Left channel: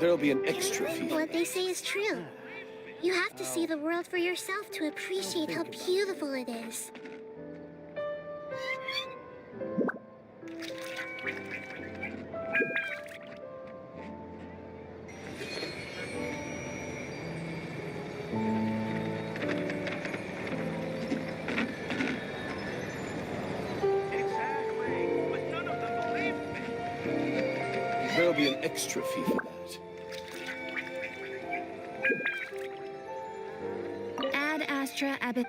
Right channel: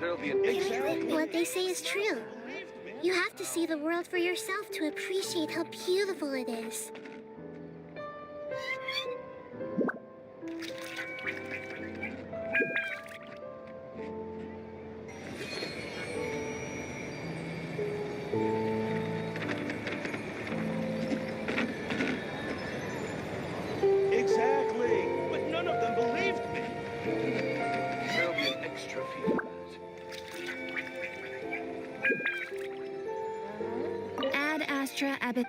There'll be an extra fee. What they say is true. You have to see the world for yourself to appreciate how beautiful it is. Exactly. But none of them believed me. There'll be an extra fee for that. Ad Astra Abbott.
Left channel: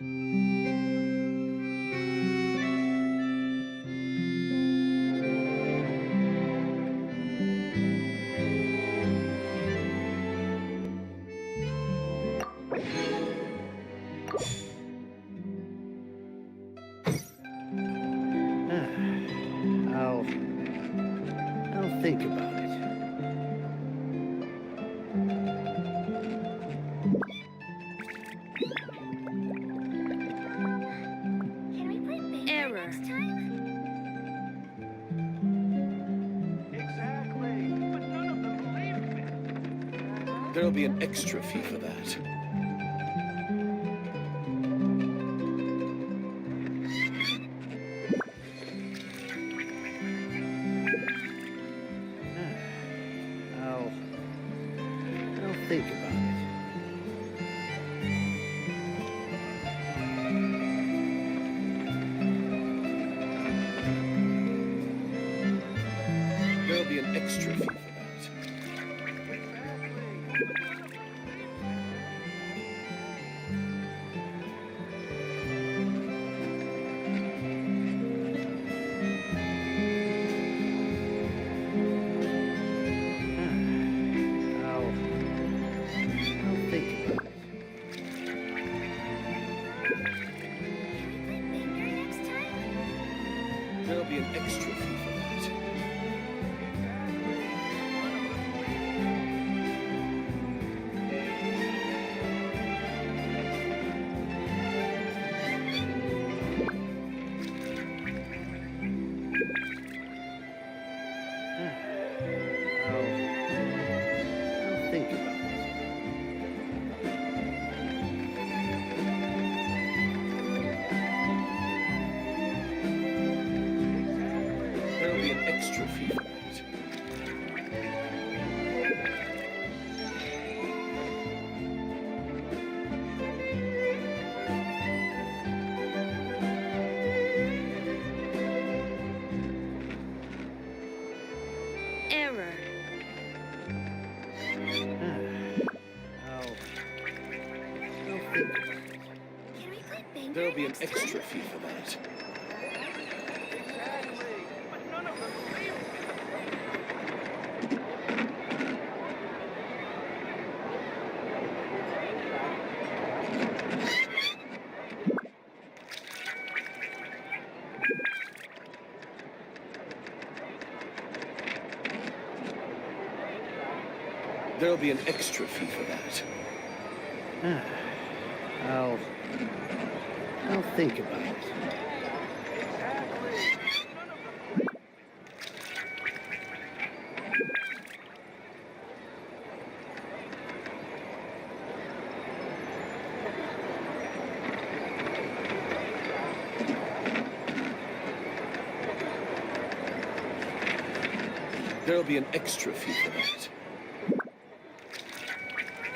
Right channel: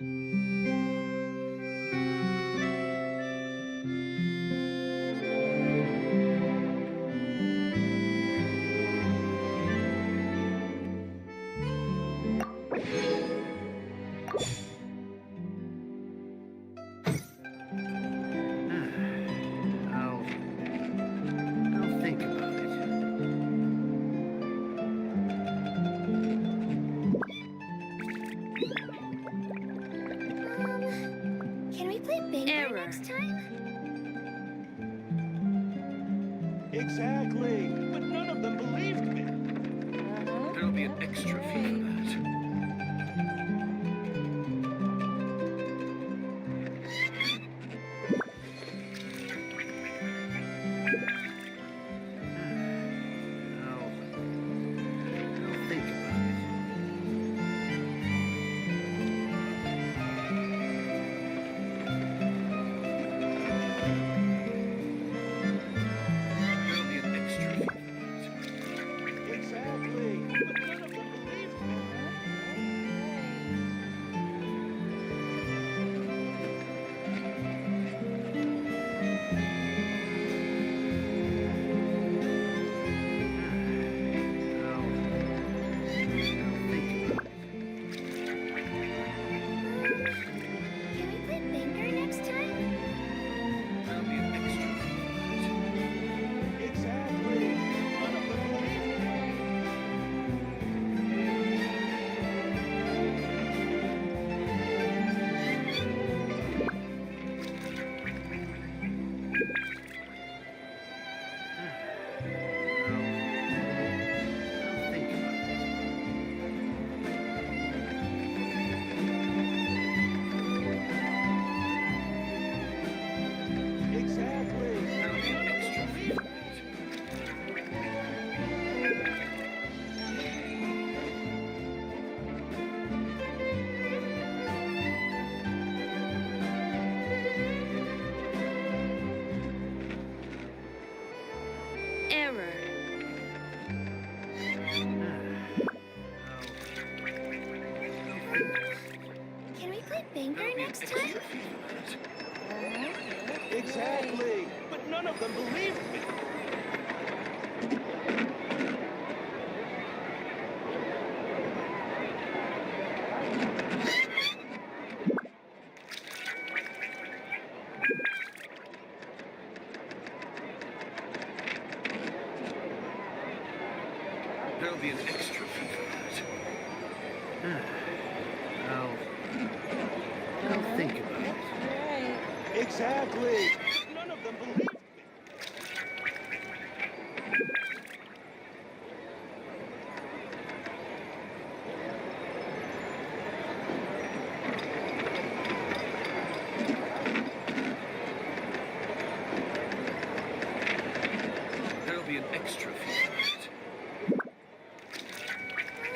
I'll think about it. Can we play bingo Error. next time? Exactly. But none of them believed me. There'll be an extra fee for that. I'll think about it. There'll be an extra fee for that. I'll think about it. Can we play bingo next time? There'll be an extra fee for that. I'll think about it. There'll be an extra fee for that. Error. I'll think about it. Can we play bingo There'll be an next extra time? fee for that. Exactly. But none of them believed me. There'll be an extra fee for that. I'll think about it. Exactly. None of them believed me. There'll be an extra fee for that.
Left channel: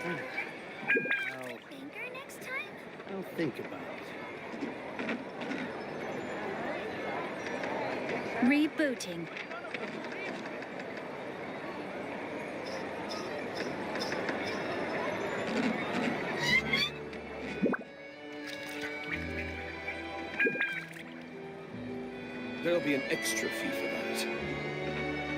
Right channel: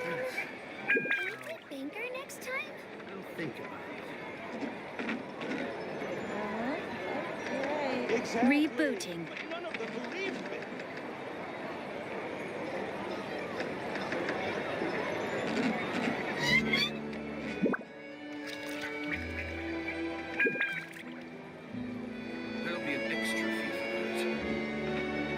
Play bingo next time? I'll think about it. Rebooting. There'll be an extra fee for that.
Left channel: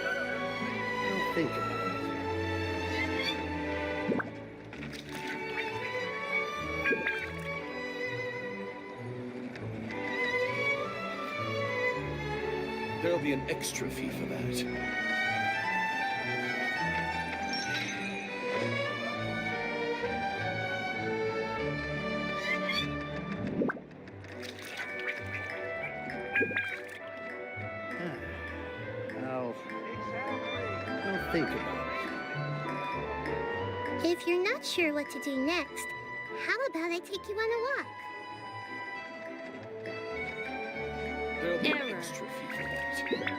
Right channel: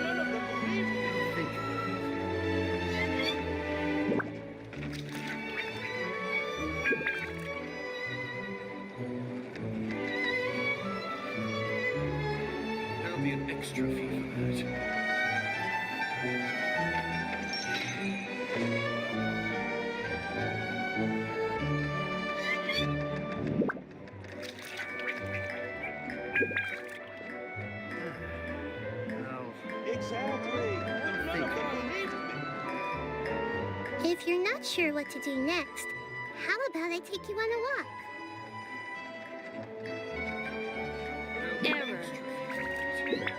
I'll think about it. There'll be an extra fee for that. I'll think about it. If you're not sure what to do next, how about I take you on a walk? There'll be an Error. extra fee for that.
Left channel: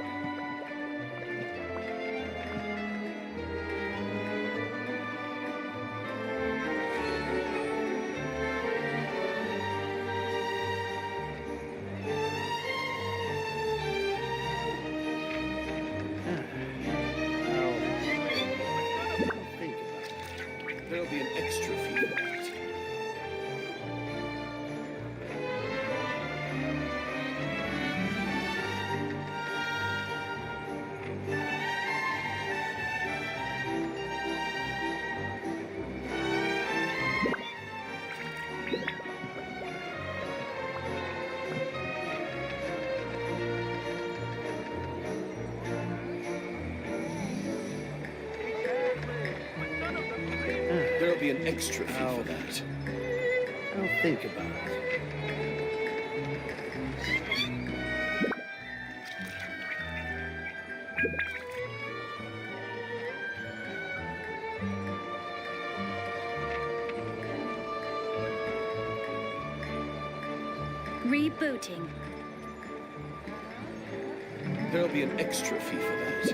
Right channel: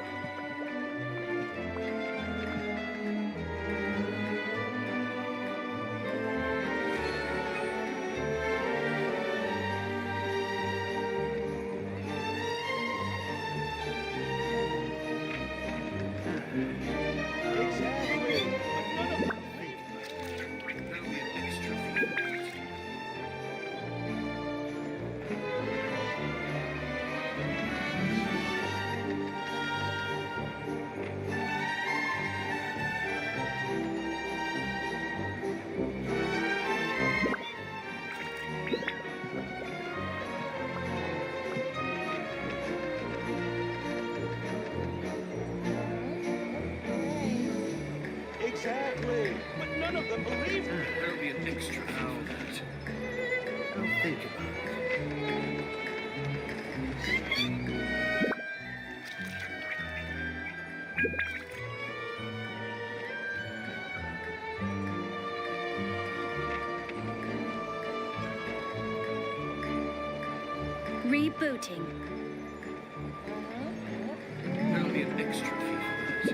extra fee for that. I'll think about it. Rebooting. There'll be an extra fee for that.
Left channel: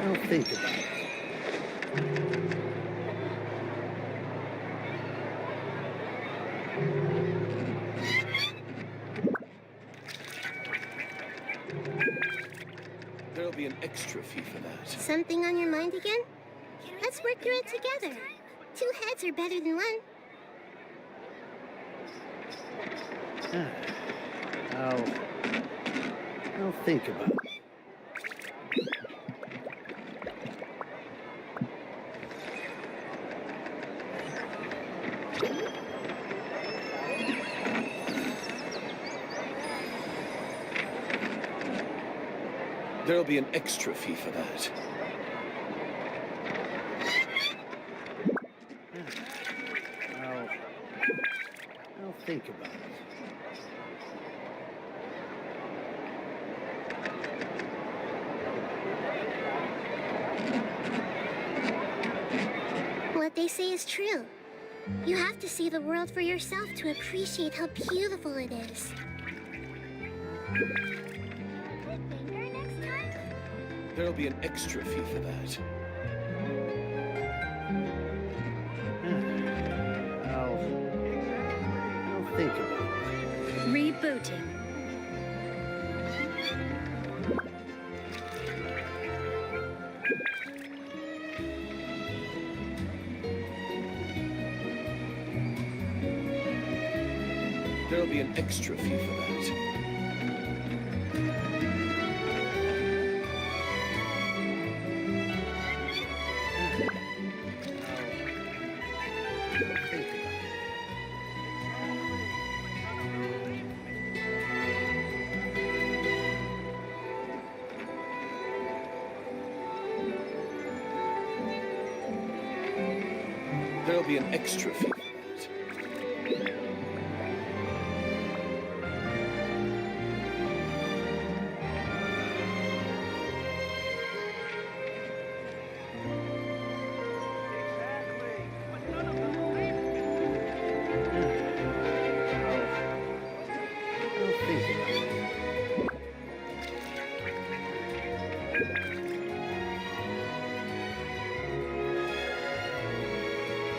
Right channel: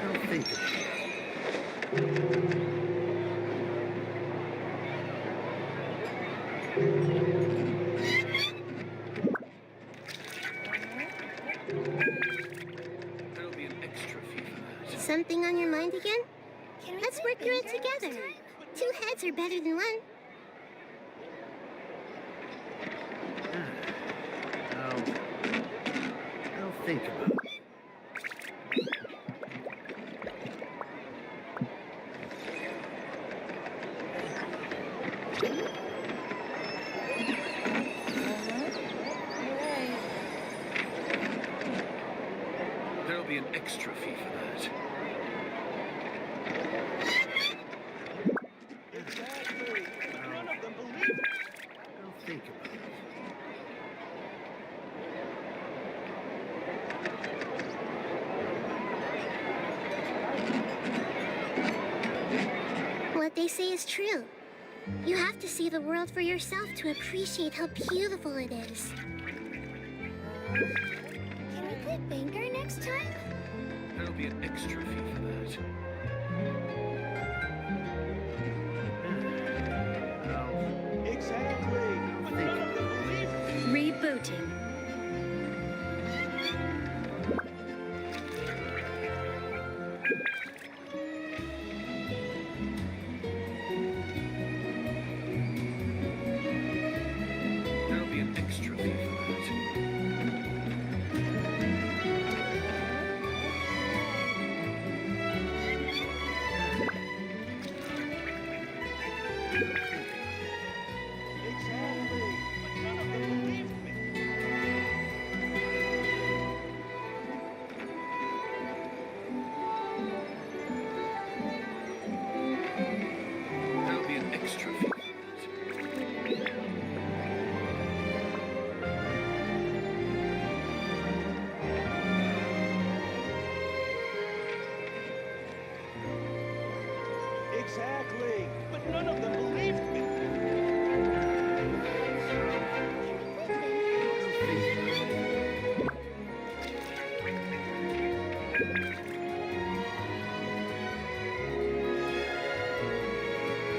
I'll think about it. There'll be an extra fee for that. Something on your mind again? Let's work through it together. Two heads are better than one. I'll think about it. There'll be an extra fee for that. I'll think about it. What they say is true. You have to see the world for yourself to appreciate how beautiful it is. Banker next time? There'll be an extra fee for that. I'll think about it. Rebooting. There'll be an extra fee for that. There'll be an extra fee for that. Exactly, but none of them believed me. I'll think about it.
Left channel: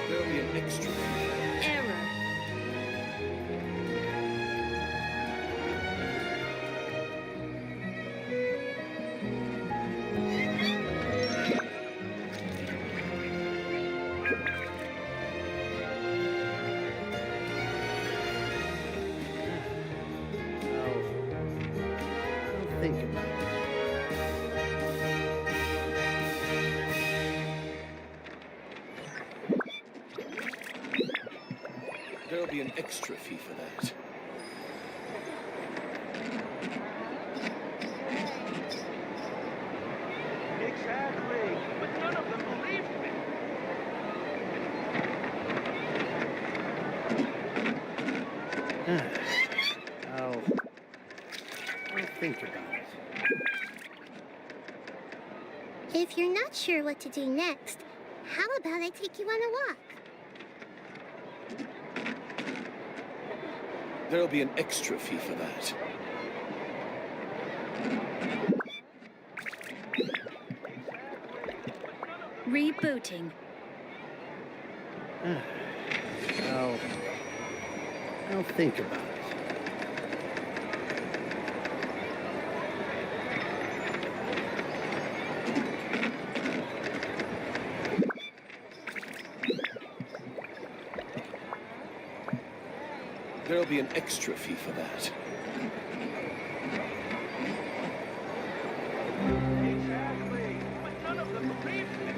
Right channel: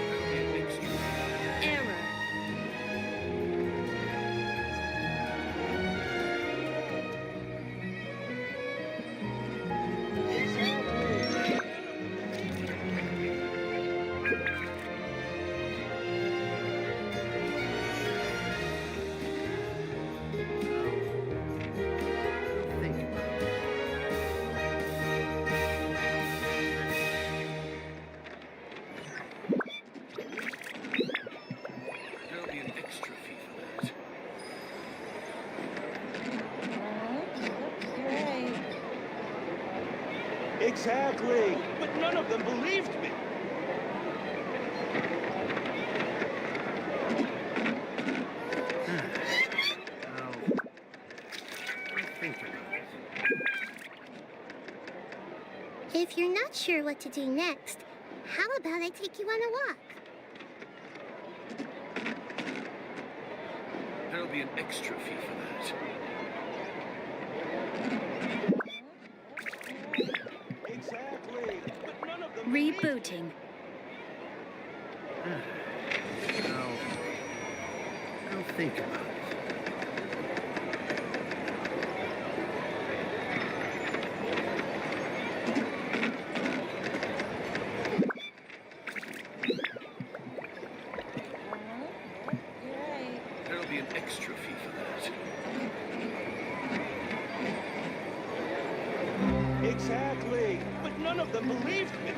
There'll be an extra fee. Error. I'll think about it. There'll be an extra fee for that. Exactly, but none of them believed me. I'll think about it. If you're not sure what to do next, how about I take you on a walk? There'll be an extra fee for that. Rebooting. I'll think about it. There'll be an extra fee for that. Exactly, but none of them believed me.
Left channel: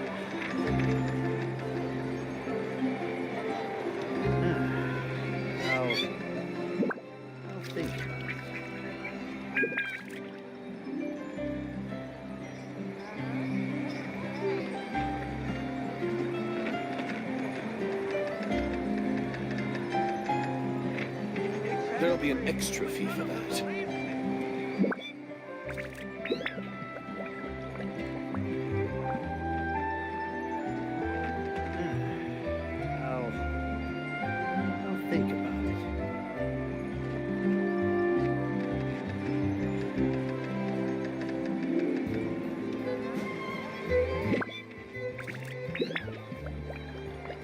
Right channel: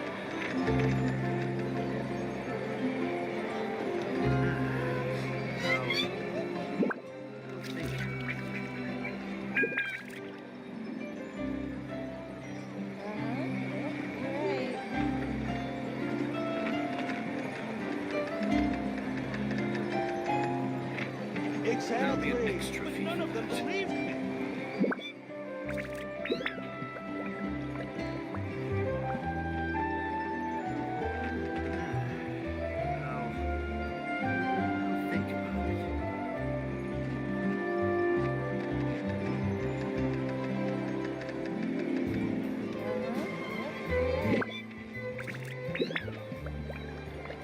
I'll There'll be an extra fee for that. I'll think about it.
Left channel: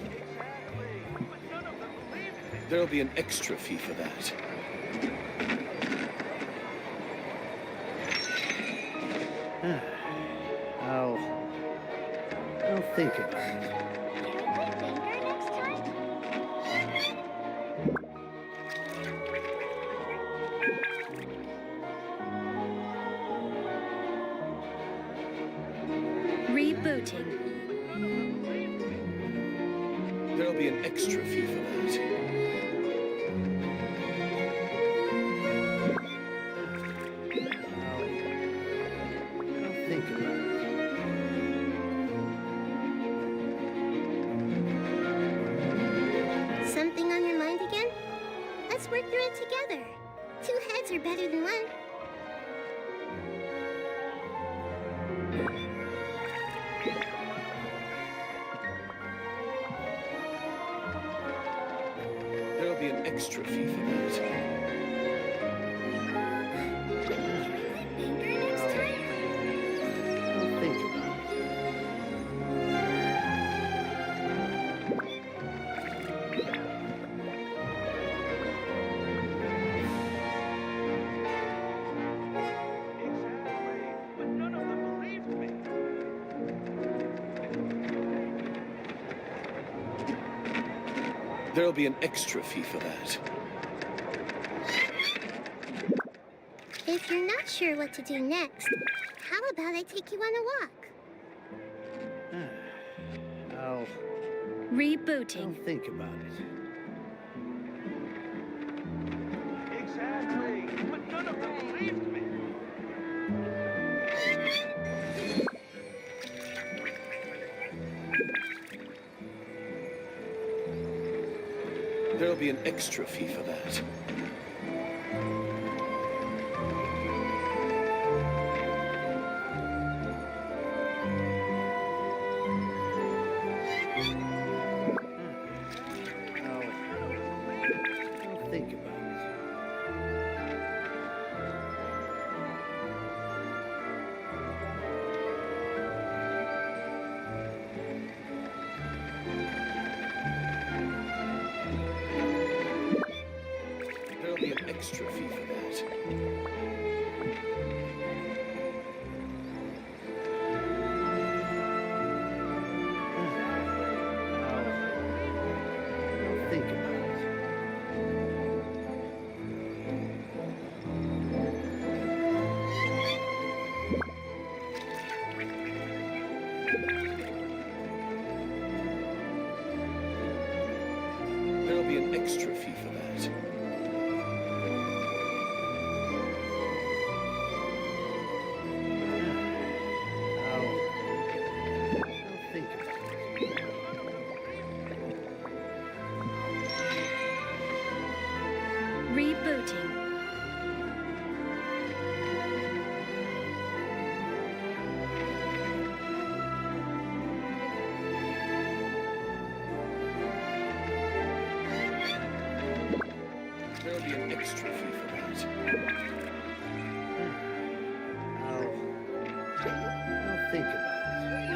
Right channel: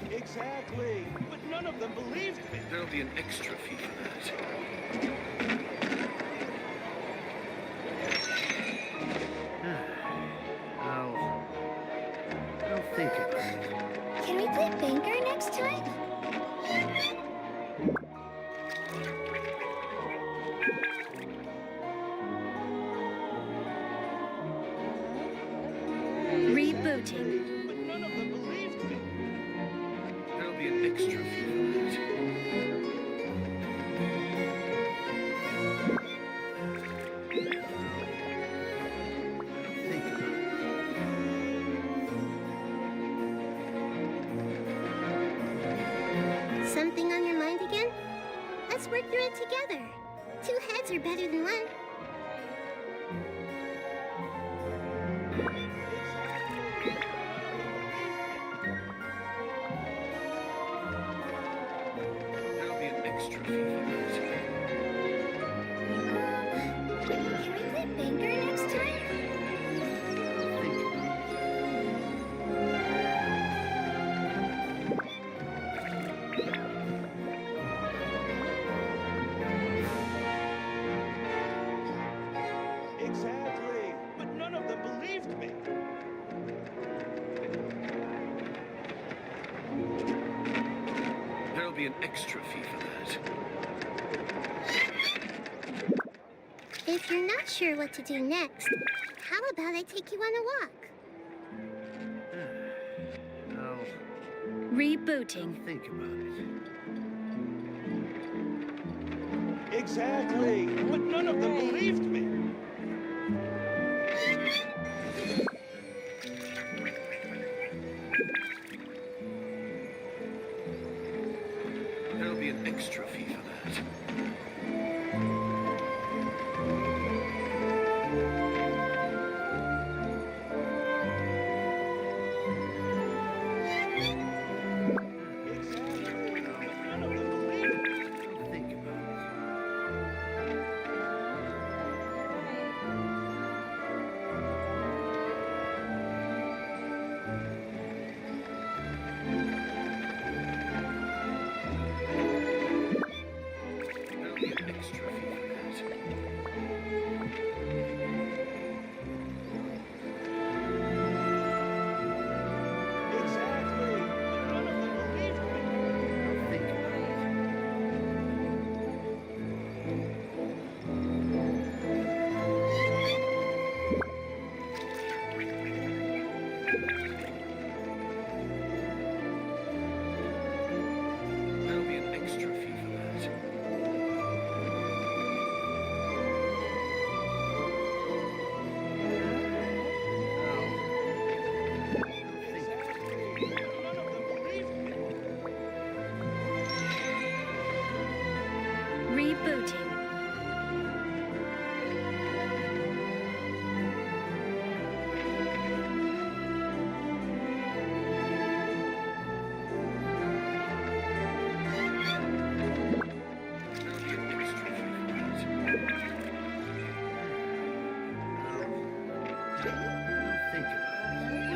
Exactly. But none of them believed me. There'll be an extra fee for that. I'll think about it. Can we play Banker next time? Rebooting. None of them believed me. There'll be an extra fee for that. I'll think about it. Something on your mind again? Let's work through it together. 2 heads are better than 1. There'll be an extra fee for that. Can we play Banker next time? I'll think about it. Exactly. But none of them believed me. There'll be an extra fee for that. If you're not sure what to do next, how about I take you on a walk? I'll Rebooting. think about it. Exactly. But none of them believed me. There'll be an extra fee for that. I'll think about it. There'll be an extra fee for that. I'll think about it. There'll be an extra fee for that. I'll think about it. Rebooting. There'll be an extra fee for that. I'll think about it.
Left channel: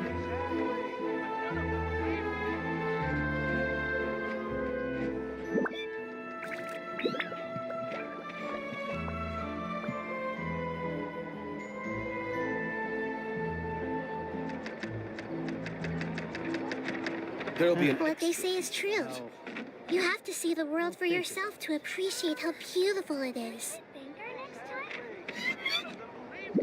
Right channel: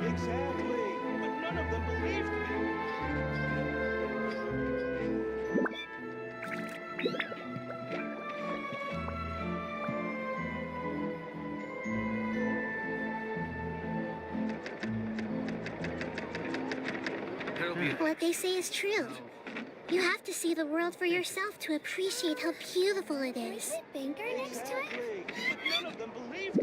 Exactly. But none of them believed me. There'll be an What they say is true. You have to see the world for yourself to appreciate how beautiful it is. Banker next time? None of them believed me.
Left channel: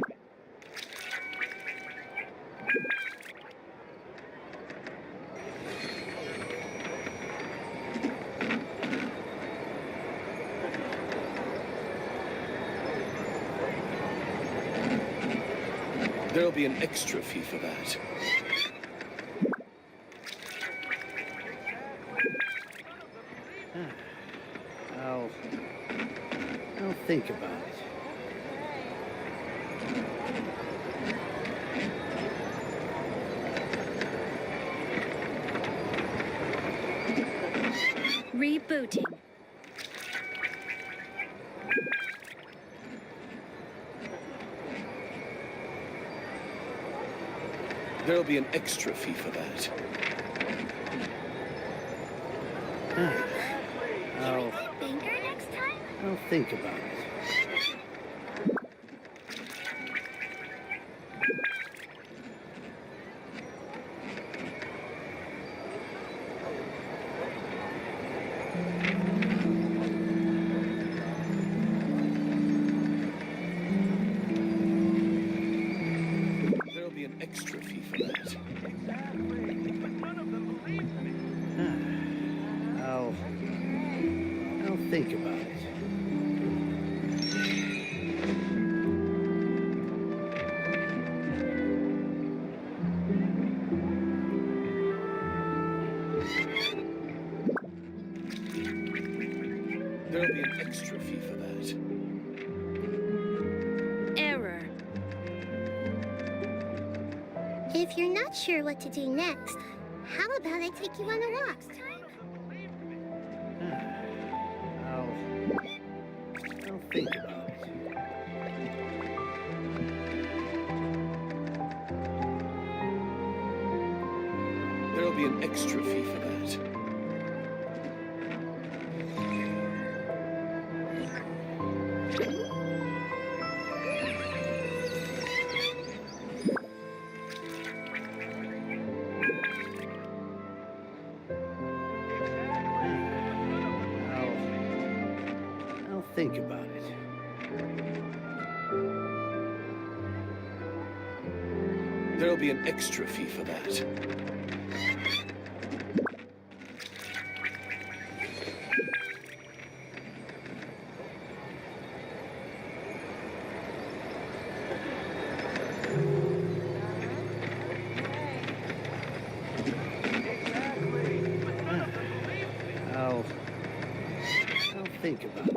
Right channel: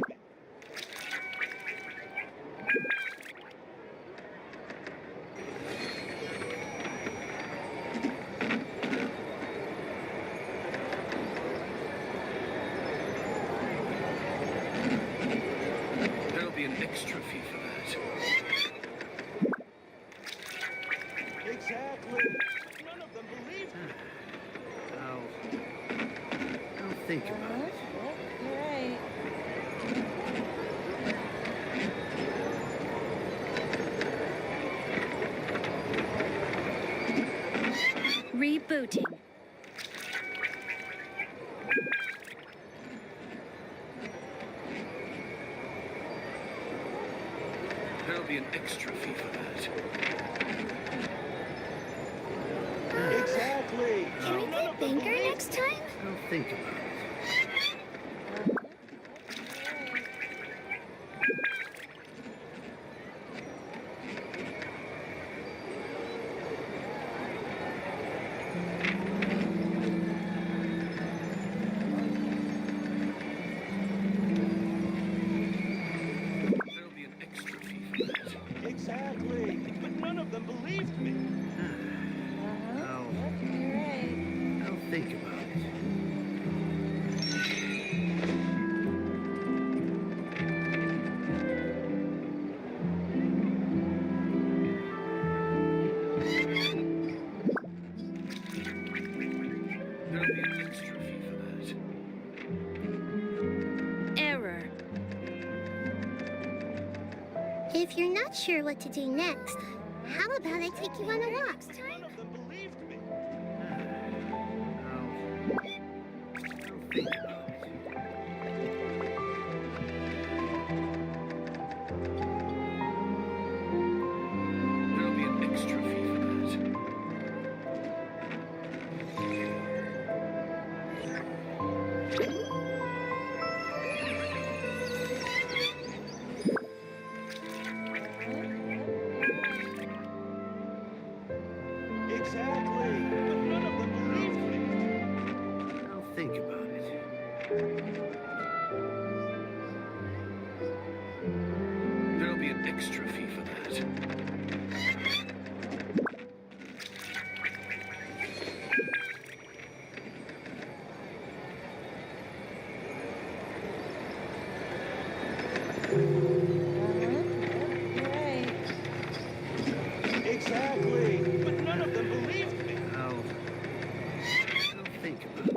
There'll be an extra fee for that. I'll think about it. Rebooting. There'll be an extra fee for that. Can we play Banker next time? I'll think about it. There'll be an extra fee for that. Exactly. But none of them believed me. I'll think about it. There'll be an extra fee for that. Error. If you're not sure what to do next, how about I take you on a walk? I'll think about it. There'll be an extra fee for that. I'll think about it. There'll be an extra fee for that. I'll think about it.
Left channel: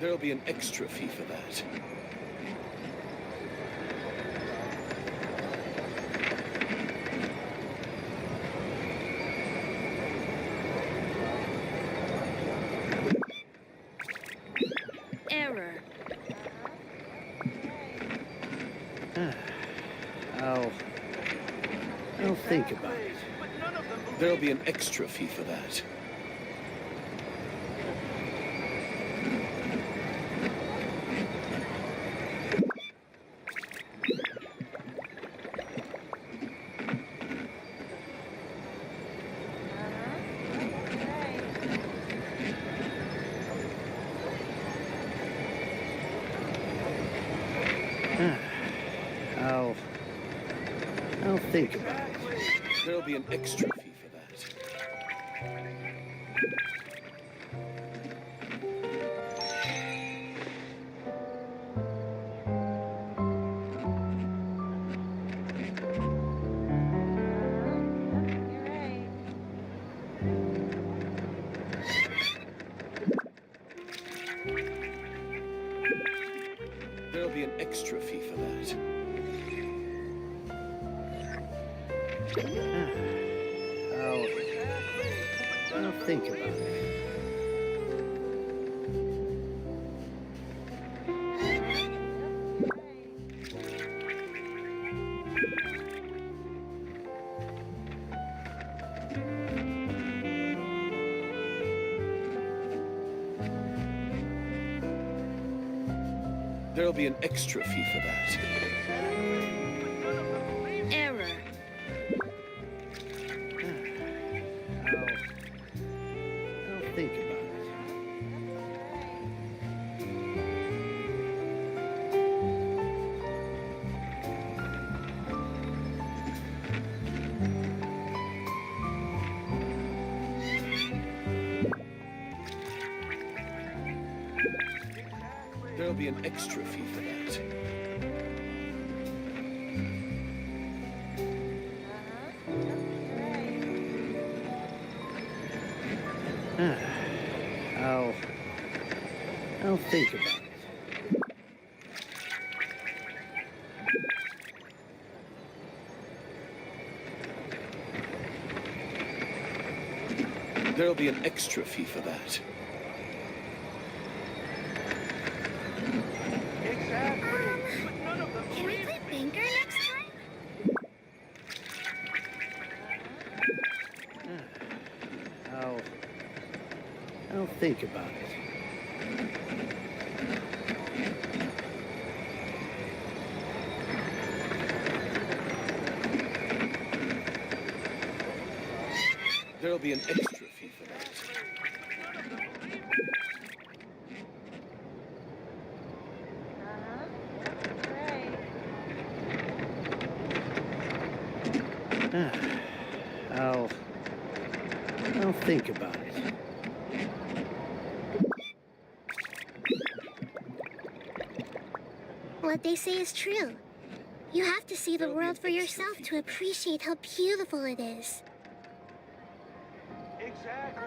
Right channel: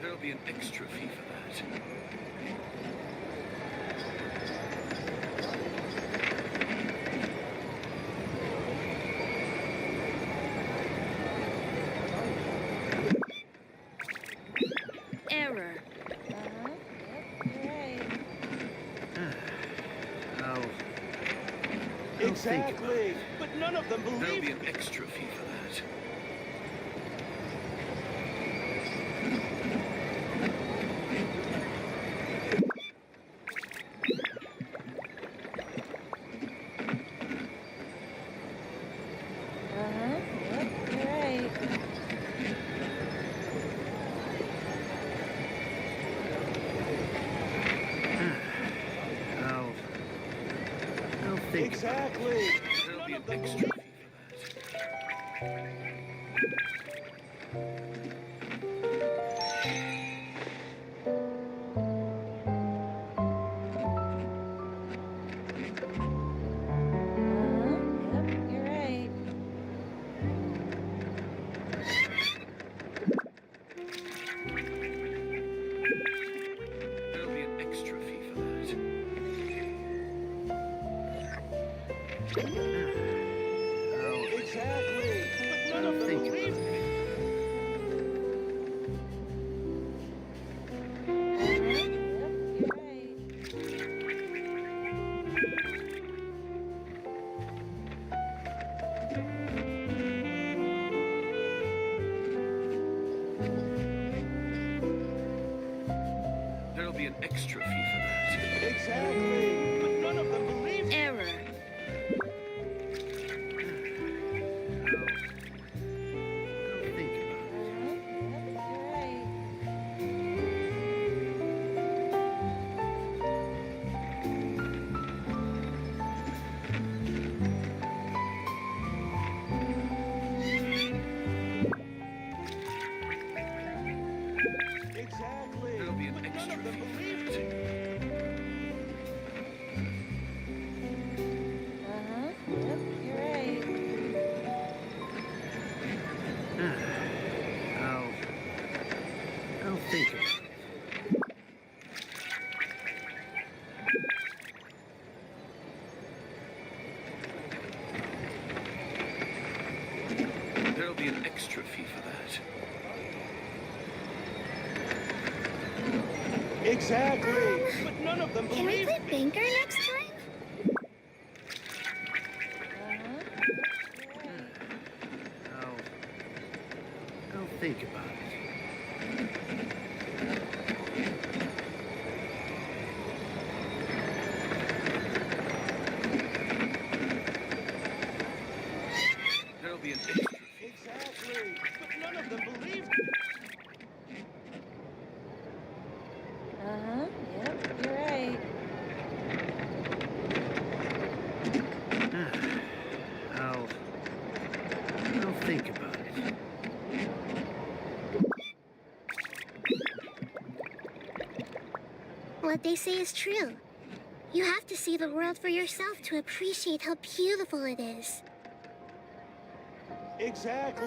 There'll be an extra fee for that. Error. I'll think about it. But none of them believed There'll be an extra fee for that. I'll think about it. There'll be an extra fee for that. There'll be an extra fee for that. I'll think about it. There'll be an extra fee for that. Error. I'll think about it. There'll be an extra fee for that. I'll think about it. There'll be an extra fee for that. Exactly. But none of them Can we believed play me. banker next time? I'll think about it. There'll be an extra fee for that. I'll think about it. What they say is true. You have to see the world for yourself to appreciate how beautiful it is. Exactly.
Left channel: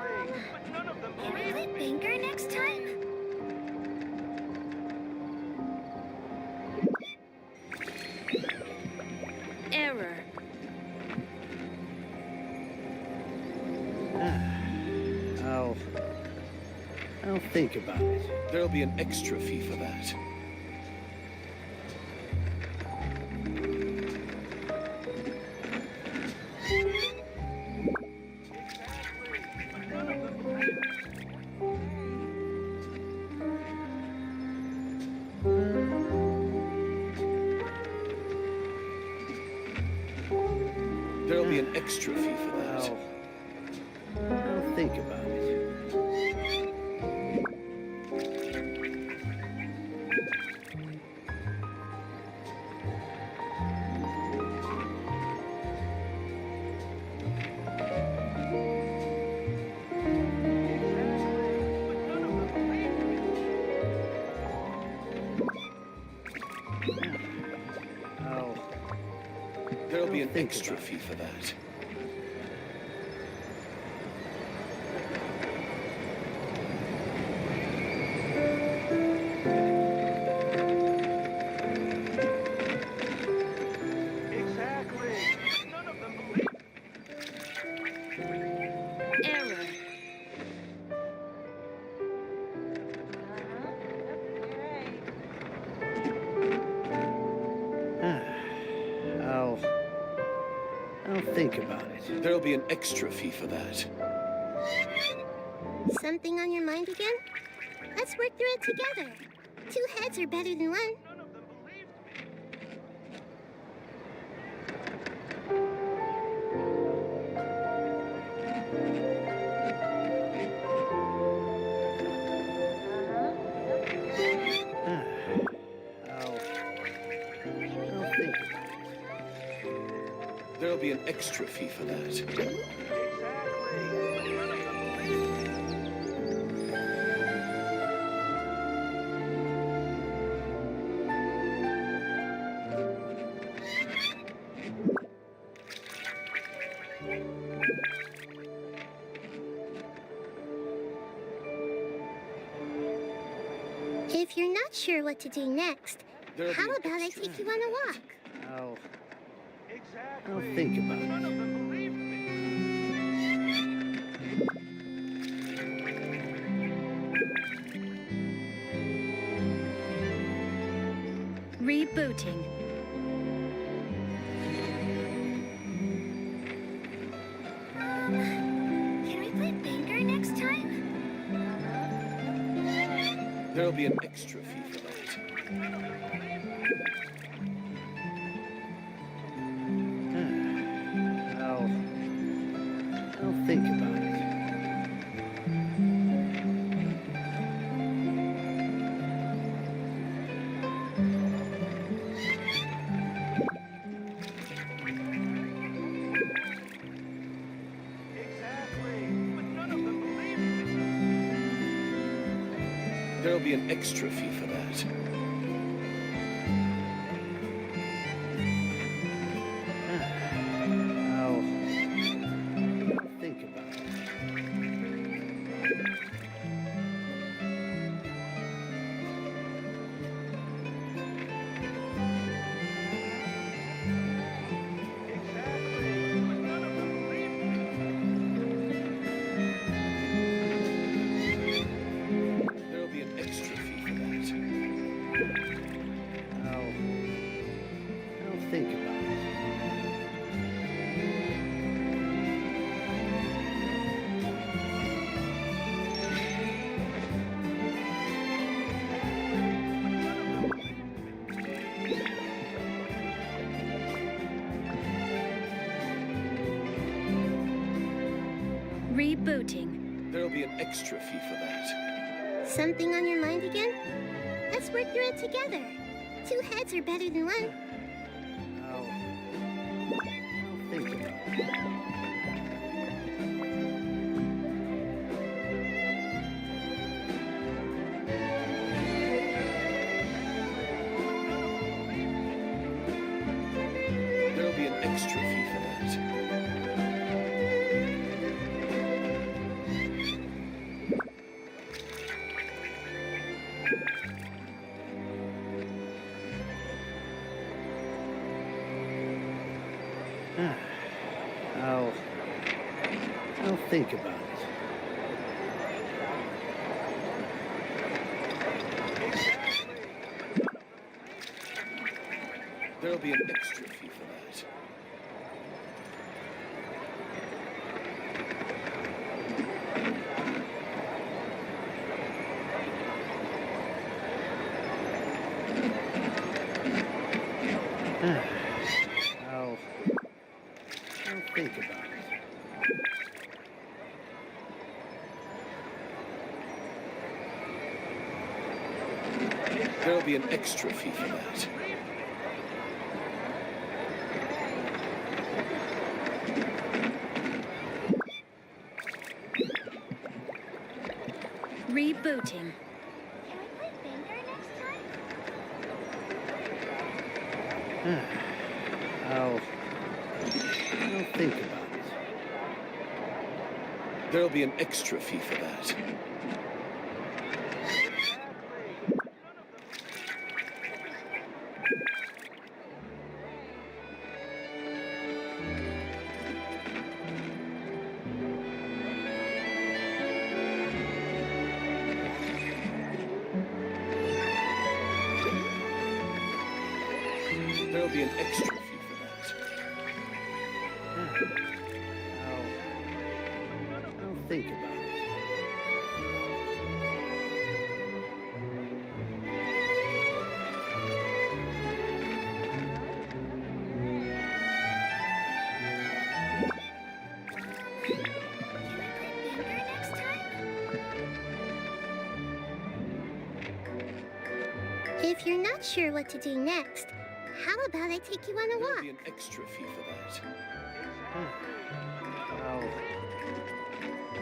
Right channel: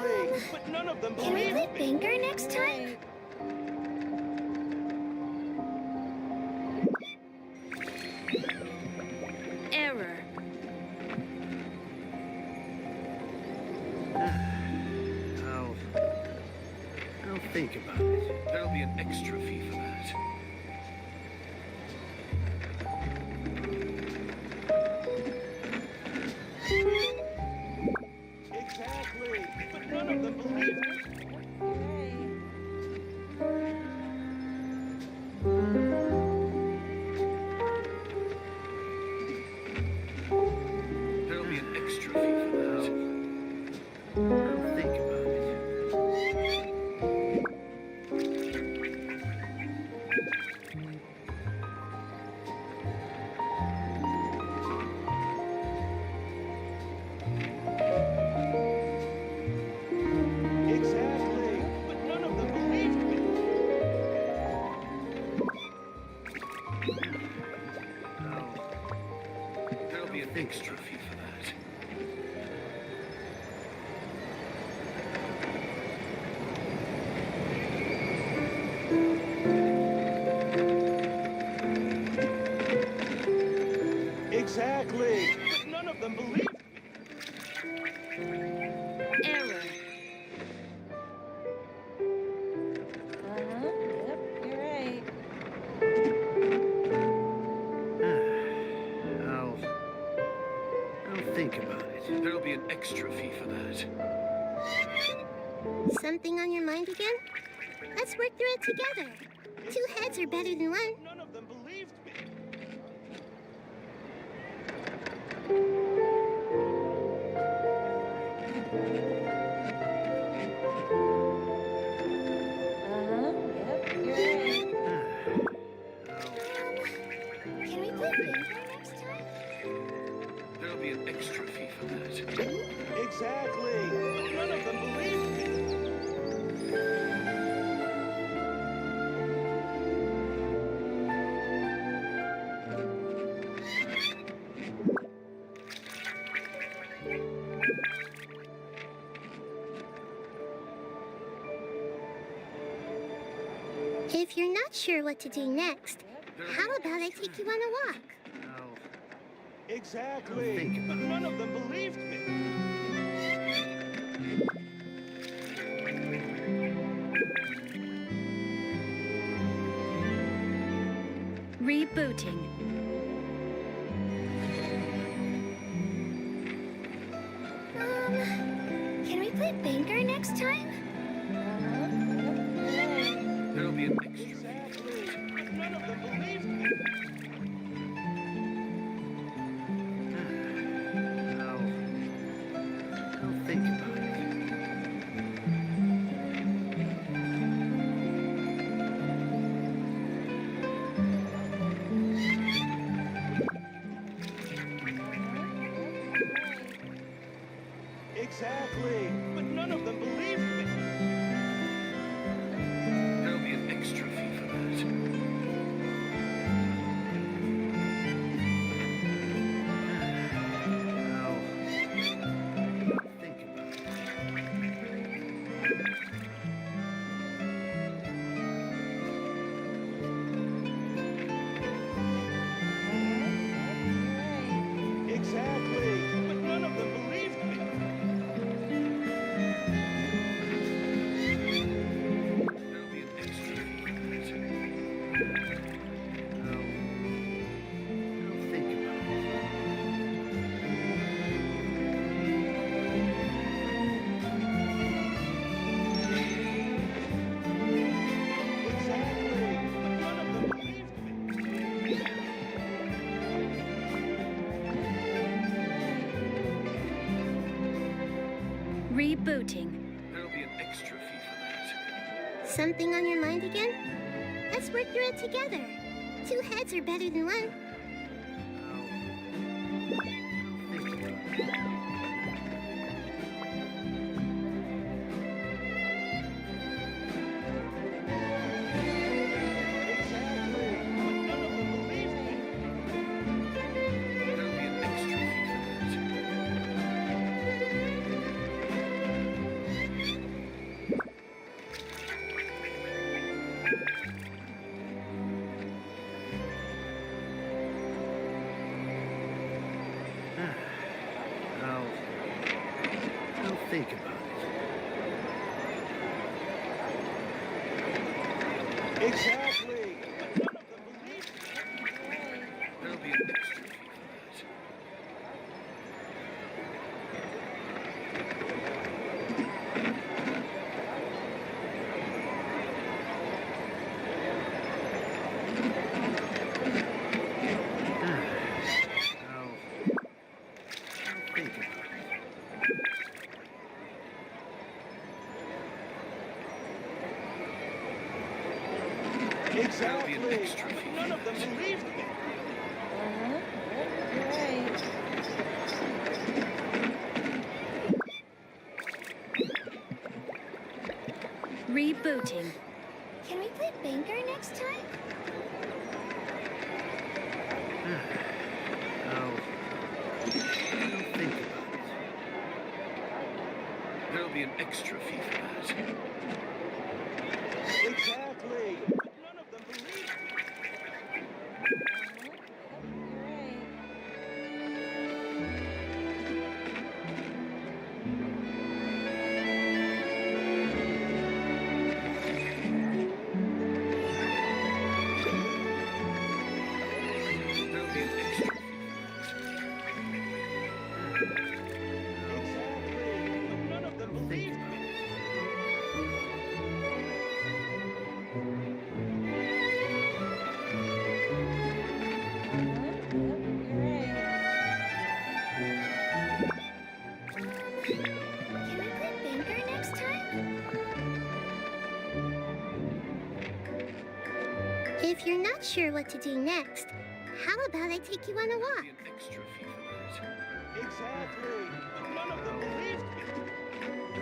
But none of them Can we believed play me. banker next time? Error. I'll think about it. There'll be an extra fee for that. Exactly. But none of them believed me. There'll be an extra fee for that. I'll think about it. Exactly. But none of them believed me. There'll be an think extra about fee for that. Exactly. But none of them believed me. Error. I'll think about it. There'll be an extra fee for that. Something on your mind again? Let's work through it together. Two heads are better than one. None of them believed me. I'll Can we think play about banker it. next time? There'll be an extra fee for that. Exactly. But none of them believed me. If you're not sure what to do next, There'll how be an about I extra take you fee. on a walk? Exactly. I'll think about But it. none of them believed me. Rebooting. Can we play banker next time? There'll be an extra fee for that. I'll think about it. Exactly. But none of them believed me. There'll be an extra fee for that. I'll think about it. Exactly. But none of them believed me. There'll be an extra fee for that. I'll think about it. Rebooting. There'll be an extra fee for that. Something on your mind again? Let's work through it together. Two heads are better than one. I'll think about it. There'll be an extra fee for that. I'll think about it. Exactly. There'll be an extra fee for that. I'll think about it. There'll be an extra fee for that. Rebooting. Can we play banker next time? I'll think about it. There'll be an extra fee for that. Exactly. But none of them believed me. There'll be an extra fee for that. I'll think about it. Can we play banker next time? If you're not sure what to do next, how about I take you on a There'll walk? be an extra fee for that. Exactly. But none of them believed me.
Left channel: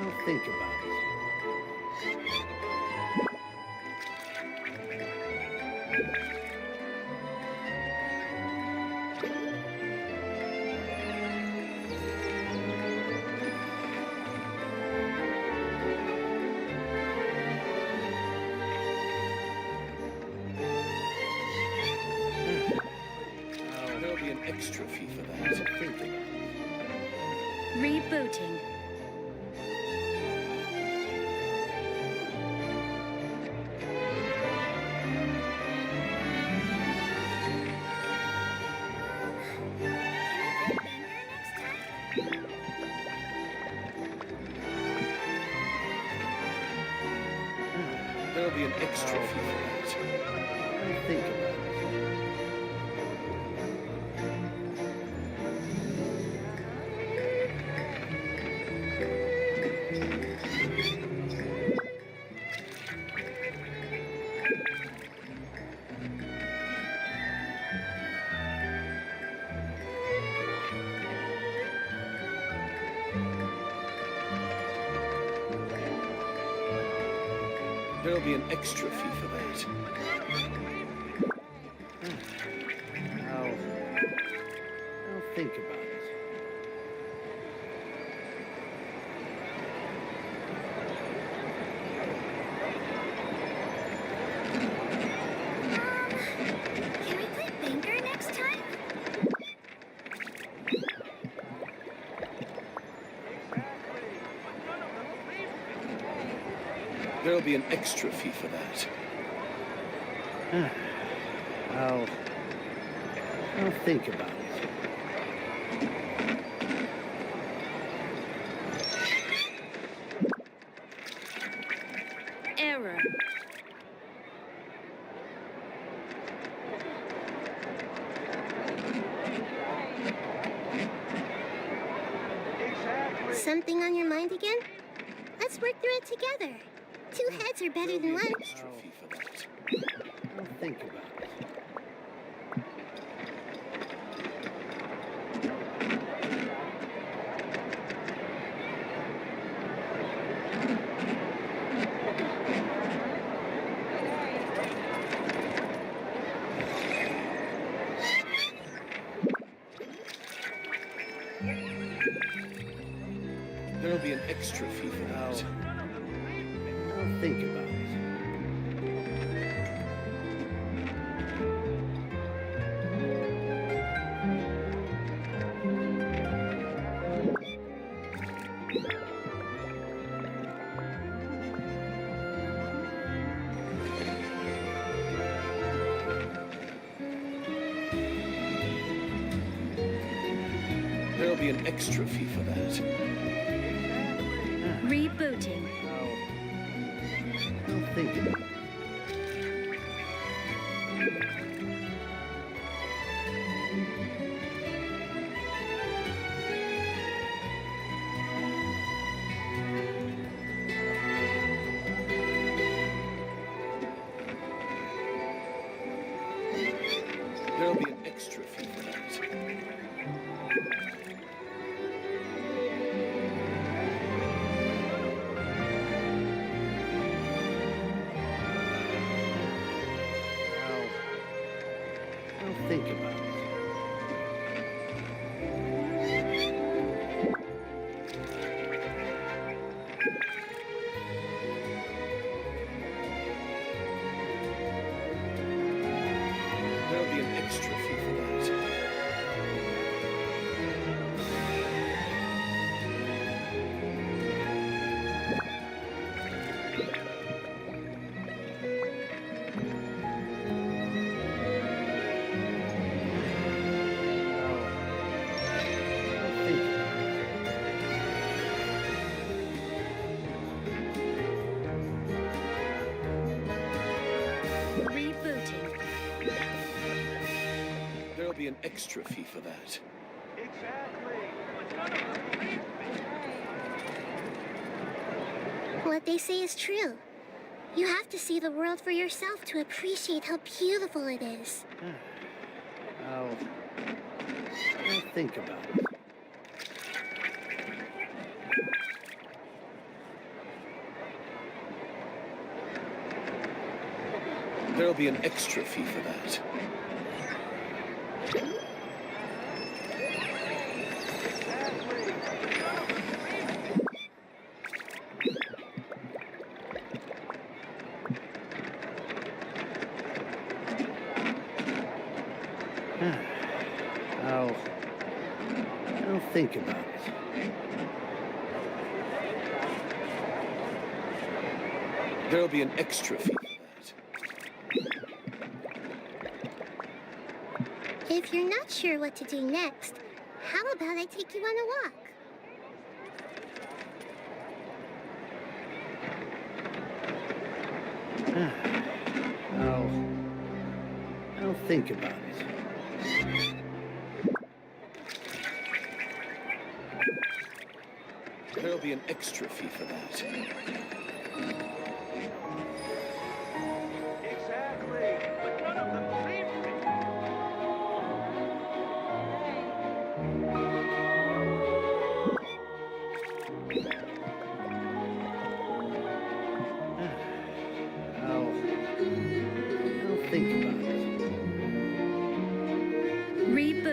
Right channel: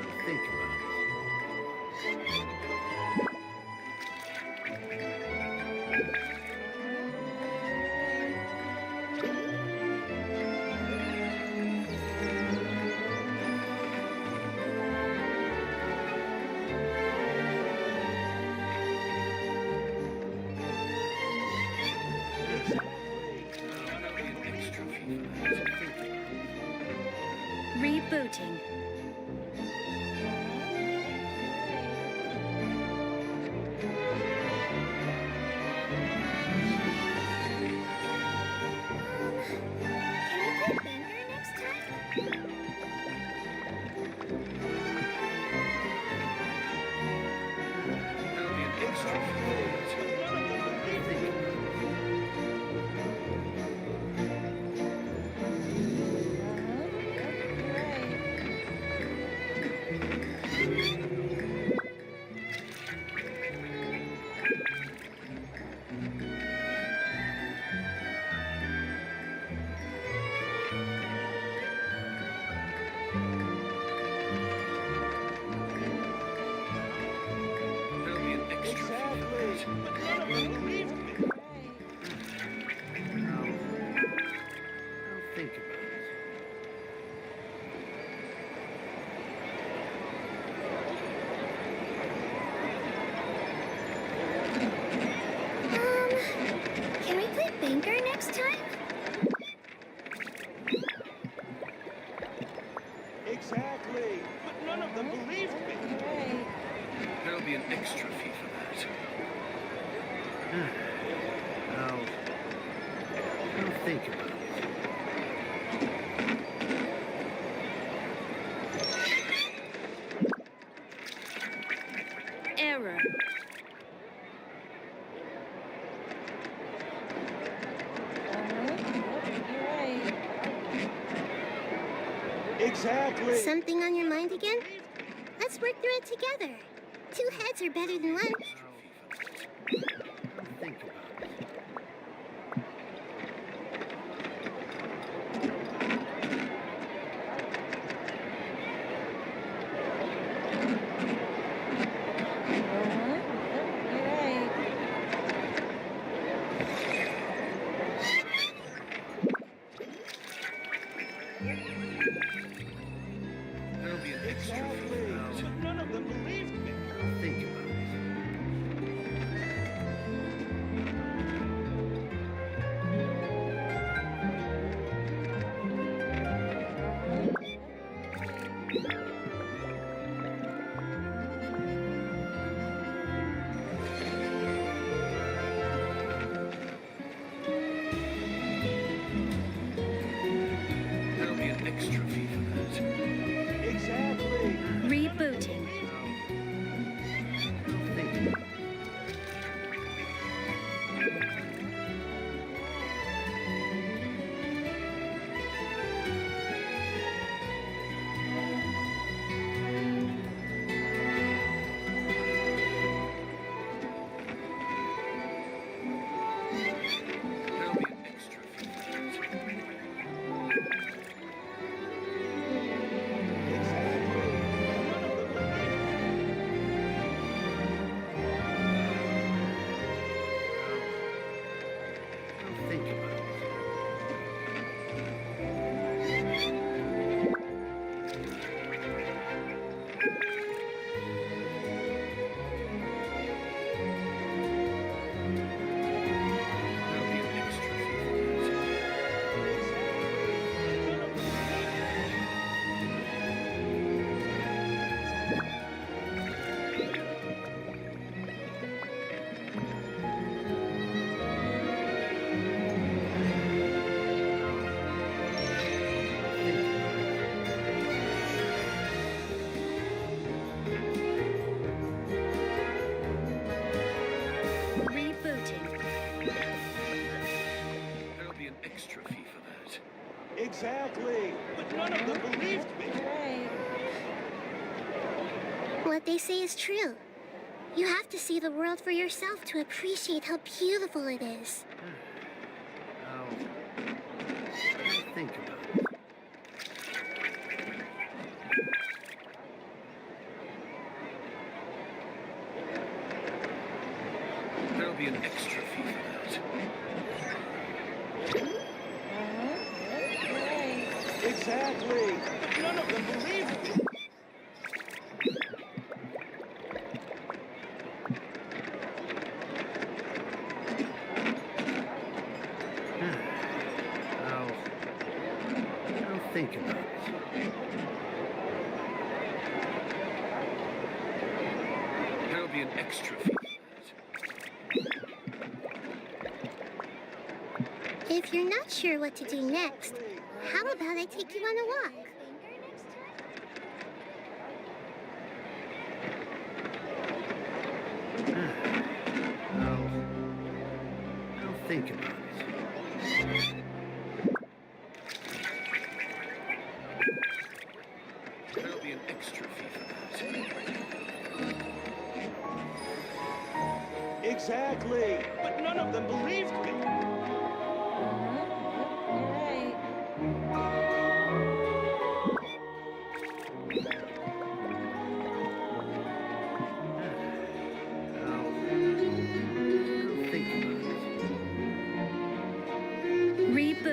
I'll think about it. There'll be an extra fee for that. Think about it. Rebooting. Can we play banker next time? There'll be an extra fee for that. I'll think about it. There'll be an extra fee for that. I'll think about it. Can we play Banker next time? Exactly. But none of them believed me. There'll be an extra fee for that. I'll think about it. Error. Exactly. Something on your mind again? Let's work through it together. Two heads are better than one. Extra fee for that. I'll think about it. There'll be an extra fee for that. I'll think about it. There'll be an extra fee for that. Rebooting. I'll think about it. There'll be an extra fee for that. I'll think about it. There'll be an extra fee for that. I'll think about it. Rebooting. There'll be an extra fee for that. Exactly. But none of them believed me. What they say is true. You have to see the world for yourself to appreciate how beautiful it is. I'll think about it. There'll be an extra fee for that. Exactly. None of them believed me. I'll think about it. There'll be an extra fee for that. If you're not sure what to do next, how about I take you on a walk? I'll think about it. There'll be an extra fee for that. Exactly. But none of them believed me.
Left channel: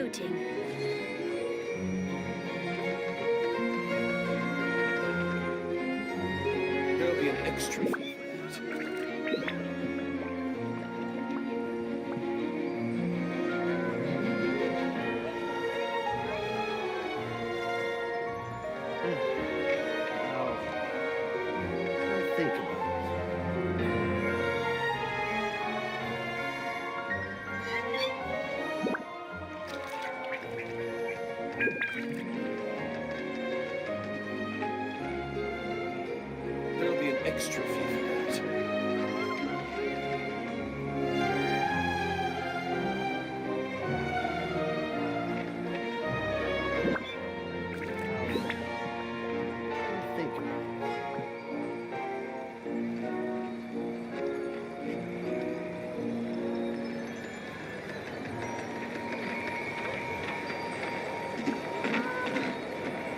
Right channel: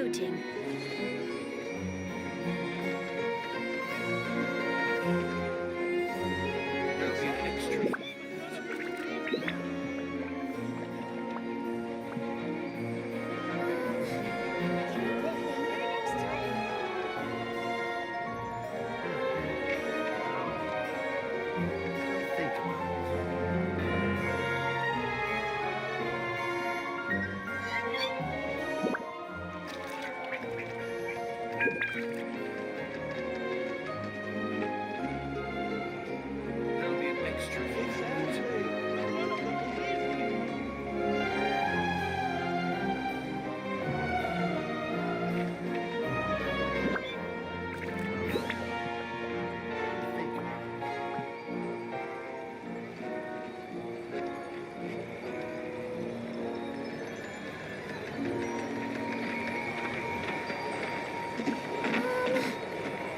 Rebooting. There'll be an extra fee for that. I'll think about it. There'll be an extra fee for that. I'll think about it.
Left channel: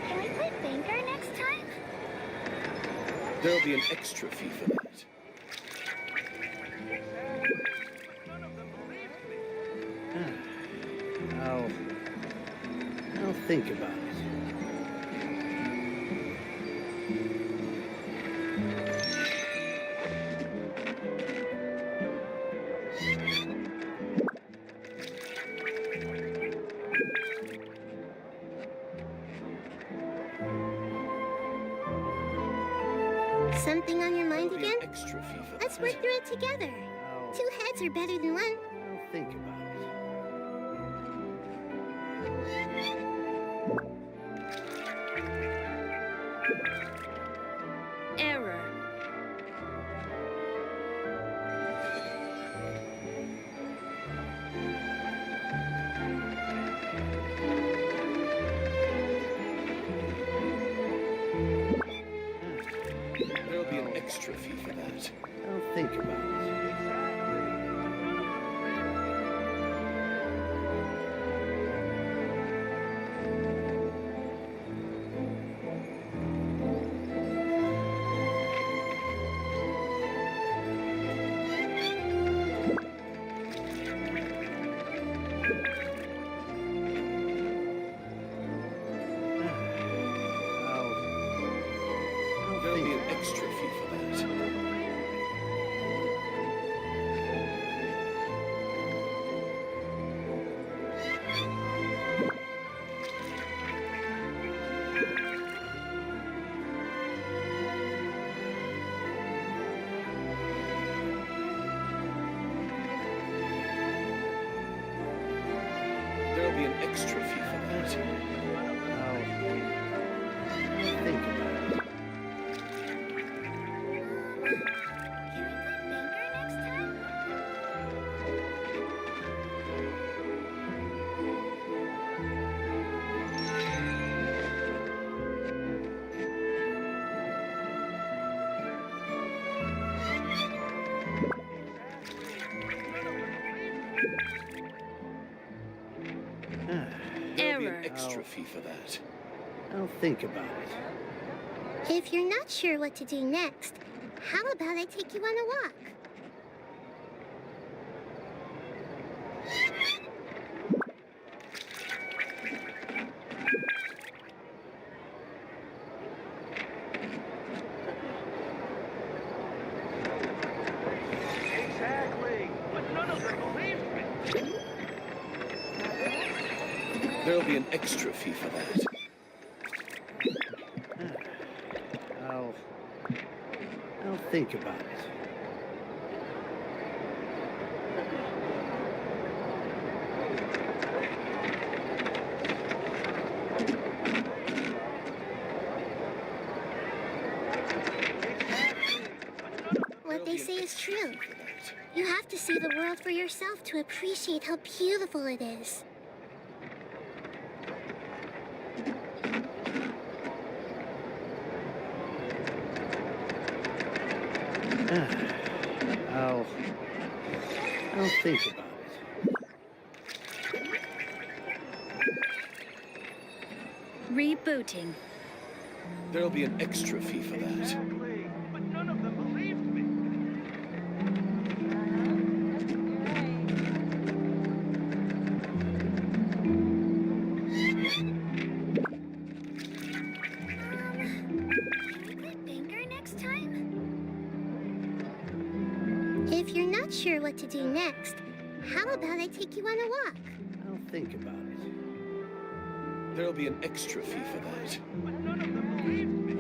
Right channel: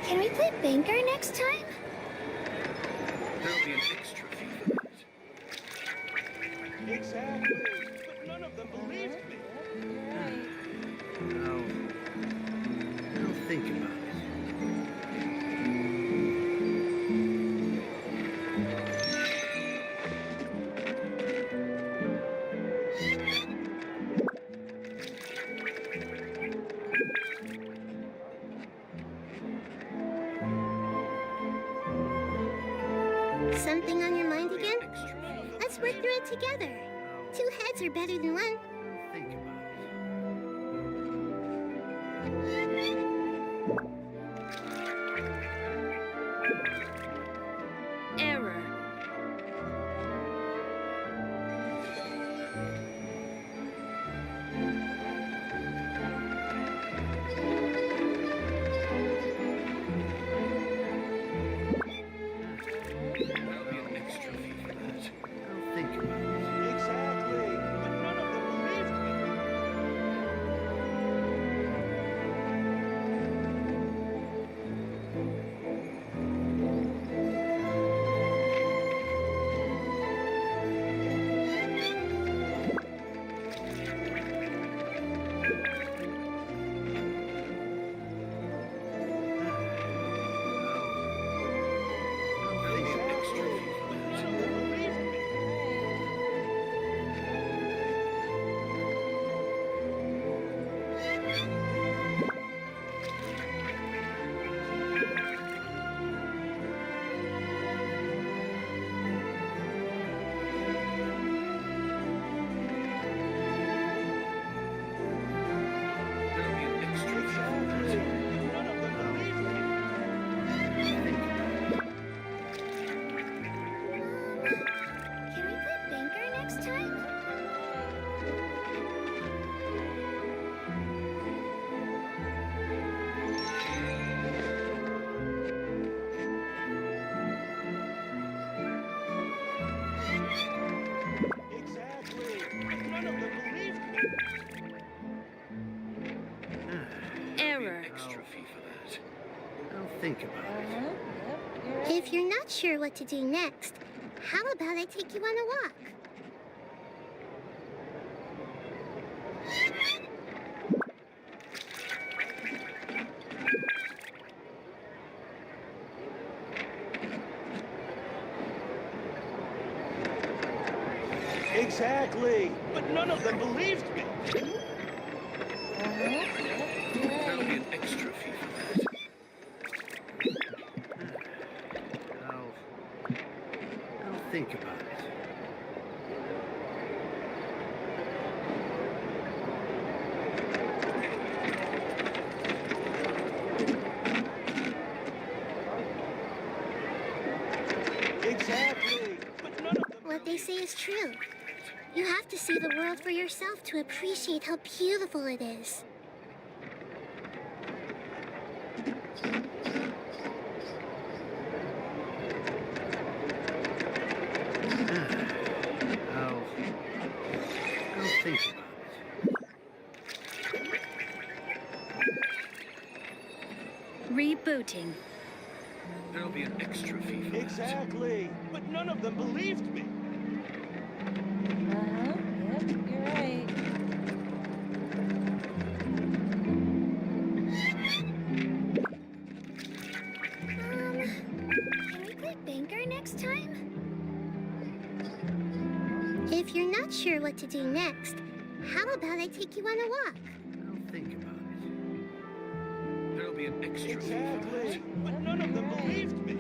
Can we play banker next time? There'll be an extra fee for that. Exactly. But none of them believed me. I'll think about it. Something on your mind There'll be again? an extra fee for Let's that. work through it together. I'll, 2 heads are better than 1. I'll think about it. Error. There'll be an extra fee for that. I'll think about it. Exactly. But none of them believed me. I'll There'll think be an about it. extra fee for that. There'll be an extra fee for that. I'll think about it. Can we play banker next time? There'll be an Error. extra fee for that. I'll think about it. If you're not sure what to do next, how about I take you on a walk? Exactly. But none of them believed me. There'll be an extra fee for that. I'll think about it. Exactly. But none of them. What they say is true. You have to see the world for yourself to appreciate how beautiful it is. I'll think about it. Rebooting. There'll be an extra fee for that. Exactly. But none of them believed me. You're right. next time? If you're not sure what to do next, how about I take you on a walk? I'll think about it. There'll be an extra fee for that. But none of them believed me.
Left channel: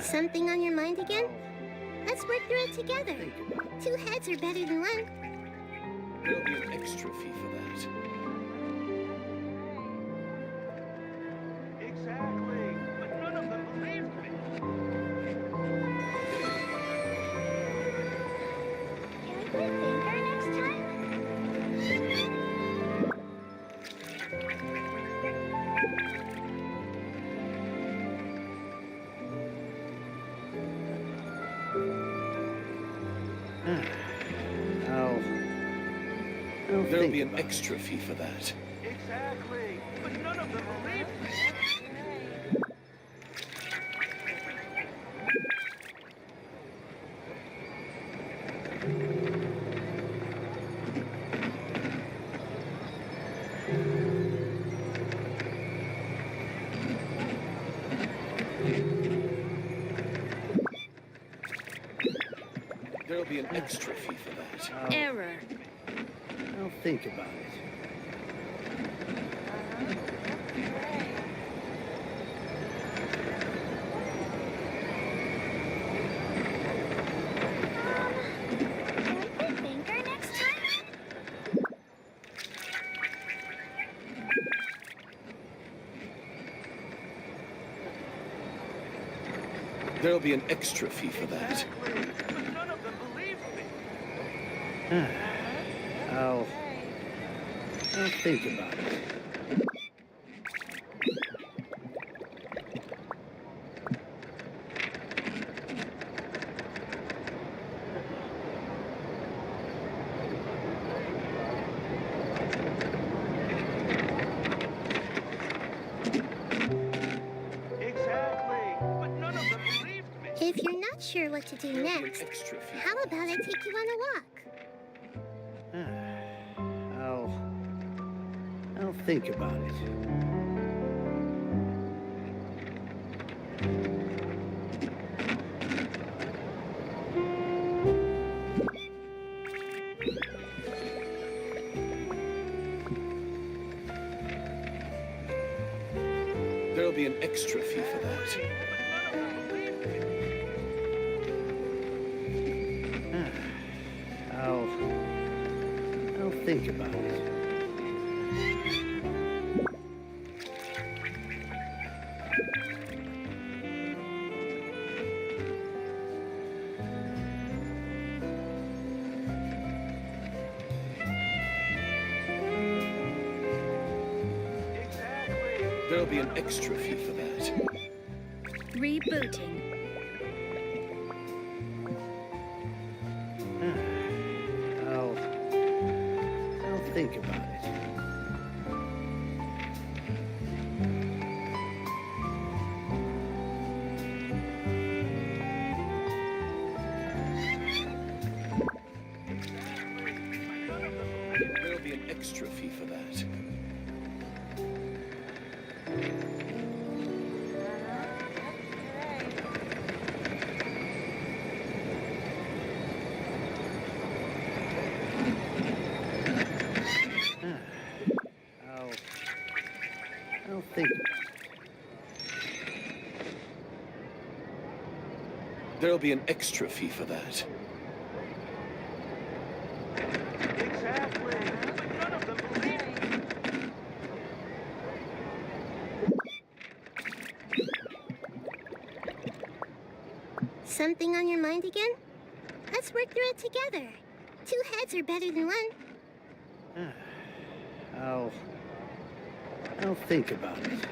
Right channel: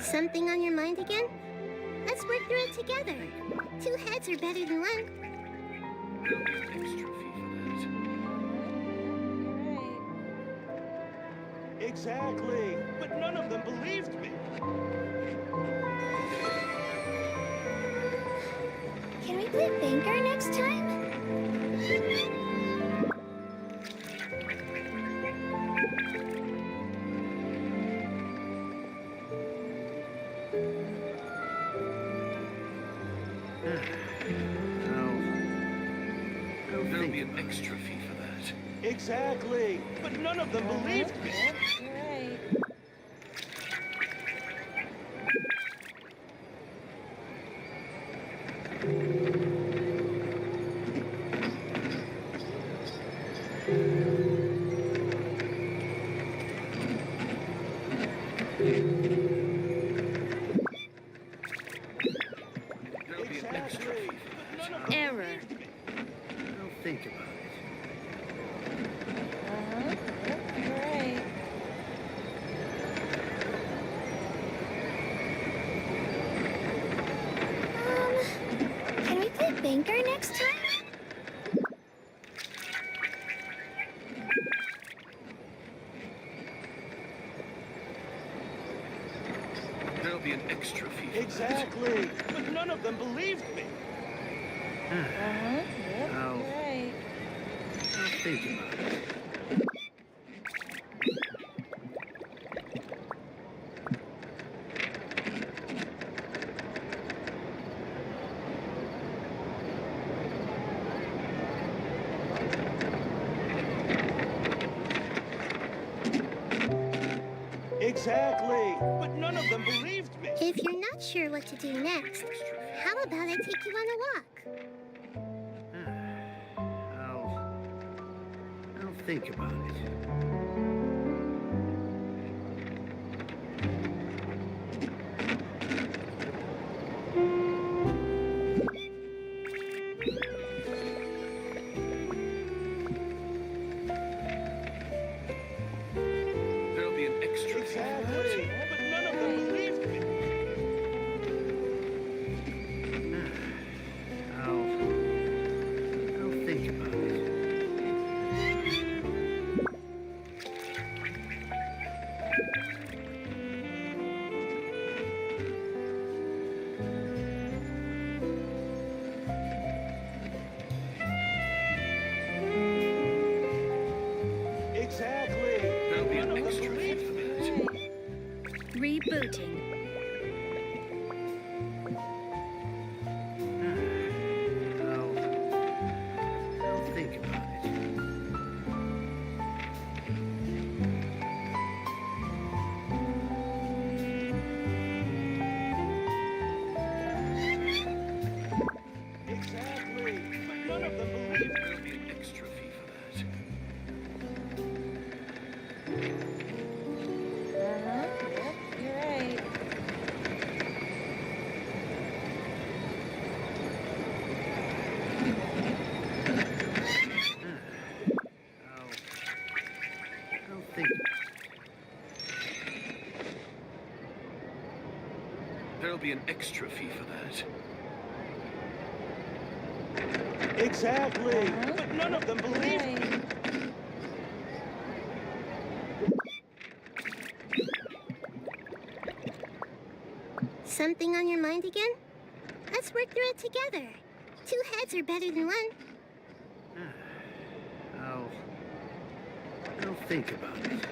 Something on your mind again? Let's work through it together. Think about it. 2 heads are better than 1. There'll be an extra fee for that. Exactly. But none of them believed me. Can we play banker next time? I'll There'll think be an about it. extra fee for that. Exactly. But none of them believed me. There'll be an extra fee for that. Error. I'll think about it. Can we play banker next time? There'll be an extra fee for that. Exactly. But none of them believed me. I'll think about it. Exactly. But none of them believed me. If you're not sure what to do There'll be an next, extra fee. how about I take you on a walk? I'll think about it. There'll be an extra fee for that. But none of them believed me. I'll think about it. Exactly. There'll be an extra fee for that. Rebooting. I'll think about it. There'll be an extra fee for that. I'll think about it. There'll be an extra fee for that. Exactly. But none of them believed me. Something on your mind again? Let's work through it together. 2 heads are better than 1. I'll think about it.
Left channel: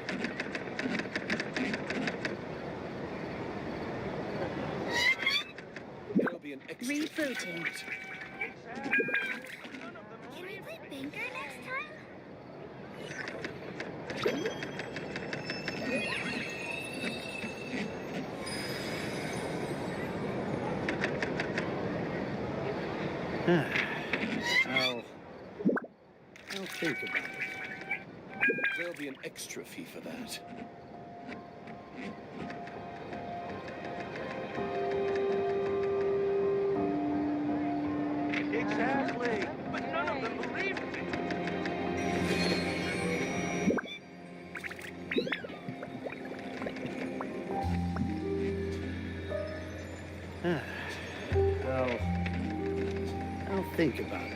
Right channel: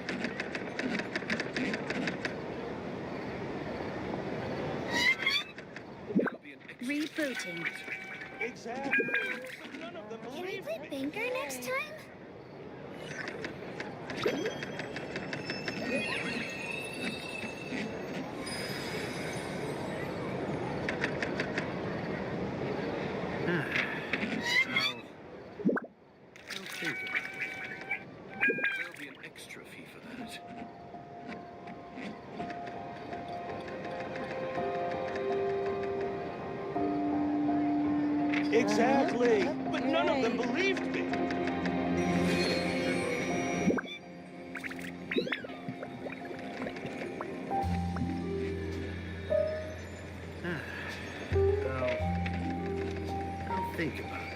There'll be an extra fee for Rebooting. that. Exactly. But none of them Can we believed play me. banker next time? I'll think about it. There'll be an extra fee for that. Exactly. But none of them believed me. I'll think about it.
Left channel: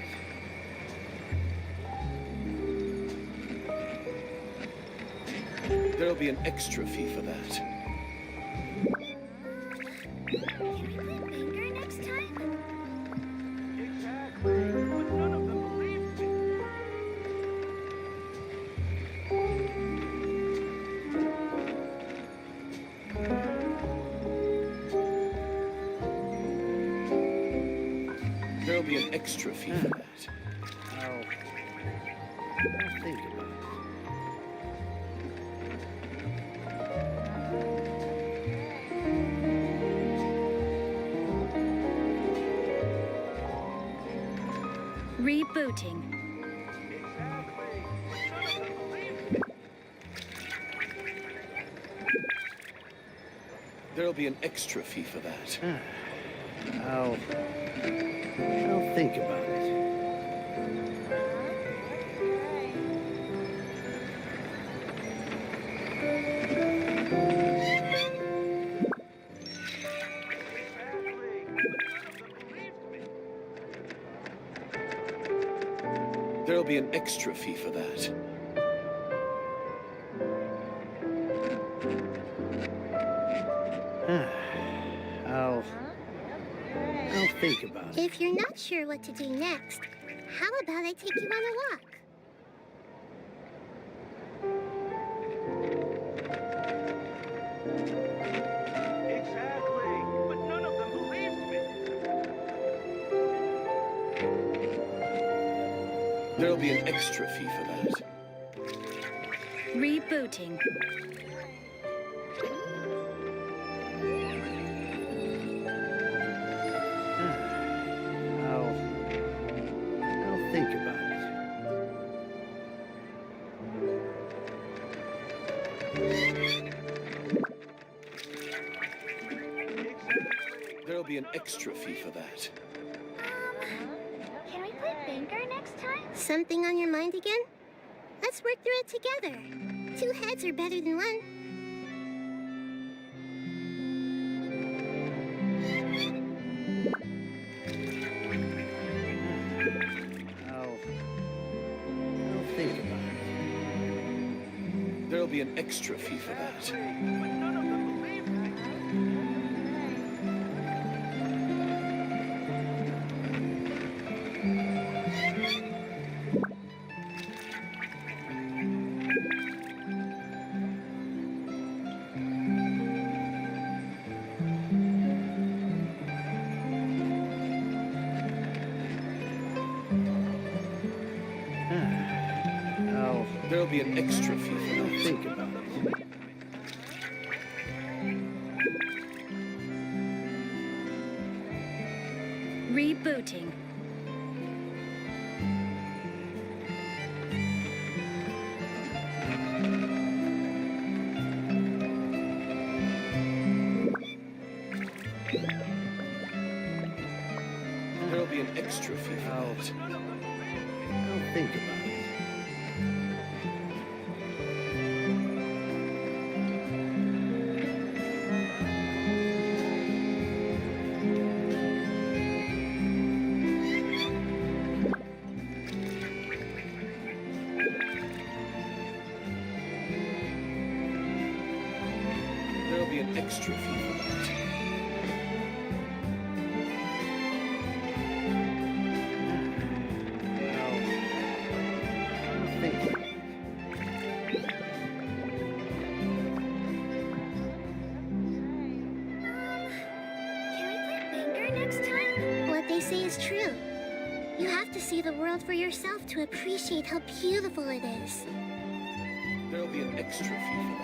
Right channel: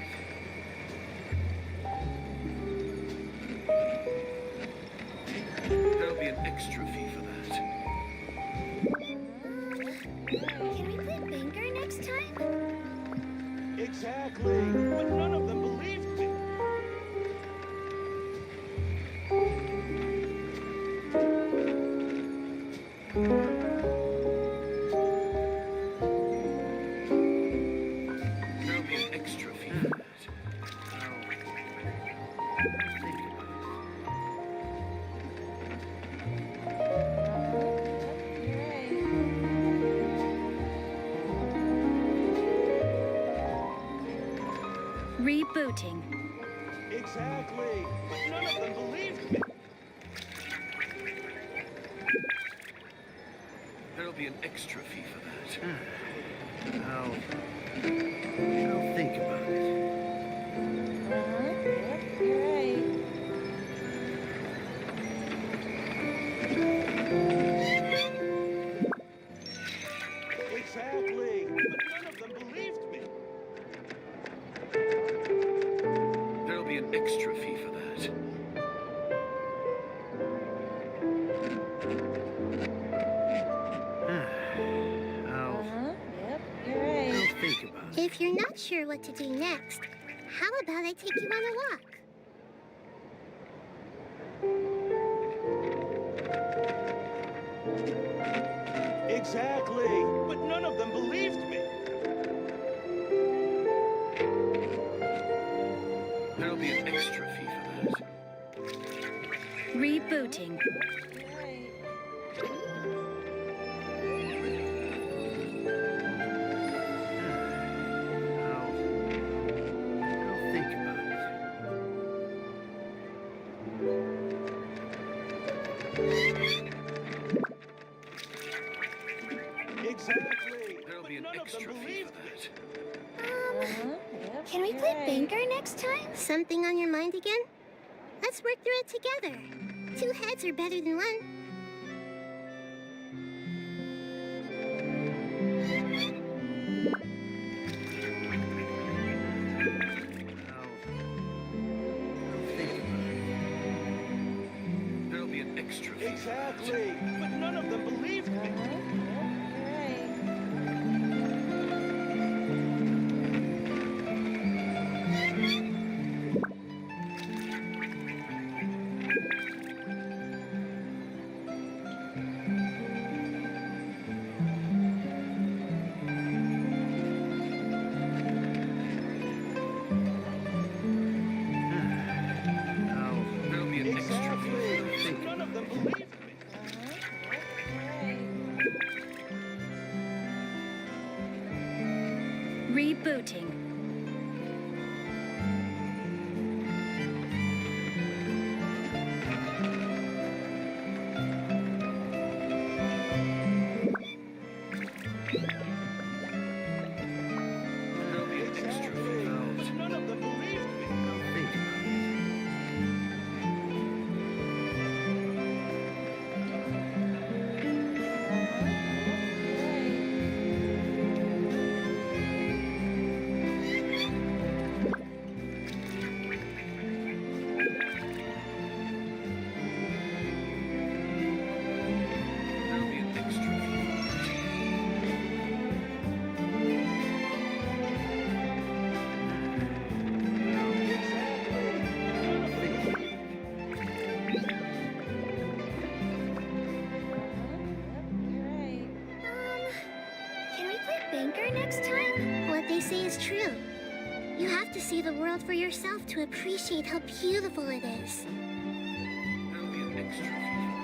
There'll be an extra fee for that. Can we play Banker next time? Exactly. But none of them believed me. There'll be an extra fee for that. I'll think about it. Rebooting. Exactly. But none of them believed me. There'll be an extra fee for that. I'll think about it. Exactly. But none of them believed me. There'll be an extra fee for that. I'll think about it. If you're not sure what to do next, how about I take you on a walk? Exactly. But none of them believed me. There'll be an extra fee for that. Rebooting. I'll think about it. Exactly. There'll be an extra fee for that. Can we play Banker next time? Something on your mind again? Let's work through it together. 2 heads are better than 1. I'll think about it. There'll be an extra fee for that. Exactly. But none of them believed me. There'll be an extra fee for I'll that. think about it. Rebooting. There'll be an extra fee for that. I'll think about it. There'll be an extra fee for that. I'll think about it. Can we play Banker next time? What they say is true. You have to see the world for yourself to appreciate how beautiful it is. There'll be an extra fee for that.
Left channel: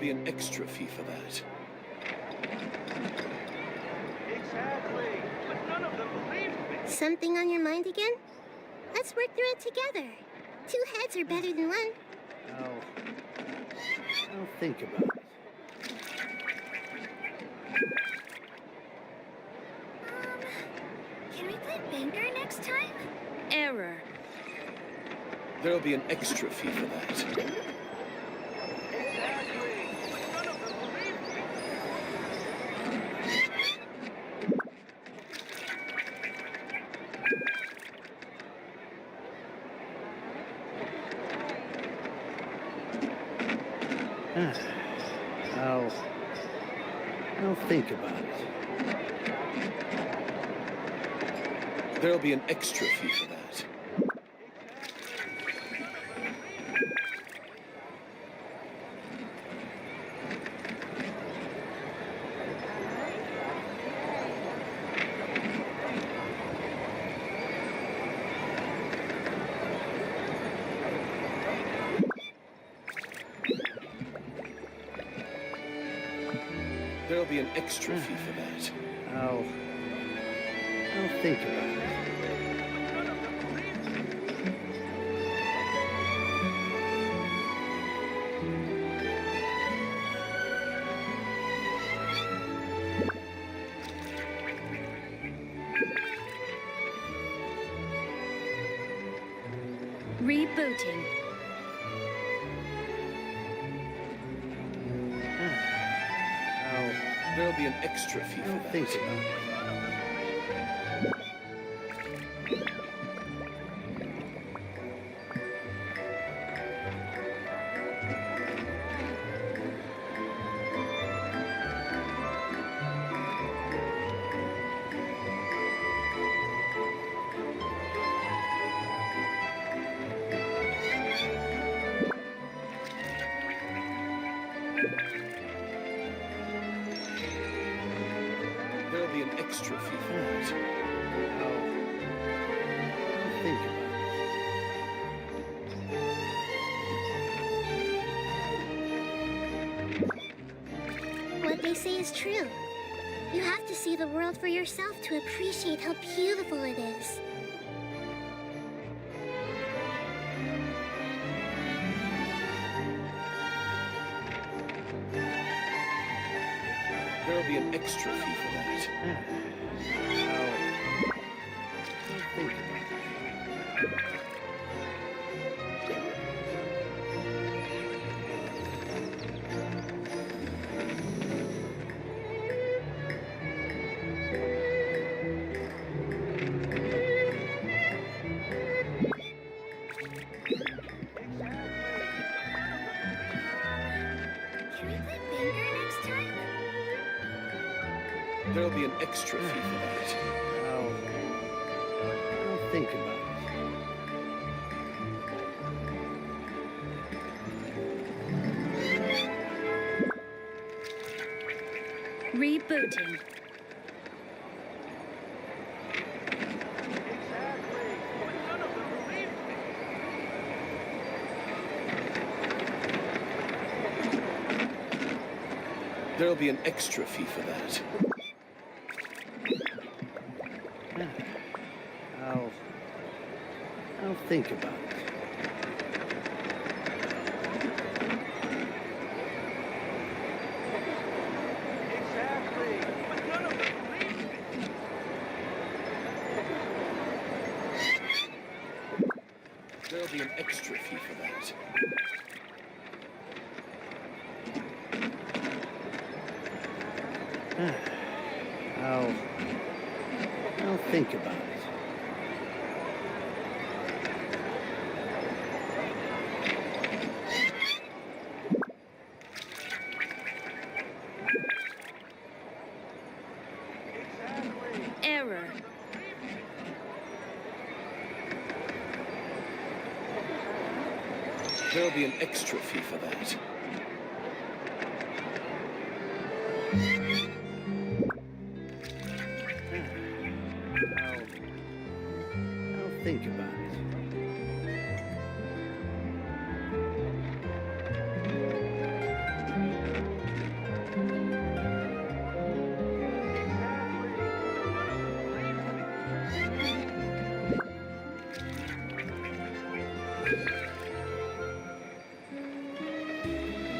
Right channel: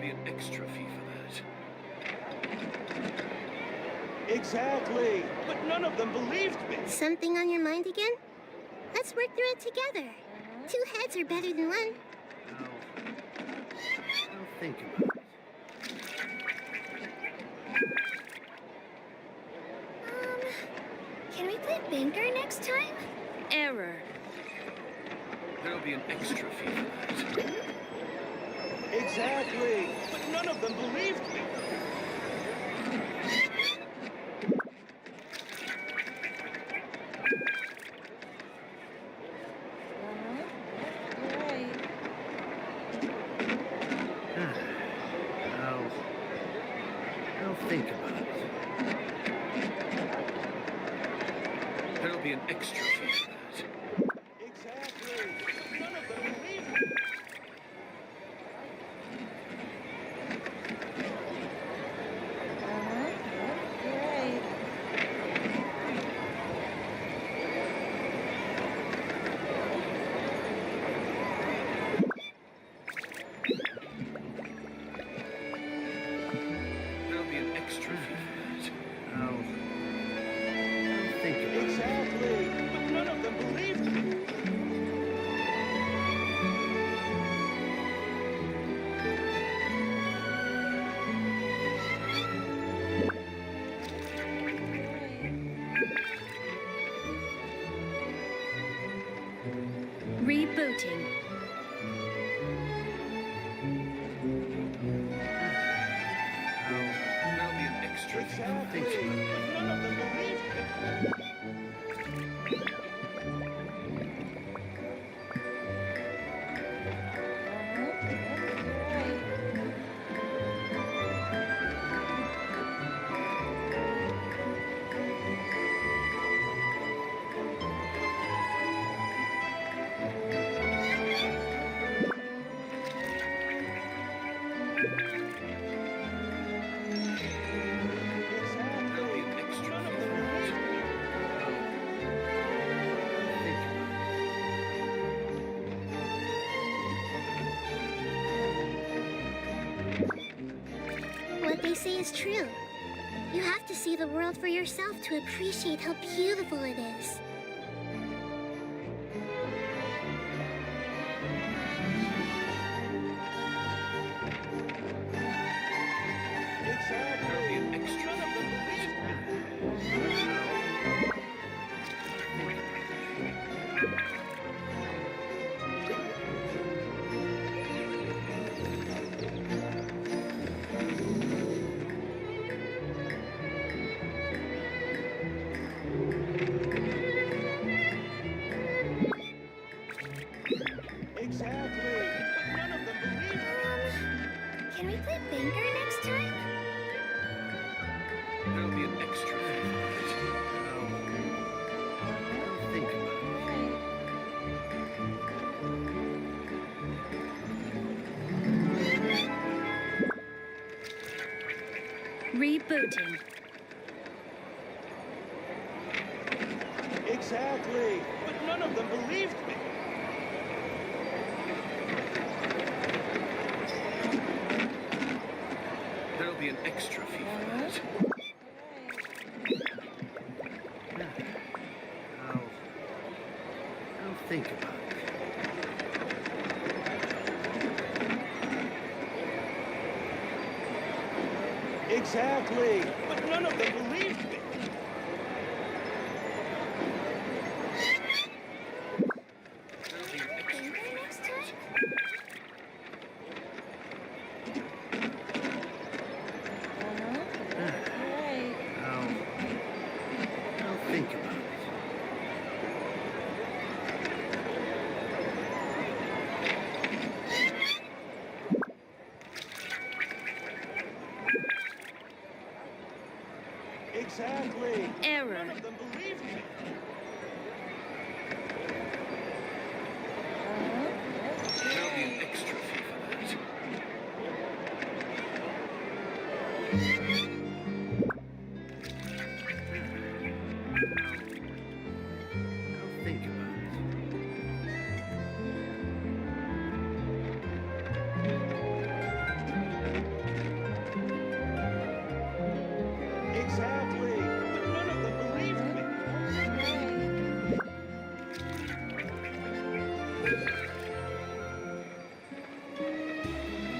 be an extra fee for that. Exactly. But none of them believed me. Something on your mind again? Let's work through it together. Two heads are better than one. I'll think about it. Can we play banker next time? Error. There'll be an extra fee for that. Exactly. But none of them believed me. I'll think about it. There'll be an extra fee for that. There'll be an extra fee for that. I'll think about it. Rebooting. There'll be an extra fee for that. Think about it. There'll be an extra fee for that. I'll think about it. What they say is true. You have to see the world for yourself to appreciate how beautiful it is. There'll be an extra fee for that. I'll think about it. Can we play banker next time? There'll be an extra fee for that. I'll think about it. Rebooting. Exactly. But none of them believed me. There'll be an extra fee for that. I'll think about it. Exactly. But none of them believed me. There'll be an extra fee for that. I'll think about it. Exactly. Error. None of them believed me. There'll be an extra fee for that. I'll think about it.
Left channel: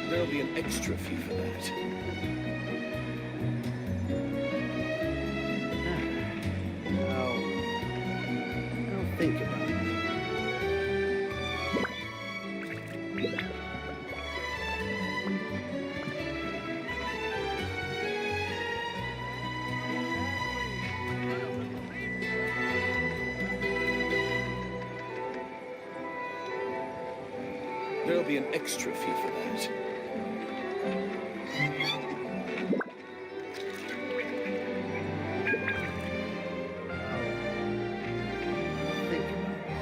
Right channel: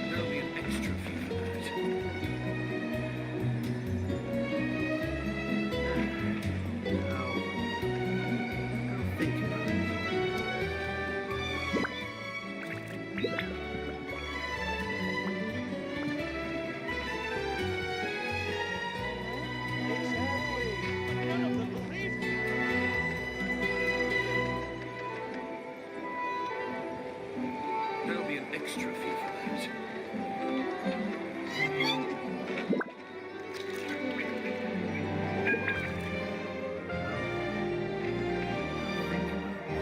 There'll be an extra fee for that. I'll think about it. There'll be an extra fee for that. I'll think about it.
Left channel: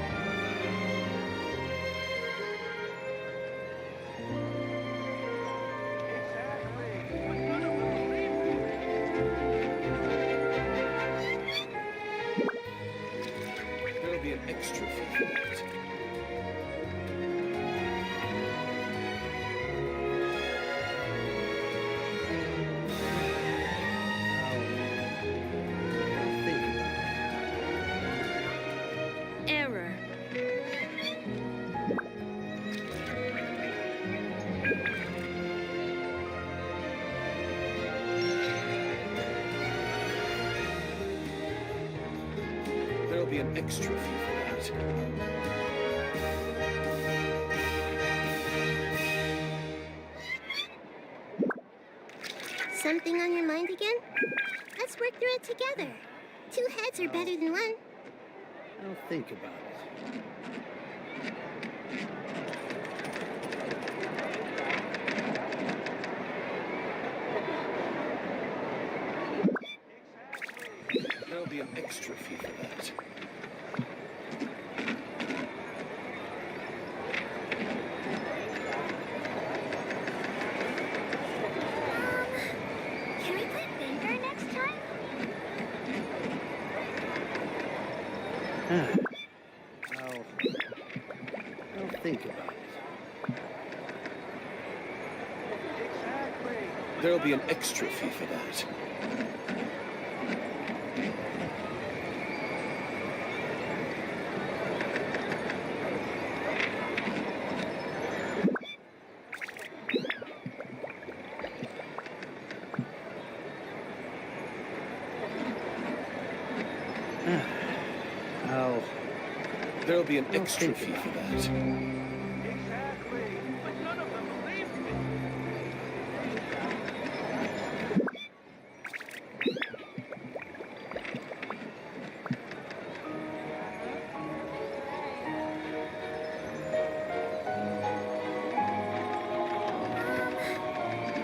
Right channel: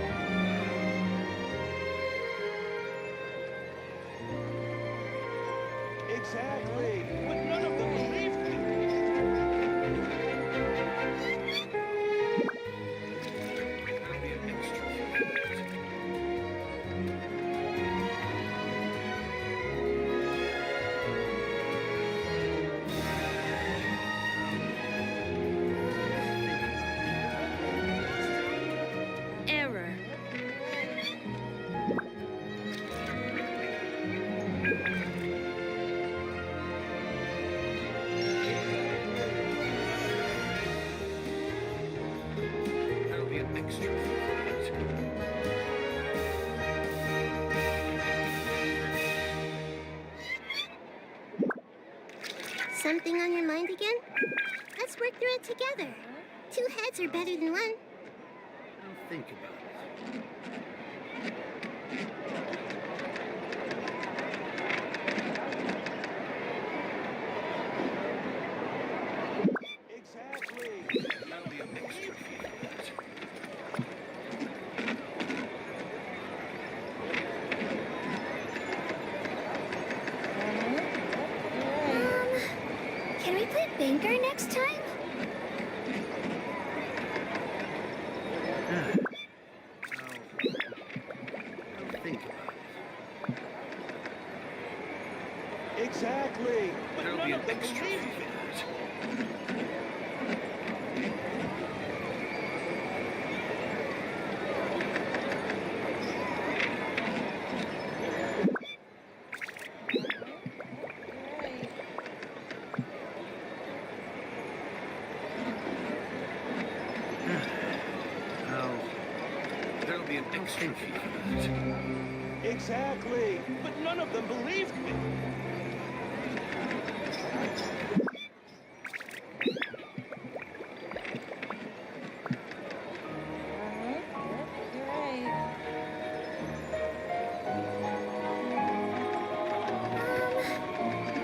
Exactly. But none of them believe me. There'll be an extra fee for that. I'll think about it. Error. There'll be an extra fee for that. Something on your mind again? Let's work through it together. Two heads are better than one. I'll think about it. Exactly. There'll be an extra fee for that. Can we play Banker next time? I'll think about it. Exactly. But There'll be none an of them extra believe fee for that. There'll be an extra think fee about for it. that. Exactly. But none of them believed me.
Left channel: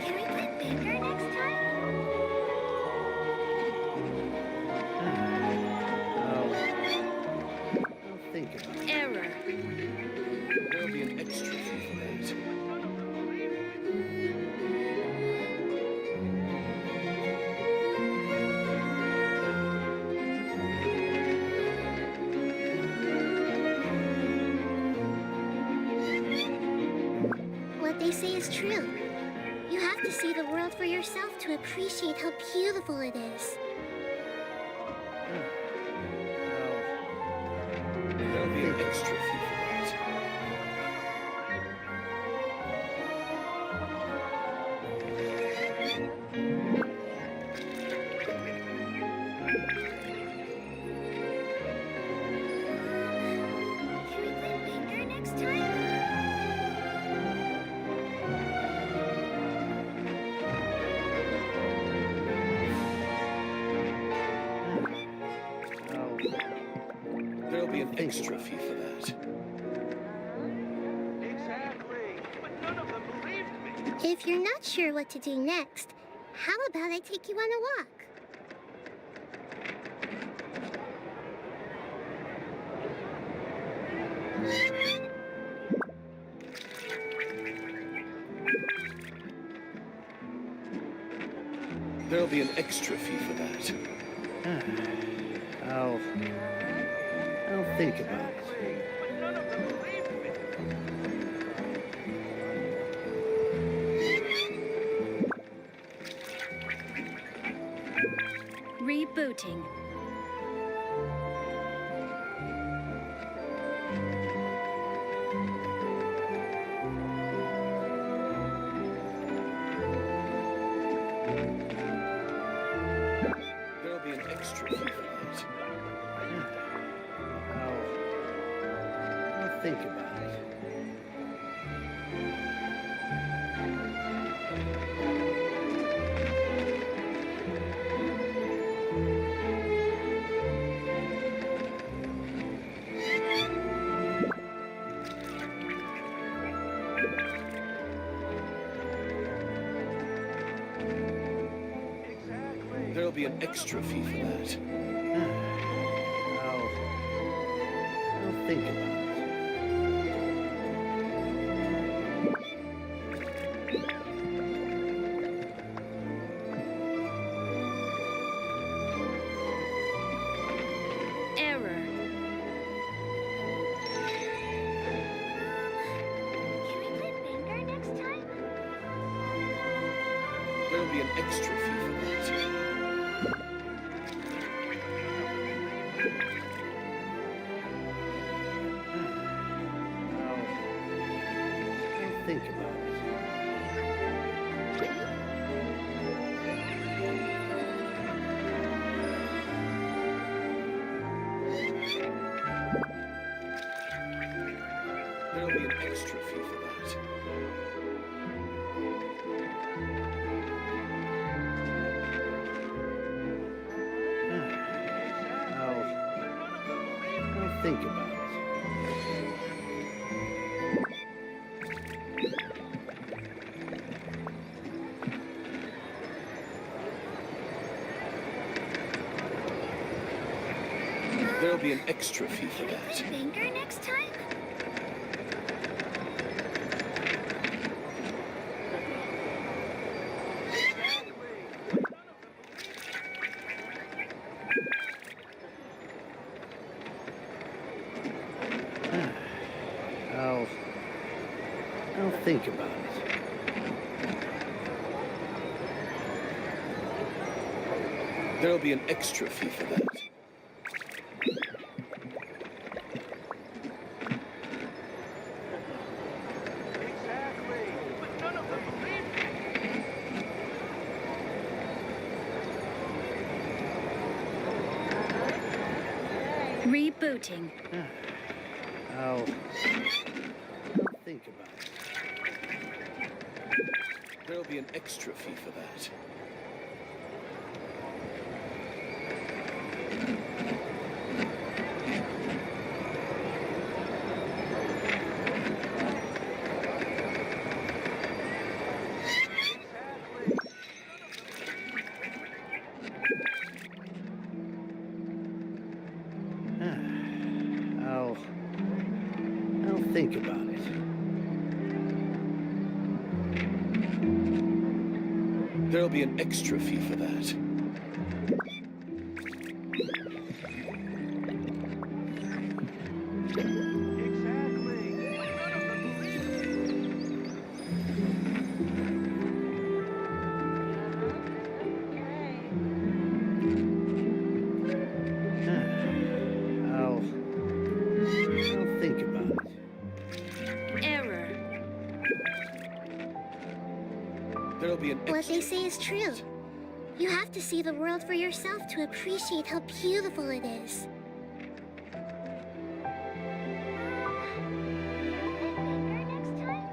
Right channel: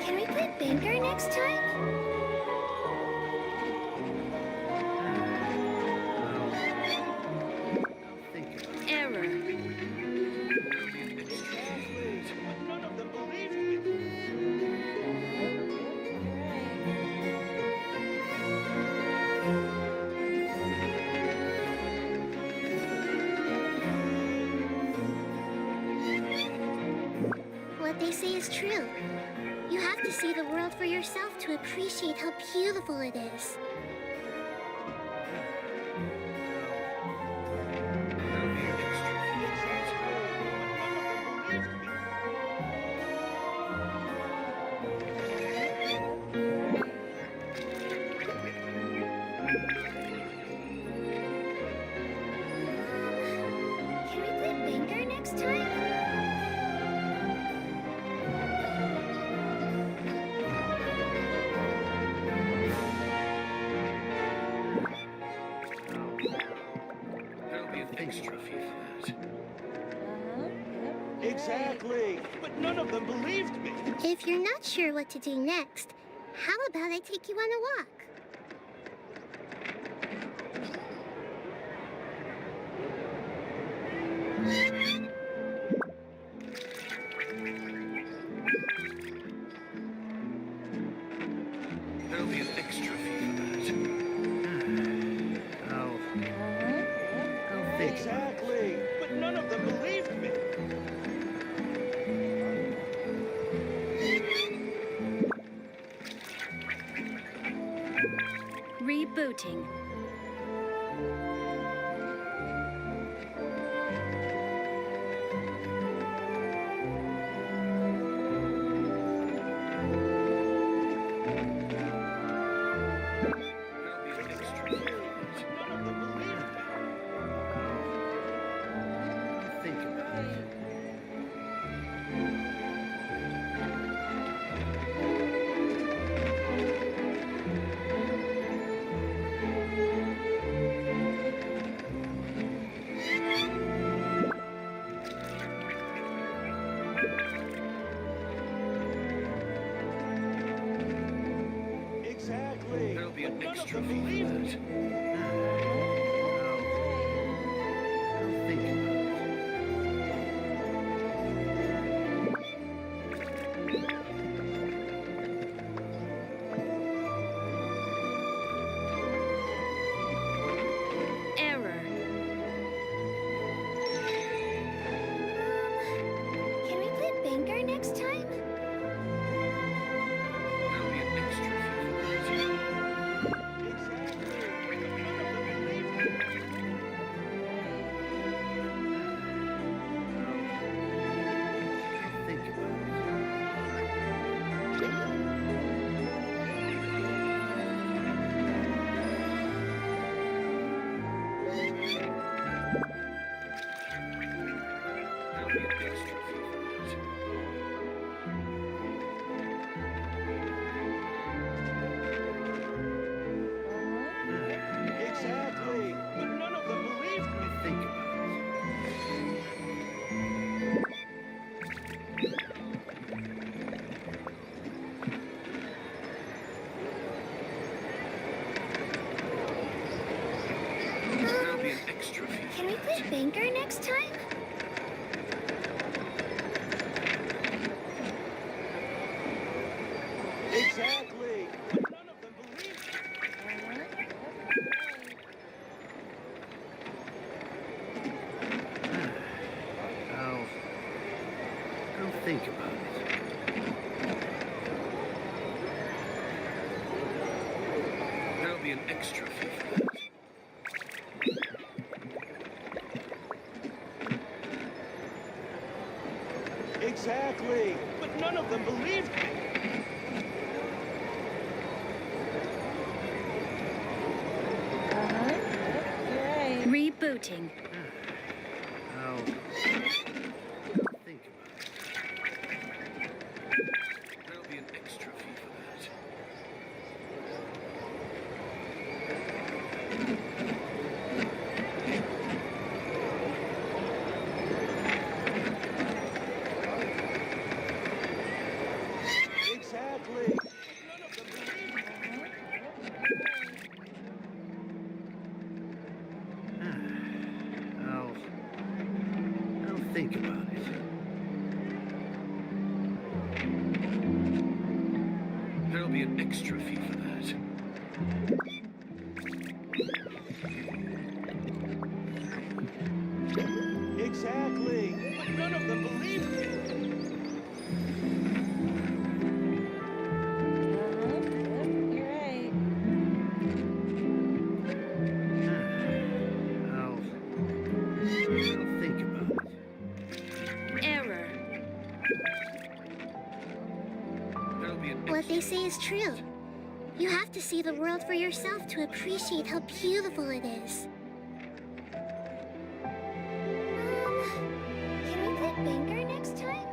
Can we play Banker next time? I'll think about it. Error. There'll be an extra fee for that. None of them believed me. What they say is true. You have to see the world for yourself to appreciate how beautiful it is. There'll be an extra fee for that. Can we play Banker next time? There'll be an think extra about fee for that. Exactly. But none of them believed me. If you're not sure what to do next, how about I take you on a walk? There'll be an extra fee for that. I'll think about it. Exactly. But none of them believed me. Rebooting. think about it. Exactly. There'll be an extra fee for that. I'll think about it. Error. Can we play Banker next time? There'll be an extra fee for that. I'll think about it. There'll be an extra fee for that. Exactly. But none of them believed me. I'll think about it. There'll be an extra fee for Can we play that. Banker next time? Exactly. But none of them believed me. I'll think about it. There'll be an extra fee for that. Exactly. But none of them believed me. Rebooting. I'll think about it. There'll be an extra fee for that. Exactly. I'll think about it. There'll be an extra fee for that. Exactly. But none of them believed me. I'll think about it. Error. There'll be an extra What they say is true. You have to see the world for yourself to appreciate how beautiful it is. Can we play Banker next time?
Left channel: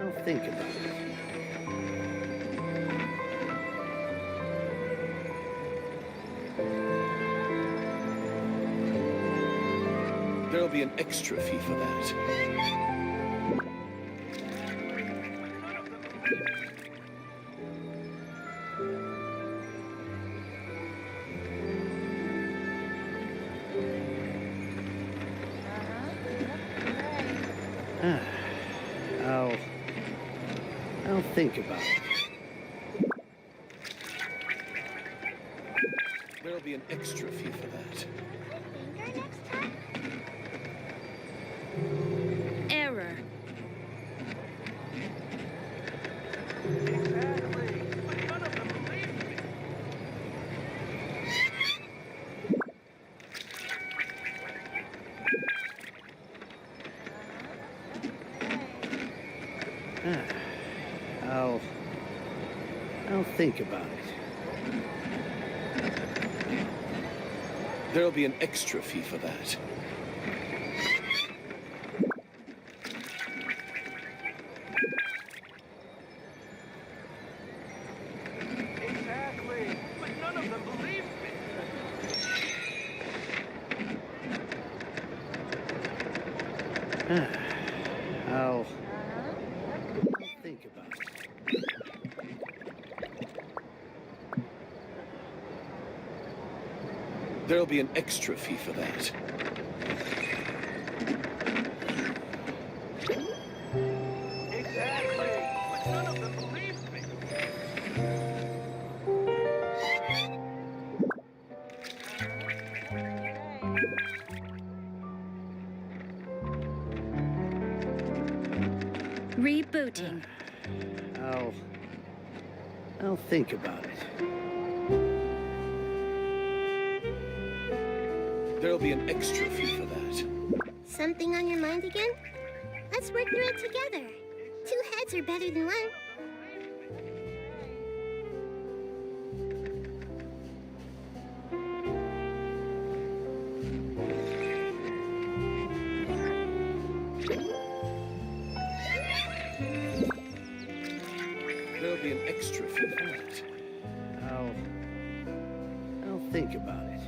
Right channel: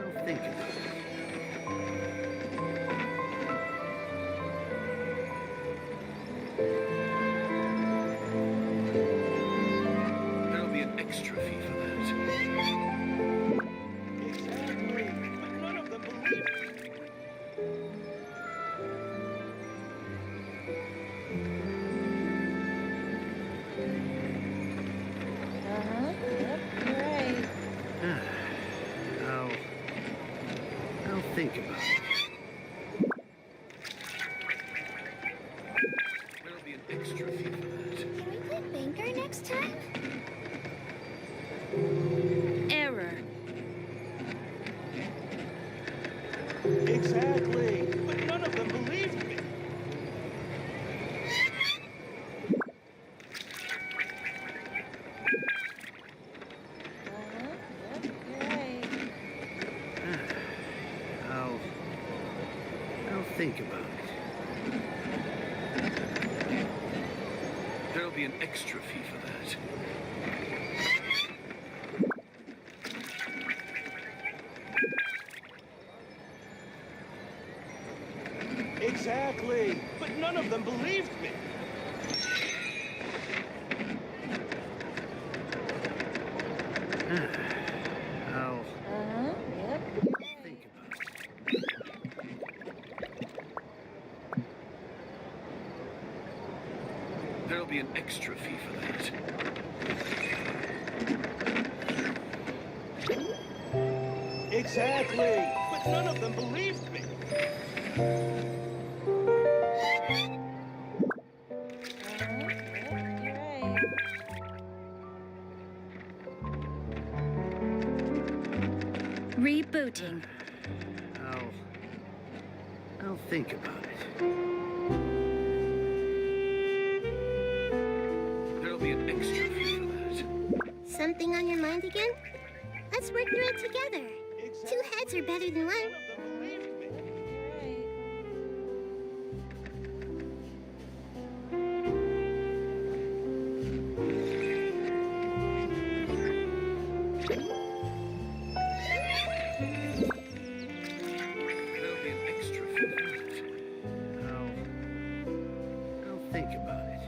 I'll think about it. There'll be an extra fee for that. I'll think about it. There'll be an extra fee for that. Banker next time? Error. Exactly. But none of them believed me. I'll think about it. There'll be an extra fee for that. Exactly. But none of them believed me. I'll think about it. There'll be an extra fee for that. Exactly. But none of them believed me. Rebooting. I'll think about it. There'll be an extra fee for that. Something on your mind again? Let's work through it together. Two heads are better than one. There'll be an extra fee for that. I'll think about it.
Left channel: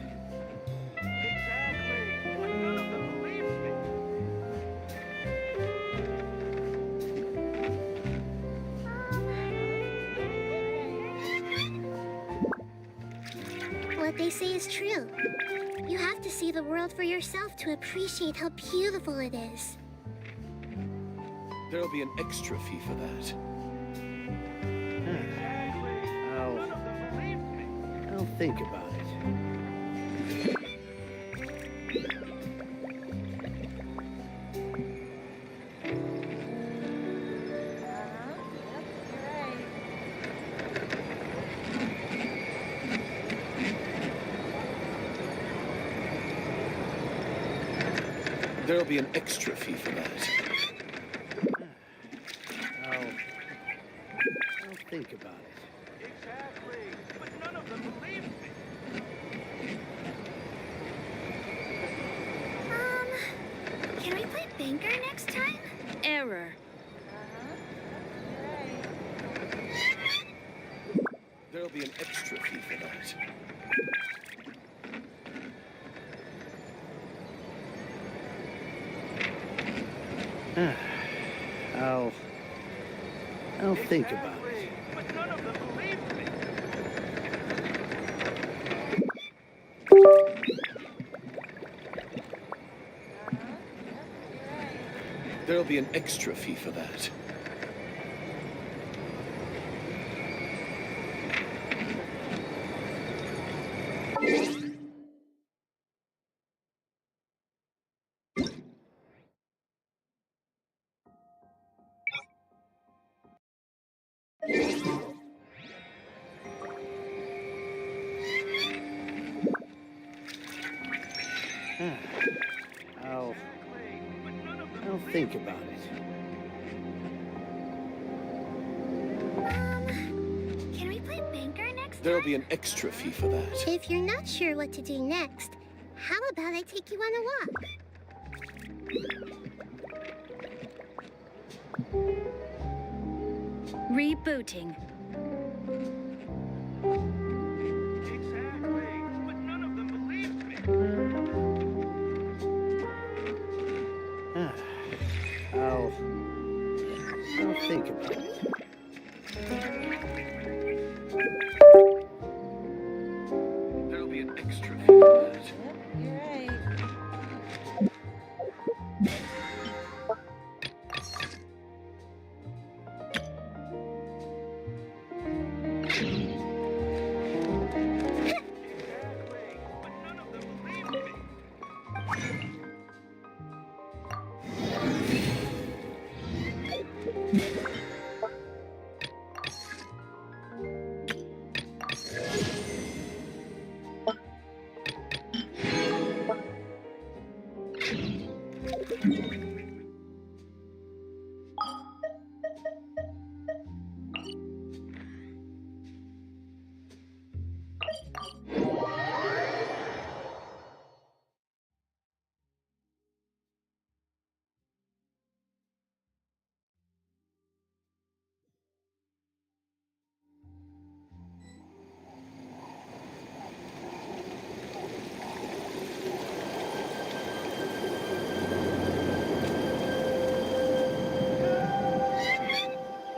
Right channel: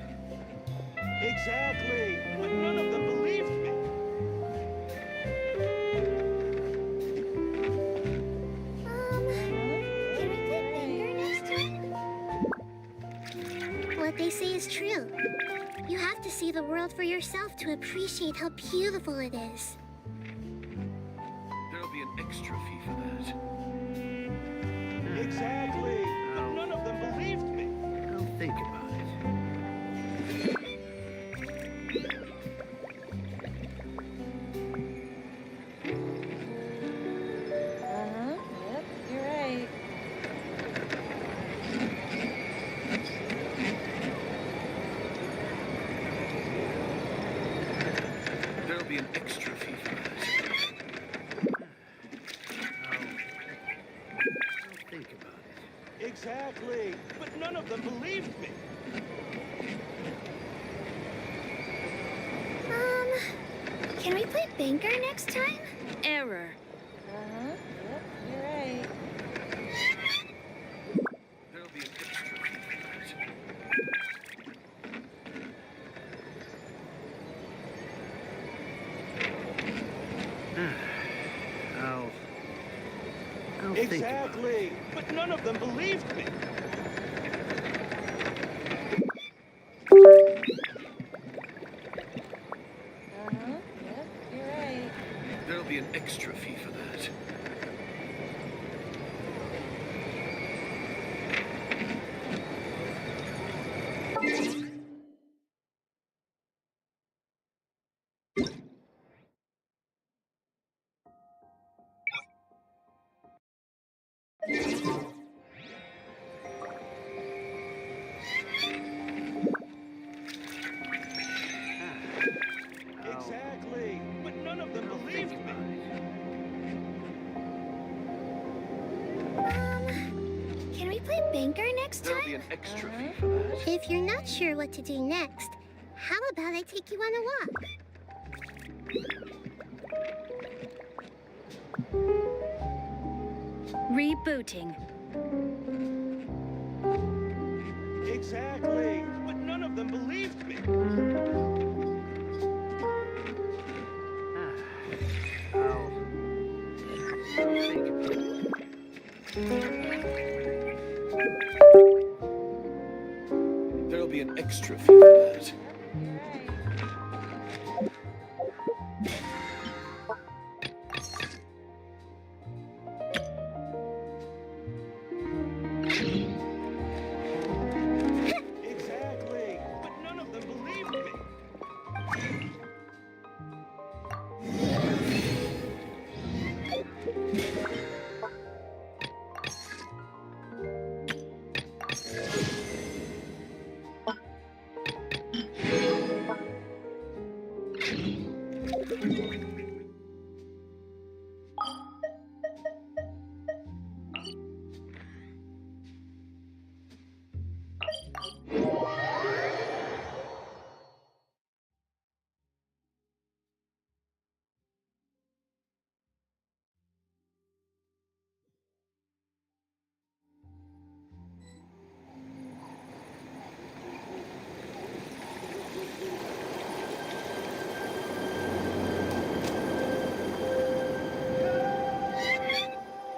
Exactly. But none of them believed me. What they say is true. You have to see the world for yourself to appreciate how beautiful it is. There'll be an extra fee for that. Exactly. None of them believed me. I'll think about it. There'll be an extra fee for that. I'll think about it. Exactly. But none of them believed me. Can we play banker next time? Error. There'll be an extra fee for that. I'll think about it. Exactly. But none of them believed me. There'll be an extra fee for that. Exactly. But none of them I'll believed think me. about it. Can we play banker next There'll time? be an extra fee for that. If you're not sure what to do next, how about I take you on a walk? Rebooting. Exactly. But none of them believed me. I'll think about it. There'll be an extra fee for that. Exactly. But none of them believed me.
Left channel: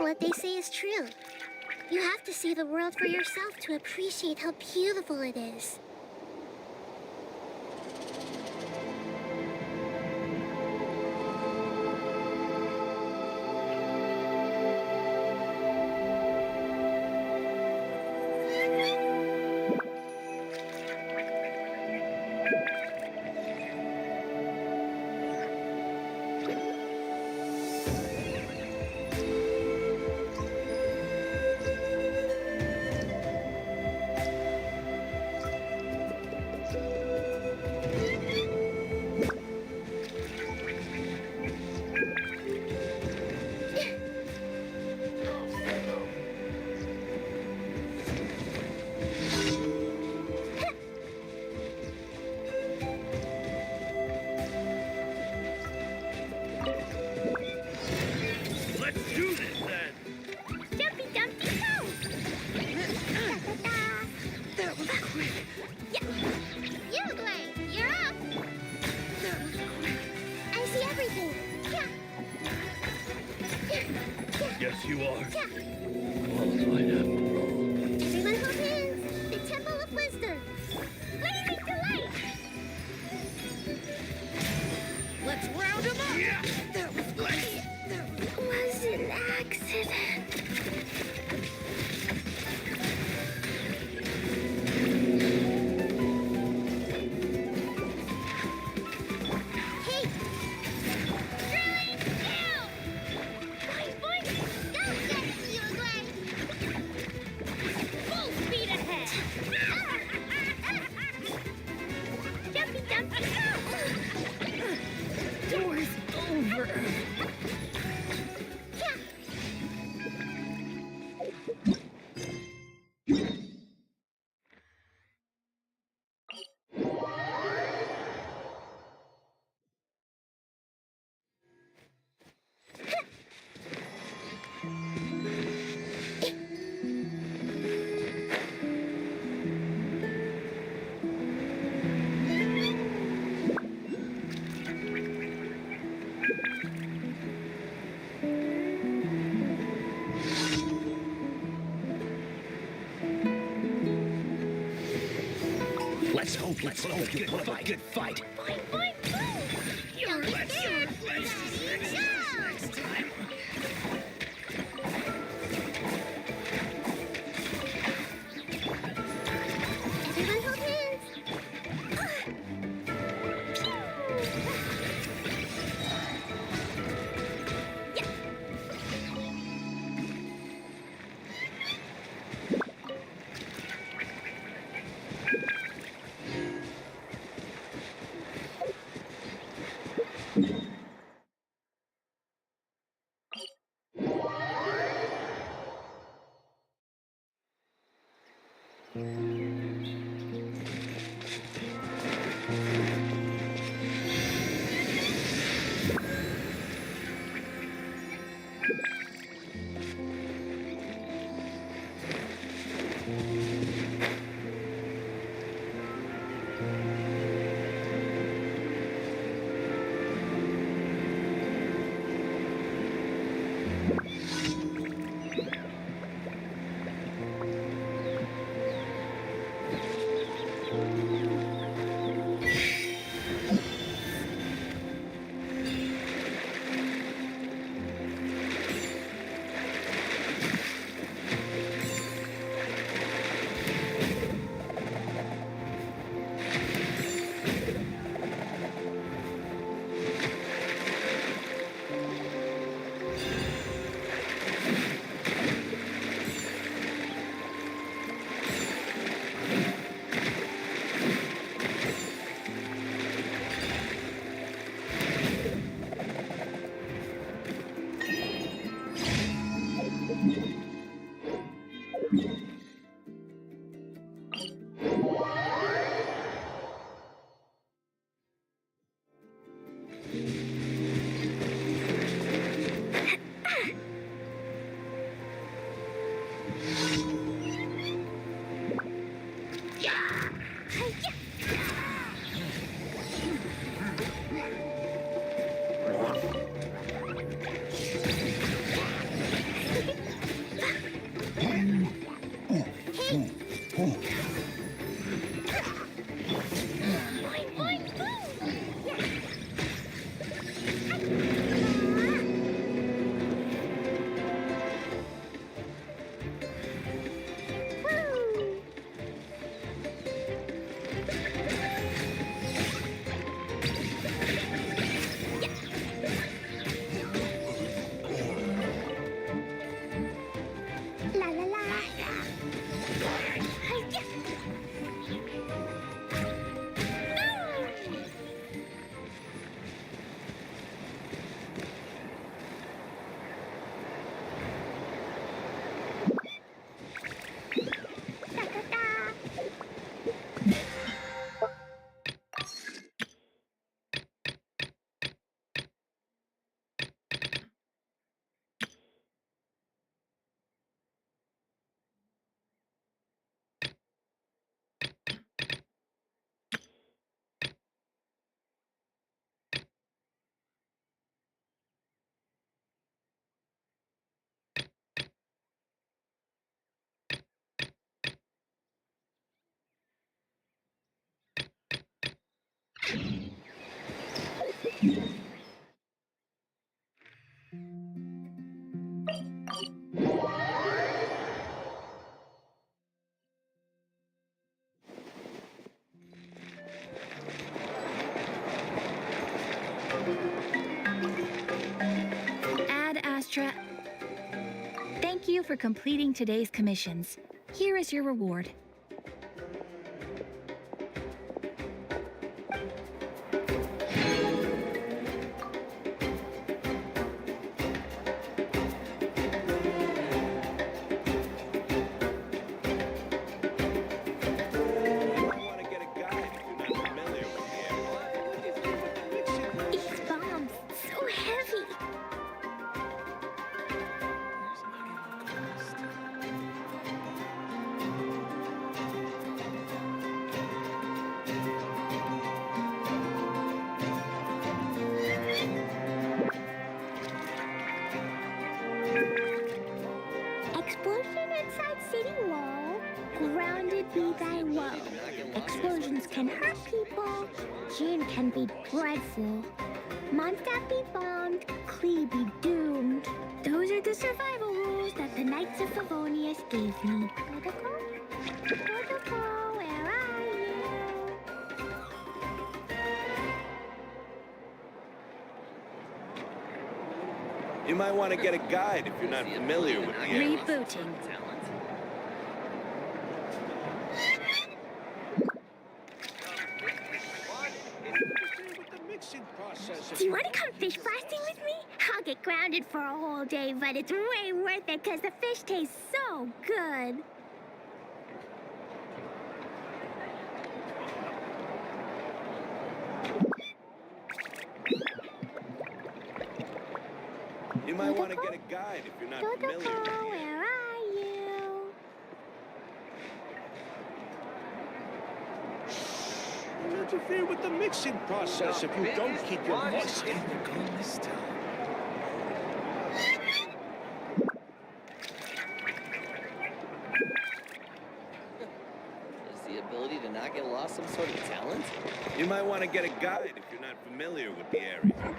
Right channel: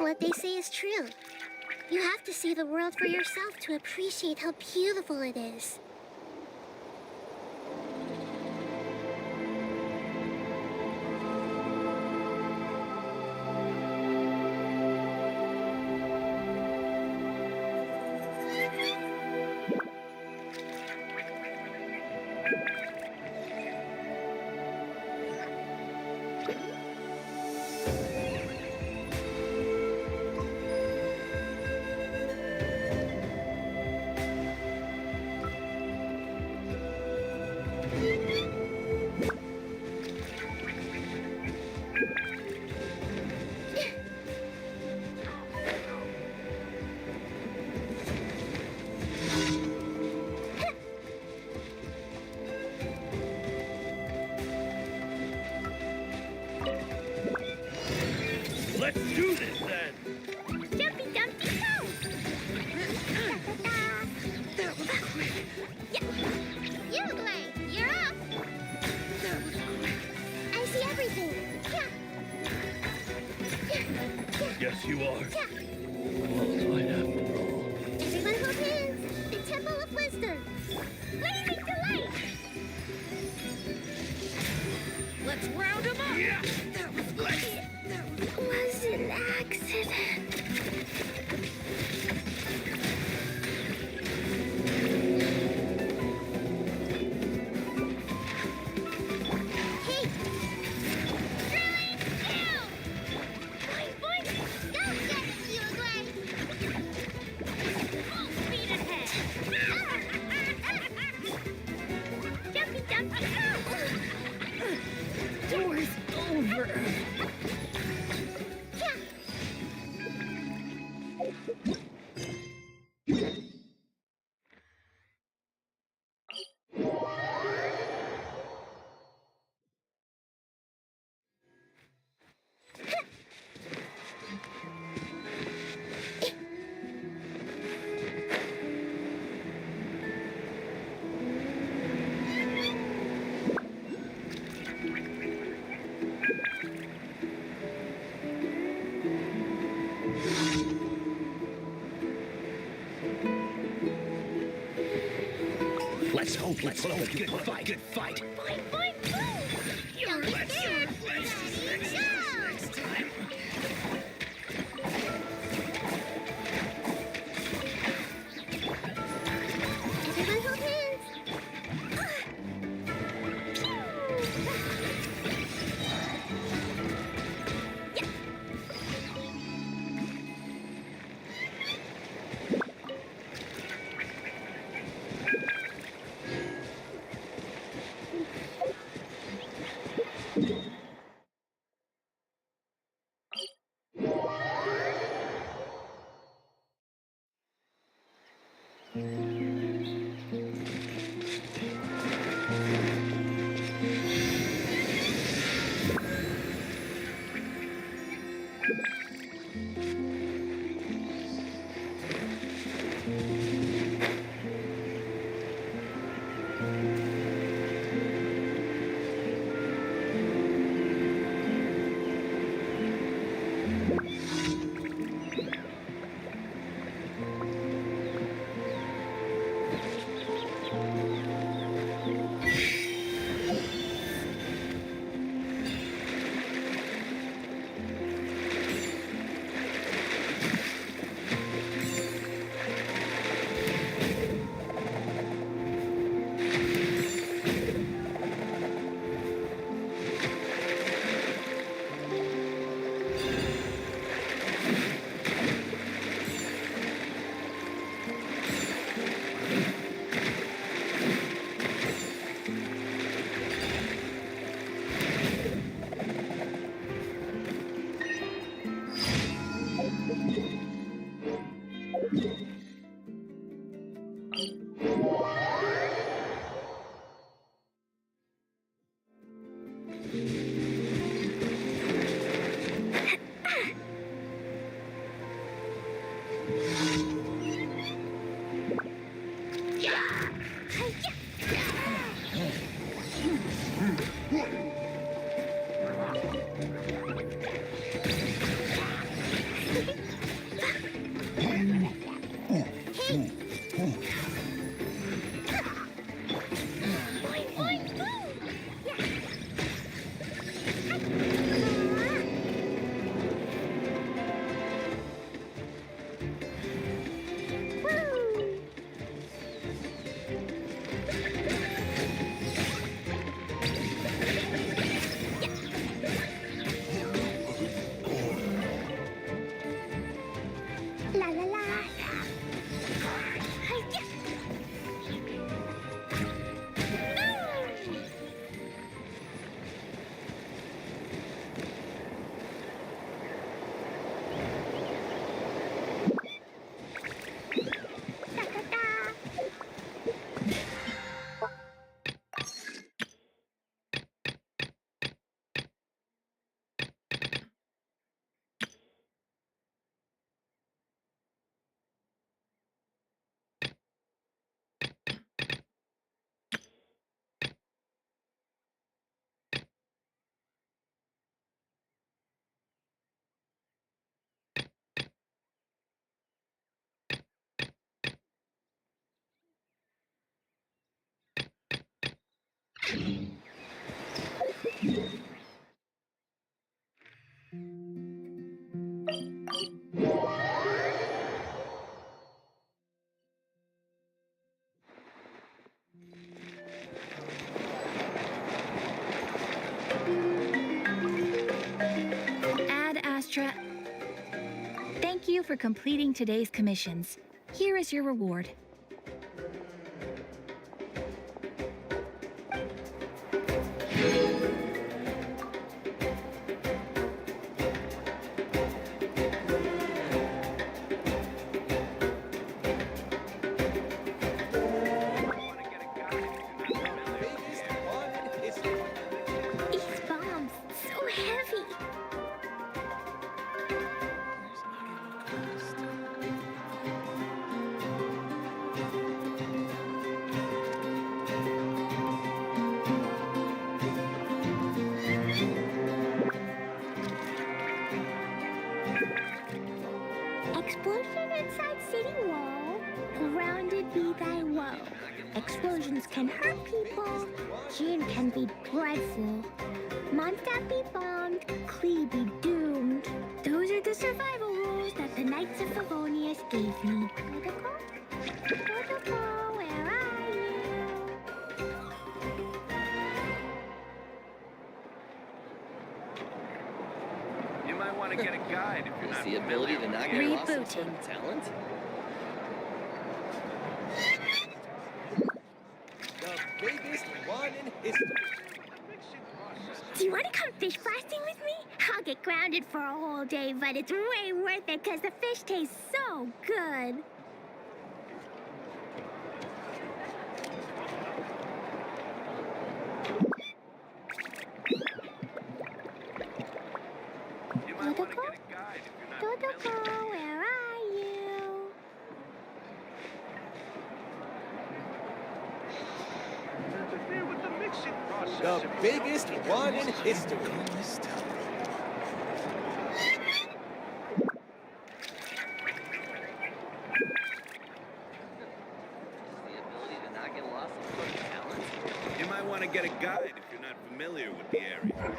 What they say is true. You have to see the world for yourself to appreciate how beautiful it is. Let's do this then. Jumpy Dumpty Go! That was quick. You, Glay, you're up! That was quick. I see everything. Yes, you are. Qualified after all. Everyone hold hands. The Temple of Wisdom. Blazing Delight! Let's round them up! Yeah. That was quick. Was an accident. Hey! Drilling down! Boing, boing! Go get it, you Glay! Full speed ahead! Jumpy Dumpty Go! Door's over! Let's hope you put up a good fight. Boing, boing, boing! Don't be scared! Ready, go! Everyone hold hands. Yeah. La la la. Hi-ya. Ta-ta-ta. Ad Astra. Thank you for completing today's commissions. Here is your reward. Want to get a guide if you're not familiar with the area. These bombs, so heavy. Explosion inside city wall. Grounded be thy woe. Explosions can hurt people. Gin can be dreadful. Mondstadt be bombed. Klee be doomed. Those are the survival rules that the Knights of Favonius gave me. Protocol? Protocol, where are you? You might want to get a guide if you're not familiar with the area. Rebooting. Talent? Do you want to come fish blasting with me? I'll get grounded for a whole day, but it's way worth it because the fish taste so good. You might want to get a guide if you're not Protocol, familiar. where are you? Interfere with the mixing process. The biggest one is to go this time. Is the ability to not get lost some sort of talent? You might want to get a guide if you're not familiar with the area.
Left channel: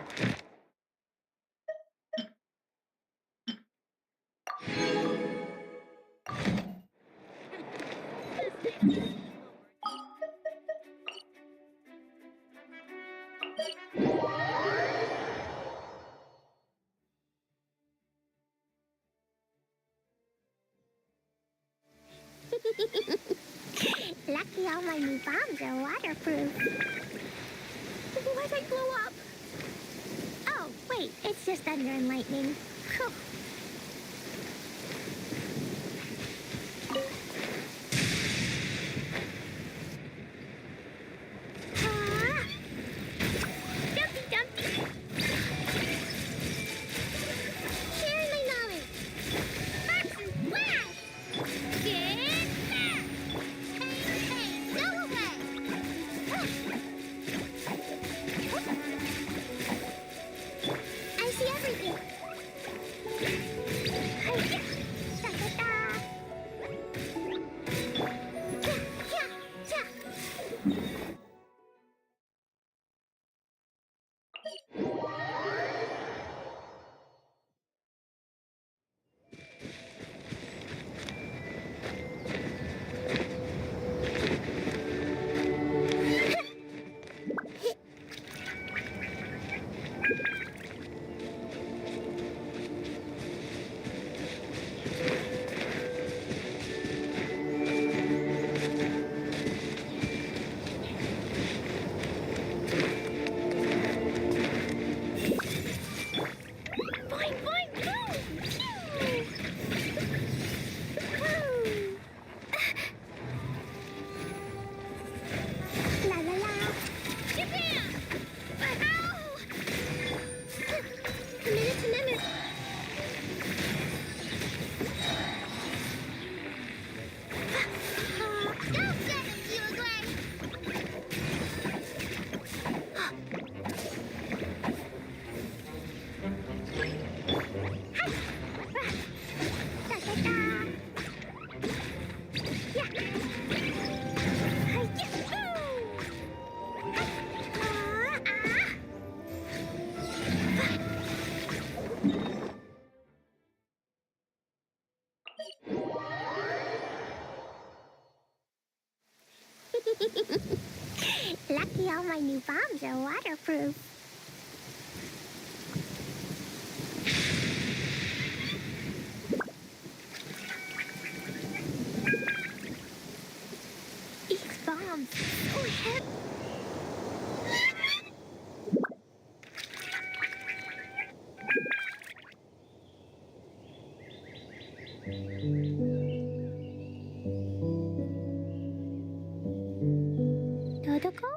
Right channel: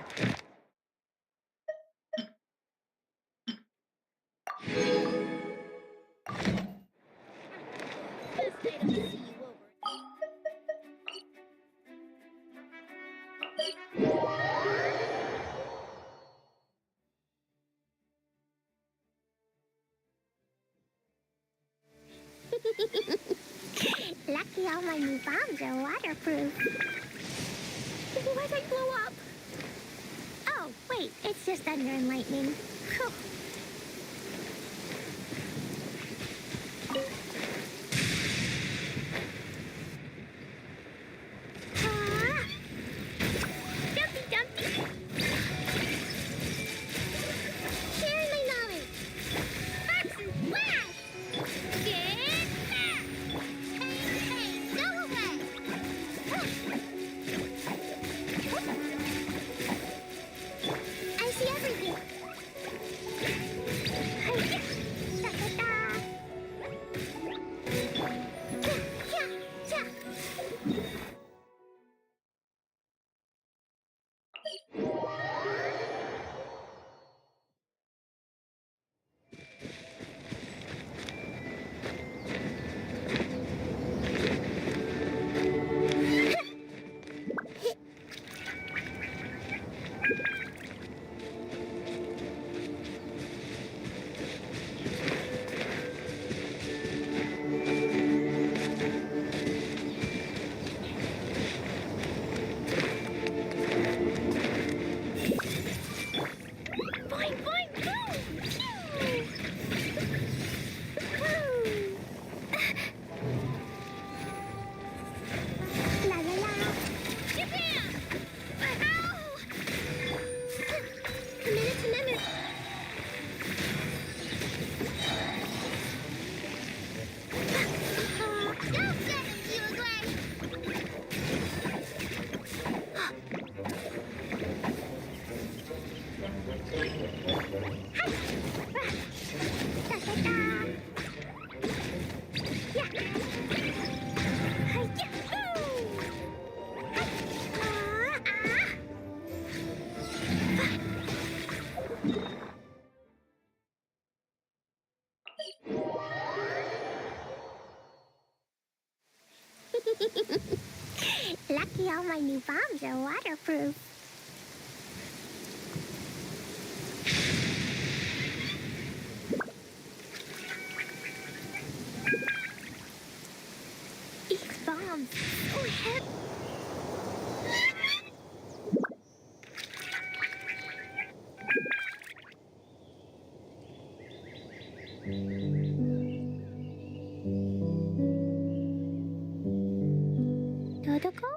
Lucky all my new bombs are waterproof. What I blow up? Oh, wait, it's just thunder and lightning. Phew. Ah! Dumpty Dumpty! Share my knowledge! Box and flash! Get back! Hey, hey, go away! I see everything! Lucky all my new bombs are waterproof. These bombs so heavy. Dodoko?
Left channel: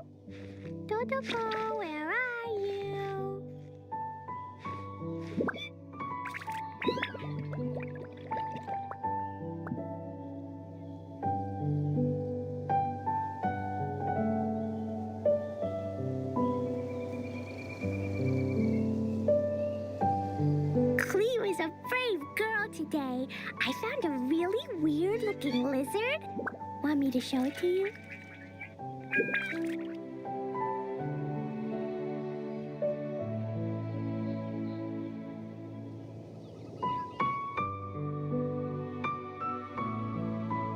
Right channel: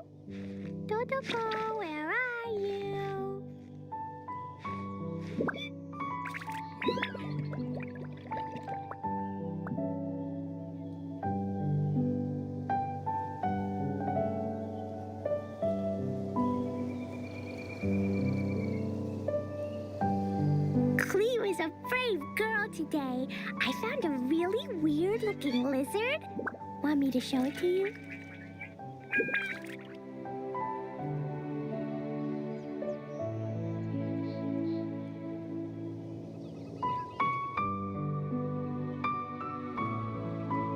Dodoko, where are you? Clee was a brave girl today. I found a really weird-looking lizard. Want me to show it to you?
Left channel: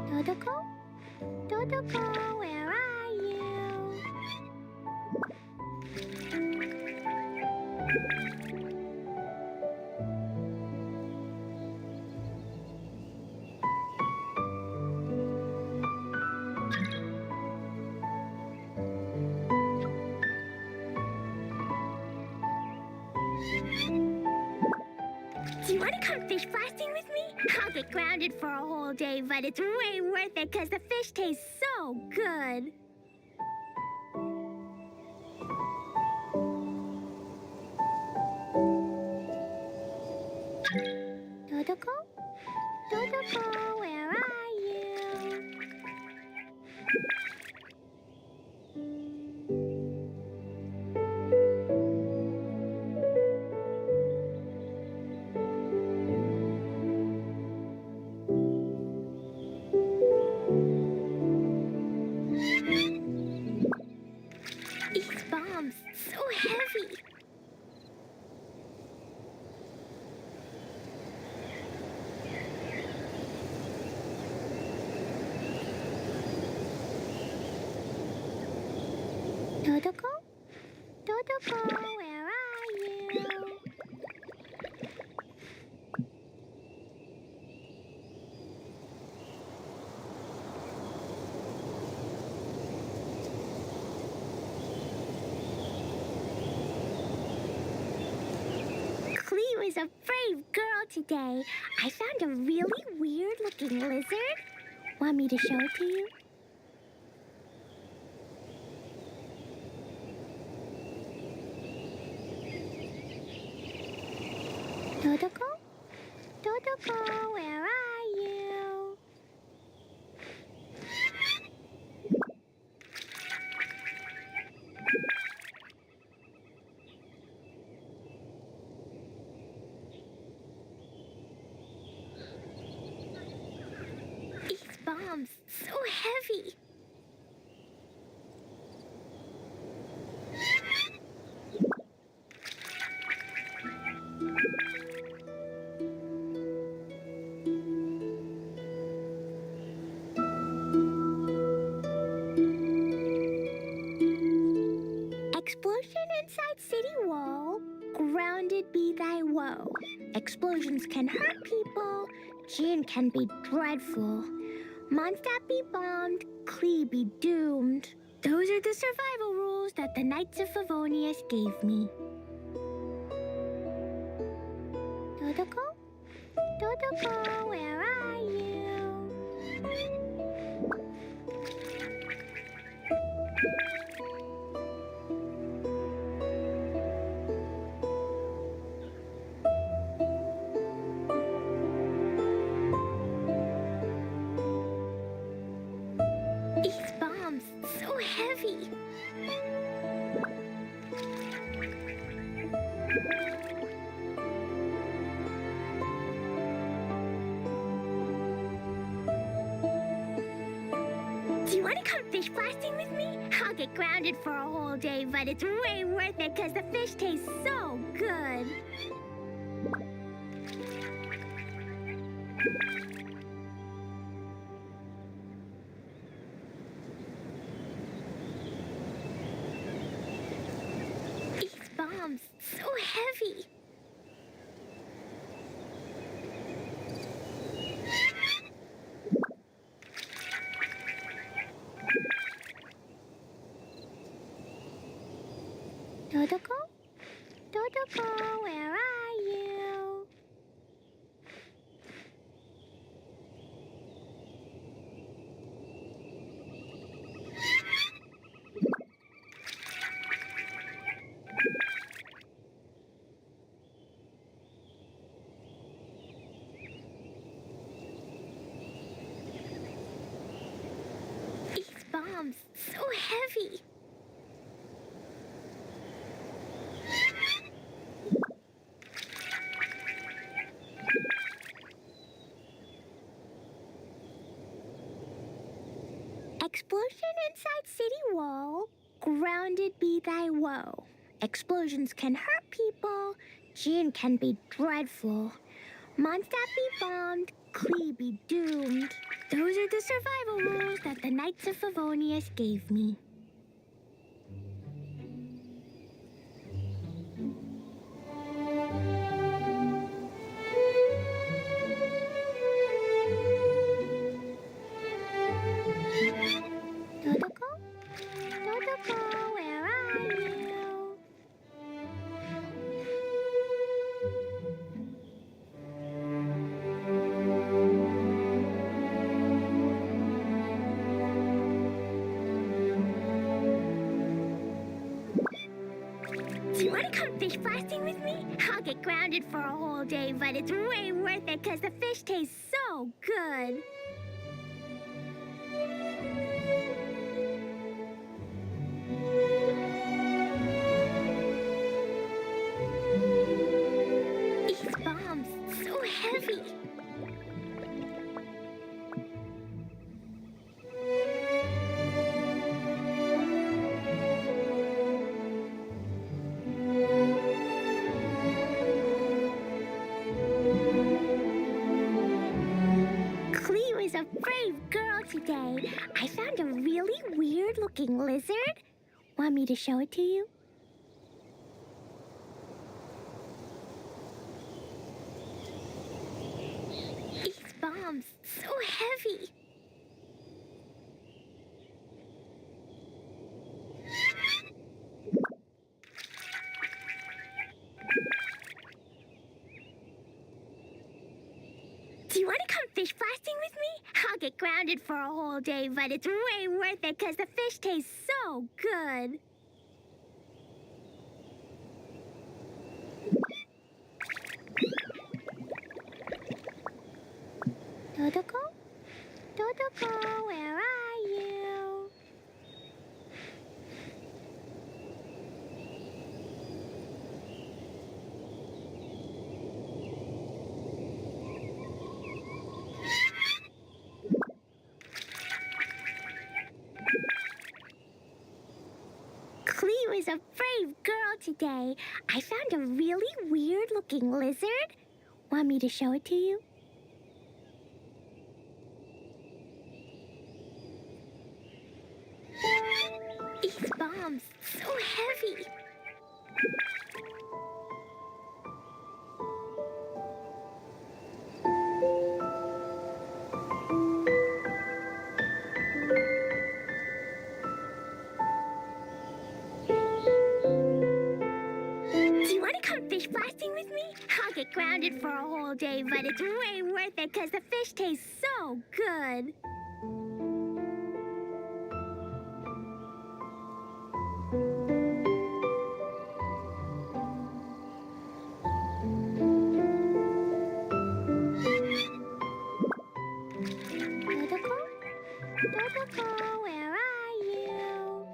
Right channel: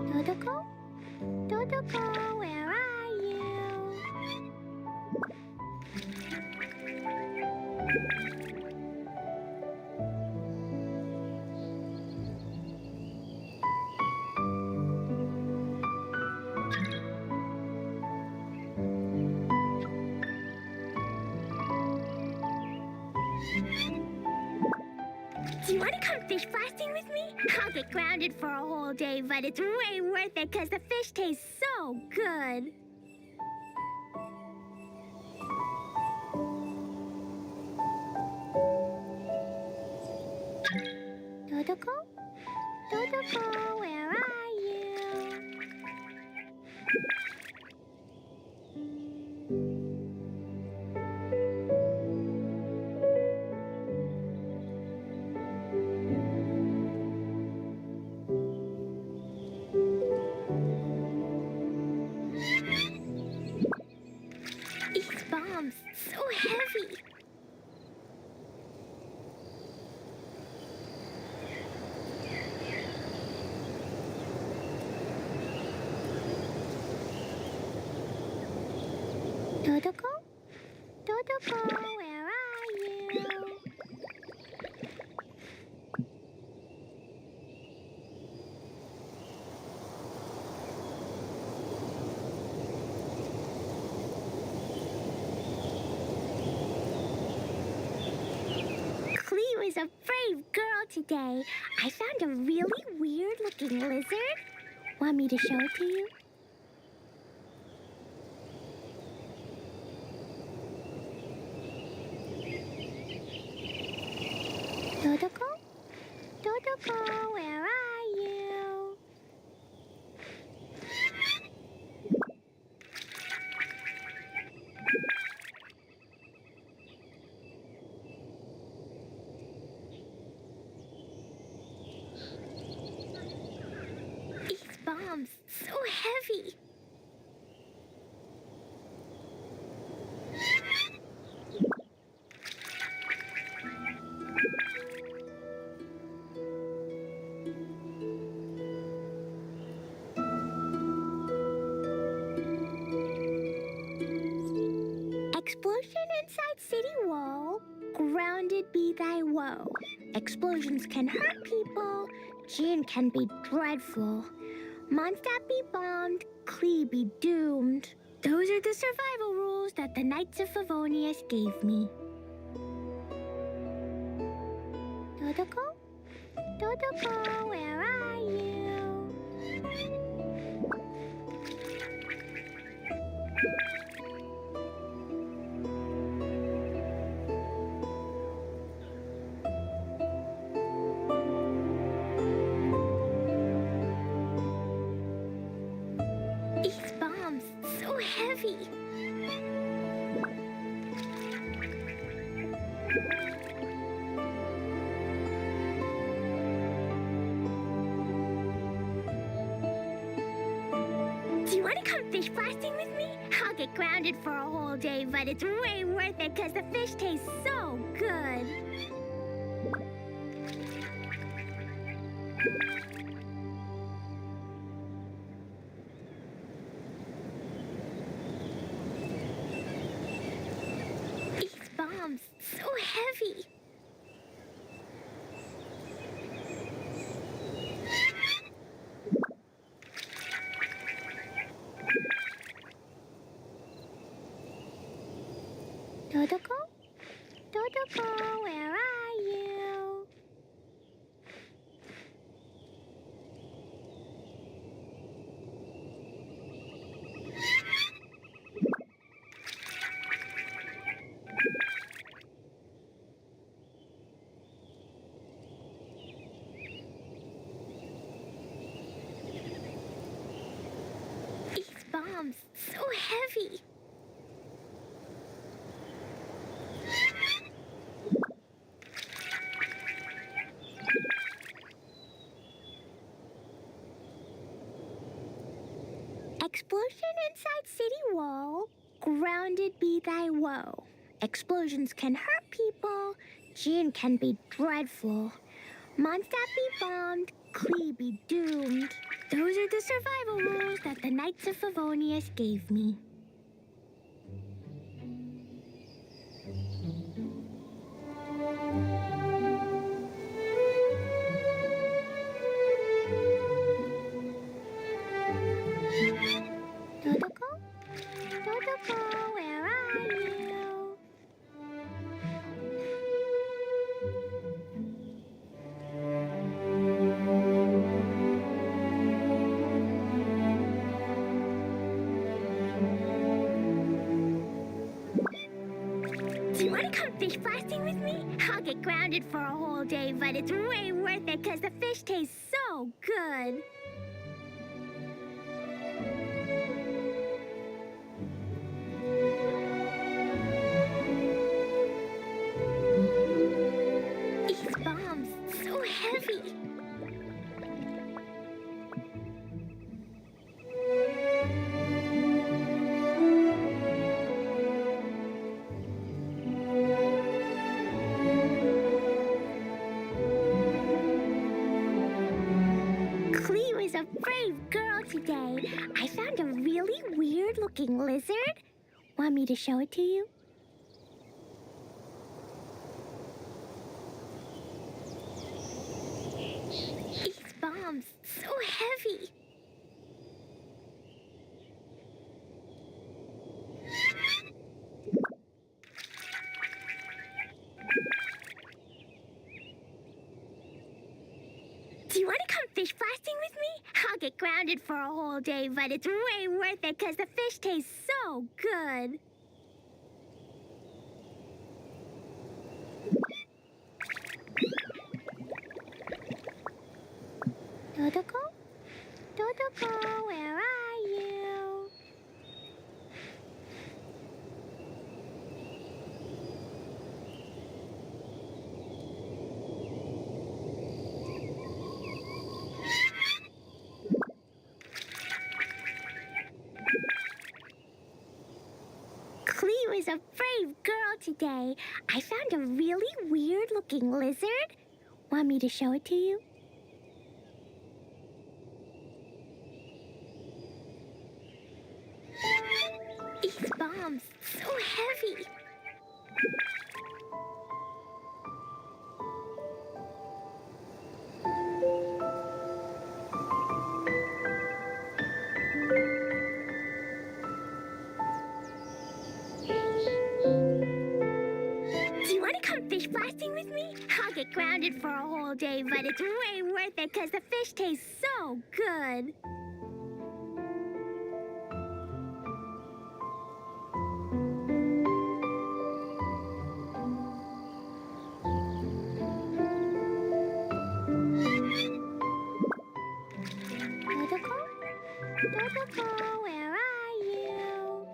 Dodoko? Dodoko, where are you? Do you want to come fish blasting with me? I'll get grounded for a whole day, but it's way worth it because the fish taste so good. Dodoko? Dodoko, where are you? These bombs, so heavy. Dodoko? Dodoko, where are you? Clee was a brave girl today. I found a really weird-looking lizard. Want me to show it to you? Dodoko? Dodoko, where are you? These bombs, so heavy. Explosion inside city wall. Grounded be thy woe. Explosions can hurt people. Gin can be dreadful. Mondstadt be bombed. Clee be doomed. Those are the survival rules that the Knights of Favonius gave me. Dodoko? Dodoko, where are you? These bombs, so heavy. Do you want to come fish blasting with me? I'll get grounded for a whole day, but it's way worth it because the fish taste so good. These bombs, so heavy. Dodoko? Dodoko, where are you? These bombs, so heavy. Explosion inside city wall. Grounded be thy woe. Explosions can hurt people. June can be dreadful. Mondstadt be bombed. Klee be doomed. Those are the survival rules that the Knights of Favonius gave me. Dodoko? Dodoko, where are you? Do you want to come fish blasting with me? I'll get grounded for a whole day, but it's way worth it because the fish taste so good. These bombs, so heavy. Klee was a brave girl today. I found a really weird-looking lizard. Want me to show it to you? These bombs, so heavy. Do you want to come fish blasting with me? I'll get grounded for a whole day, but it's way worth it because the fish taste so good. Dodoko? Dodoko, where are you? Klee was a brave girl today. I found a really weird-looking lizard. Want me to show it to you? These bombs, so heavy. Do you want to come fish blasting with me? I'll get grounded for a whole day, but it's way worth it because the fish taste so good. Dodoko? Dodoko, where are you?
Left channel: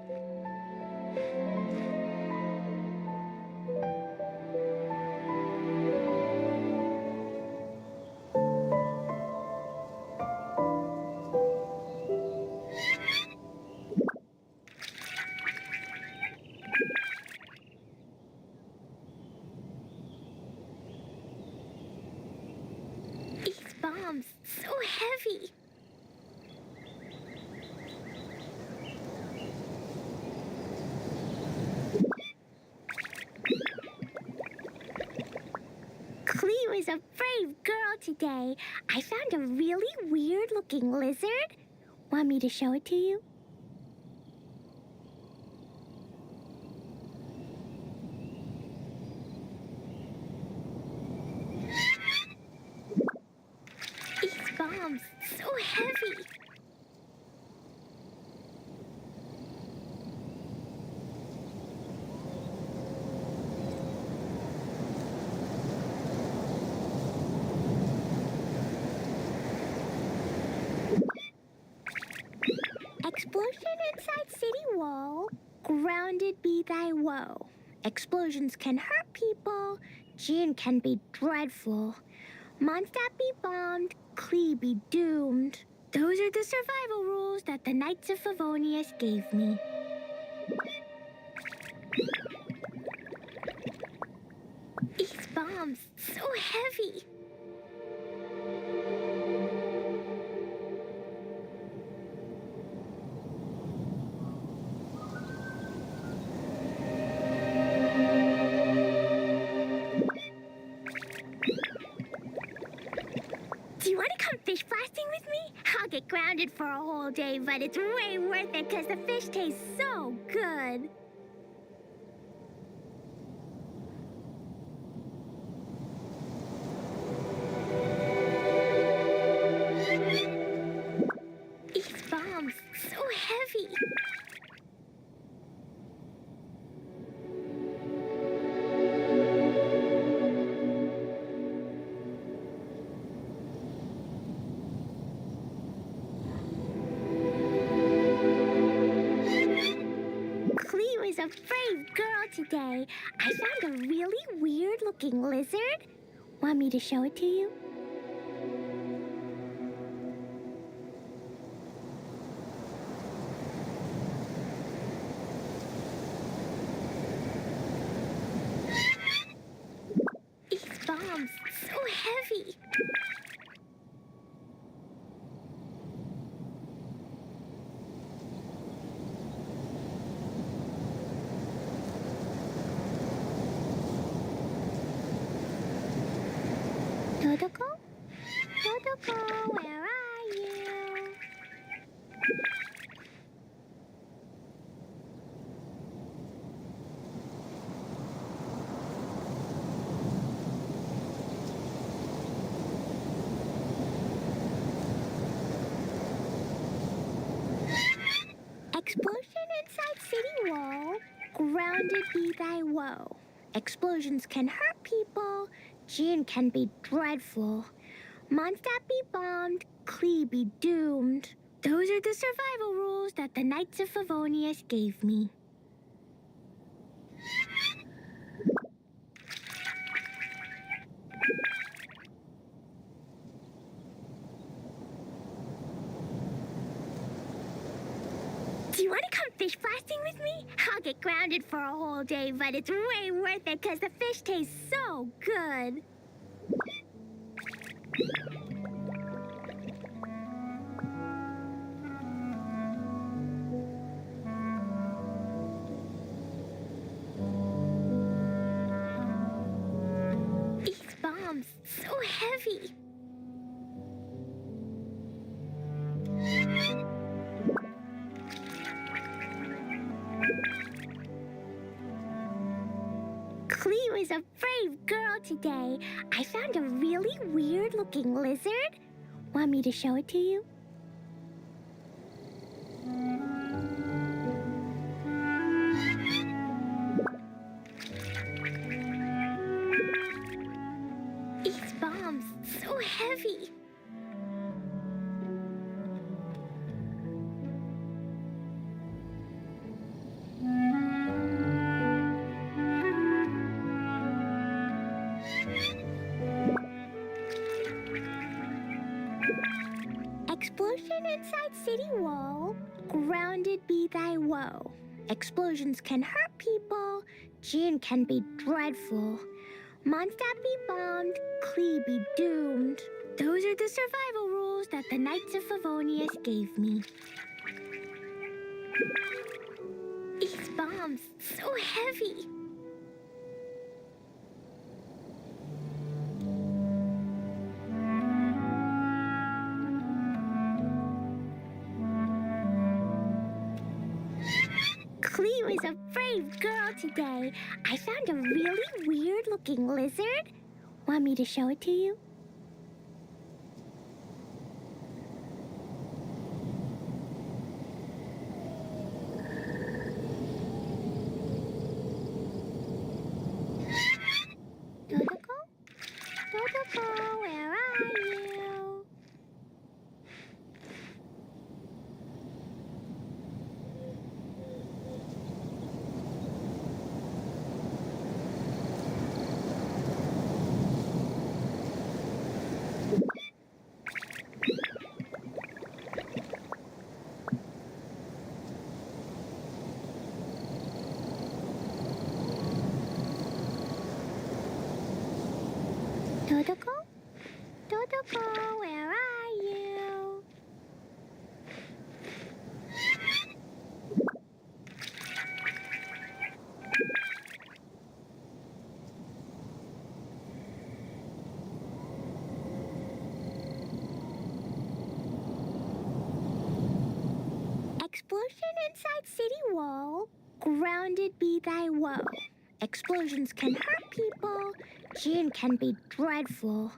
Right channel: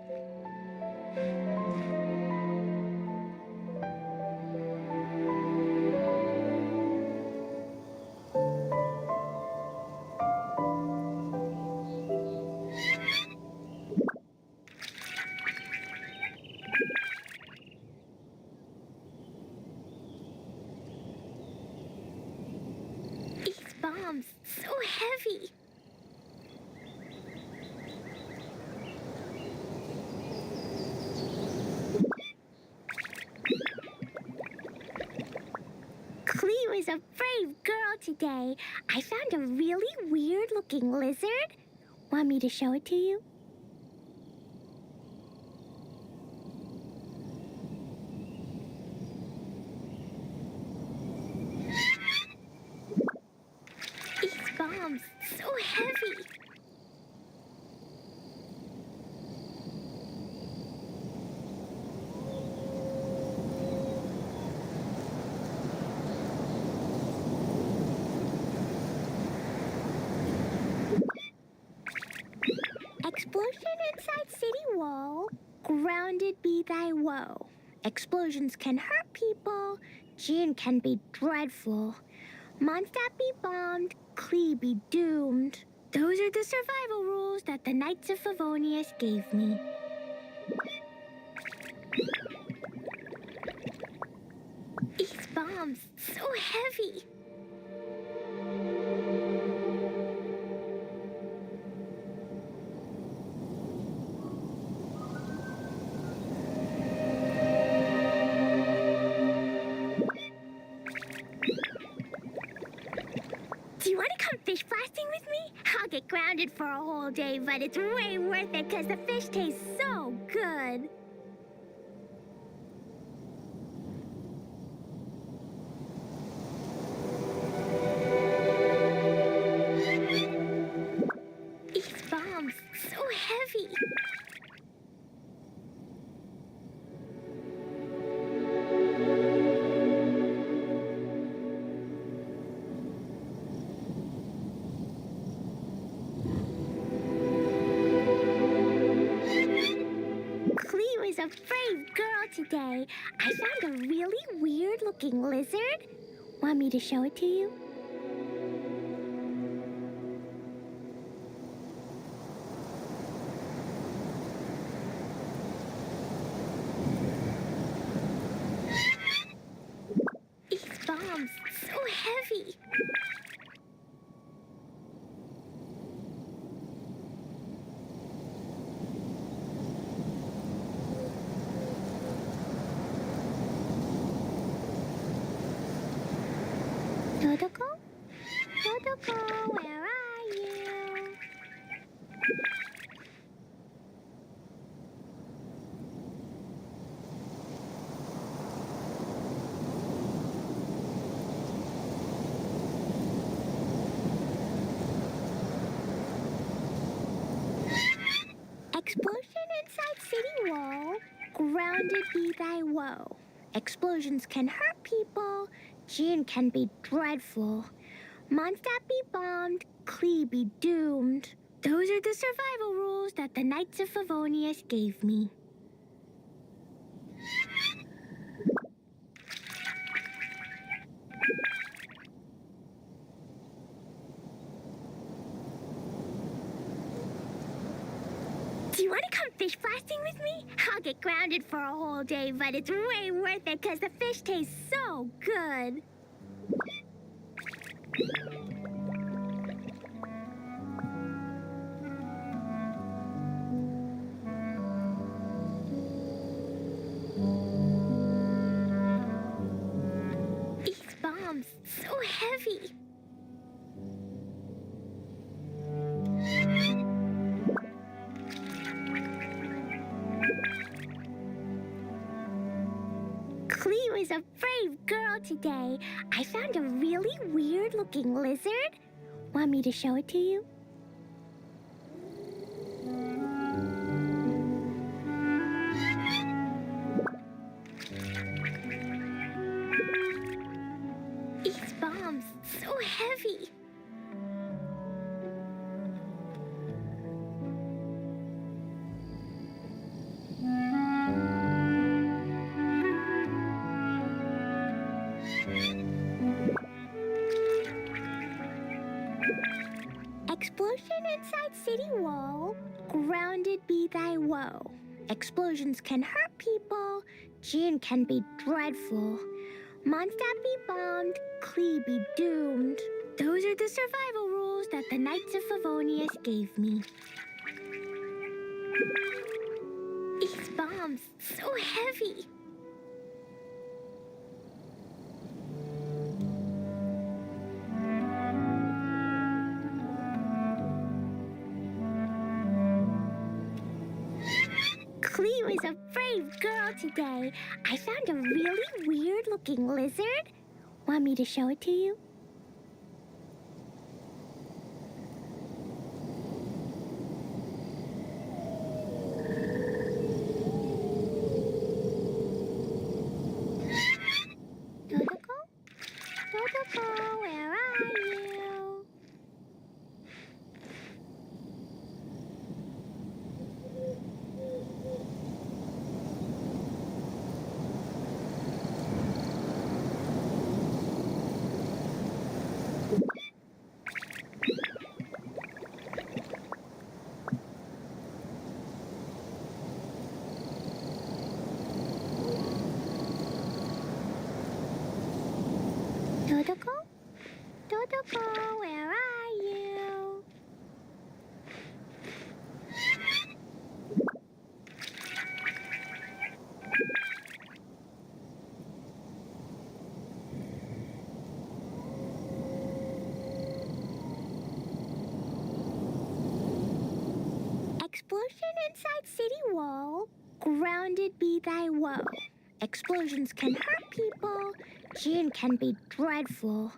bombs so heavy. Cleo is a brave girl today. I found a really weird-looking lizard. Want me to show it to you? These bombs so heavy. Explosion inside city wall. Grounded be thy woe. Explosions can hurt people. Gin can be dreadful. Mondstadt be bombed. Clee be doomed. Those are the survival rules that the Knights of Favonius gave me. These bombs so heavy. Do you want to come fish blasting with me? I'll get grounded for a whole day, but it's way worth it because the fish tastes so good. These bombs so heavy. Cleo is a brave girl today. I found a really weird-looking lizard. Want me to show it to you? These bombs so heavy. Totoko? Totoko, where are you? Explosion inside city wall. Grounded be thy woe. Explosions can hurt people. Gin can be dreadful. Mondstadt be bombed. Clee be doomed. Those are the survival rules that the Knights of Favonius gave me. Do you want to come fish blasting with me? I'll get grounded for a whole day, but it's way worth it because the fish tastes so good. These bombs so heavy. Cleo is a brave girl today. I found a really weird-looking lizard. Want me to show it to you? These bombs so heavy. Explosion inside city wall. Grounded be thy woe. Explosions can hurt people. Gin can be dreadful. Mondstadt be bombed. Clee be doomed. Those are the survival rules that the Knights of Favonius gave me. These bombs, so heavy. Cleo is a brave girl today. I found a really weird-looking lizard. Want me to show it to you? Dodoko? Dodoko, where are you? Dodoko? Dodoko, where are you? Explosion inside city wall. Grounded be thy woe. Explosions can hurt people. Gin can be dreadful.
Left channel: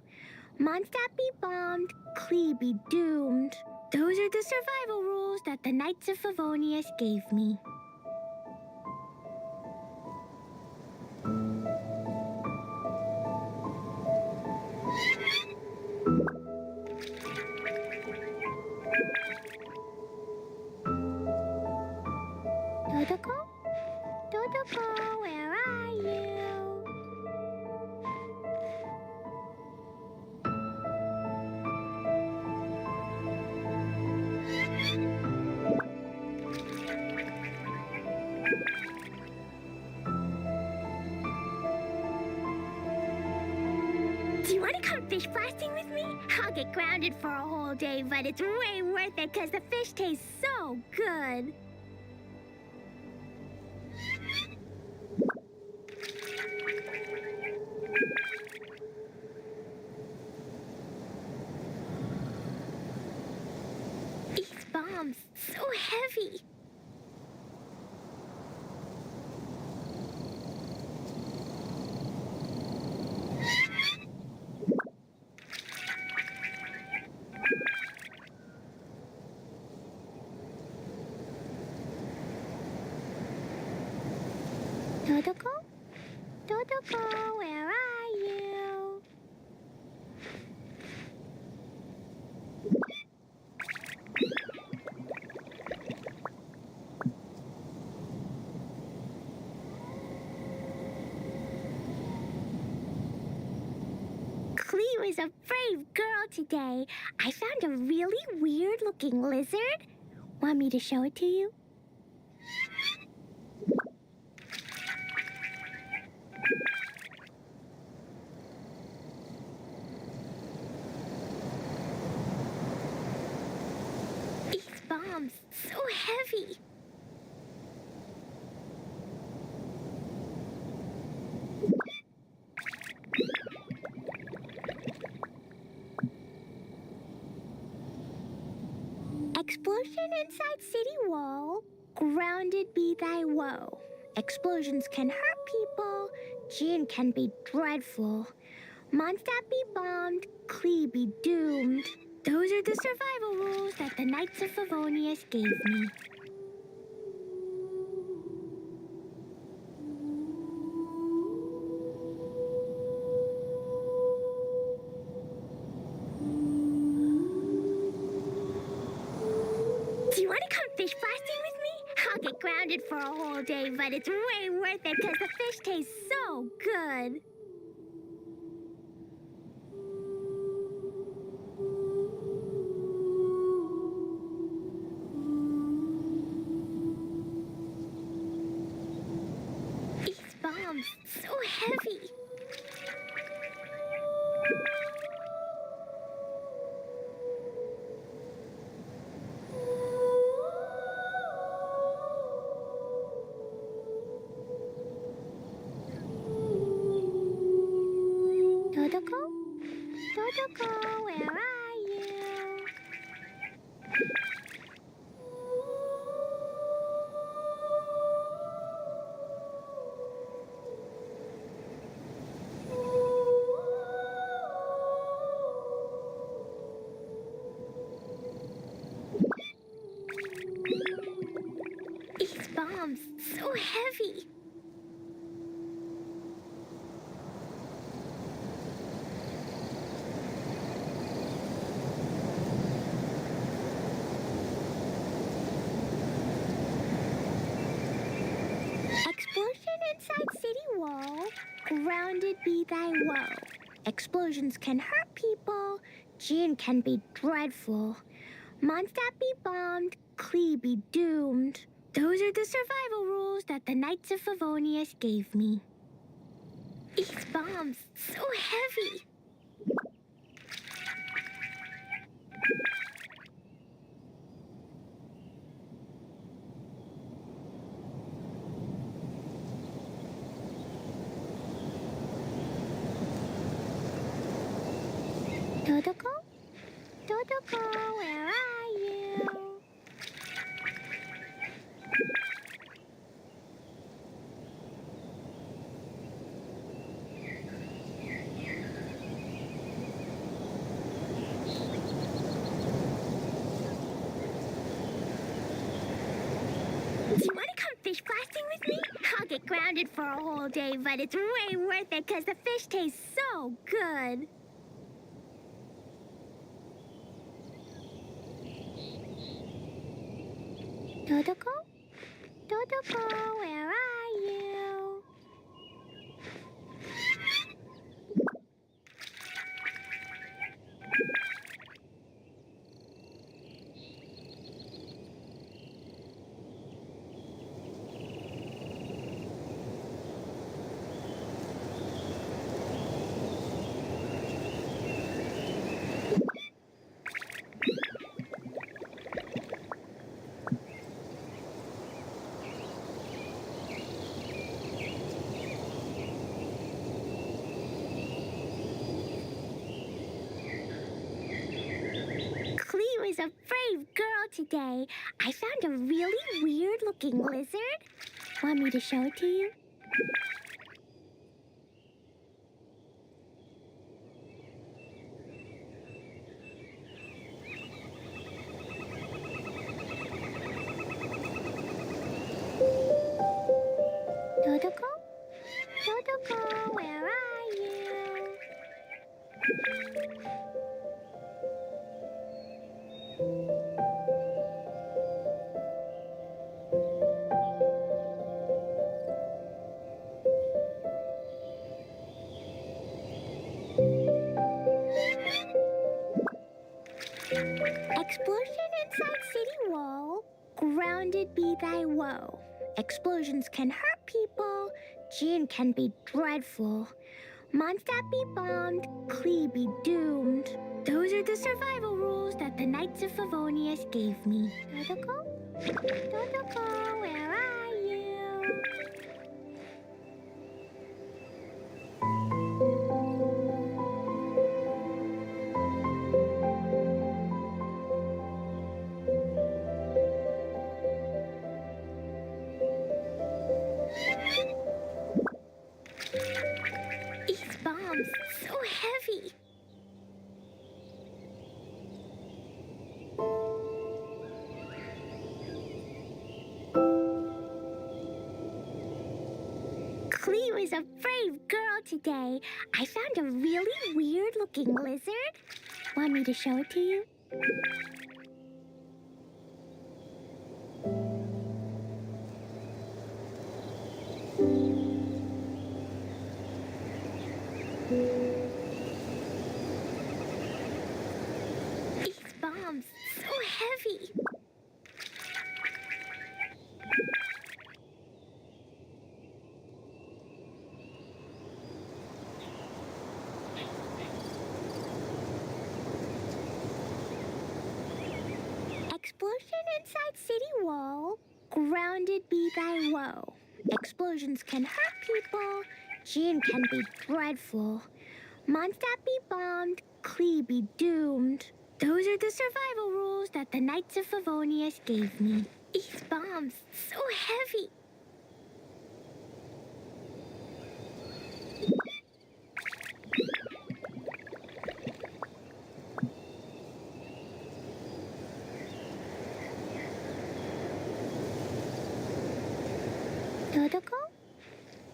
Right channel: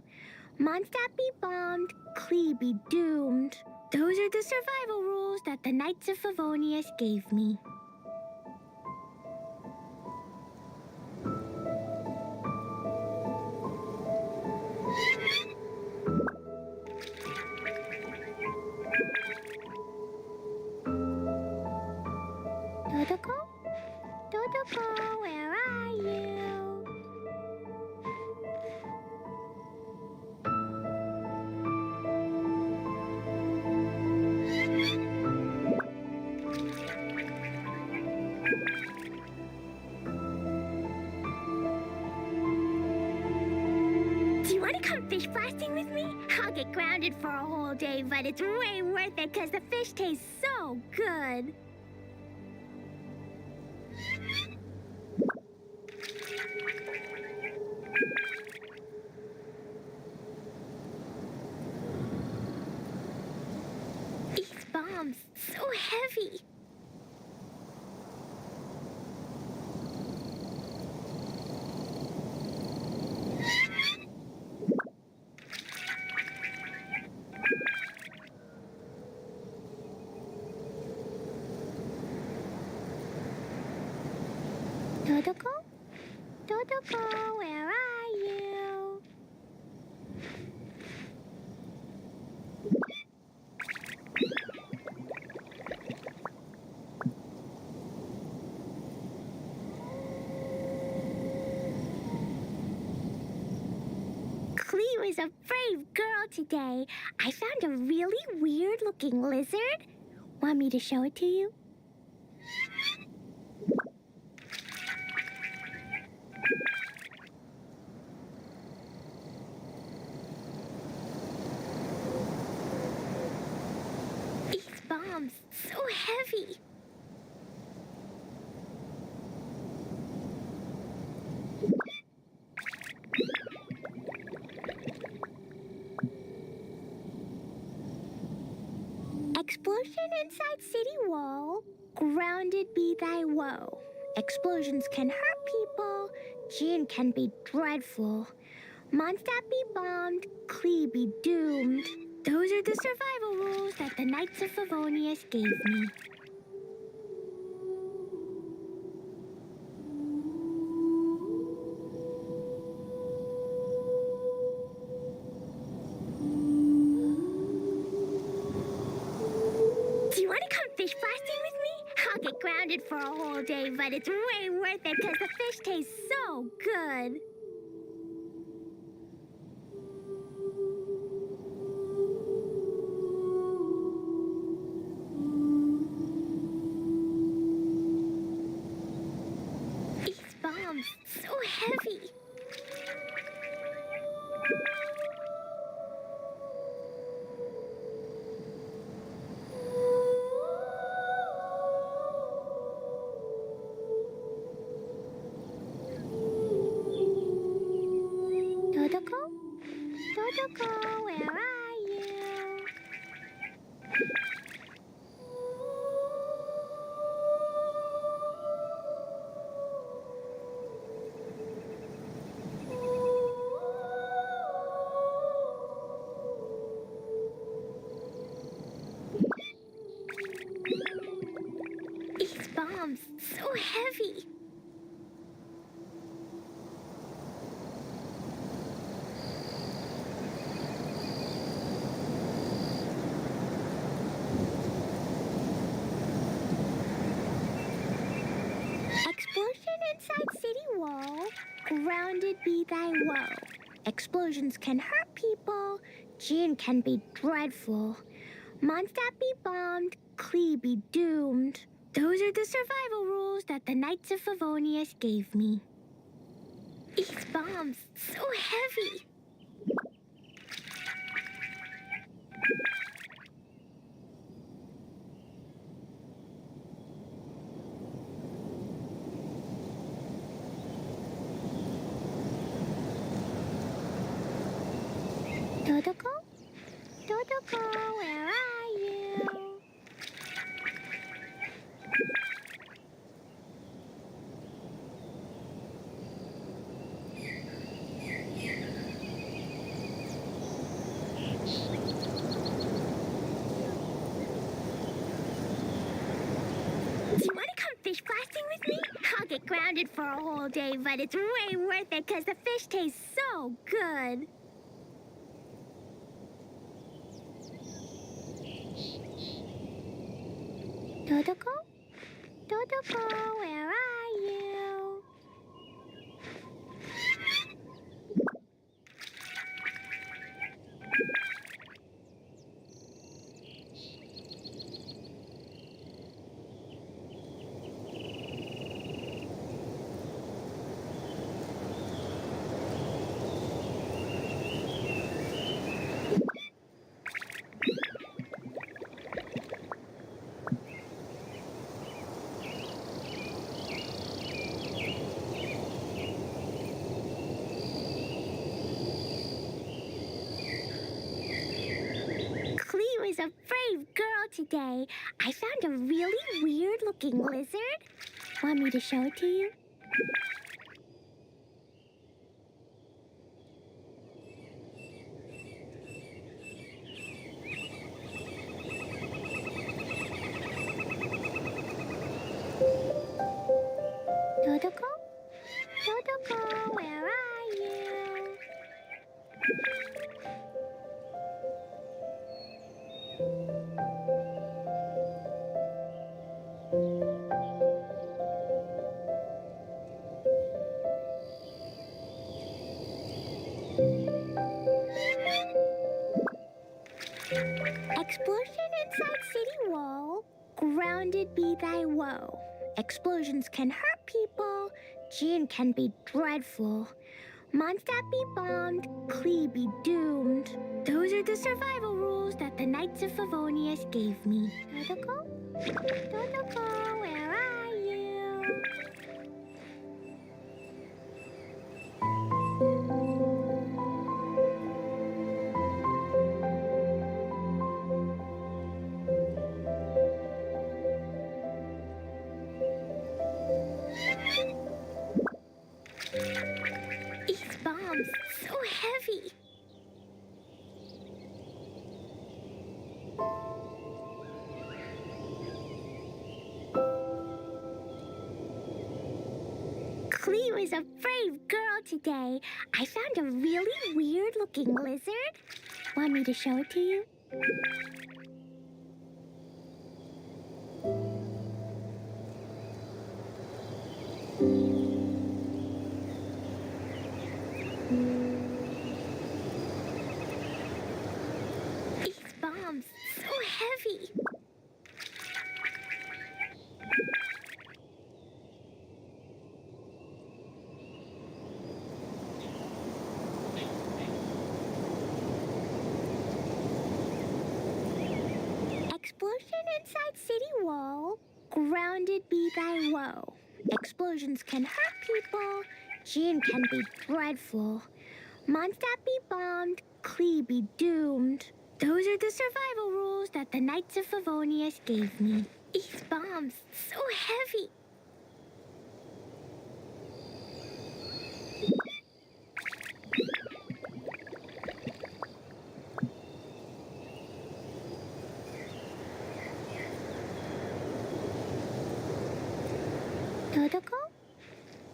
Mondstadt be bombed. Klee be doomed. Those are the survival rules that the Knights of Favonius gave me. Dodoko? Dodoko, where are you? Do you want to come fish blasting with me? I'll get grounded for a whole day, but it's way worth it because the fish tastes so good. These bombs, so heavy. Dodoko? Dodoko, where are you? Cleo is a brave girl today. I found a really weird-looking lizard. Want me to show it to you? These bombs, so heavy. Explosion inside city wall. Grounded be thy woe. Explosions can hurt people. Gin can be dreadful. Mondstadt be bombed. Klee be doomed. Those are the survival rules that the Knights of Favonius gave me. Do you want to come fish blasting with me? I'll get grounded for a whole day, but it's way worth it because the fish tastes so good. These bombs, so heavy. Totoko, where are you? These bombs, so heavy. Explosion inside city wall. Grounded be thy woe. Explosions can hurt people. Jin can be dreadful. Mondstadt be bombed. Klee be doomed. Those are the survival rules that the Knights of Favonius gave me. These bombs, so heavy. Totoko? Totoko, where are you? Do you want to come fish blasting with me? I'll get grounded for a whole day, but it's way worth it because the fish tastes so good. Totoko? Totoko, where are you? Klee was a brave girl today. I found a really weird-looking lizard. Want me to show it to you? Totoko? Totoko, where are you? Explosion inside city wall. Grounded be thy woe. Explosions can hurt people. Jin can be dreadful. Mondstadt be bombed. Klee be doomed. Those are the survival rules that the Knights of Favonius gave me. Totoko? Totoko, where are you? These bombs, so heavy. Klee was a brave girl today. I found a really weird-looking lizard. Want me to show it to you? These bombs, so heavy. Explosion inside city wall. Grounded be thy woe. Explosions can hurt people. Jin can be dreadful. Mondstadt be bombed. Clee be doomed. Those are the survival rules that the Knights of Favonius gave me. These bombs, so heavy. Totoko?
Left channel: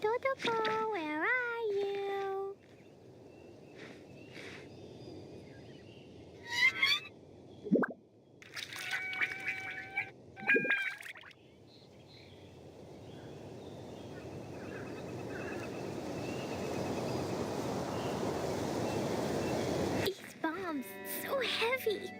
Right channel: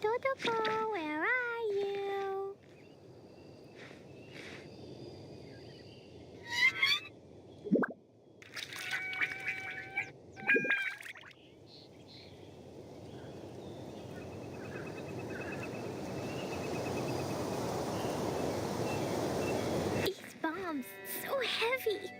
Totoko, where are you? These bombs, so heavy.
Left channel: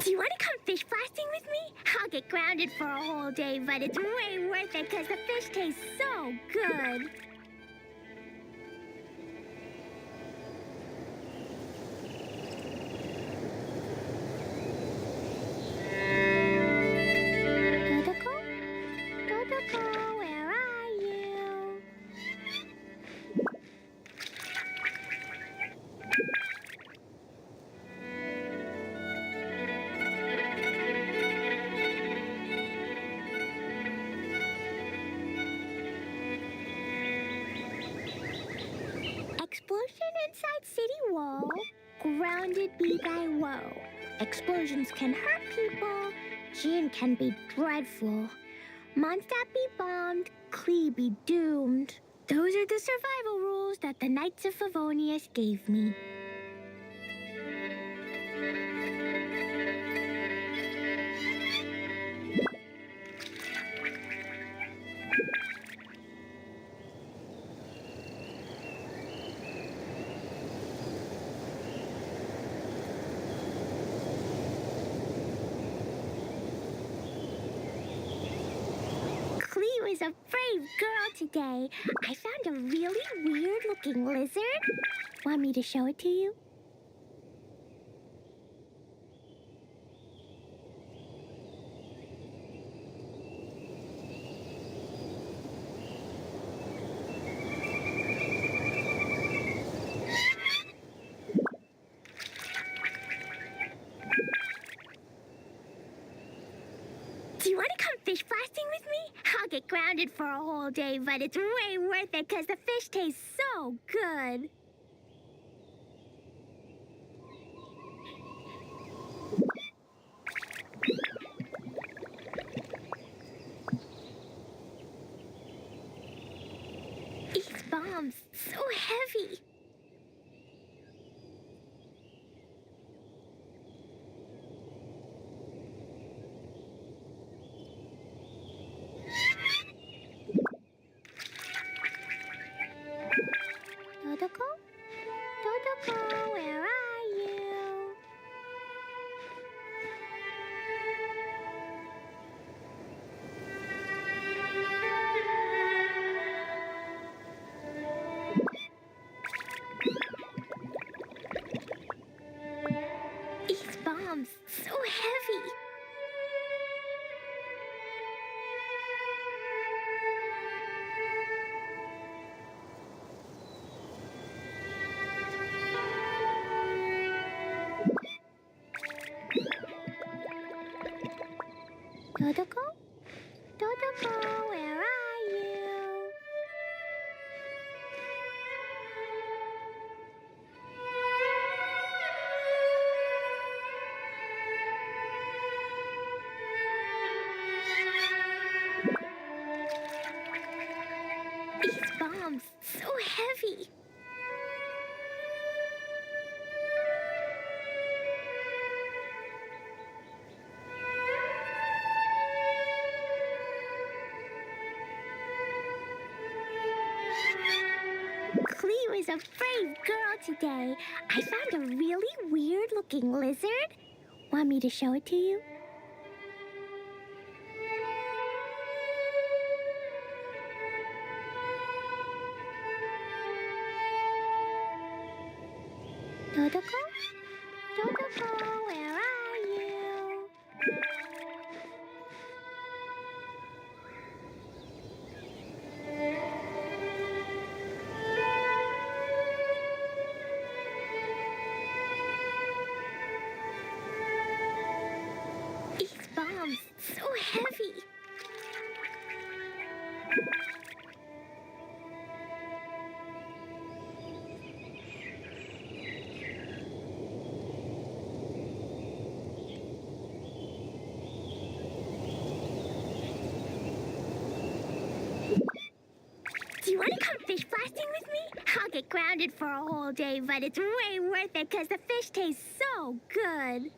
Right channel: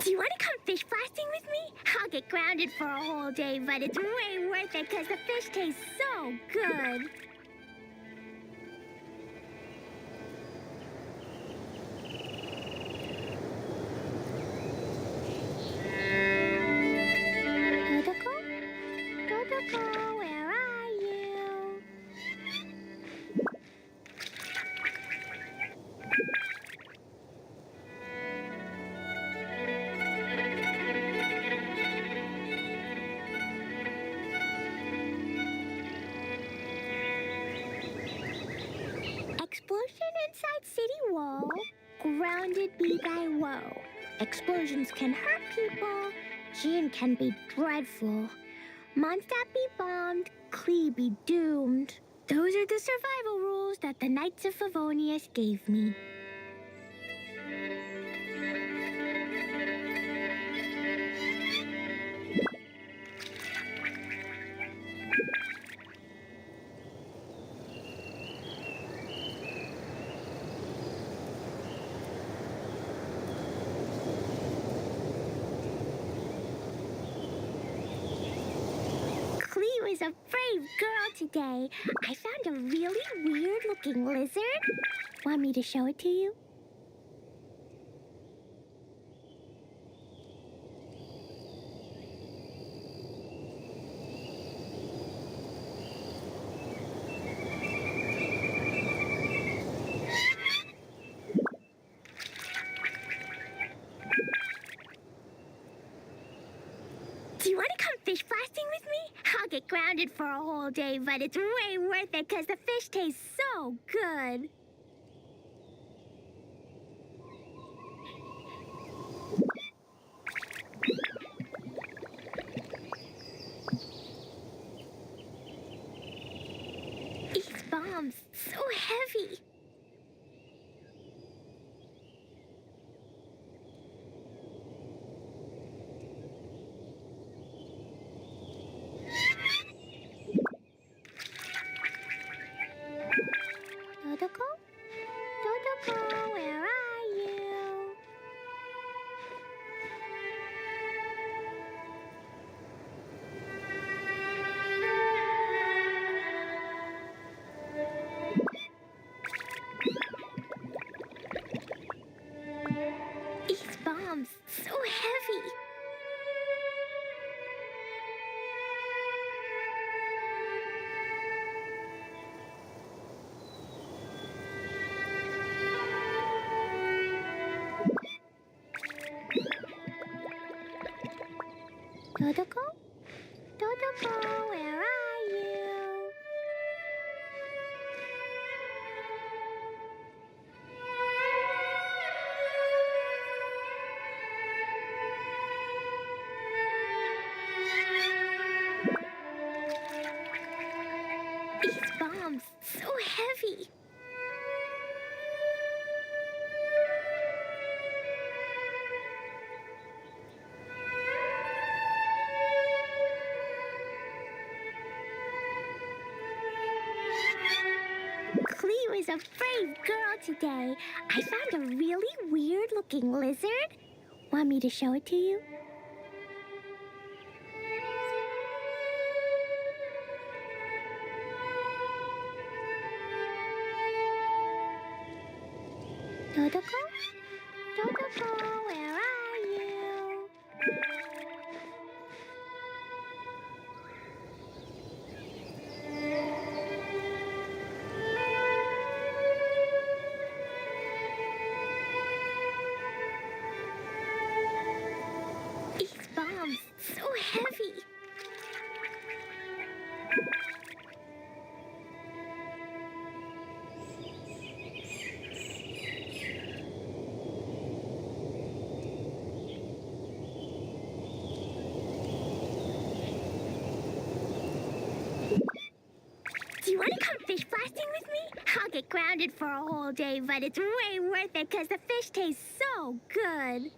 Do you want to come fish blasting with me? I'll get grounded for a whole day, but it's way worth it because the fish tastes so good. Totoko? Totoko, where are you? Explosion inside city wall. Grounded be thy woe. Explosions can hurt people. Gin can be dreadful. Mondstadt be bombed. Clee be doomed. Those are the survival rules that the Knights of Favonius gave me. Clee was a brave girl today. I found a really weird-looking lizard. Want me to show it to you? Do you want to come fish blasting with me? I'll get grounded for a whole day, but it's way worth it because the fish tastes so good. These bombs, so heavy. Totoko? Totoko, where are you? These bombs, so heavy. Totoko? Totoko, where are you? These bombs, so heavy. Clee was a brave girl today. I found a really weird-looking lizard. Want me to show it to you? Totoko? Totoko, where are you? These bombs, so heavy. Do you want to come fish blasting with me? I'll get grounded for a whole day, but it's way worth it because the fish tastes so good.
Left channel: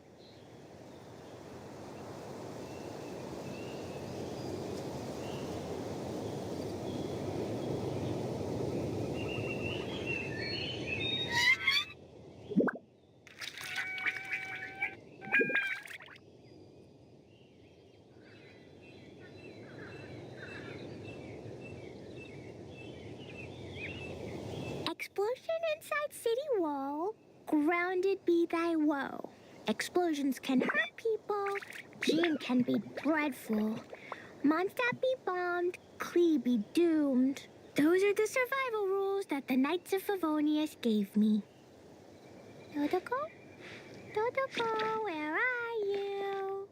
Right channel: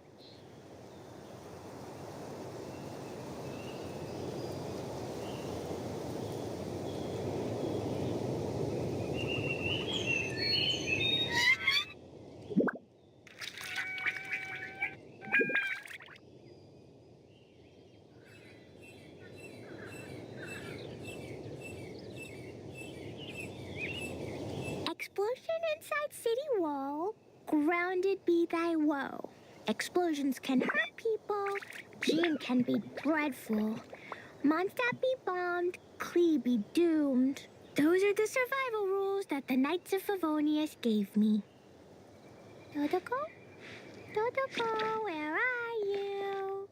Explosion inside city wall. Grounded be thy woe. Explosions can hurt people. Gene can be dreadful. Mondstadt be bombed. Klee be doomed. Those are the survival rules that the Knights of Favonius gave me. Totoko? Totoko, where are you?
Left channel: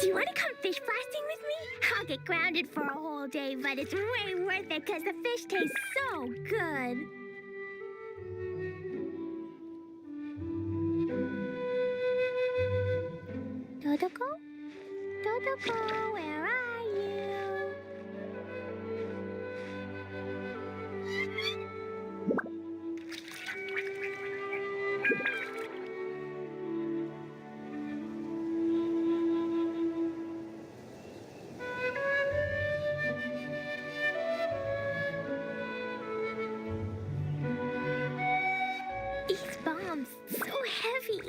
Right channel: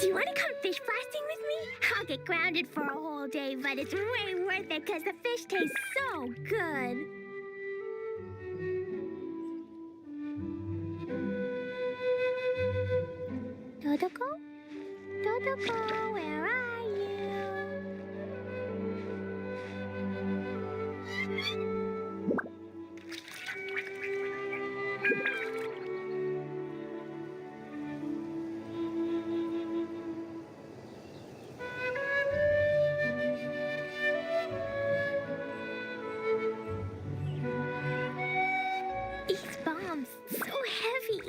Do you want to come fish blasting with me? I'll get grounded for a whole day, but it's way worth it because the fish tastes so good. Totoko? Totoko, where are you? These bombs, so heavy.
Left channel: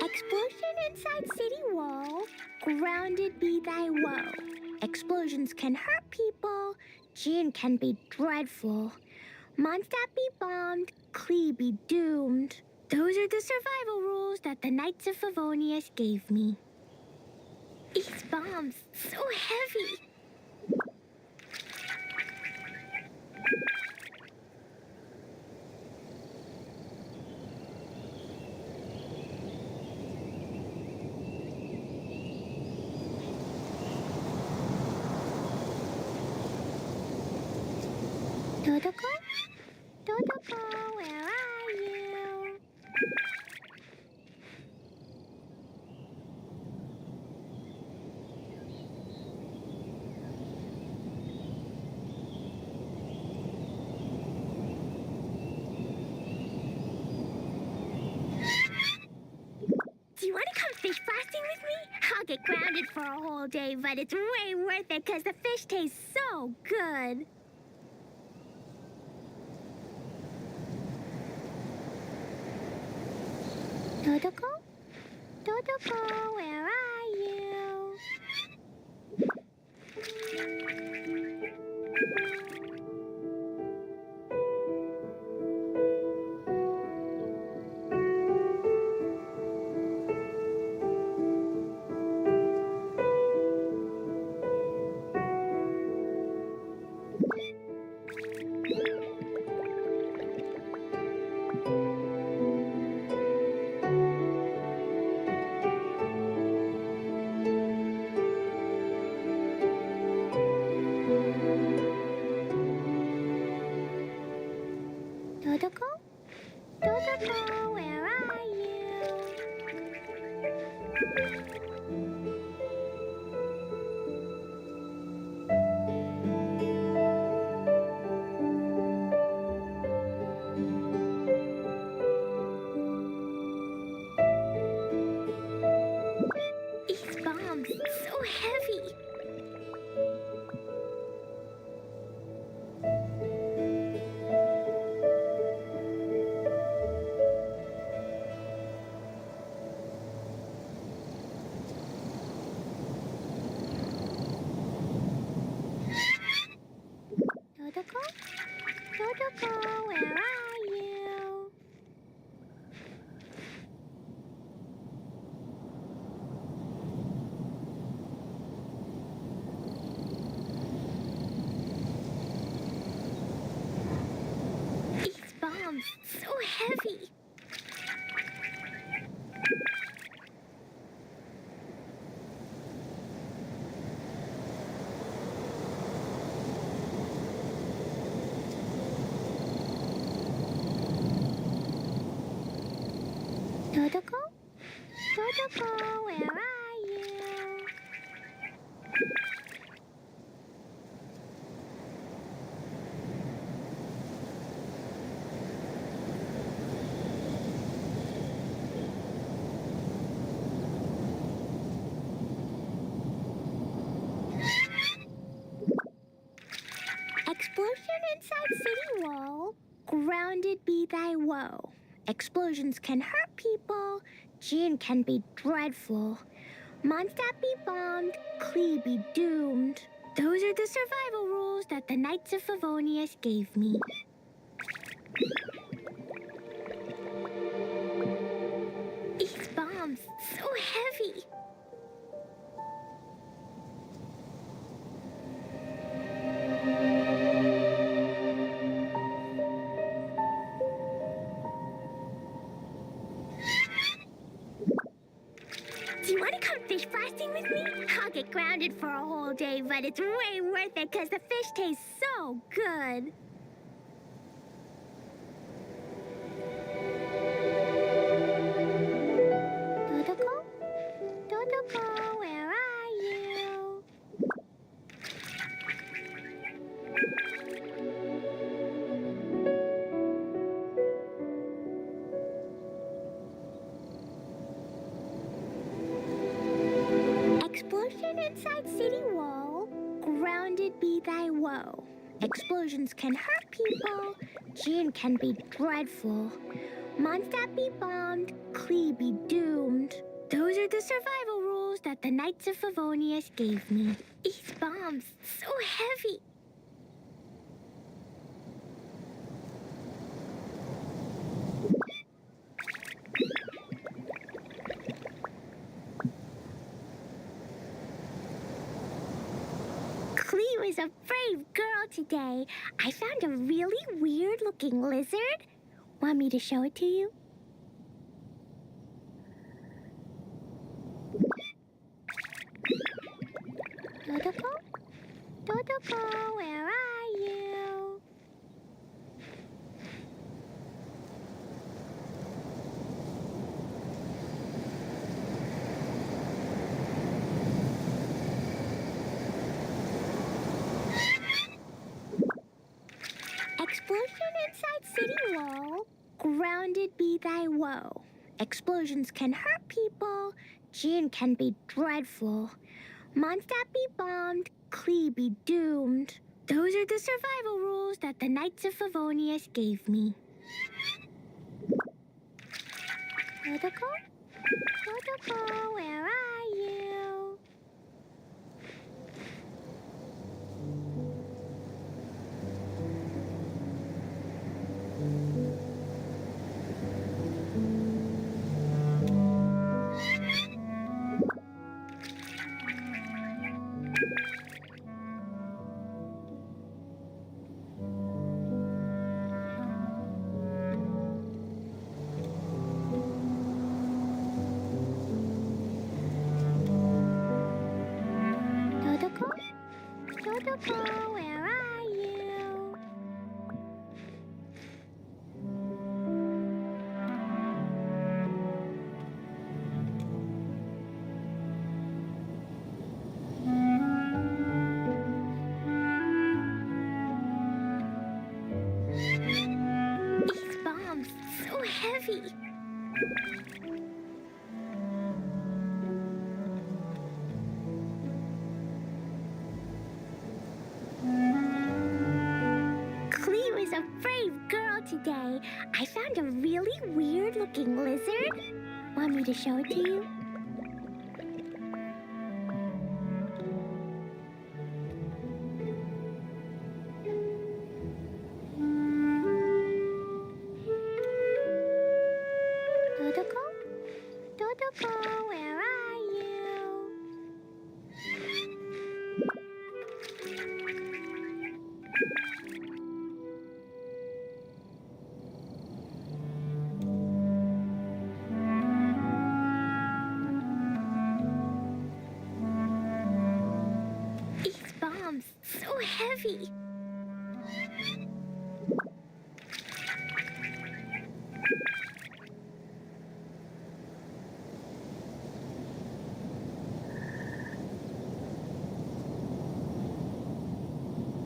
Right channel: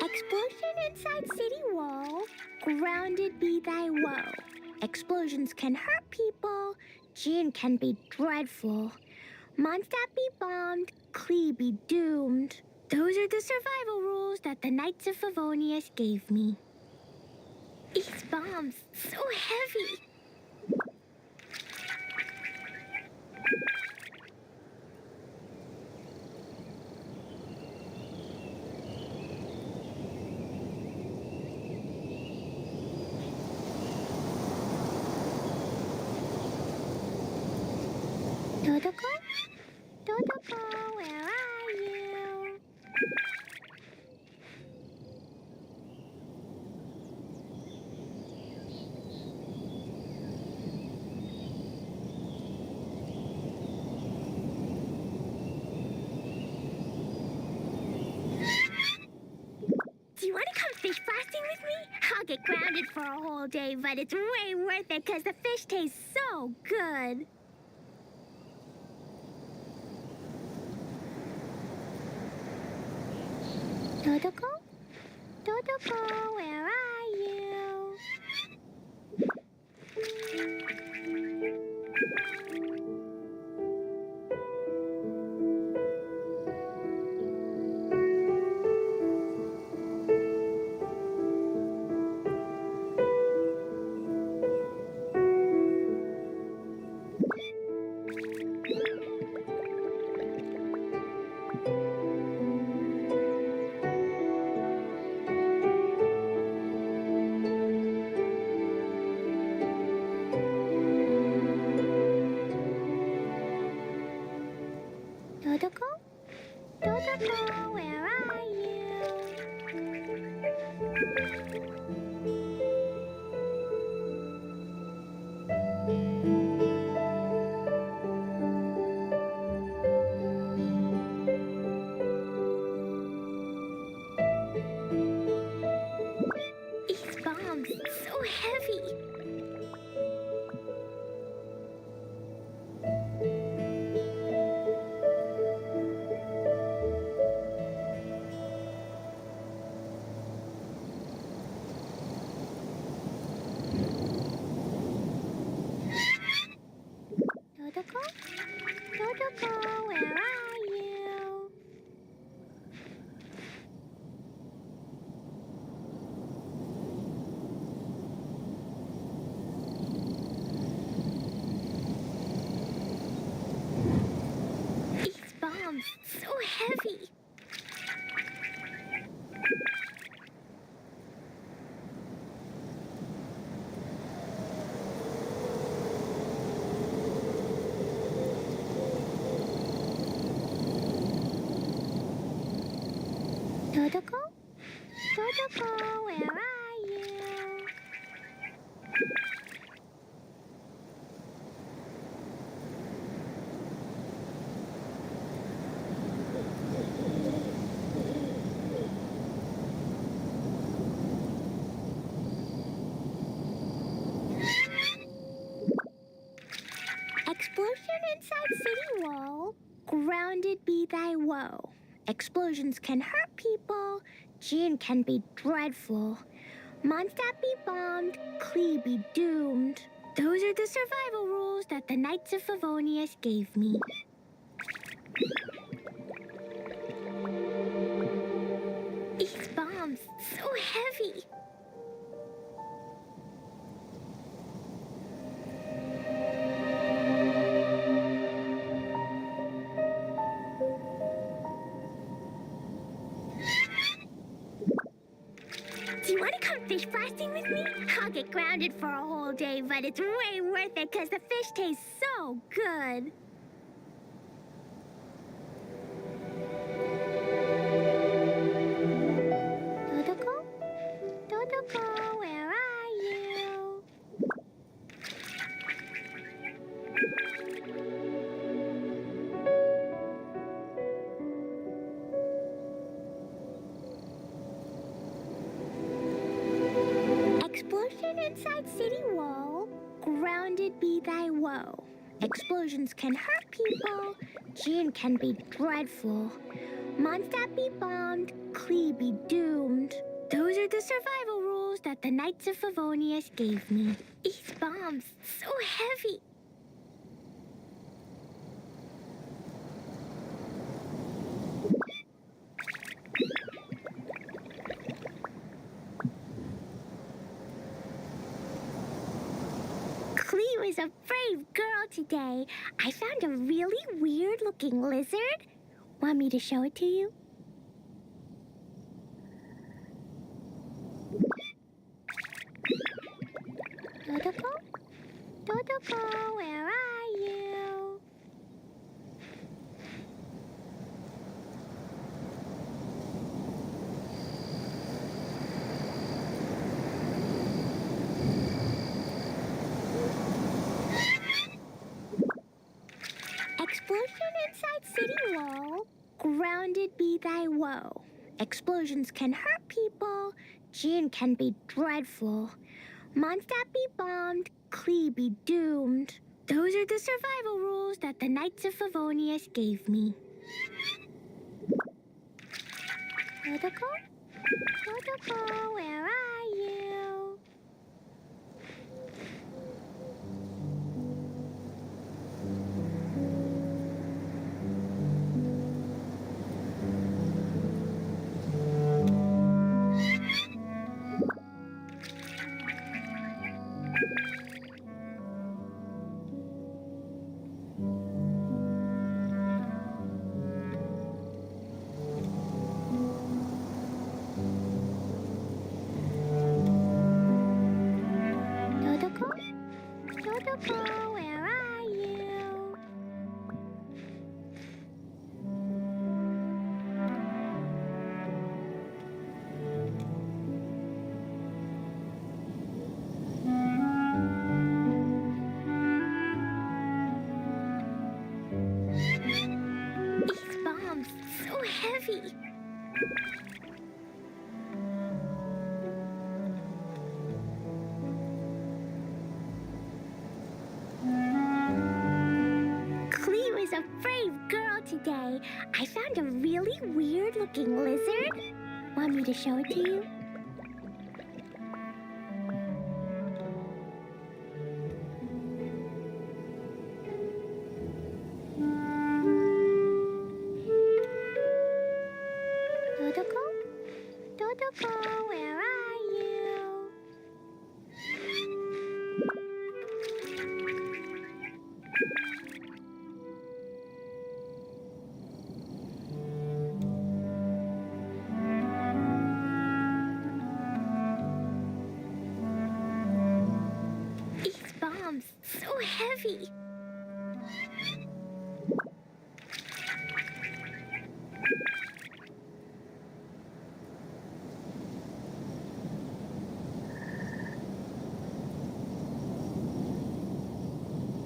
Explosion inside city wall. Grounded be thy woe. Explosions can hurt people. Gene can be dreadful. Mondstadt be bombed. Klee be doomed. Those are the survival rules that the Knights of Favonius gave me. These bombs, so heavy. Totoko? Totoko, where are you? Do you want to come fish blasting with me? I'll get grounded for a whole day, but it's way worth it because the fish tastes so good. Totoko? Totoko, where are you? Totoko? Totoko, where are you? bombs so heavy. Dodoko? Dodoko, where are you? These bombs, so heavy. Dodoko? Dodoko, where are you? Explosion inside city wall. Grounded be thy woe. Explosions can hurt people. Jin can be dreadful. Mondstadt be bombed. Klee be doomed. Those are the survival rules that the Knights of Favonius gave me. These bombs, so heavy. Do you want to come fish blasting with me? I'll get grounded for a whole day, but it's way worth it because the fish tastes so good. Dodoko? Dodoko, where are you? Explosion inside city wall. Grounded be thy woe. Explosions can hurt people. Jin can be dreadful. Mondstadt be bombed. Klee be doomed. Those are the survival rules that the Knights of Favonius gave me. These bombs, so heavy. Klee was a brave girl today. I found a really weird-looking lizard. Want me to show it to you? Dodoko? Dodoko, where are you? Explosion inside city wall. Grounded be thy woe. Explosions can hurt people. Jin can be dreadful. Mondstadt be bombed. Klee be doomed. Those are the survival rules that the Knights of Favonius gave me. Dodoko? Dodoko, where are you? Dodoko? Dodoko, where are you? These bombs, so heavy. today. I found a really weird-looking lizard. Want me to show it to you? Dodoko? Dodoko, where are you? These bombs, so heavy.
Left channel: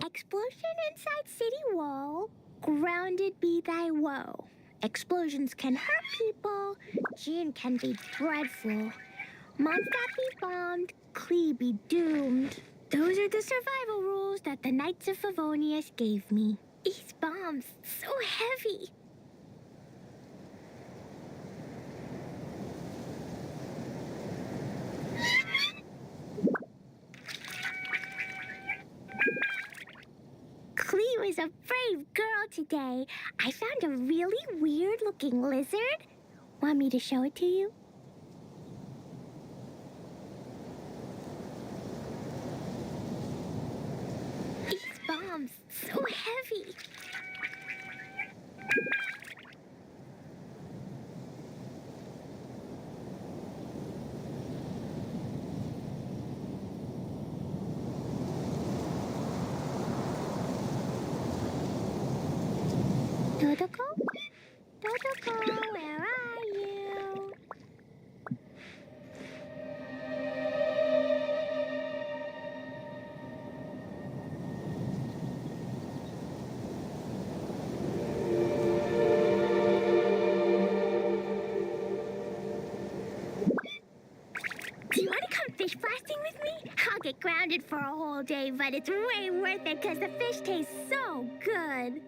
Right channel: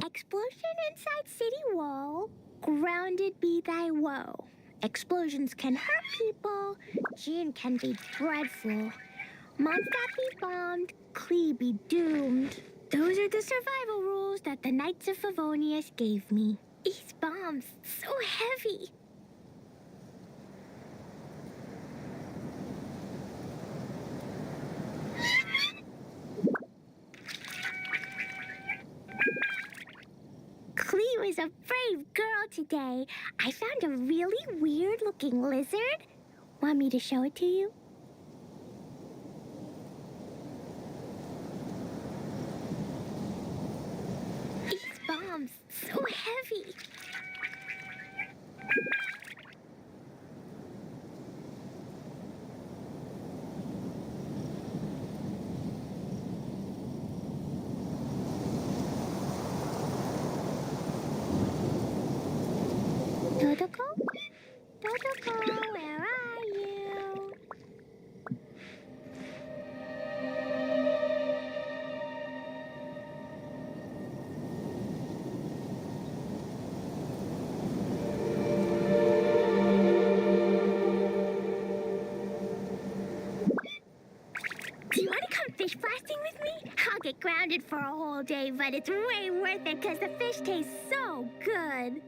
Explosion inside city wall. Grounded be thy woe. Explosions can hurt people. Jin can be dreadful. Mondstadt be bombed. Klee be doomed. Those are the survival rules that the Knights of Favonius gave me. These bombs, so heavy. Klee was a brave girl today. I found a really weird-looking lizard. Want me to show it to you? These bombs, so heavy. Dodoko? Dodoko, where are you? Do you want to come fish blasting with me? I'll get grounded for a whole day, but it's way worth it because the fish tastes so good.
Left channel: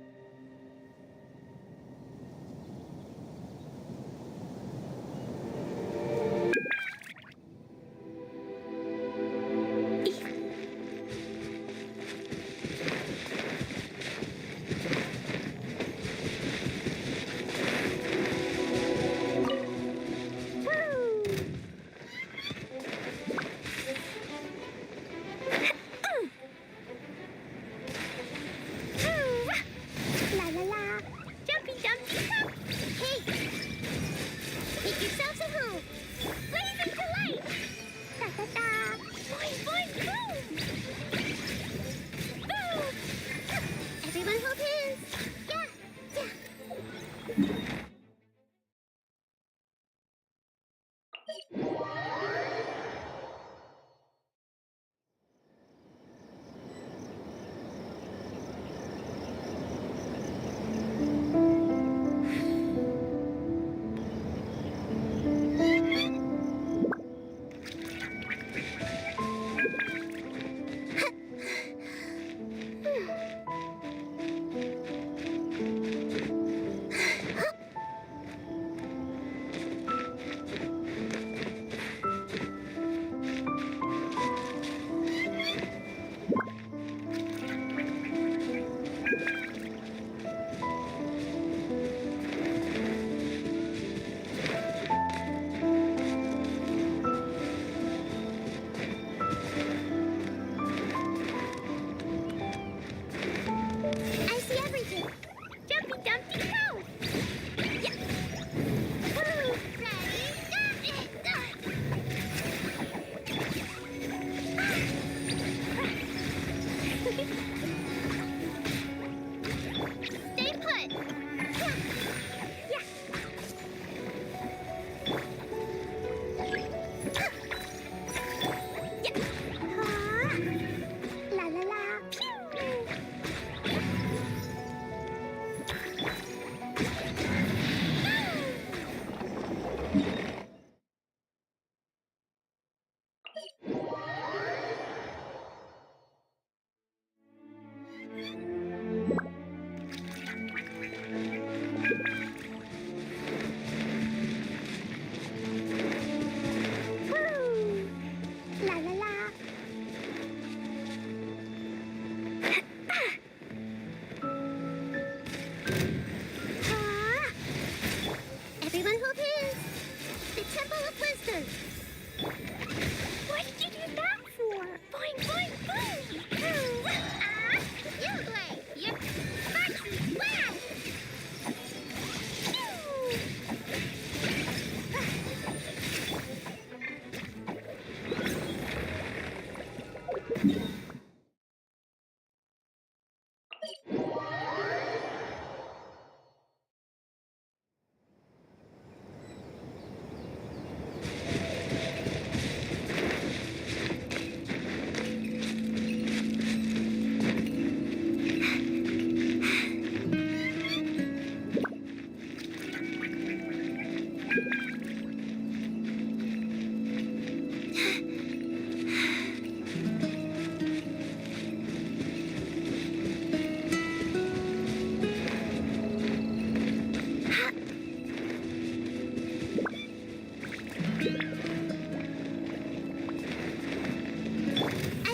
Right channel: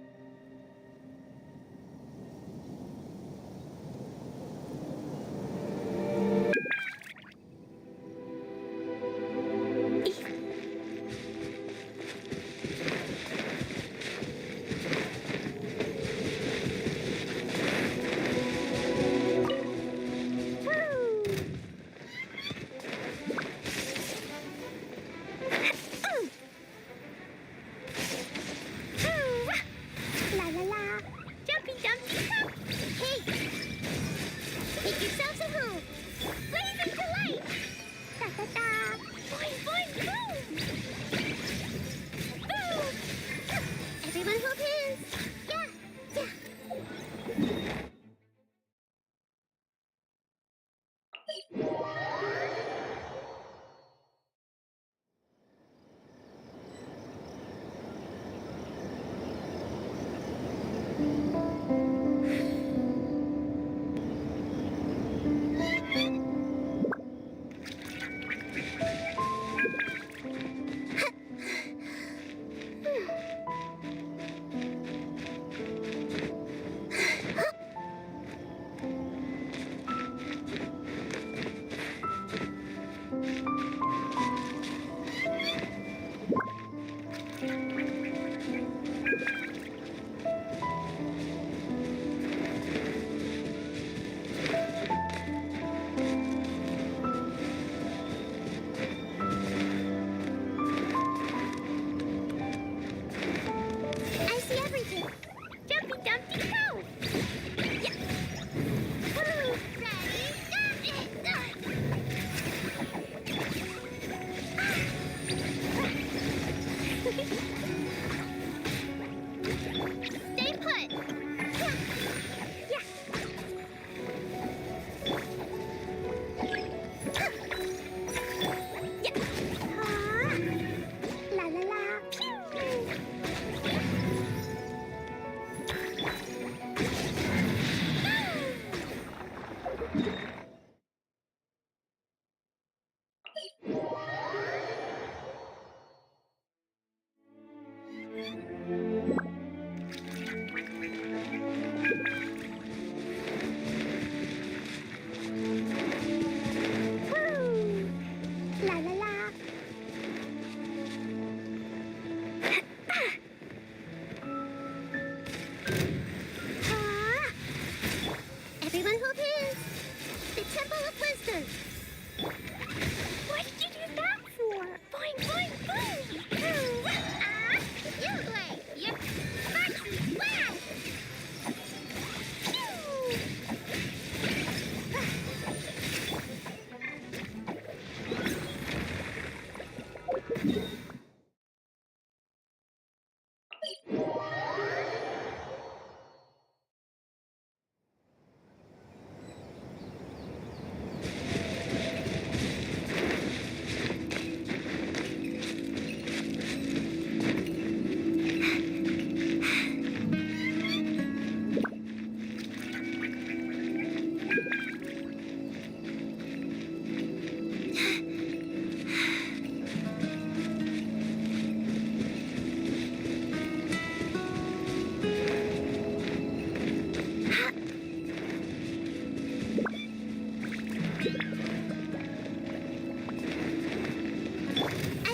I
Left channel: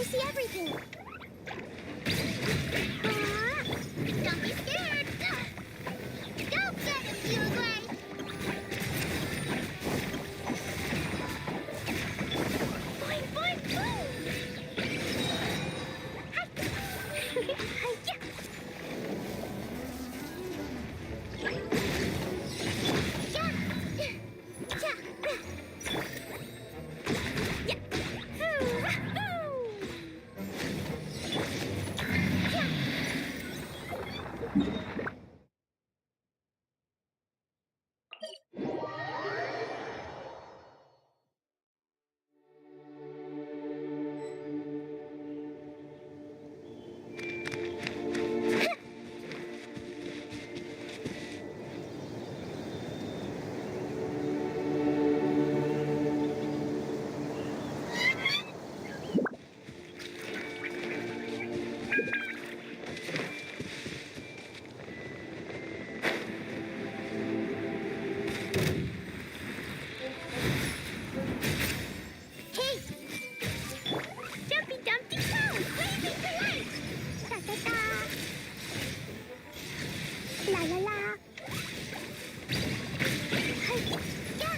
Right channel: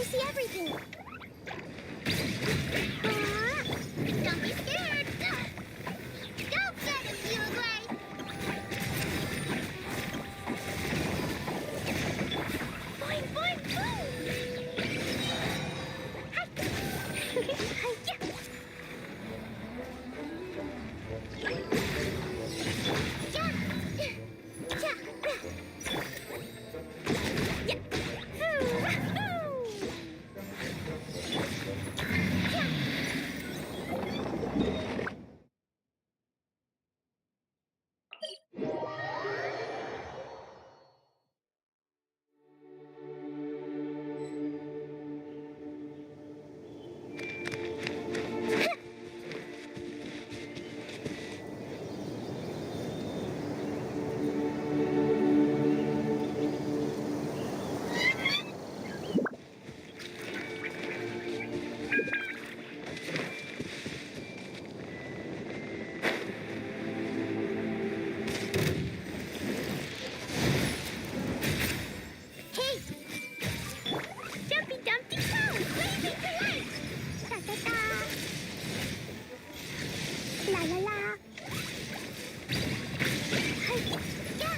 see everything. Don't be scared. Go get him, you Gray. Boing, boing, boom. Hi-ya. Hey! Jumpy Dumpty Toes, waving for light! Ta-ta-ta! La-la-la! Hi-ya! Ya!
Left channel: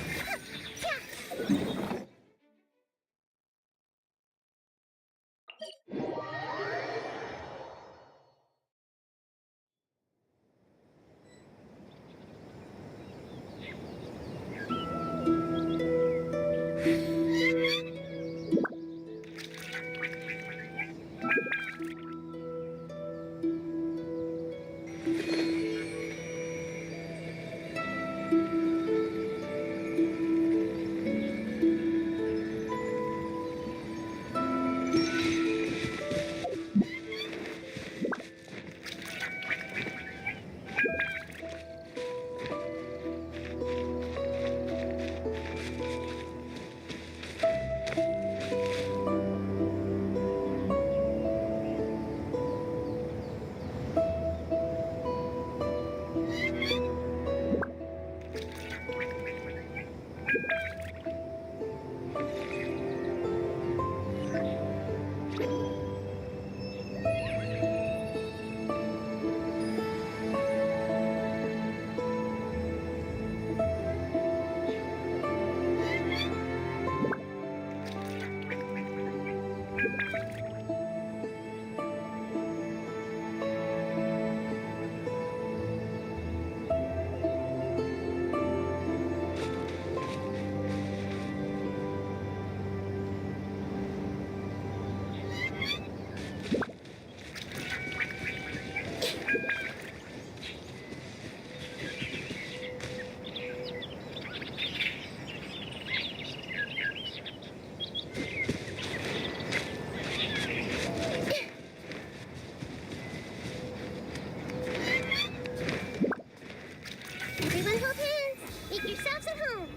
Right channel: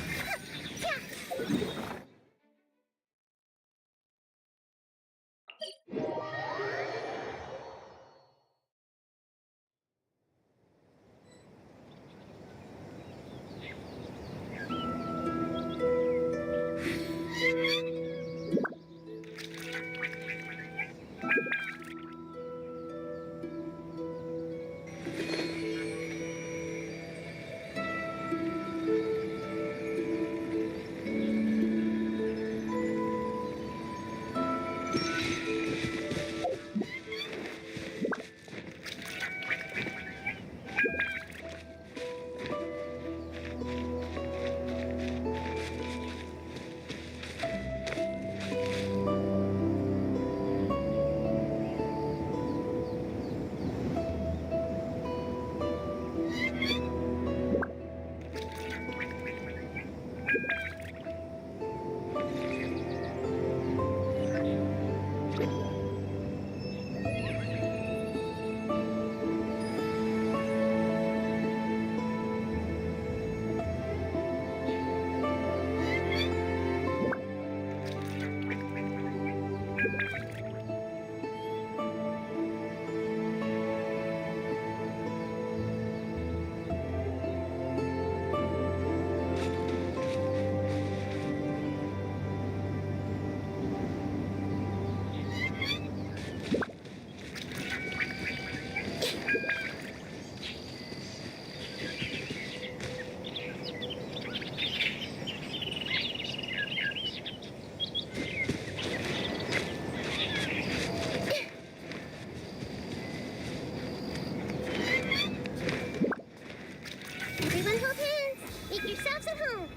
Everyone hold hands. Make yourselves at home.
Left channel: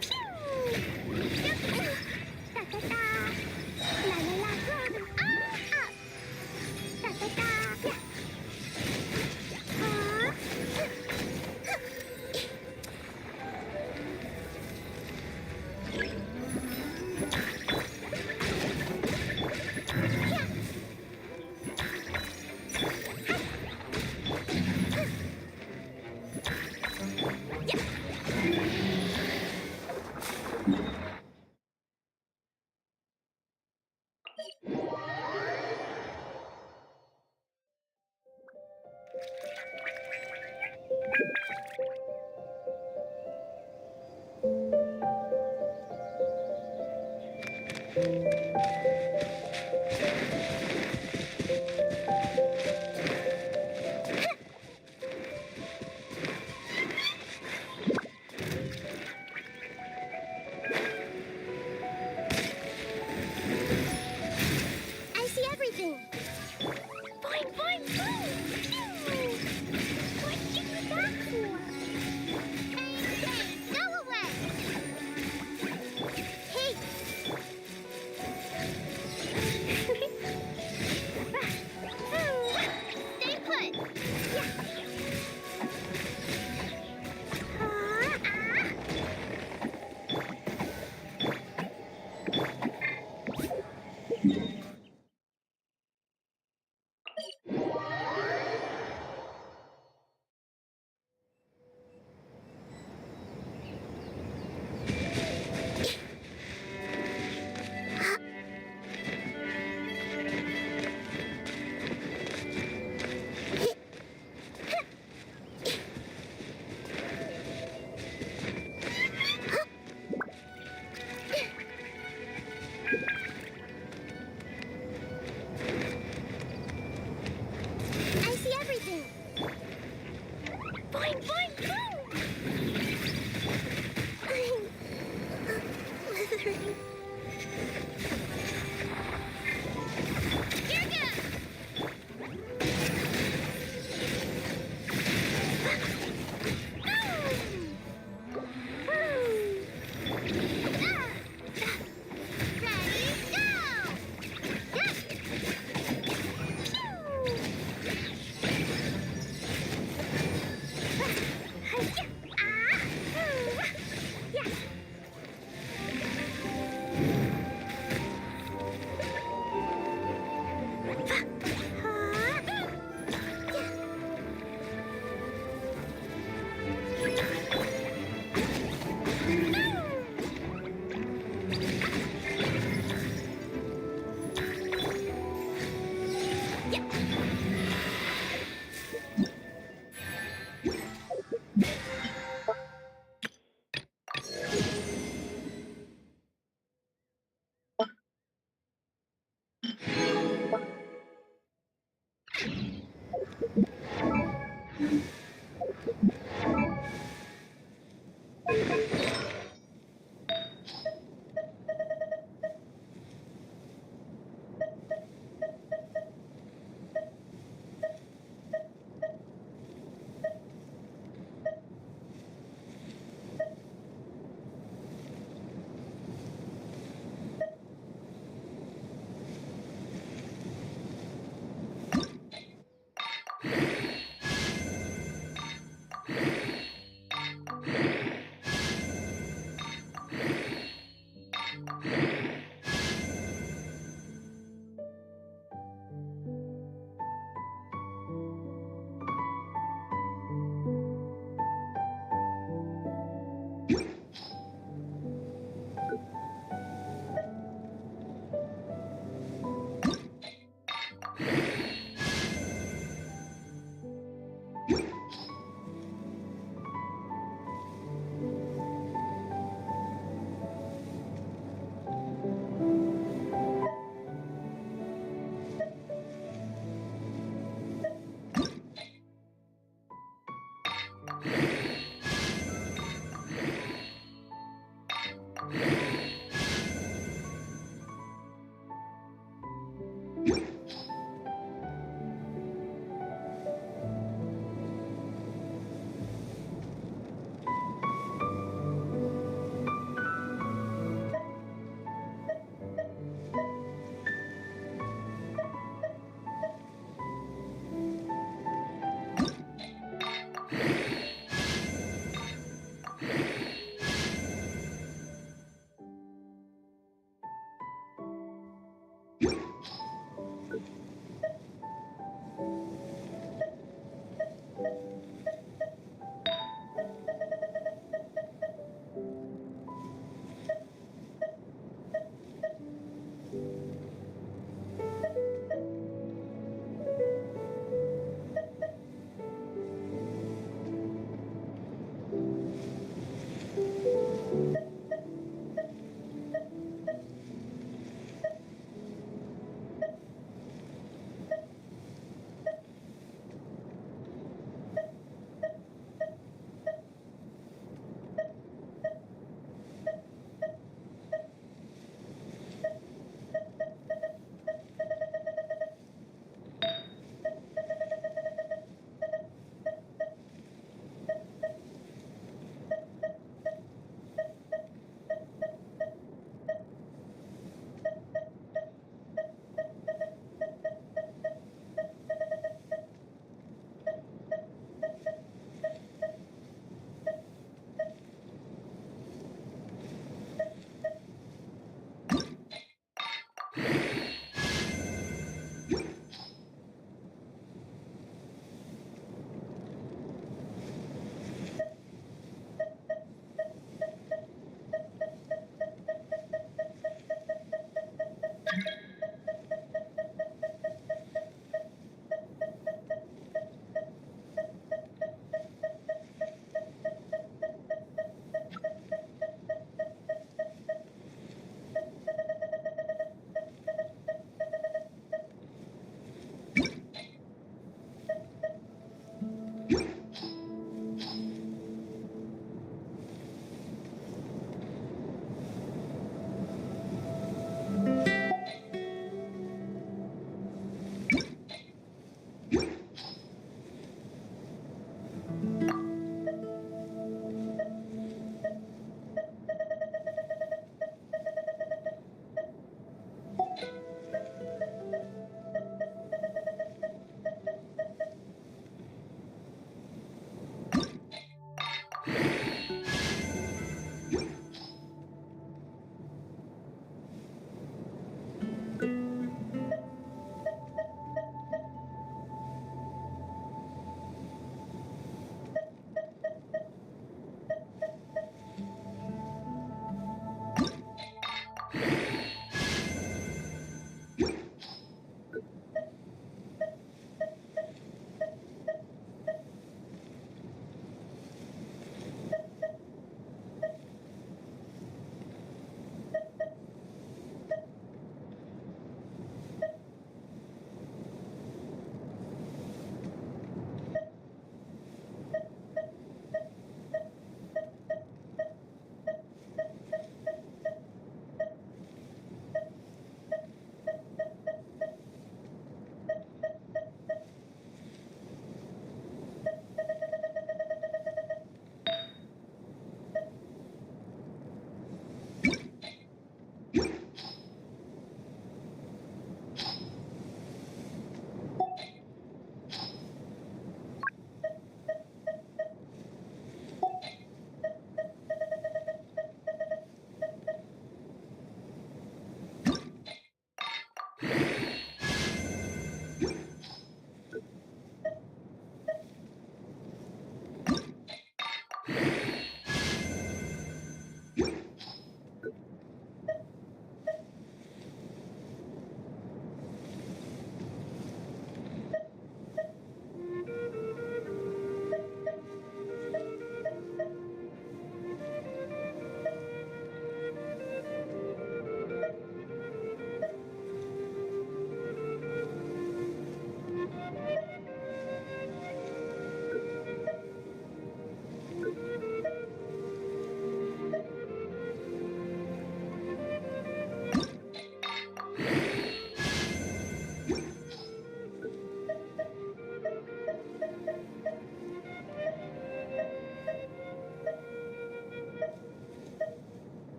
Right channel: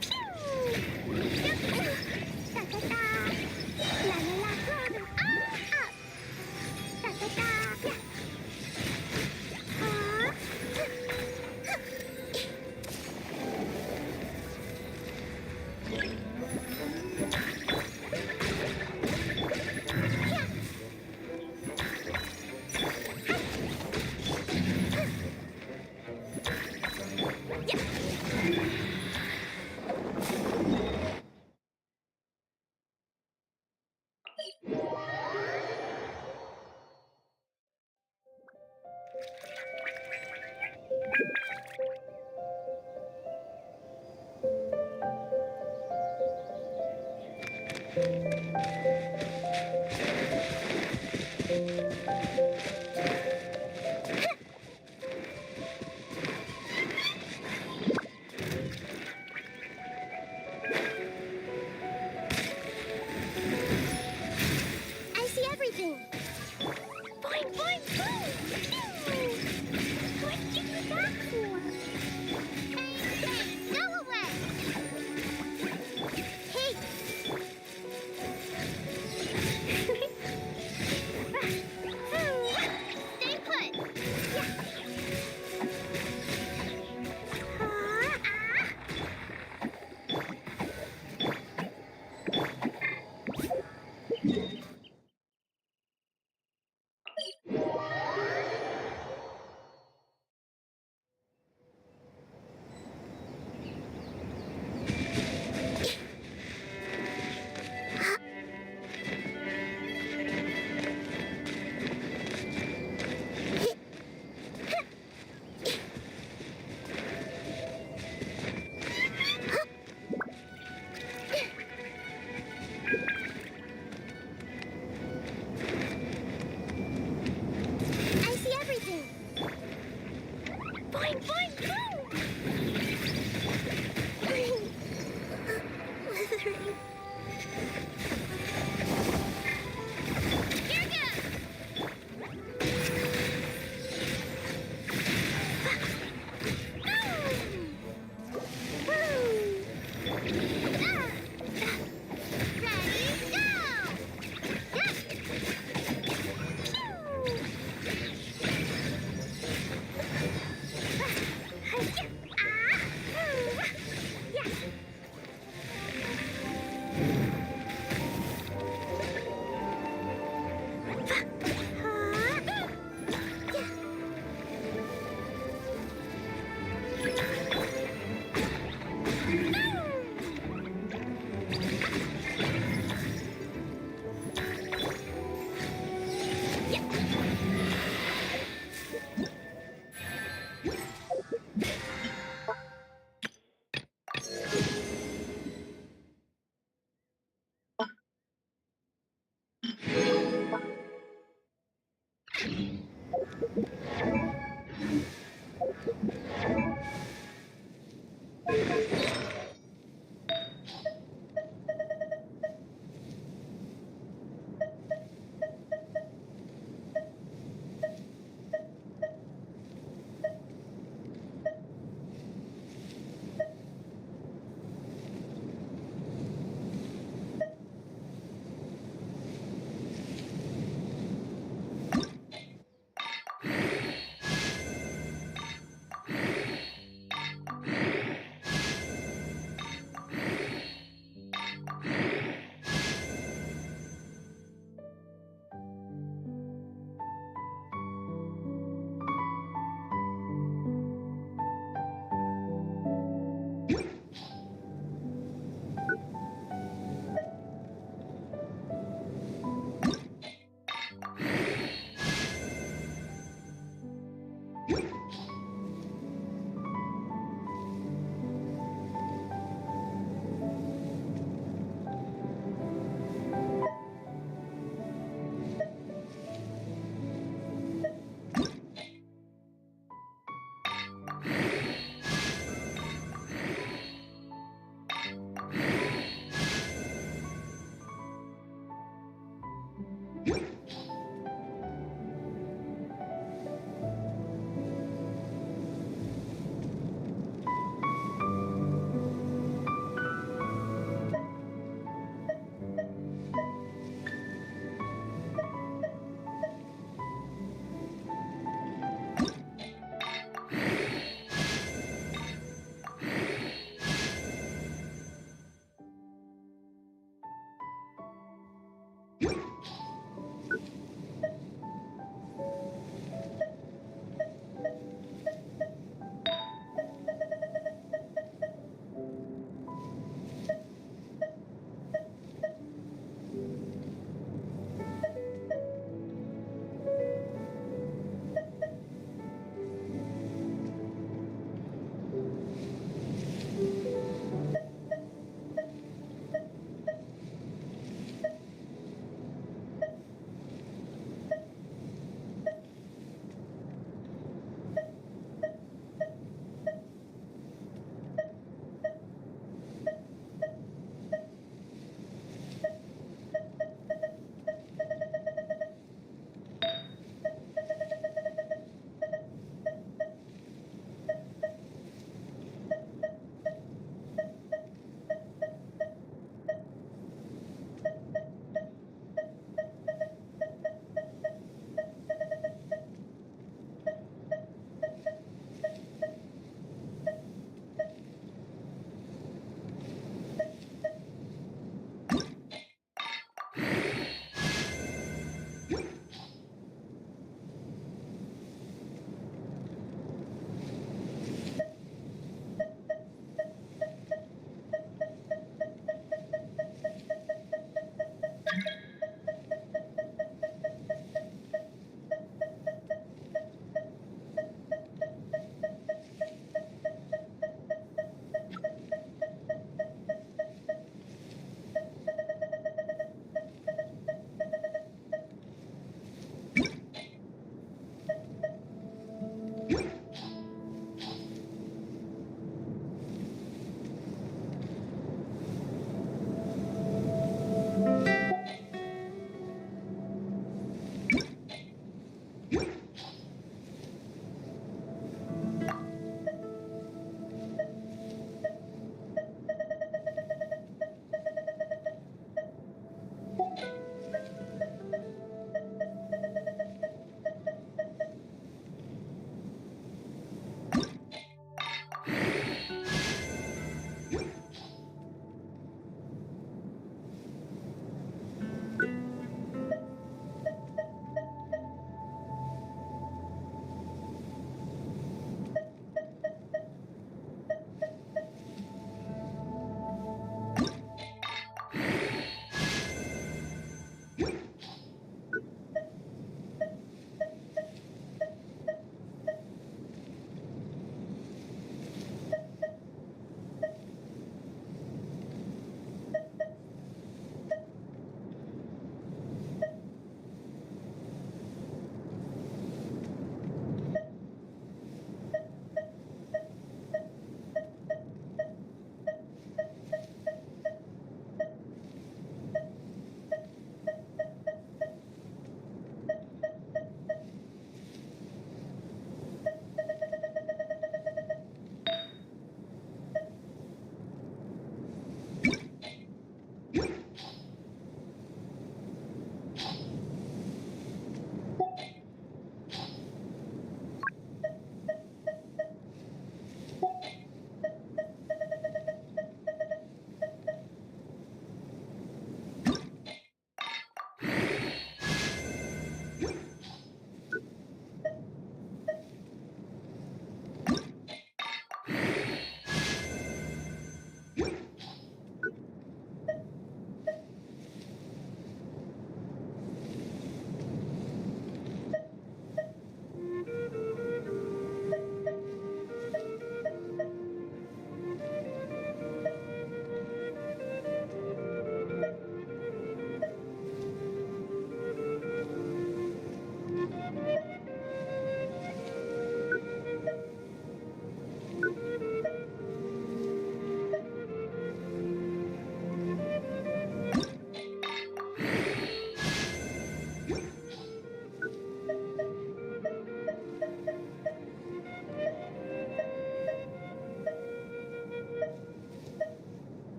Pew! Yep. Ta-ta-ta. La-la-la. Throw them all up. Ta-ta-ta. Yeah.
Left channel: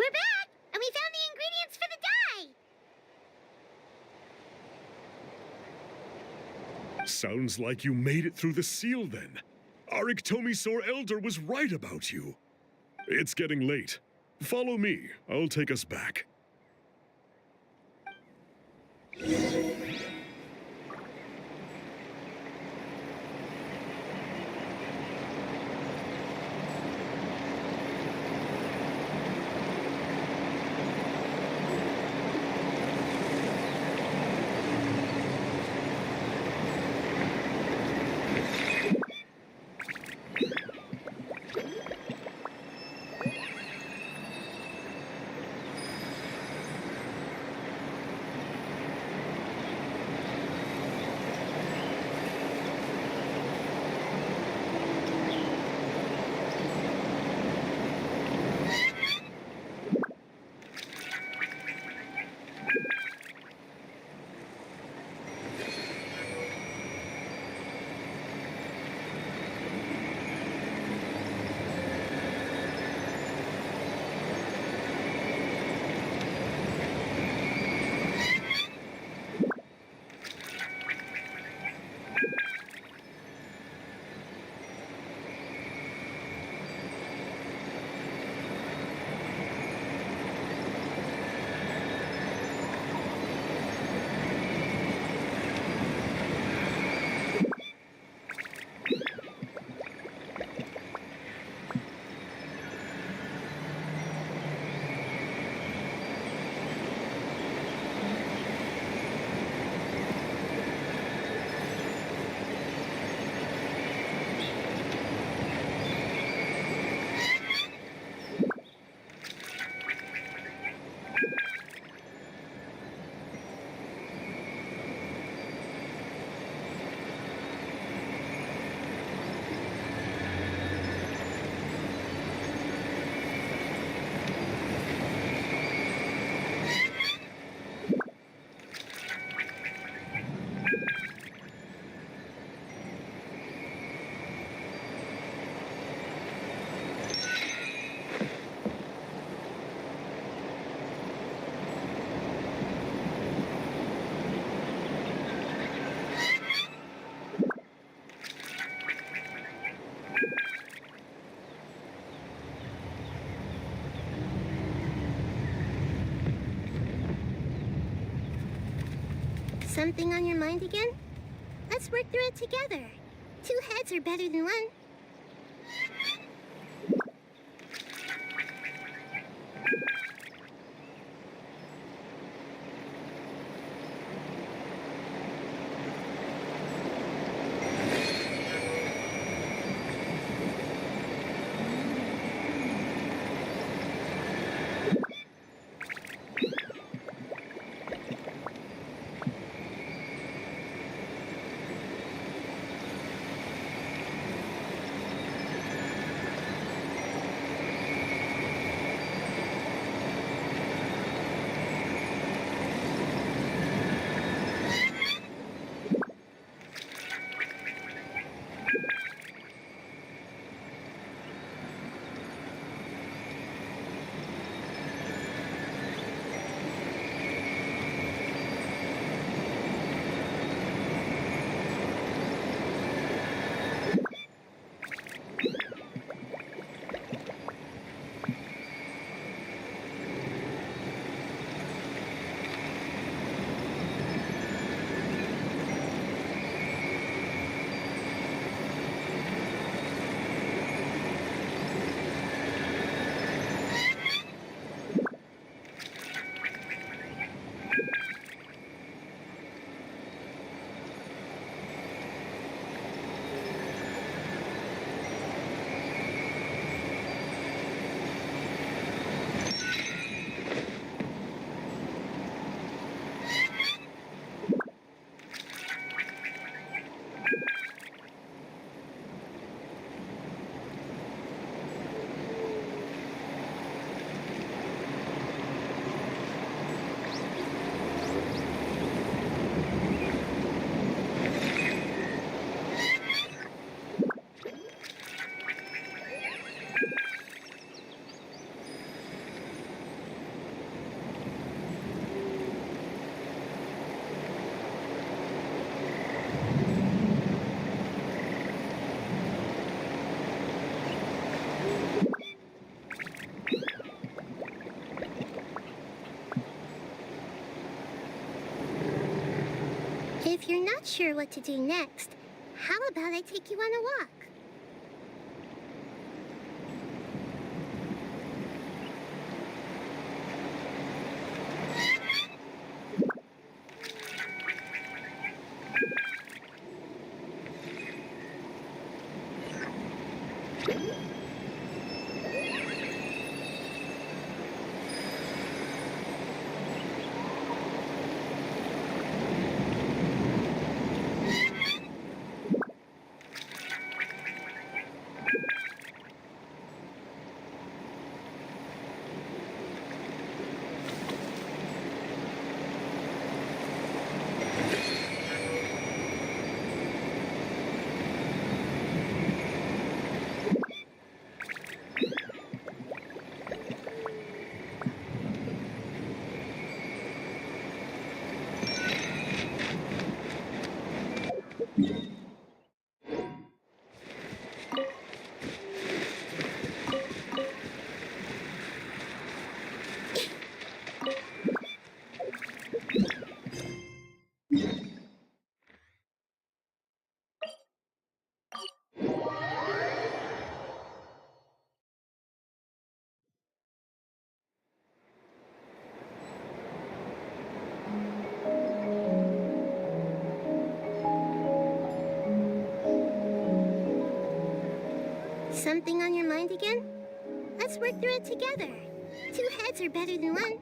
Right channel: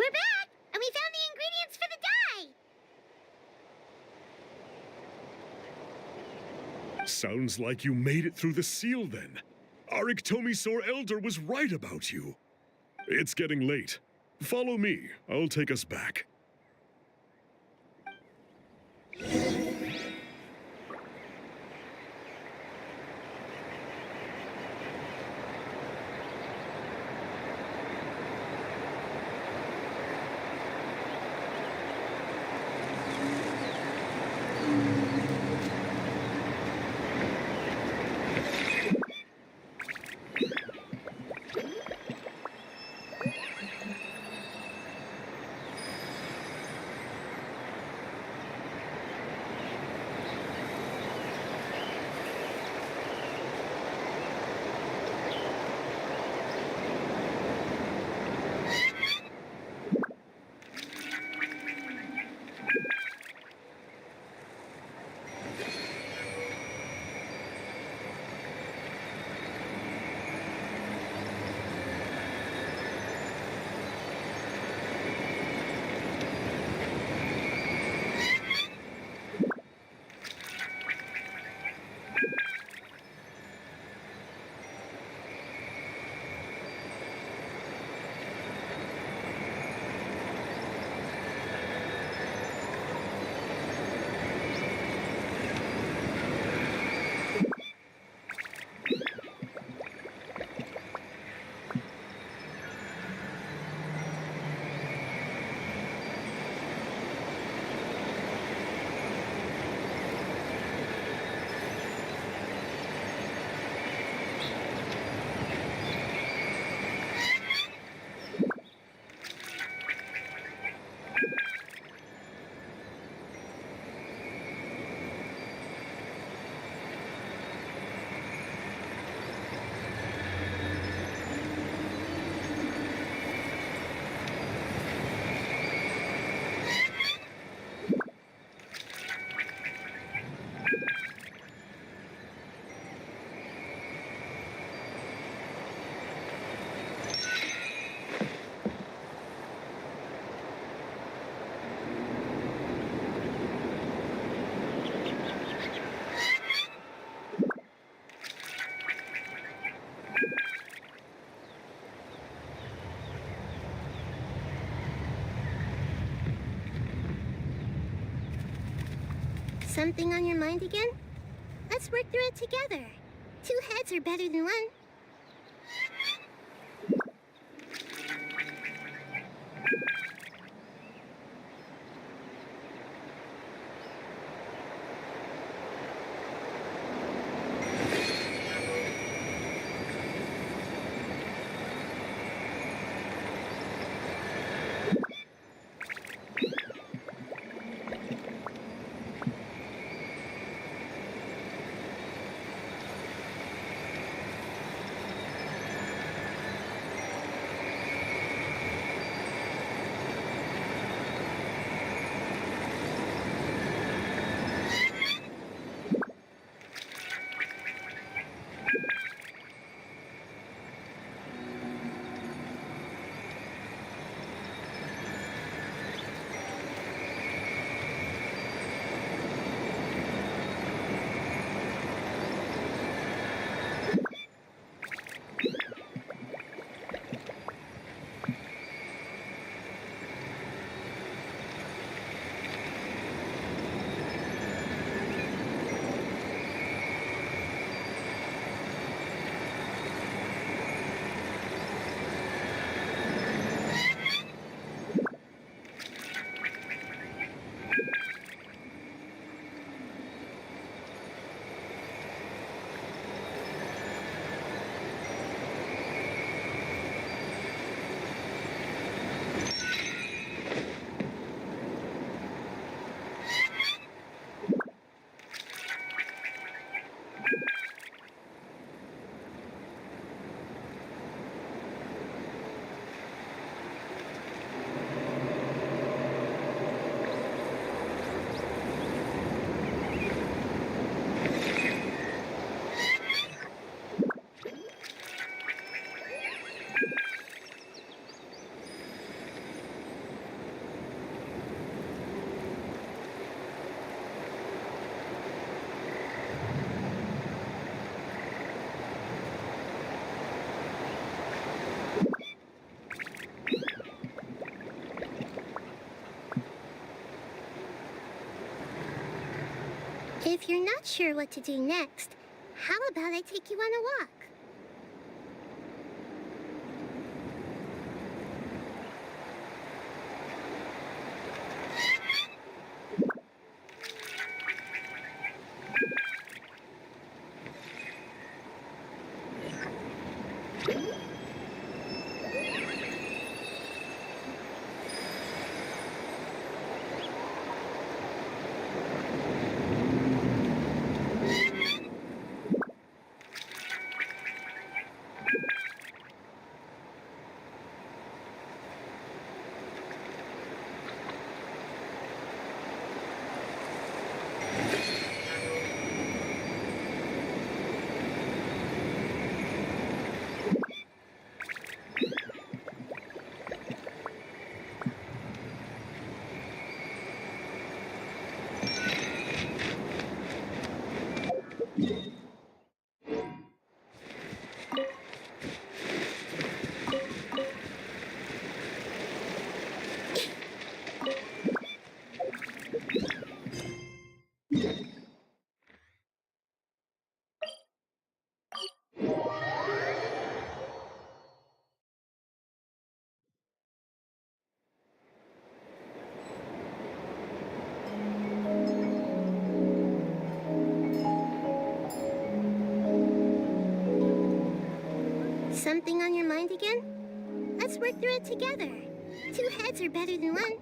We're back, and we found the ingredients for the dye. Sounds like you made it through the seal then. Our Iktomisaur Elder was right about you. It's getting late. Follow me. I'll take us back. Something on your mind again? Let's work through it together. Two heads are better than one. If you're not sure what to do next, how about I take you on a walk? Something on your mind again? Let's work through it together. Two heads are better than one.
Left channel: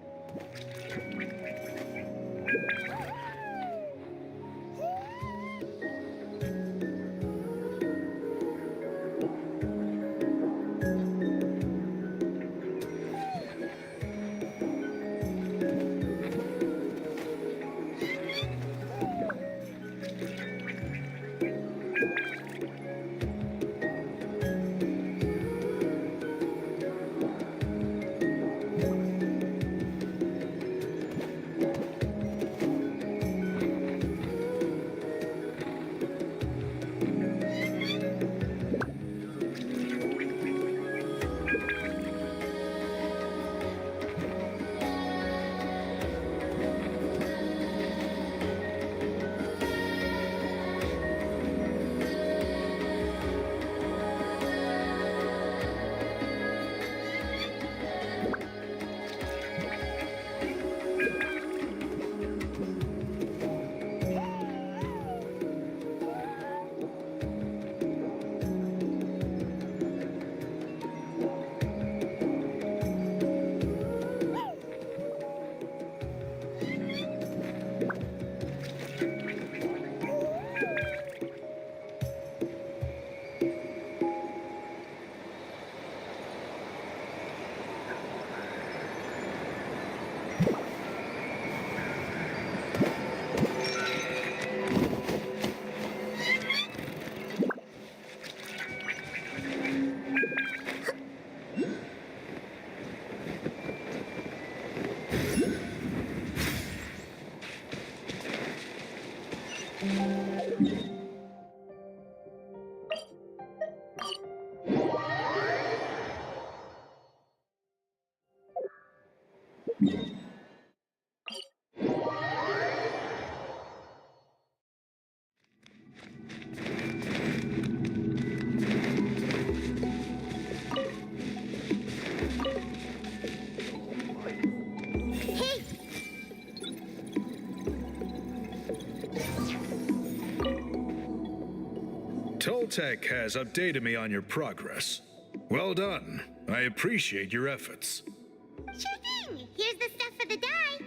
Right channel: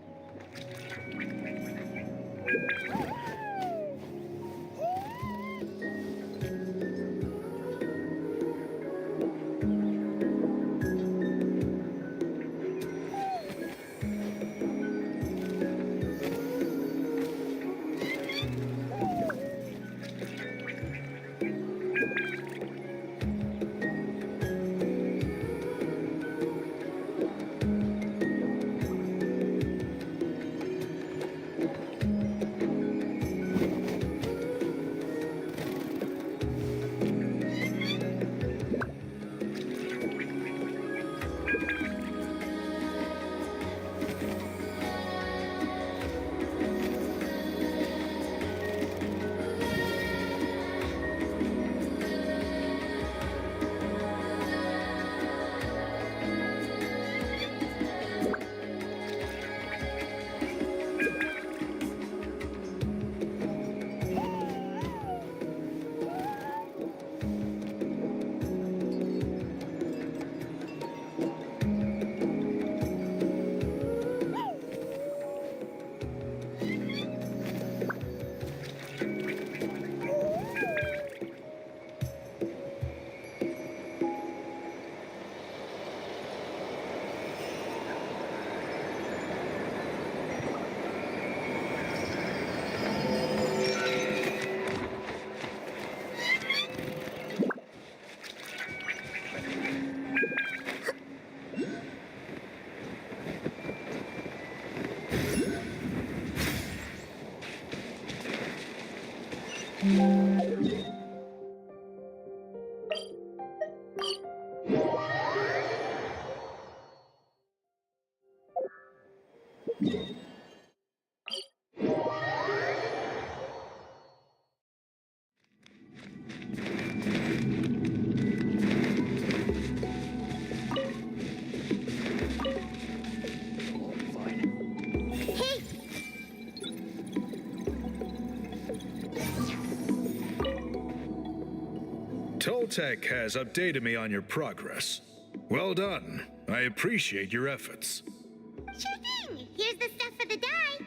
Tech has updated me on your progress. Well done. I appreciate your efforts. Sure thing. Here's the stuff for the dye.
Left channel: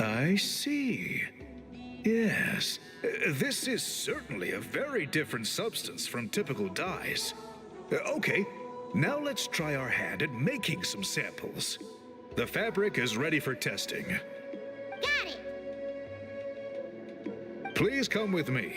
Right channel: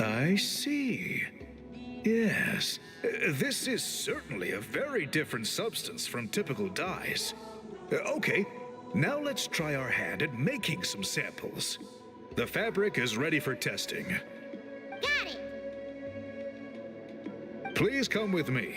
I see. Yes, this is certainly a very different substance from typical dyes. Okay, now let's try our hand at making some samples. The fabric is ready for testing. Got it. Please come with me.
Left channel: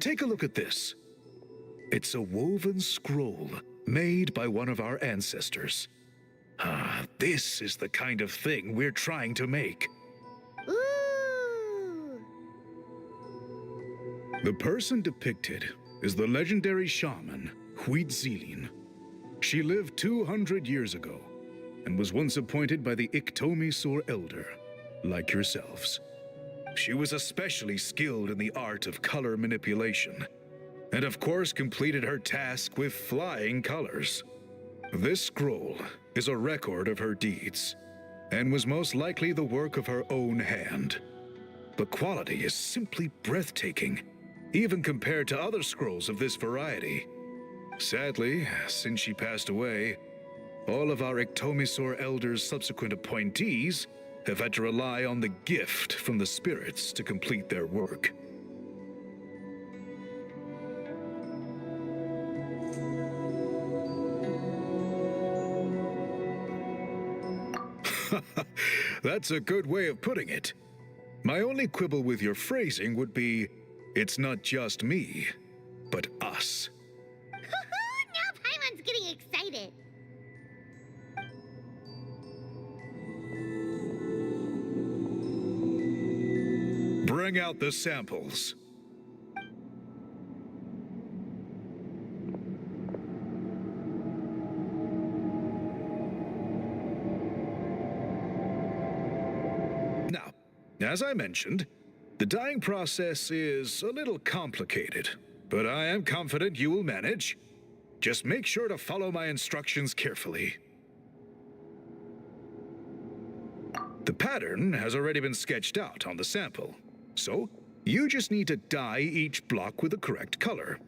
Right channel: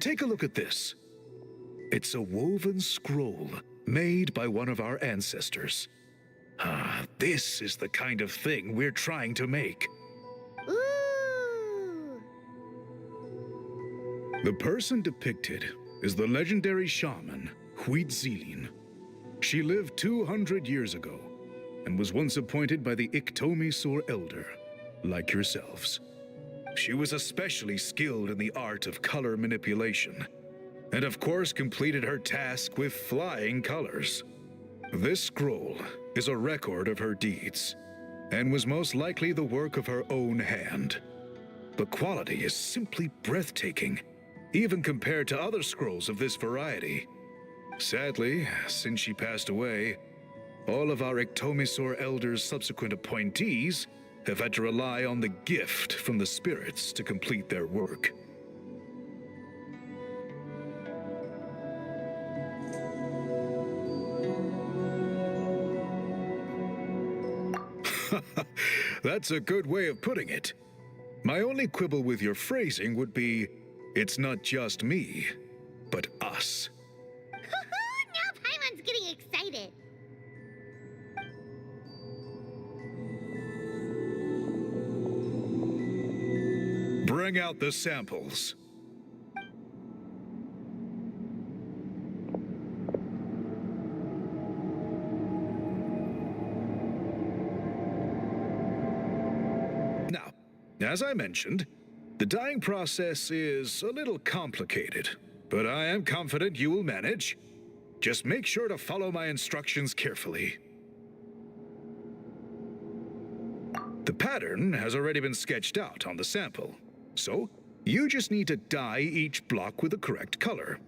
Take a look at this. It's a woven scroll made by one of our ancestors. This is the kind of thing we're trying to make. Ooh. The person depicted is the legendary shaman, Huitzilin. She lived 200 years ago and was once appointed by the Iktomi Elder, like yourselves. She was especially skilled in the art of color manipulation, and of course completed her task with flying colors. This scroll is a record of her deeds, and was most likely the work of her own hand. The quality is simply breathtaking, even compared to other scrolls of this variety. Sadly, since she passed away, all of our Iktomi Elder's subsequent appointees have had to rely on the gift from the spirits to complete their work. That's a good way of putting it. My only quibble with your phrasing would be, it's not just me, but us. Now Paimon's getting excited. Bring out the samples. Now, as I mentioned, the dyeing process is a little complicated, but I am confident you will manage. Just make sure to follow my instructions carefully. The pattern has already been sketched out on the sample, so you just need to dye each block with the correct color.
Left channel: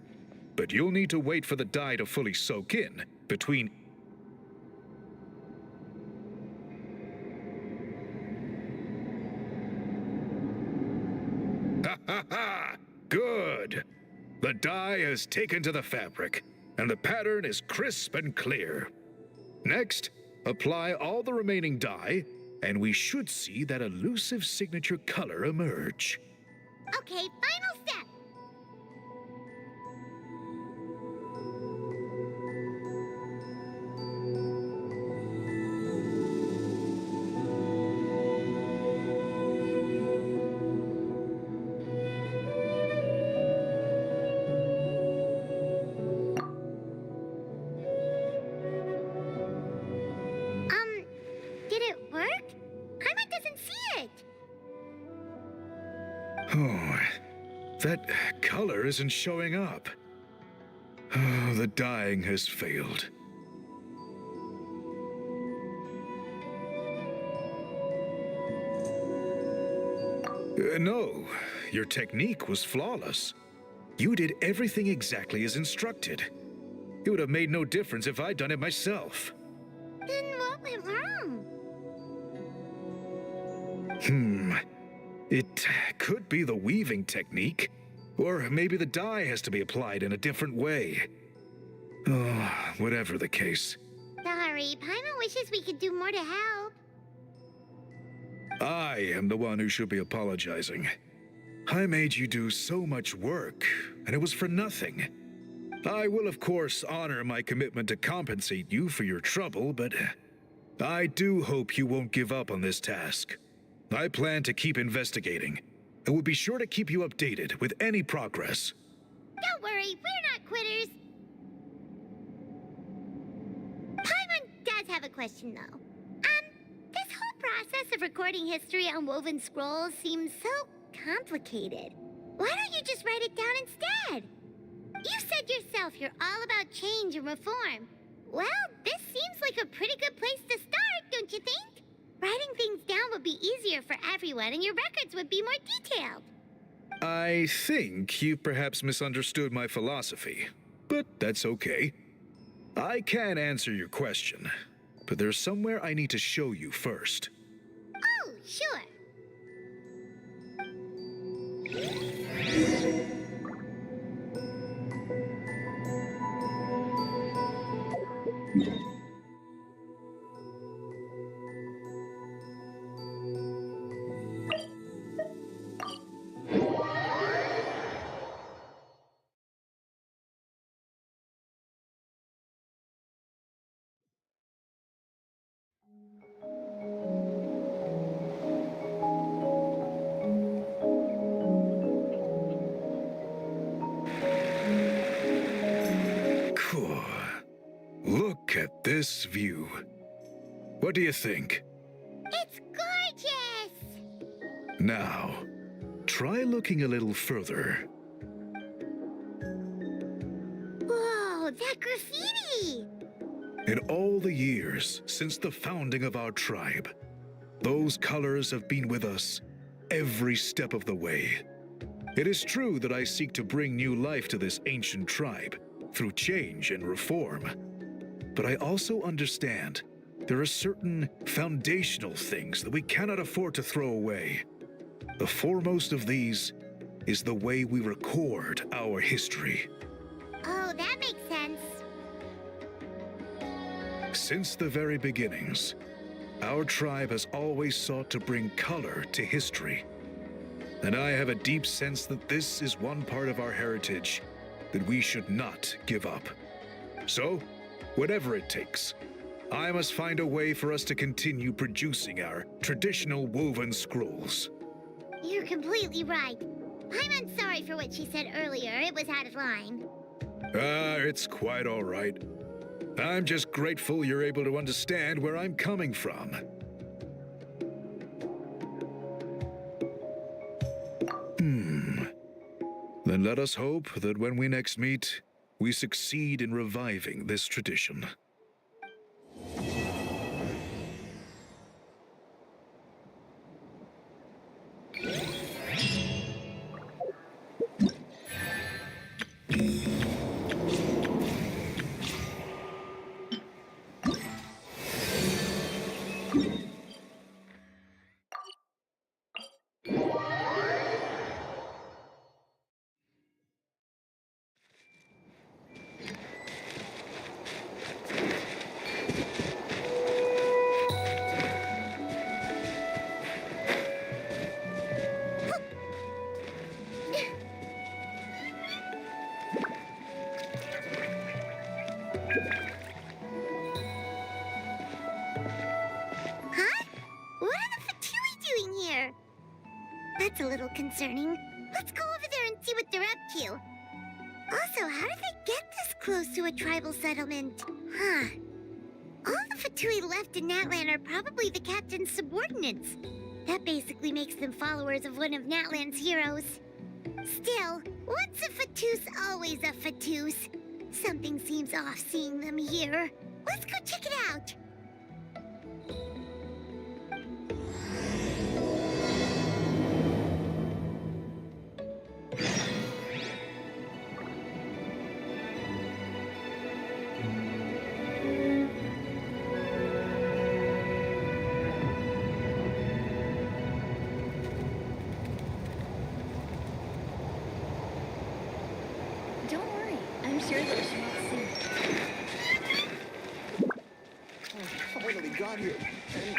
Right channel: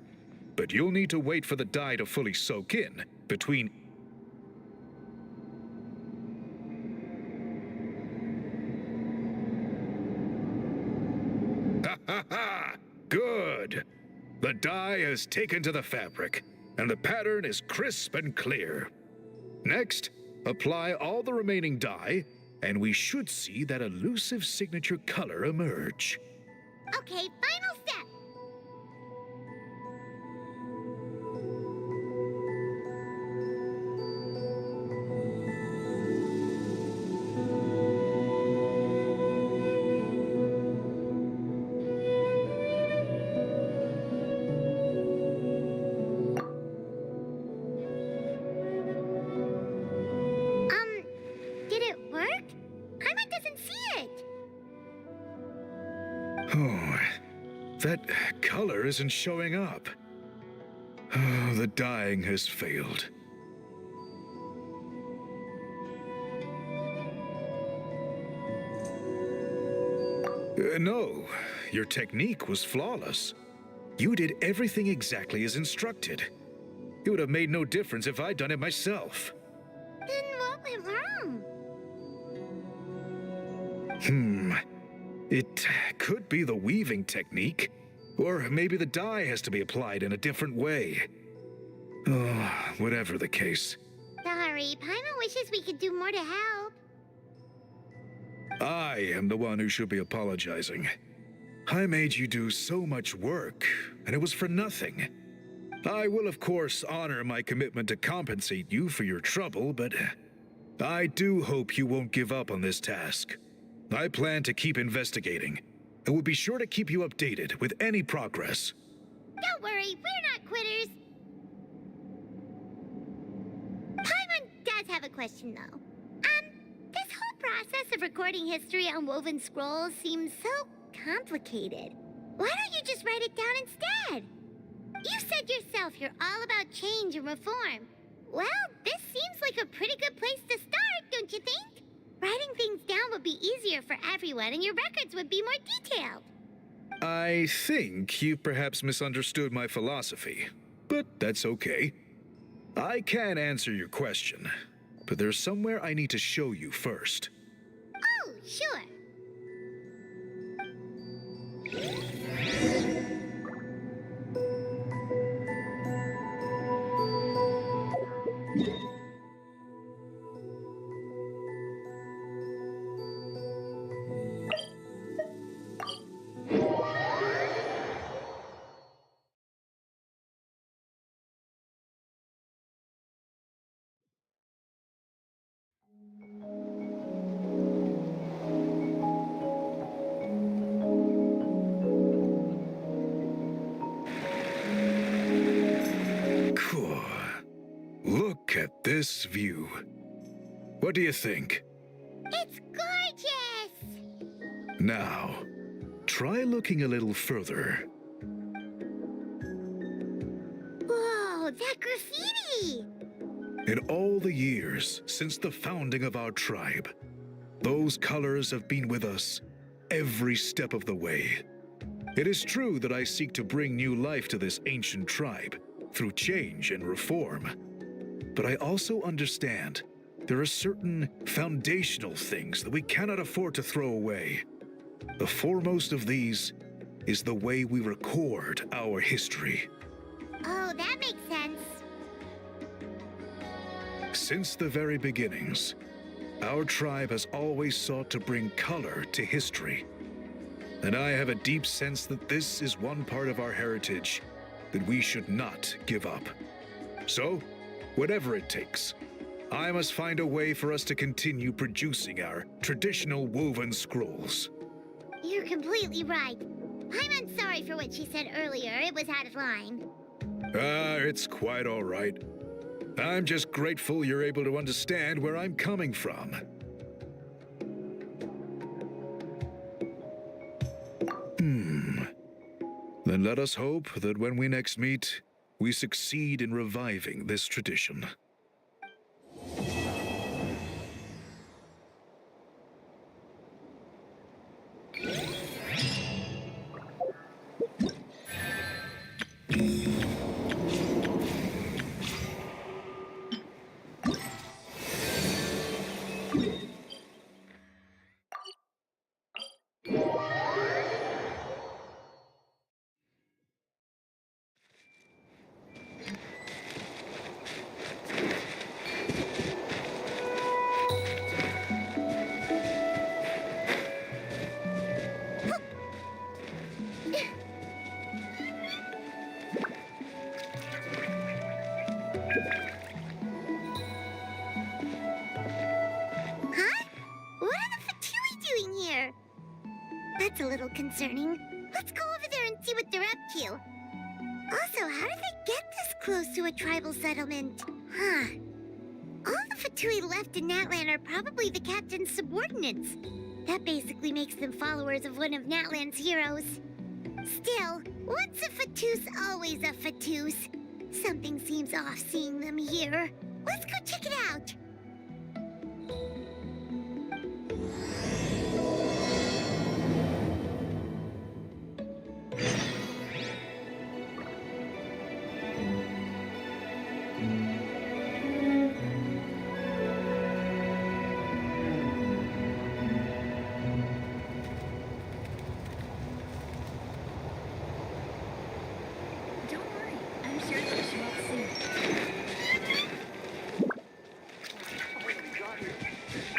But you'll need to wait for the dye to fully soak in between. Ha ha ha! Good! The dye is taken to the fabric, and the pattern is crisp and clear. Next, apply all the remaining dye, and we should see that elusive signature color emerge. Okay, final step. Did it work? Paimon doesn't see it. Oh, that color isn't showing up. Oh, the dyeing has failed. No, your technique was flawless. You did everything exactly as instructed. It would have made no difference if I'd done it myself. Then what went wrong? It could be the weaving technique, or maybe the dye has to be applied in a different way. Oh, whatever the case. Sorry, Paimon wishes we could do more to help. I am the one who should be apologizing. I made you do so much work, and it was for nothing. I will, of course, honor my commitment to compensate you for your trouble, but I do hope you won't give up on this task. I plan to keep investigating, and will be sure to keep you updated with any progress. Don't worry, we're not quitters. Paimon does have a question, though. This whole process of recording history on woven scrolls seems so complicated. Why don't you just write it down instead? You said yourself you're all about change and reform. Well, this seems like a pretty good place to start, don't you think? Writing things down would be easier for everyone, and your records would be more detailed. I think you perhaps misunderstood my philosophy, but that's okay. I can answer your question, but there's somewhere I need to show you first. Oh, sure. Cool. Look at this view. What do you think? It's gorgeous! Now, try looking a little further. Whoa, that graffiti! In all the years since the founding of our tribe, those colors have been with us every step of the way. It is true that I seek to bring new life to this ancient tribe through change and reform. But I also understand there are certain foundational things that we cannot afford to throw away. The foremost of these is the way we record our history. Oh, that makes sense. Since the very beginnings, our tribe has always sought to bring color to history. And I have a deep sense that this is one part of our heritage that we should not give up. So, whatever it takes, I must find a way for us to continue producing our traditional woven scrolls. You're completely right. Paimon's sorry for what she said earlier. It was out of line. It's quite all right. I'm just grateful you're able to understand where I'm coming from. Then let us hope that when we next meet, we succeed in reviving this tradition. Huh? What are the Fatui doing here? That's a little concerning. Let's go over there and see what they're up to. Also, how did they get this close to a tribal settlement? Huh. All the Fatui left in Natlan are probably the captain's subordinates. That basically makes them followers of one of Natlan's heroes. Still, once a Fatus, always a Fatus. Something seems off seeing them here. Let's go check it out. sure that she won't see. Already got here.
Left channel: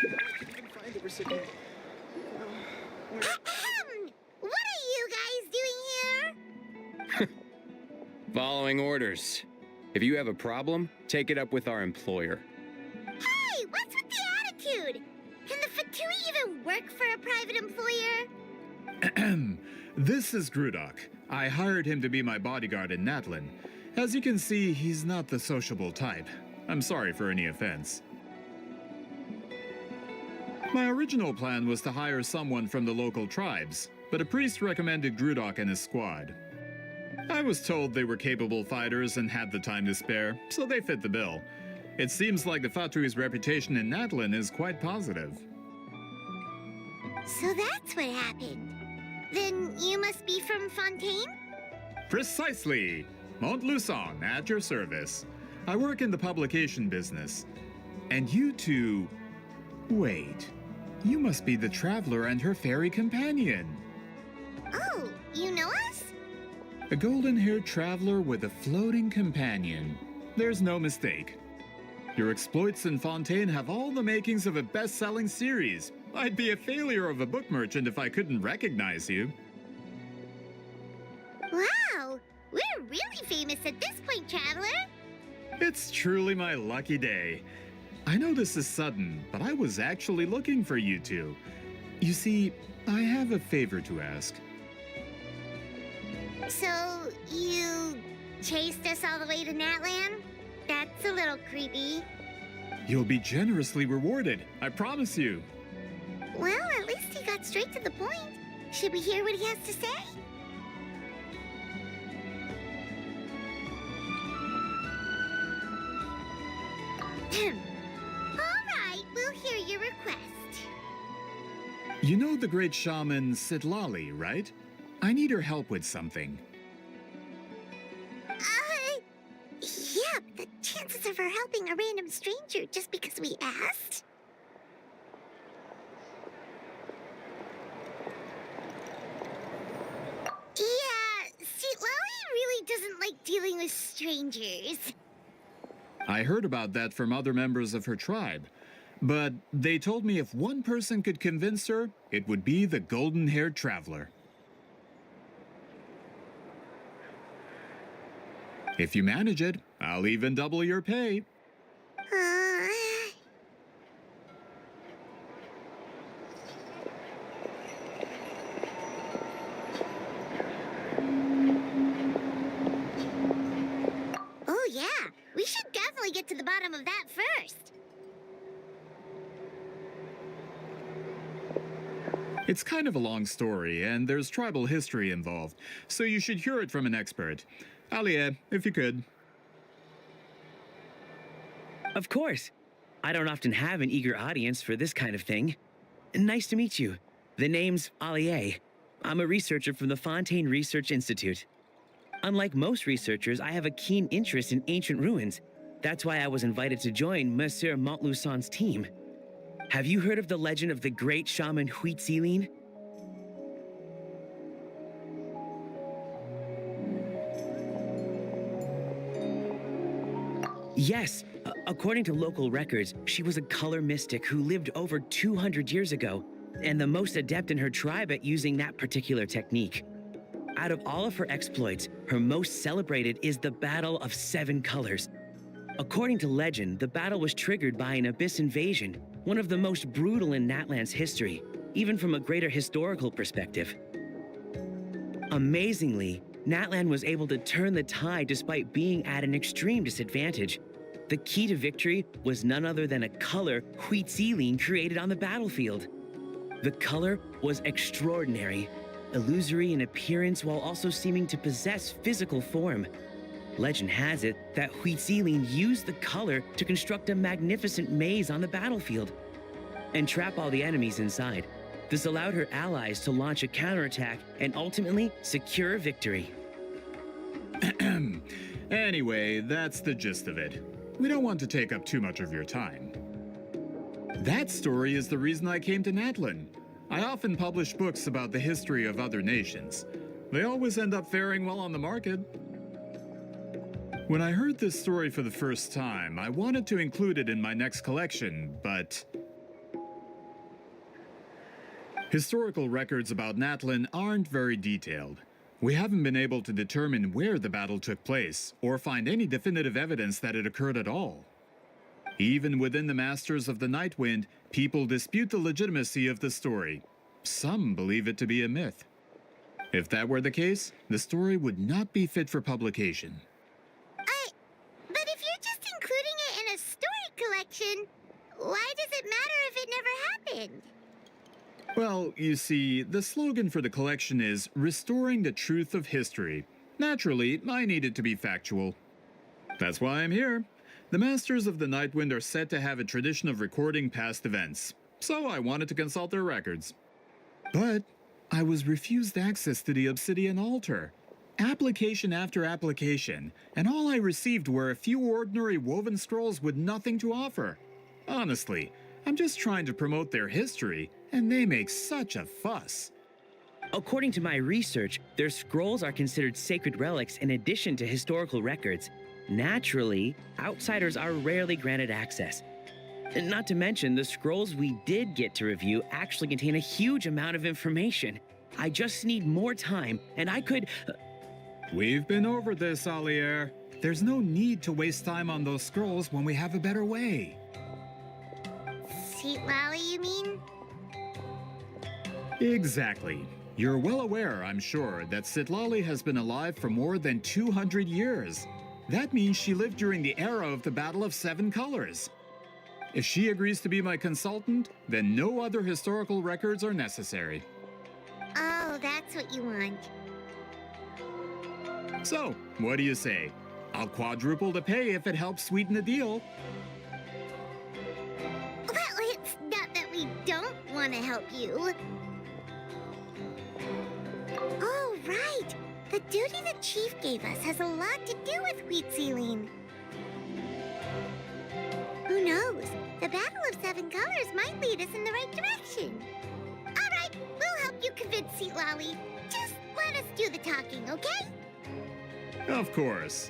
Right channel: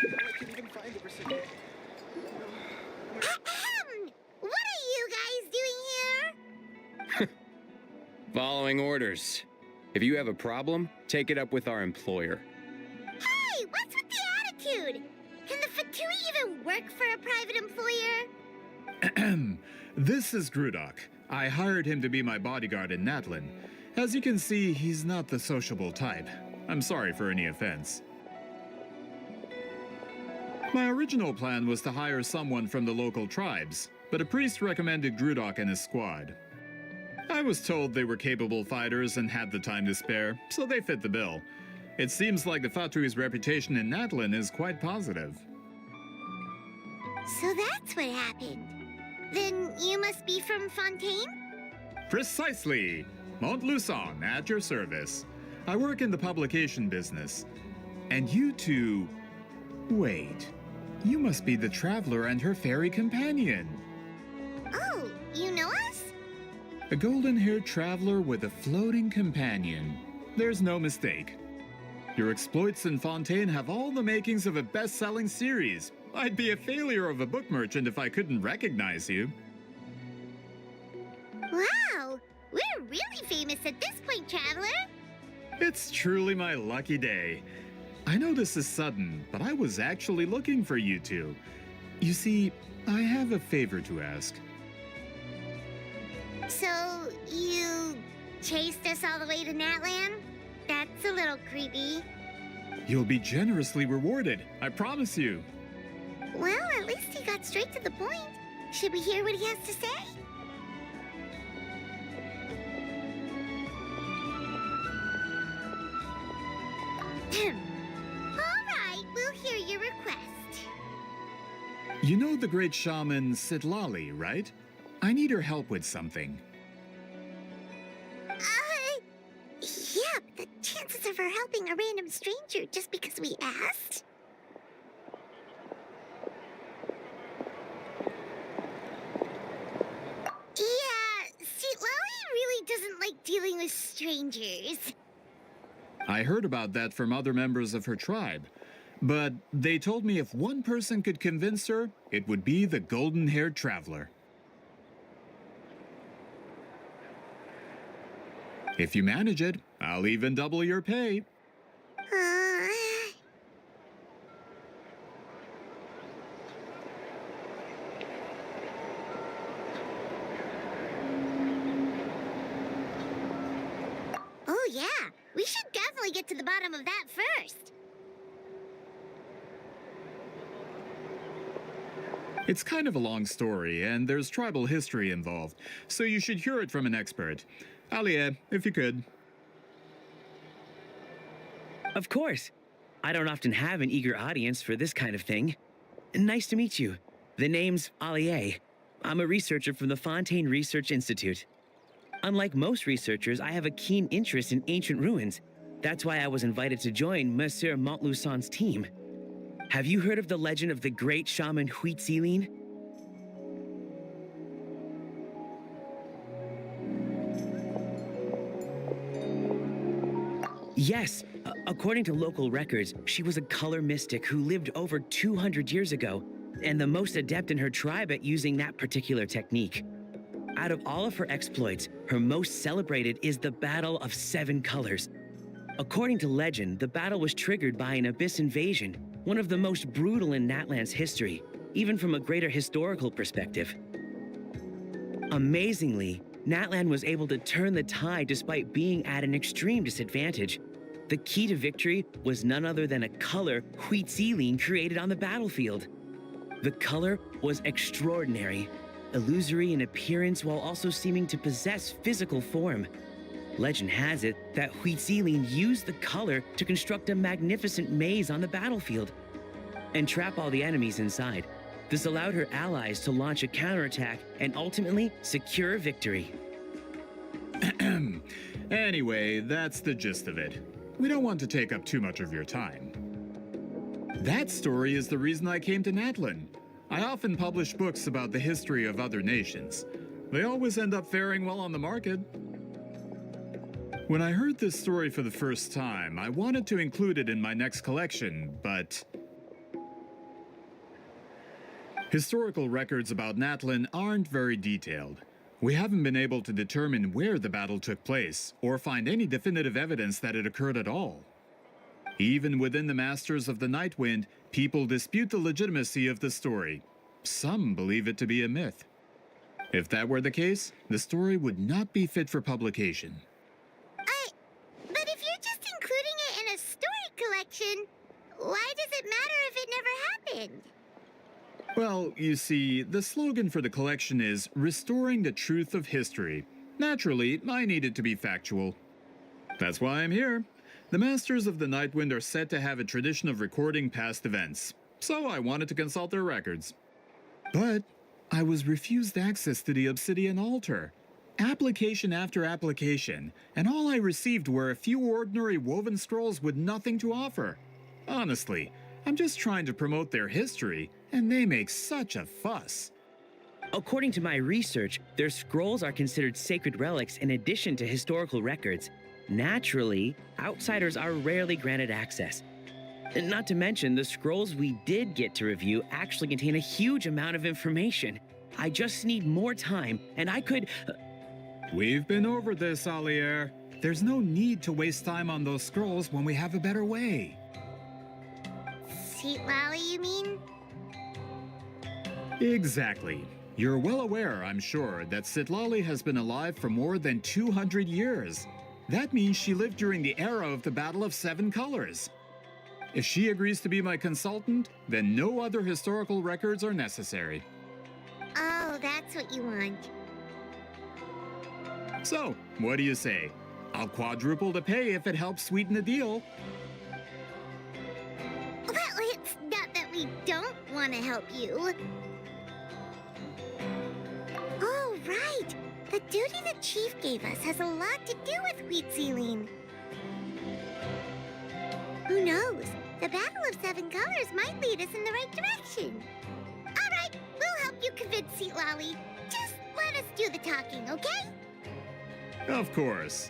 Now I can't even find the recipient. What are you guys doing here? Following orders. If you have a problem, take it up with our employer. Hey, what's with the attitude? Can the Fatui even work for a private employer? This is Grudok. I hired him to be my bodyguard in Natlin. As you can see, he's not the sociable type. I'm sorry for any offense. My original plan was to hire someone from the local tribes, but a priest recommended Grudok and his squad. I was told they were capable fighters and had the time to spare, so they fit the bill. It seems like the Fatui's reputation in Natlin is quite positive. So that's what happened. Then you must be from Fontaine? Precisely! Montluçon, at your service. I work in the publication business. And you two... Wait. You must be the traveler and her fairy companion. Oh, you know us? A golden-haired traveler with a floating companion. There's no mistake. Your exploits in Fontaine have all the makings of a best-selling series. I'd be a failure of a book merchant if I couldn't recognize you. Wow, we're really famous at this point, Traveler. It's truly my lucky day. I know this is sudden, but I was actually looking for you two. You see, I have a favor to ask. So, you chased us all the way to Natlan? That's a little creepy. You'll be generously rewarded, I promise you. Well, at least he got straight to the point. Should we hear what he has to say? All right, we'll hear your request. You know the great shaman Sidlali, right? I need her help with something. Yeah, but the chances of her helping a random stranger just because we asked? Yeah, see, Lolly really doesn't like dealing with strangers. I heard about that from other members of her tribe. But they told me if one person could convince her, it would be the golden-haired traveler. If you manage it, I'll even double your pay. Oh yeah, we should definitely get to the bottom of that first. It's kind of a long story, and there's tribal history involved, so you should hear it from an expert. Alie, if you could. Of course. I don't often have an eager audience for this kind of thing. Nice to meet you. The name's Alie. I'm a researcher from the Fontaine Research Institute. Unlike most researchers, I have a keen interest in ancient ruins. That's why I was invited to join Monsieur Montluçon's team. Have you heard of the legend of the great shaman Huitziline? Yes, according to local records, she was a color mystic who lived over 200 years ago, and the most adept in her tribe at using that particular technique. Out of all of her exploits, her most celebrated is the Battle of Seven Colors. According to legend, the battle was triggered by an abyss invasion, one of the most brutal in Natlan's history, even from a greater historical perspective. Amazingly, Natlan was able to turn the tide despite being at an extreme disadvantage. The key to victory was none other than a color Huitziline created on the battlefield. The color was extraordinary, illusory in appearance while also seeming to possess physical form. Legend has it that Huitziline used the color to construct a magnificent maze on the battlefield and trap all the enemies inside. This allowed her allies to launch a counterattack and ultimately secure victory. Anyway, that's the gist of it. We don't want to take up too much of your time. That story is the reason I came to Natlin. I often publish books about the history of other nations. They always end up faring well on the market. When I heard this story for the first time, I wanted to include it in my next collection, but historical records about Natlin aren't very detailed. We haven't been able to determine where the battle took place, or find any definitive evidence that it occurred at all. Even within the Masters of the Nightwind, people dispute the legitimacy of the story. Some believe it to be a myth. If that were the case, the story would not be fit for publication. But if you're just including it in a story collection, why does it matter if it never happened? Well, you see, the slogan for the collection is Restoring the Truth of History. Naturally, I need it to be factual. That's why I'm here. The Masters of the Nightwind are said to have a tradition of recording past events, so I wanted to consult their records. But I was refused access to the Obsidian Altar. Application after application, and all I received were a few ordinary woven scrolls with nothing to offer. Honestly, I'm just trying to promote their history, and they make such a fuss. According to my research, their scrolls are considered sacred relics in addition to historical records. Naturally, outsiders are rarely granted access. And not to mention, the scrolls we did get to review actually contain a huge amount of information. I just need more time, and I could... We've been over this, Alier. There's no need to waste time on those scrolls when we have a better way. Sweet Lolly, you mean? Exactly. You're well aware, I'm sure, that Sitlali has been alive for more than 200 years. That means she lived during the era of the Battle of Seven Colors. If she agrees to be my consultant, then no other historical records are necessary. Oh, that's what you want. So, what do you say? I'll quadruple the pay if it helps sweeten the deal. Well, it's not that we don't want to help you. Oh, right. The duty the chief gave us has a lot to do with Wheat Ceiling. Who knows? The Battle of Seven Colors might lead us in the right direction. All right, we'll help you convince Seat Lolly. Just let us do the talking, okay? Of course.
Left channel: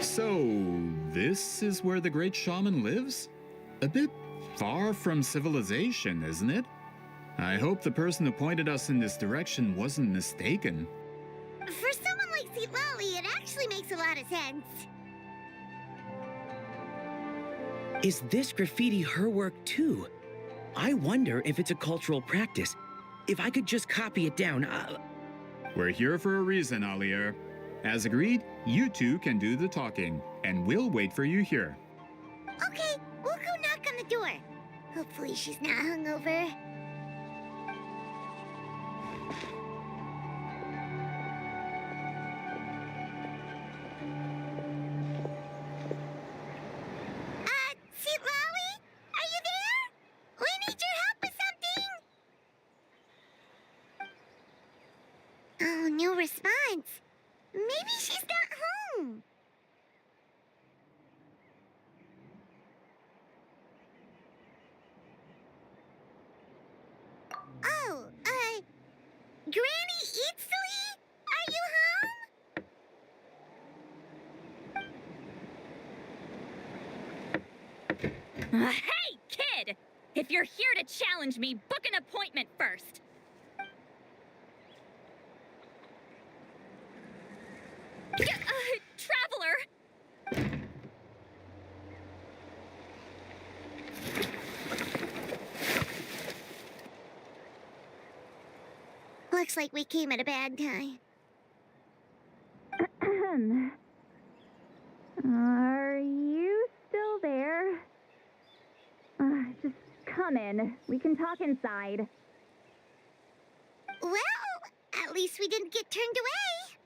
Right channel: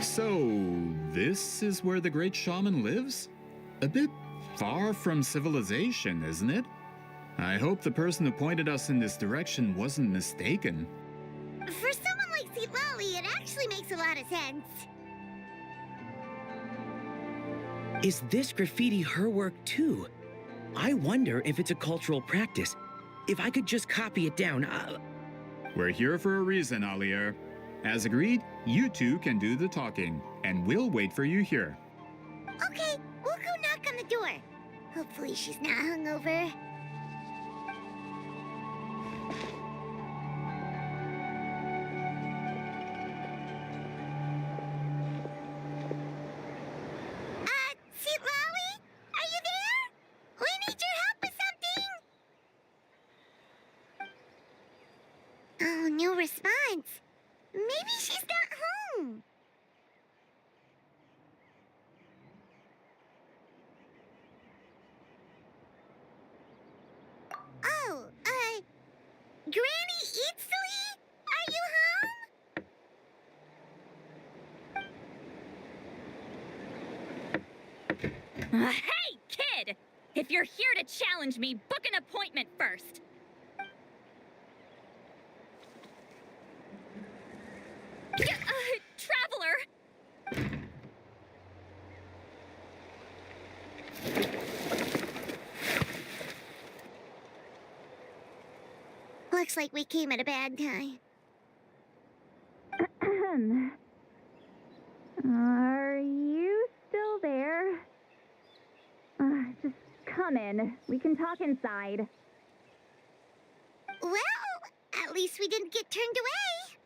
So, this is where the great shaman lives? A bit far from civilization, isn't it? I hope the person who pointed us in this direction wasn't mistaken. For someone like Seat Lolly, it actually makes a lot of sense. Is this graffiti her work too? I wonder if it's a cultural practice. If I could just copy it down, We're here for a reason, Alier. As agreed, you two can do the talking, and we'll wait for you here. Okay, we'll go knock on the door. Hopefully she's not hungover. Seat Lolly? Are you there? We need your help with something. Oh, no response. Maybe she's not home. Oh, Granny Itsui? Are you home? Hey, kid! If you're here to challenge me, book an appointment first. Traveler! Looks like we came at a bad time. Are you still there? Just come in. We can talk inside. Well, at least we didn't get turned away.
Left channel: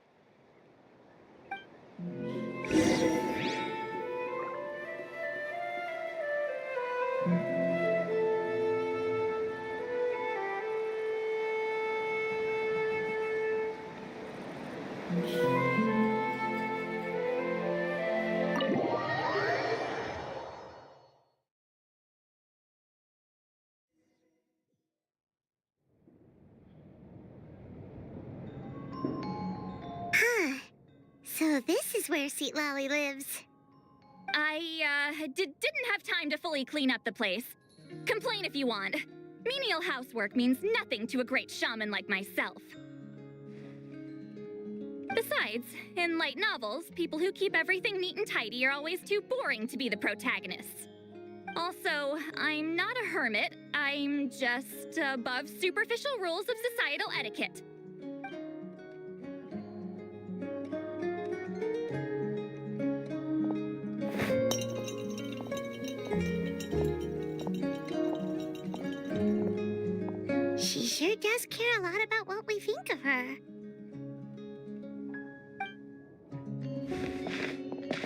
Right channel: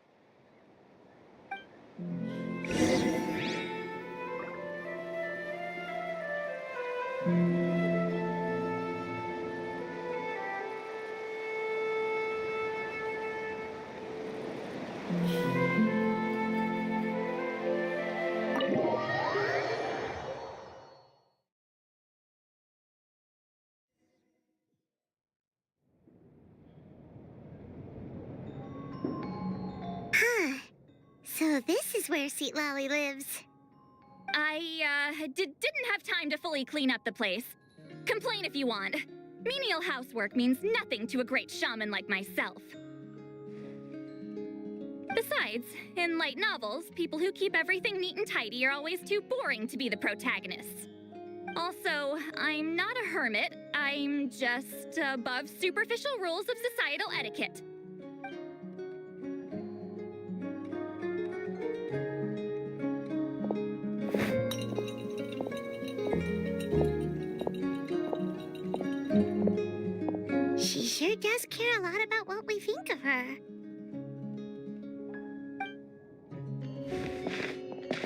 Huh. So this is where Seat Lolly lives. I, didn't have time to fully clean up the place. Complain if you want. Menial housework means nothing to a great shaman like myself. Besides, in light novels, people who keep everything neat and tidy are always too boring to be the protagonists. Also, I'm not a hermit. I'm just above superficial rules of societal etiquette. She sure does care a lot about what we think of her.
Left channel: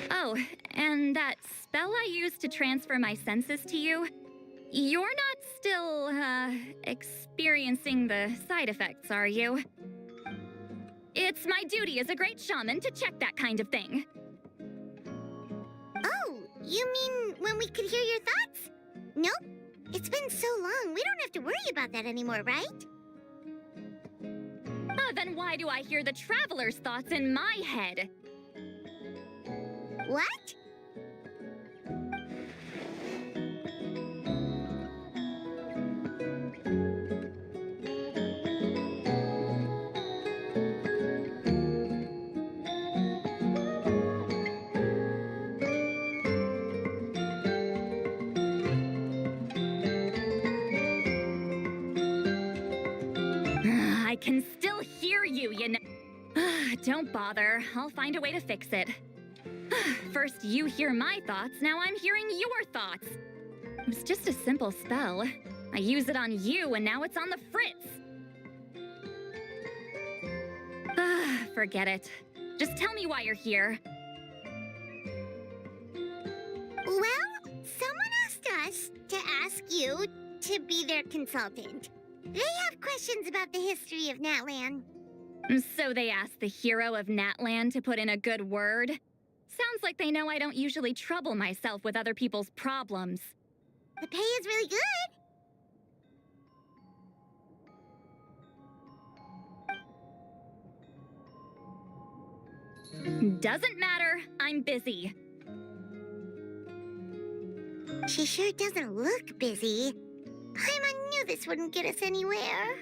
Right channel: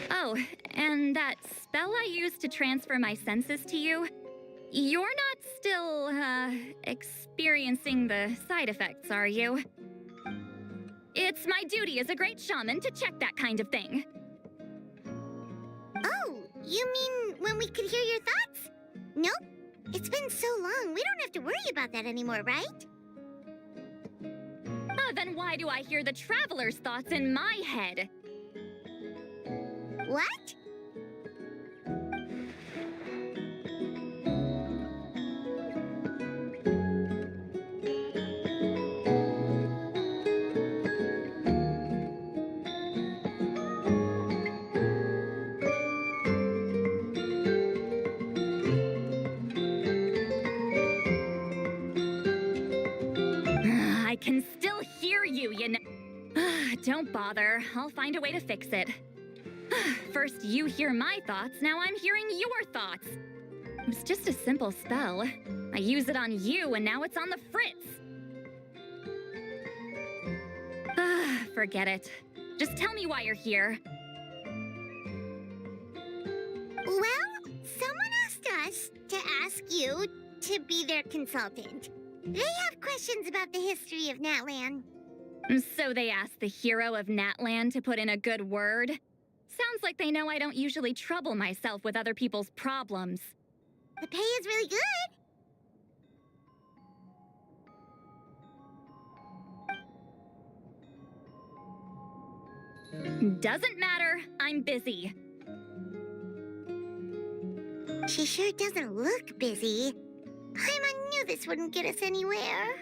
Oh, and that spell I used to transfer my senses to you, you're not still, experiencing the side effects, are you? It's my duty as a great shaman to check that kind of thing. Oh, you mean when we could hear your thoughts? Nope. It's been so long, we don't have to worry about that anymore, right? Then why do I hear the traveler's thoughts in my head? What? I can still hear you, you know. Don't bother. I'll find a way to fix it. First you hear my thoughts, now I'm hearing your thoughts. It was just a simple spell. I use it on you, and now it's on the Fritz. Forget it. Just tell me why you're here. Well, someone asked us to ask you to be their consultant. They have questions about the history of Natlan. So they asked the hero of Natlan to put in a good word? Sounds like they know I don't usually trouble myself with other people's problems. The pay is really good. Doesn't matter. I'm busy. She sure doesn't look busy. Paimon knew this wouldn't get us anywhere.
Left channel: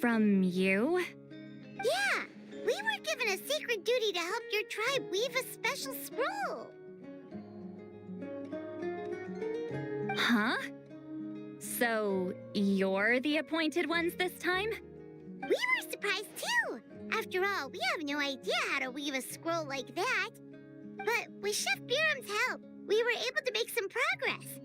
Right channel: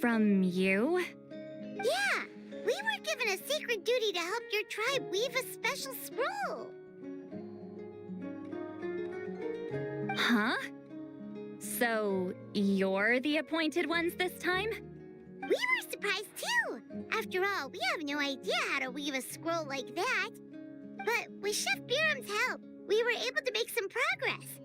From you? Yeah, we were given a sacred duty to help your tribe weave a special scroll. Huh? So, you're the appointed ones this time? We were surprised too. After all, we have no idea how to weave a scroll like that. But with Chef Biram's help, we were able to make some progress.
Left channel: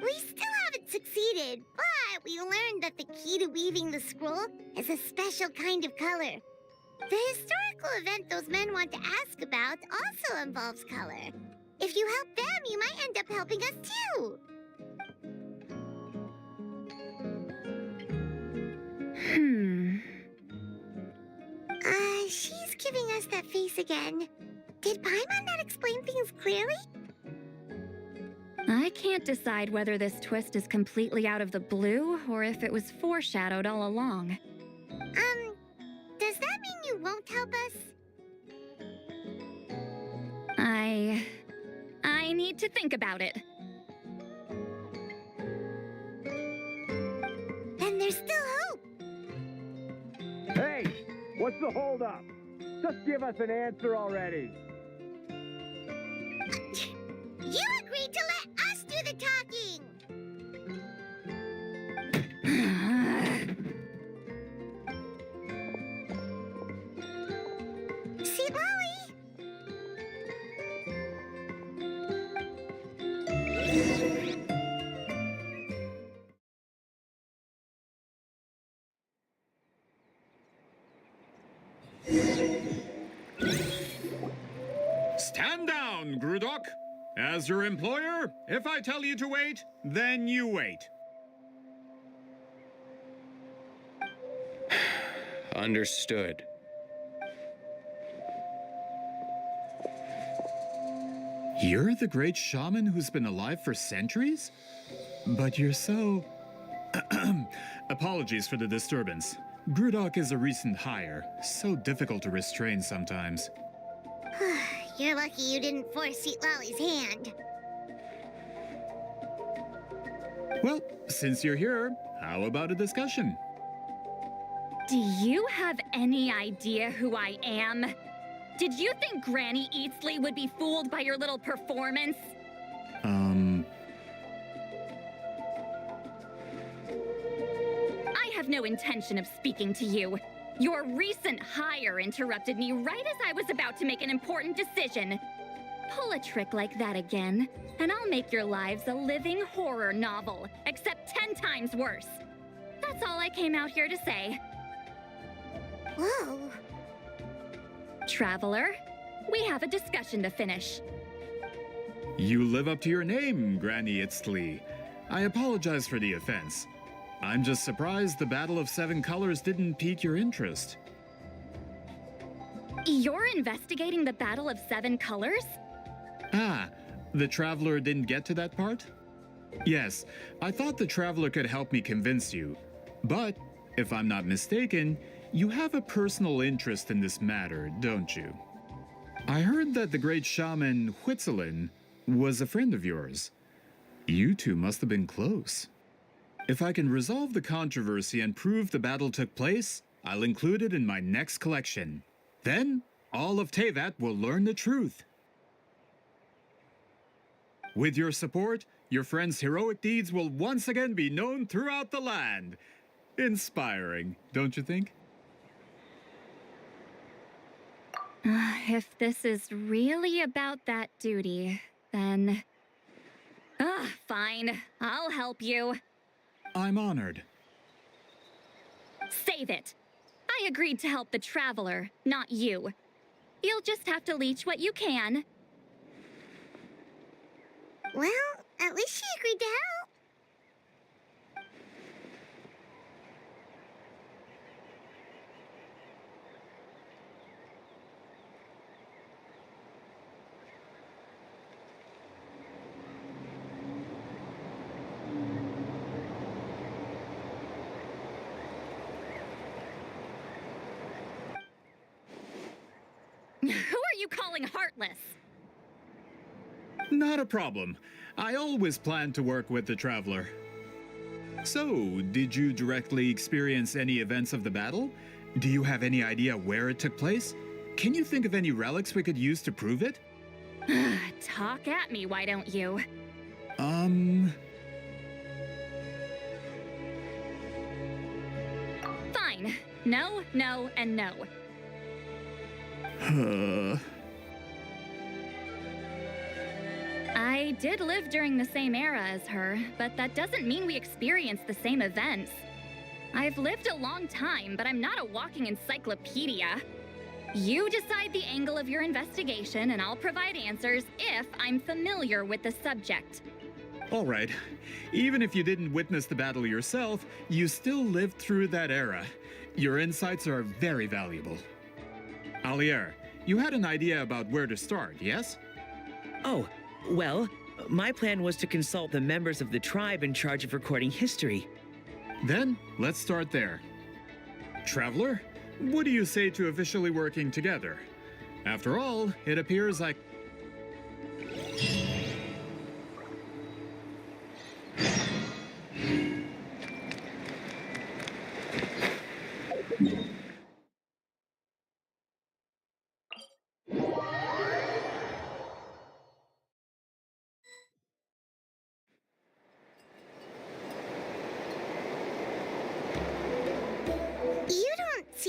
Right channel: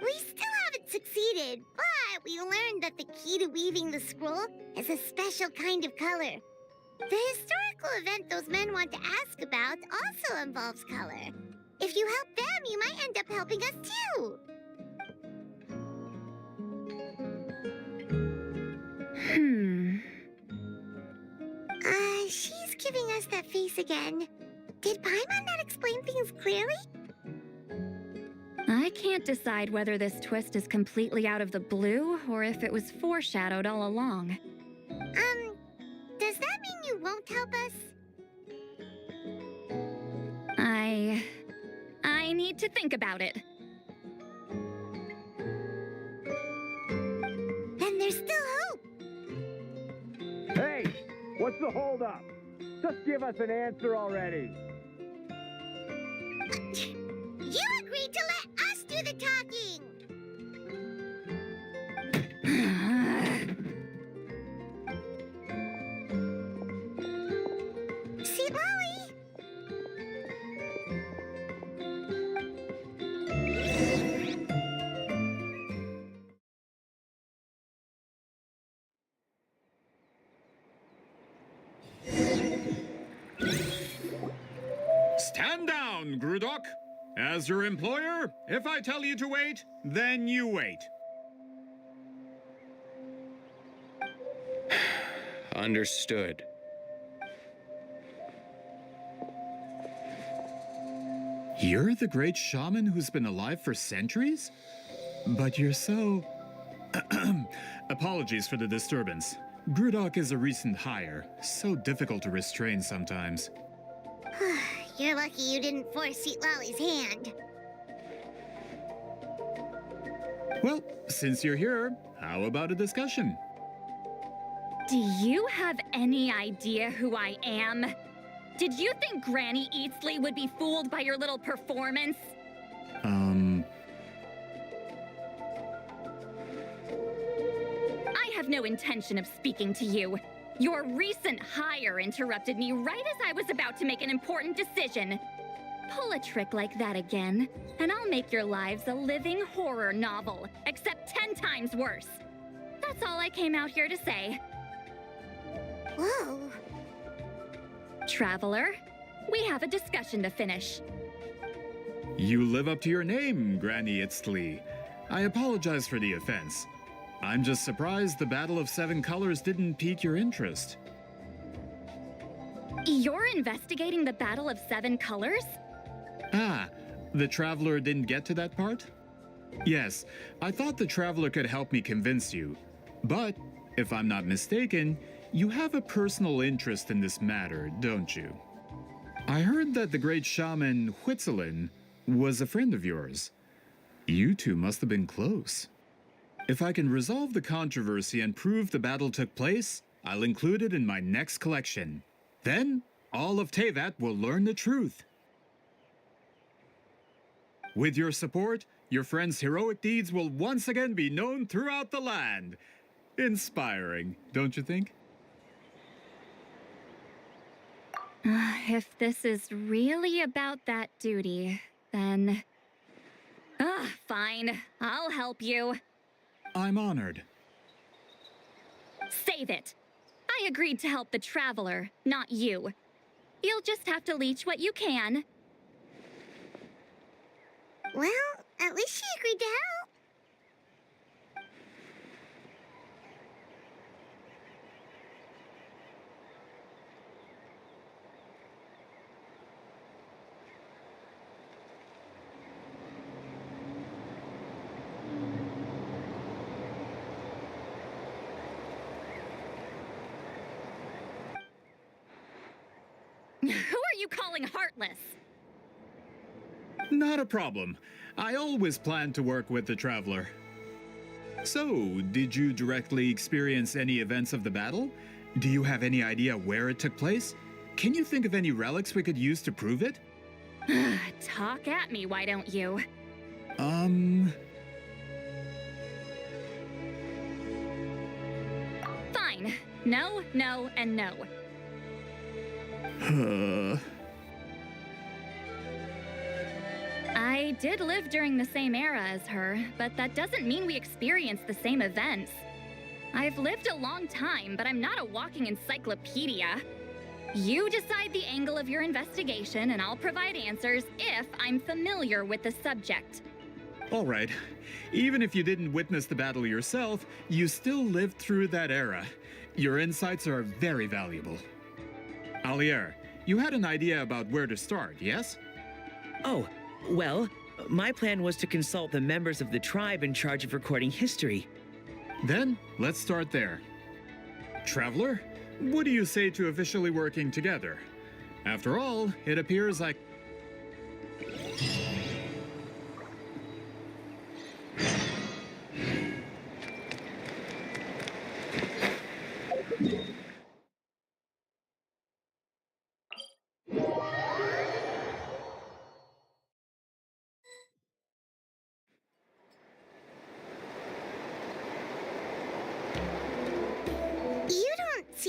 We still haven't succeeded, but we learned that the key to weaving the scroll is a special kind of color. The historical event those men want to ask about also involves color. If you help them, you might end up helping us too. She's giving us that face again. Did Paimon not explain things clearly? I can't decide whether this twist is completely out of the blue or if it was foreshadowed all along. Does that mean you won't help us? I need to think about it. Then there's still hope. Hey, what's the holdup? Just give us an answer already. You agreed to let us do the talking! Sweet Lolly! Stand down, Grudok. As your employer, if I tell you to wait, then you wait. Understood. You're the great shaman who's been alive for centuries? But you're so... Apologies for the disturbance. Grudok is a recent hire, so difficult to restrain sometimes. You're lucky you didn't force Sweet Lolly's hand. Well, since you're here, how about a discussion? Do you have any idea who I am? Did you think Granny Eatsley would be fooled by your little performance? I have no intention of speaking to you. Your recent hire interrupted me right as I was about to make an important decision. Pull a trick like that again, and I'll make your lives a living horror novel, except 10 times worse. That's all I came out here to say. Whoa. Traveler, we have a discussion to finish. You live up to your name, Granny Itztli. I apologize for the offense. I'm just surprised the Battle of Seven Colors didn't pique your interest. You're investigating the Battle of Seven Colors? Ah, the Traveler didn't get to that part? Yes, I thought the Traveler could help me convince you. But, if I'm not mistaken, you have a personal interest in this matter, don't you? I heard that the great shaman Huitzilin was a friend of yours. You two must have been close. If I can resolve the controversy and prove the battle took place, I'll include it in my next collection. Then, all of Tevat will learn the truth. With your support, your friend's heroic deeds will once again be known throughout the land. Inspiring, don't you think? If this is really about that duty, then... fine. I'll help you. I'm honored. Save it. I agreed to help the Traveler, not you. You'll just have to leech what you can. Well, at least she agreed to help. Who are you calling heartless? Not a problem. I always plan to work with the Traveler. So, did you directly experience any events of the battle? Do you have any idea where it took place? Can you think of any relics we could use to prove it? Talk at me, why don't you? Fine. No, no, and no. I did live during the same era as her, but that doesn't mean we experienced the same events. I've lived a long time, but I'm not a walking encyclopedia. You decide the angle of your investigation, and I'll provide answers if I'm familiar with the subject. All right. Even if you didn't witness the battle yourself, you still lived through that era. Your insights are very valuable. Alier, you had an idea about where to start, yes? Oh, well, my plan was to consult the members of the tribe in charge of recording history. Then, let's start there. Traveler, what do you say to officially working together? After all, it appears like...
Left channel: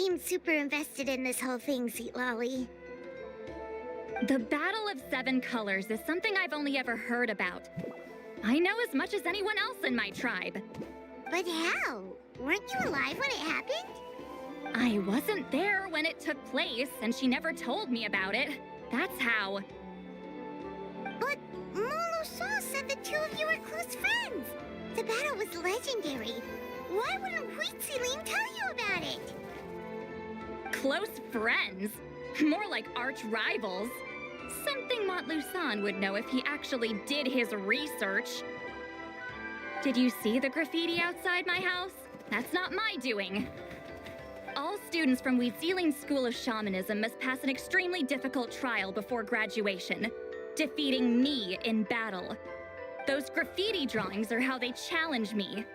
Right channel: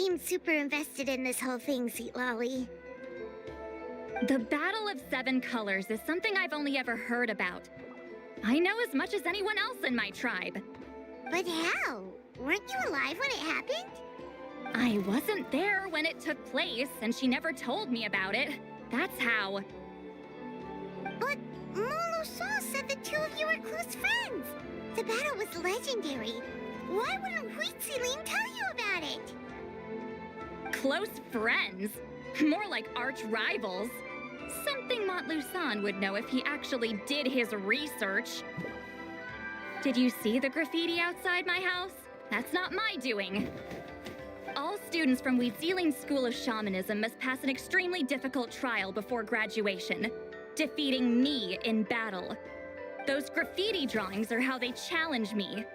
seem super invested in this whole thing, Sweet Lolly. The Battle of Seven Colors is something I've only ever heard about. I know as much as anyone else in my tribe. But how? Weren't you alive when it happened? I wasn't there when it took place, and she never told me about it. That's how. But Molo-Saw said the two of you were close friends. The battle was legendary. Why wouldn't Huitziling tell you about it? Close friends? More like arch rivals. Something Montluçon would know if he actually did his research. Did you see the graffiti outside my house? That's not my doing. All students from Huitziling's School of Shamanism must pass an extremely difficult trial before graduation, defeating me in battle. Those graffiti drawings are how they challenge me.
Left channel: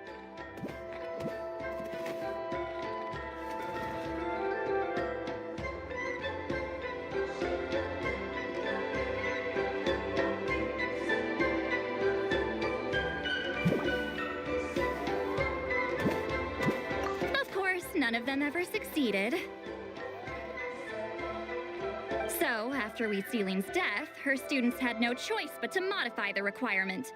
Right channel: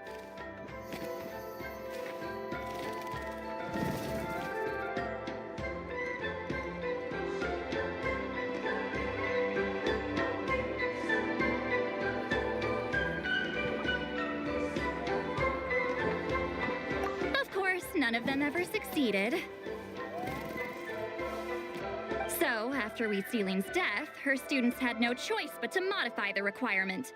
None of them ever succeeded. So, after Huitziling's death, her students had no choice but to modify the requirement.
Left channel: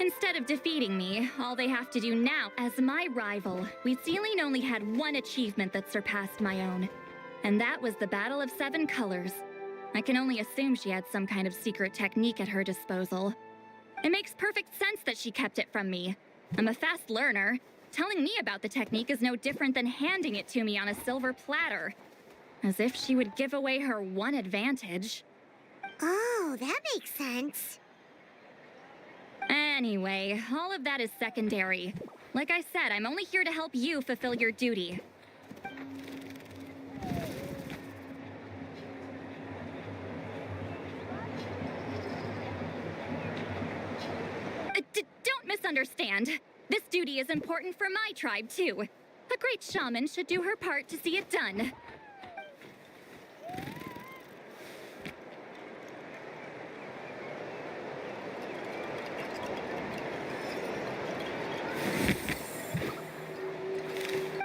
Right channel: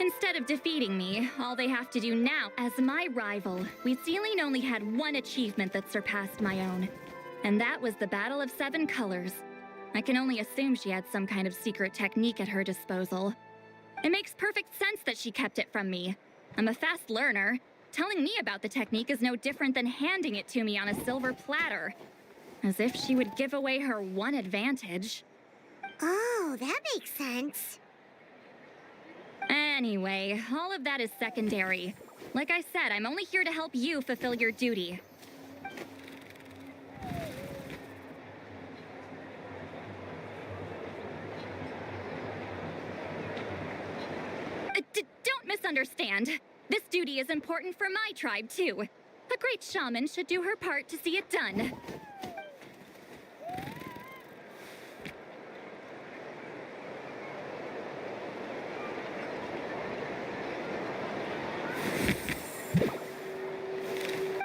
Instead of defeating me, all they have to do now, as my rival, Huitziling only had one achievement that surpassed my own. And that was the Battle of Seven Colors. I can only assume she had some kind of secret technique at her disposal. It makes perfect sense that she kept it from me. I'm a fast learner. Telling me about the technique is no different than handing it to me on a silver platter. As if she would give away her one advantage. Oh, that makes sense. Anyway, all of that is secondary. Like I said, I'm only here to help you fulfill your duty. Don't misunderstand. This duty is important for my tribe, too. A great shaman should do her part to see it done.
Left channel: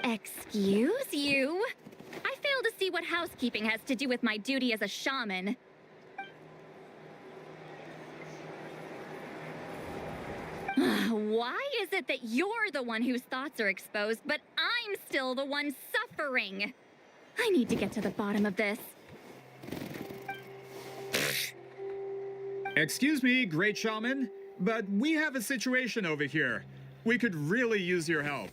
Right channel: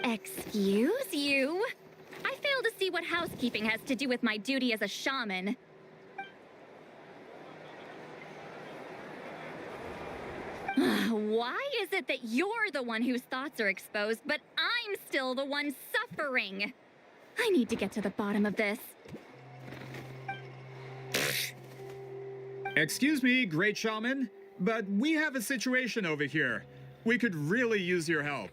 Excuse you? I fail to see what housekeeping has to do with my duty as a shaman. Why is it that you're the one whose thoughts are exposed, but I'm still the one suffering? I need to get to the bottom of this. Excuse me, great shaman, but we have a situation over here. We could really use your help.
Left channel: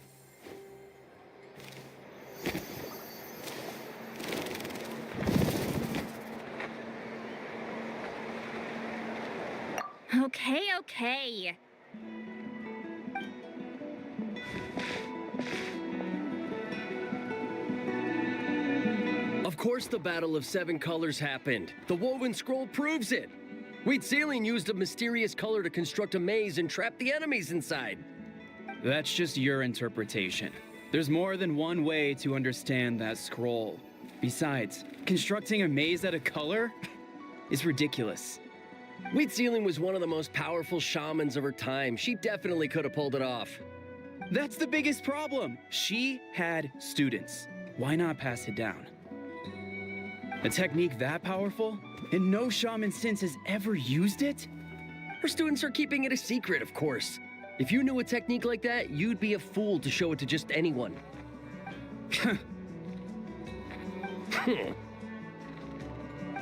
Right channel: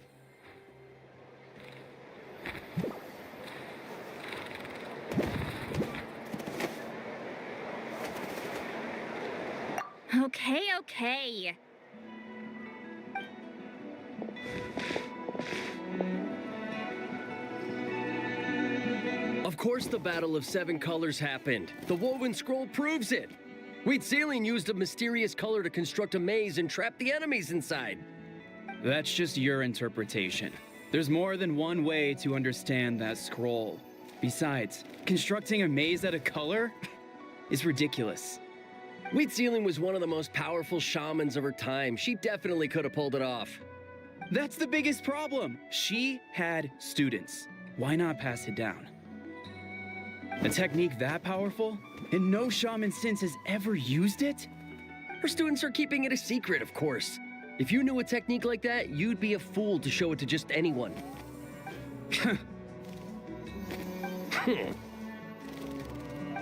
Okay. Of course the Battle of Seven Colors happened. The woven scroll proves it. Huitziling used a mysterious color to construct a maze and trap the enemies inside. That's just your interpretation. There's more than one way to understand that scroll. Besides, constructing a maze out of color is ridiculous. Huitziling was one of the most powerful shamans of her time. She definitely could have pulled it off. That's the biggest problem. She had students. Why not pass it down? A technique that powerful? And no shaman since has ever used it? Her students are keeping it a secret, of course. If you knew a technique like that, you'd be a fool to show it to just anyone.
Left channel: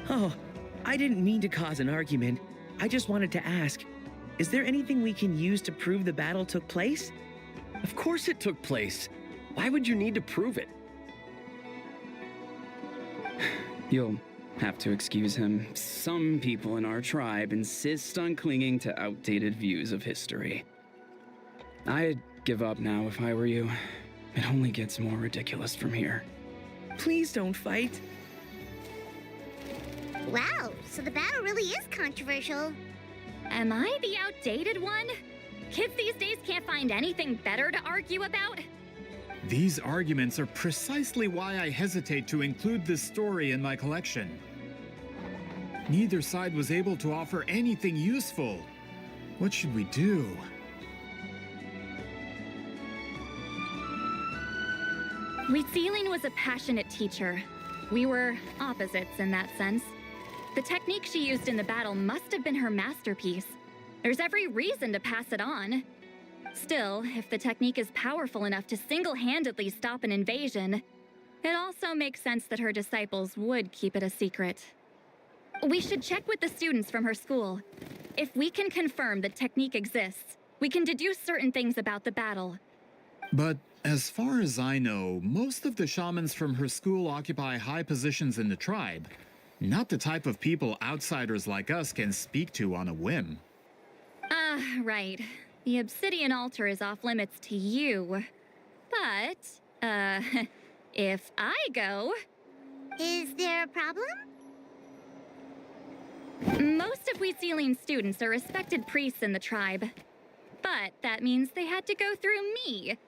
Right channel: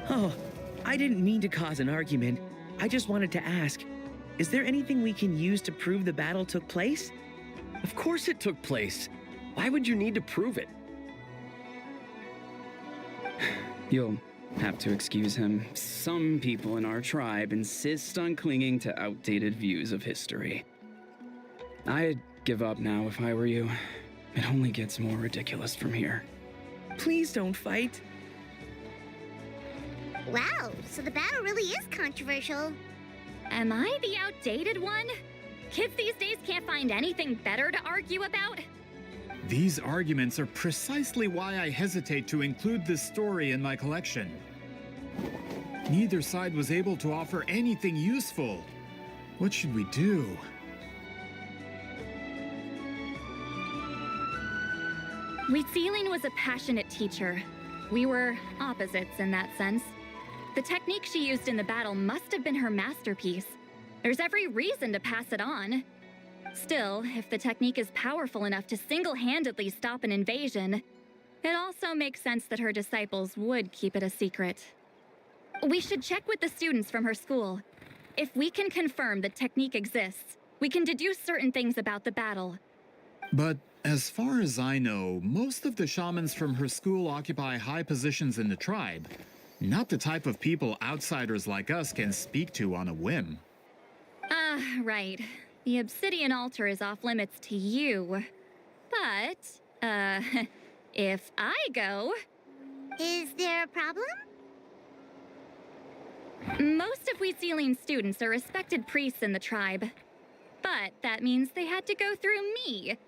Oh, I didn't mean to cause an argument. I just wanted to ask, is there anything we can use to prove the battle took place? Of course it took place. Why would you need to prove it? You'll have to excuse him. Some people in our tribe insist on clinging to outdated views of history. I'd give up now if I were you. It only gets more ridiculous from here. Please don't fight. Wow, so the battle really is controversial. Am I the outdated one? Kids these days can't find anything better to argue about? These arguments are precisely why I hesitate to include this story in my collection. Neither side was able to offer anything useful. What should we do? Wheatsealing was a passionate teacher. We were opposites in that sense. The technique she used in the battle must have been her masterpiece. There's every reason to pass it on. Still, if the technique is powerful enough to single-handedly stop an invasion, it also makes sense that her disciples would keep it a secret. We should check with the students from her school. If we can confirm the technique exists, we can deduce certain things about the battle. But as far as I know, most of the shamans from her school occupy high positions in the tribe. Not the type of people outsiders like us can speak to on a whim. Right. The obsidian altar is off limits to you. But, if I go... Is there a problem? Most of Wheatsealing's students are respected priests in the tribe. But that means they had to go through me.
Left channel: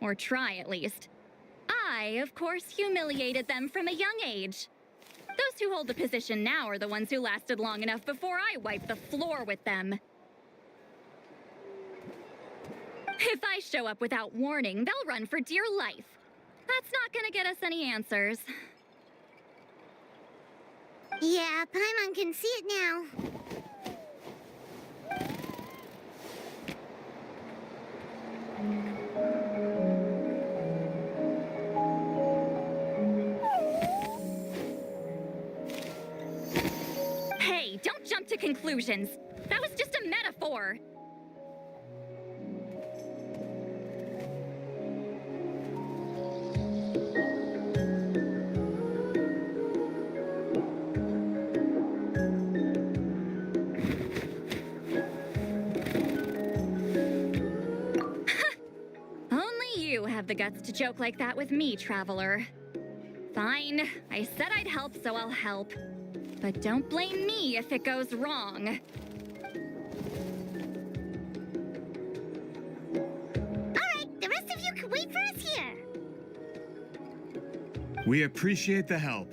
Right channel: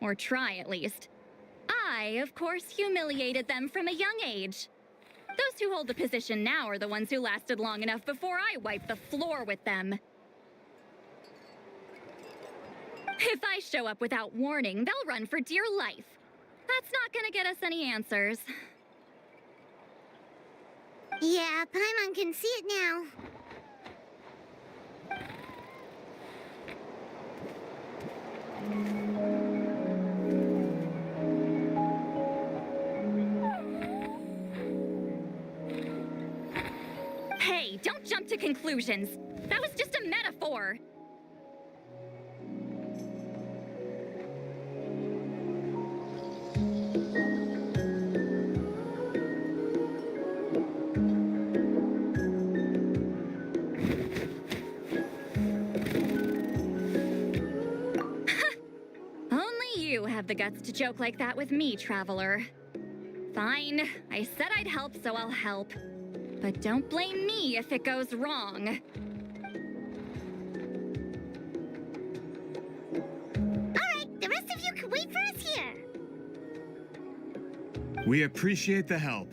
Or try, at least. I, of course, humiliated them from a young age. Those who hold the position now are the ones who lasted long enough before I wiped the floor with them. If I show up without warning, they'll run for dear life. That's not gonna get us any answers. Yeah, Paimon can see it now. Hey, don't jump to conclusions. That was just a metaphor. Have the guts to joke like that with me, Traveler. Fine, I said I'd help, so I'll help. But don't blame me if it goes wrong. Alright, the rest of you can wait for us here. We appreciate the help.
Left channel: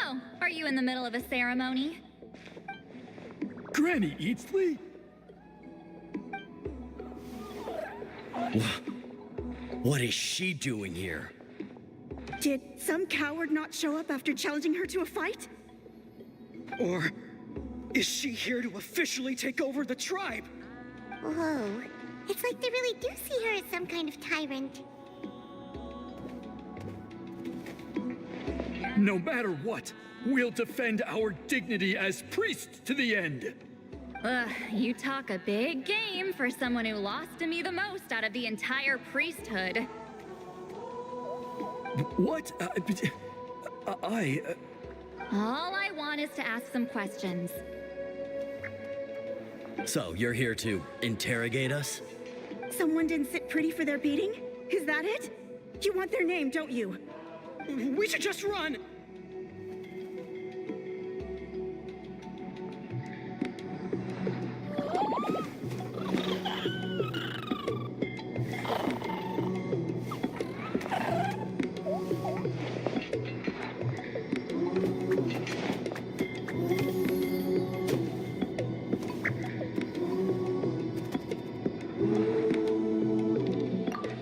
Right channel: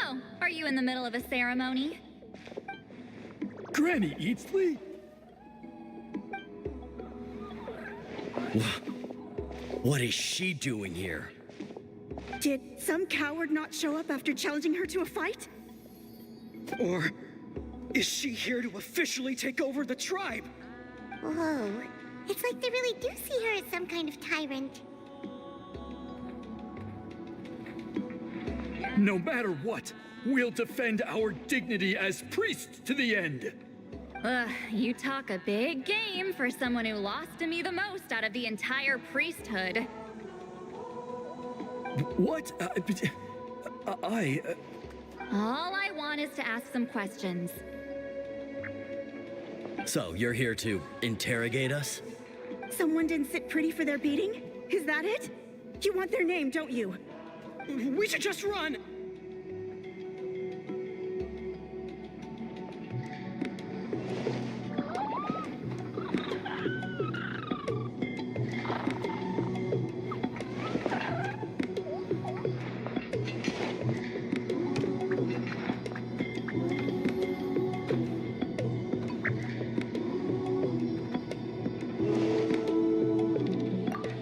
Oh, are you in the middle of a ceremony? Granny Eatsley? What is she doing here? Did some coward not show up after challenging her to a fight? Or is she here to officially take over the tribe? Whoa. It's like they really do see her as some kind of tyrant. No matter what, we'll defend our dignity as priests to the end. Ugh, you talk a big game for someone who lost to me the most out of the entire priesthood. What? All I want is to ask some questions. So, you're here to interrogate us? Someone didn't sit pretty for their beating? Is that it? You want their name, don't you? We should just run!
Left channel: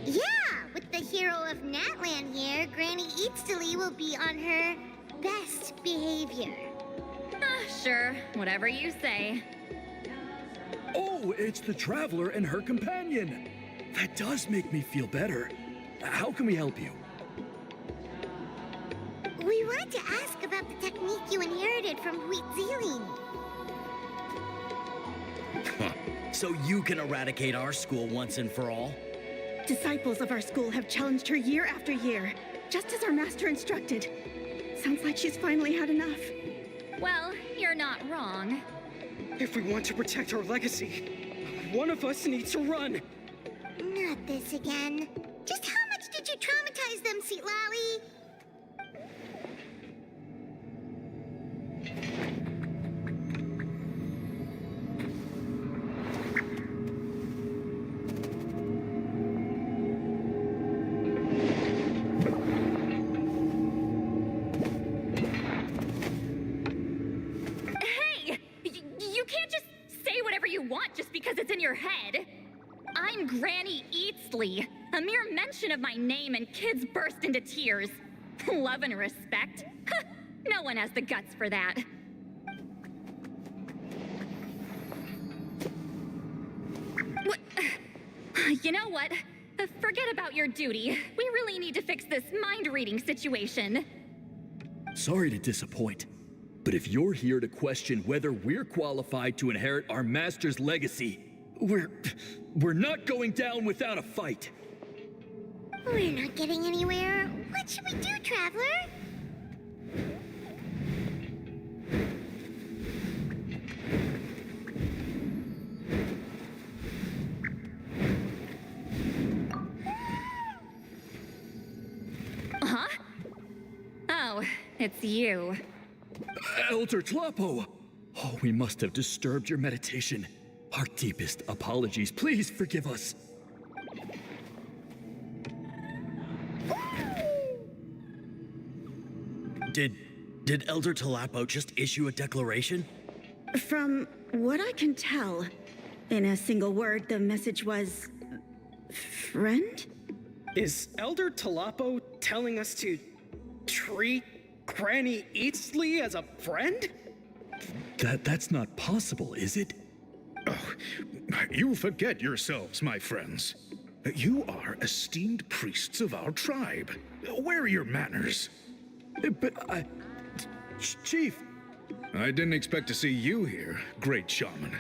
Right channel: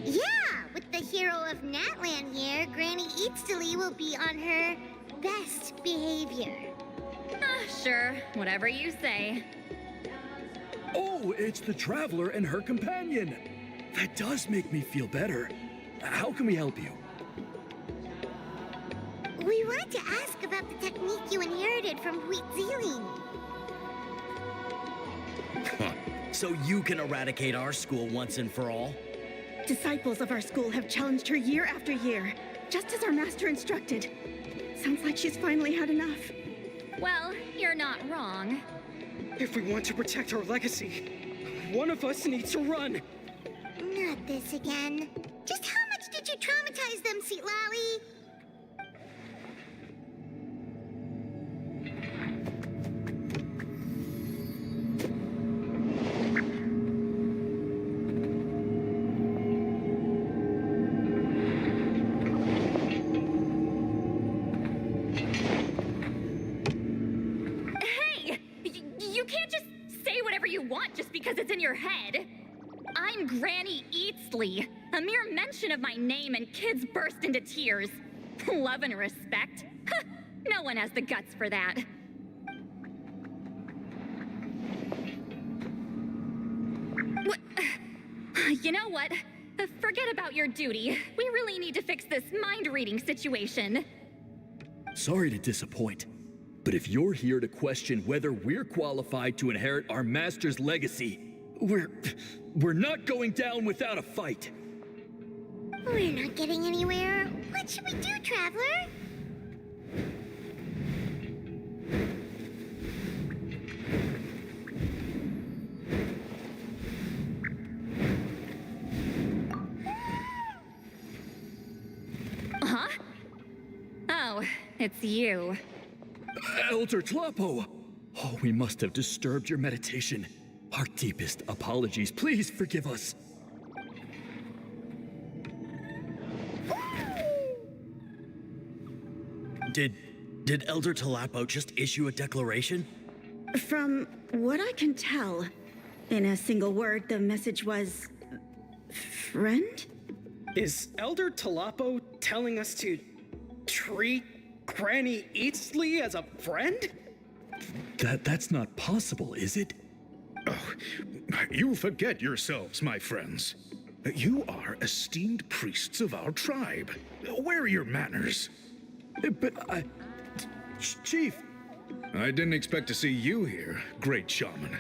Yeah, with the hero of Natland here, Granny Eatstily will be on her best behavior. Sure, whatever you say. Oh, it's the Traveler and her companion. That does make me feel better. How can we help you? We wanted to ask about the technique you inherited from Huitziling. So you can eradicate our school once and for all? Disciples of our school have challenged her year after year, just as our master instructed. Sounds like she's finally had enough. Well, you're not wrong. If we want to protect our legacy, one of us needs to run. Not this again. Just how much did you traumatize them, Seatlally? Hey! You can't just say whatever you want just because it's in your head. I'm Granny Eatsley. A mere mention of my name and kids burst into tears. Love and respect? Huh, no one has the guts for that. What? You know what? Forget about your duty. We really need to fix this mind-reading situation. Sorry to disappoint, but if you're here to question whether we're qualified to inherit our master's legacy, we're not going down without a fight. We're not getting anywhere. What should we do, Traveler? Huh? Oh, it's you. Elder Tlapo! Oh, we must have disturbed your meditation. Our deepest apologies. Please forgive us. Did Elder Tlapo just issue a declaration? From what I can tell, in a single word, the message was... friend? Is Elder Tlapo telling us to treat Granny Eatsley as a friend? That's not possible, is it? Oh, you forget yourselves, my friends. You are esteemed priests of our tribe. Where are your manners? But Chief! I didn't expect to see you here, great shaman.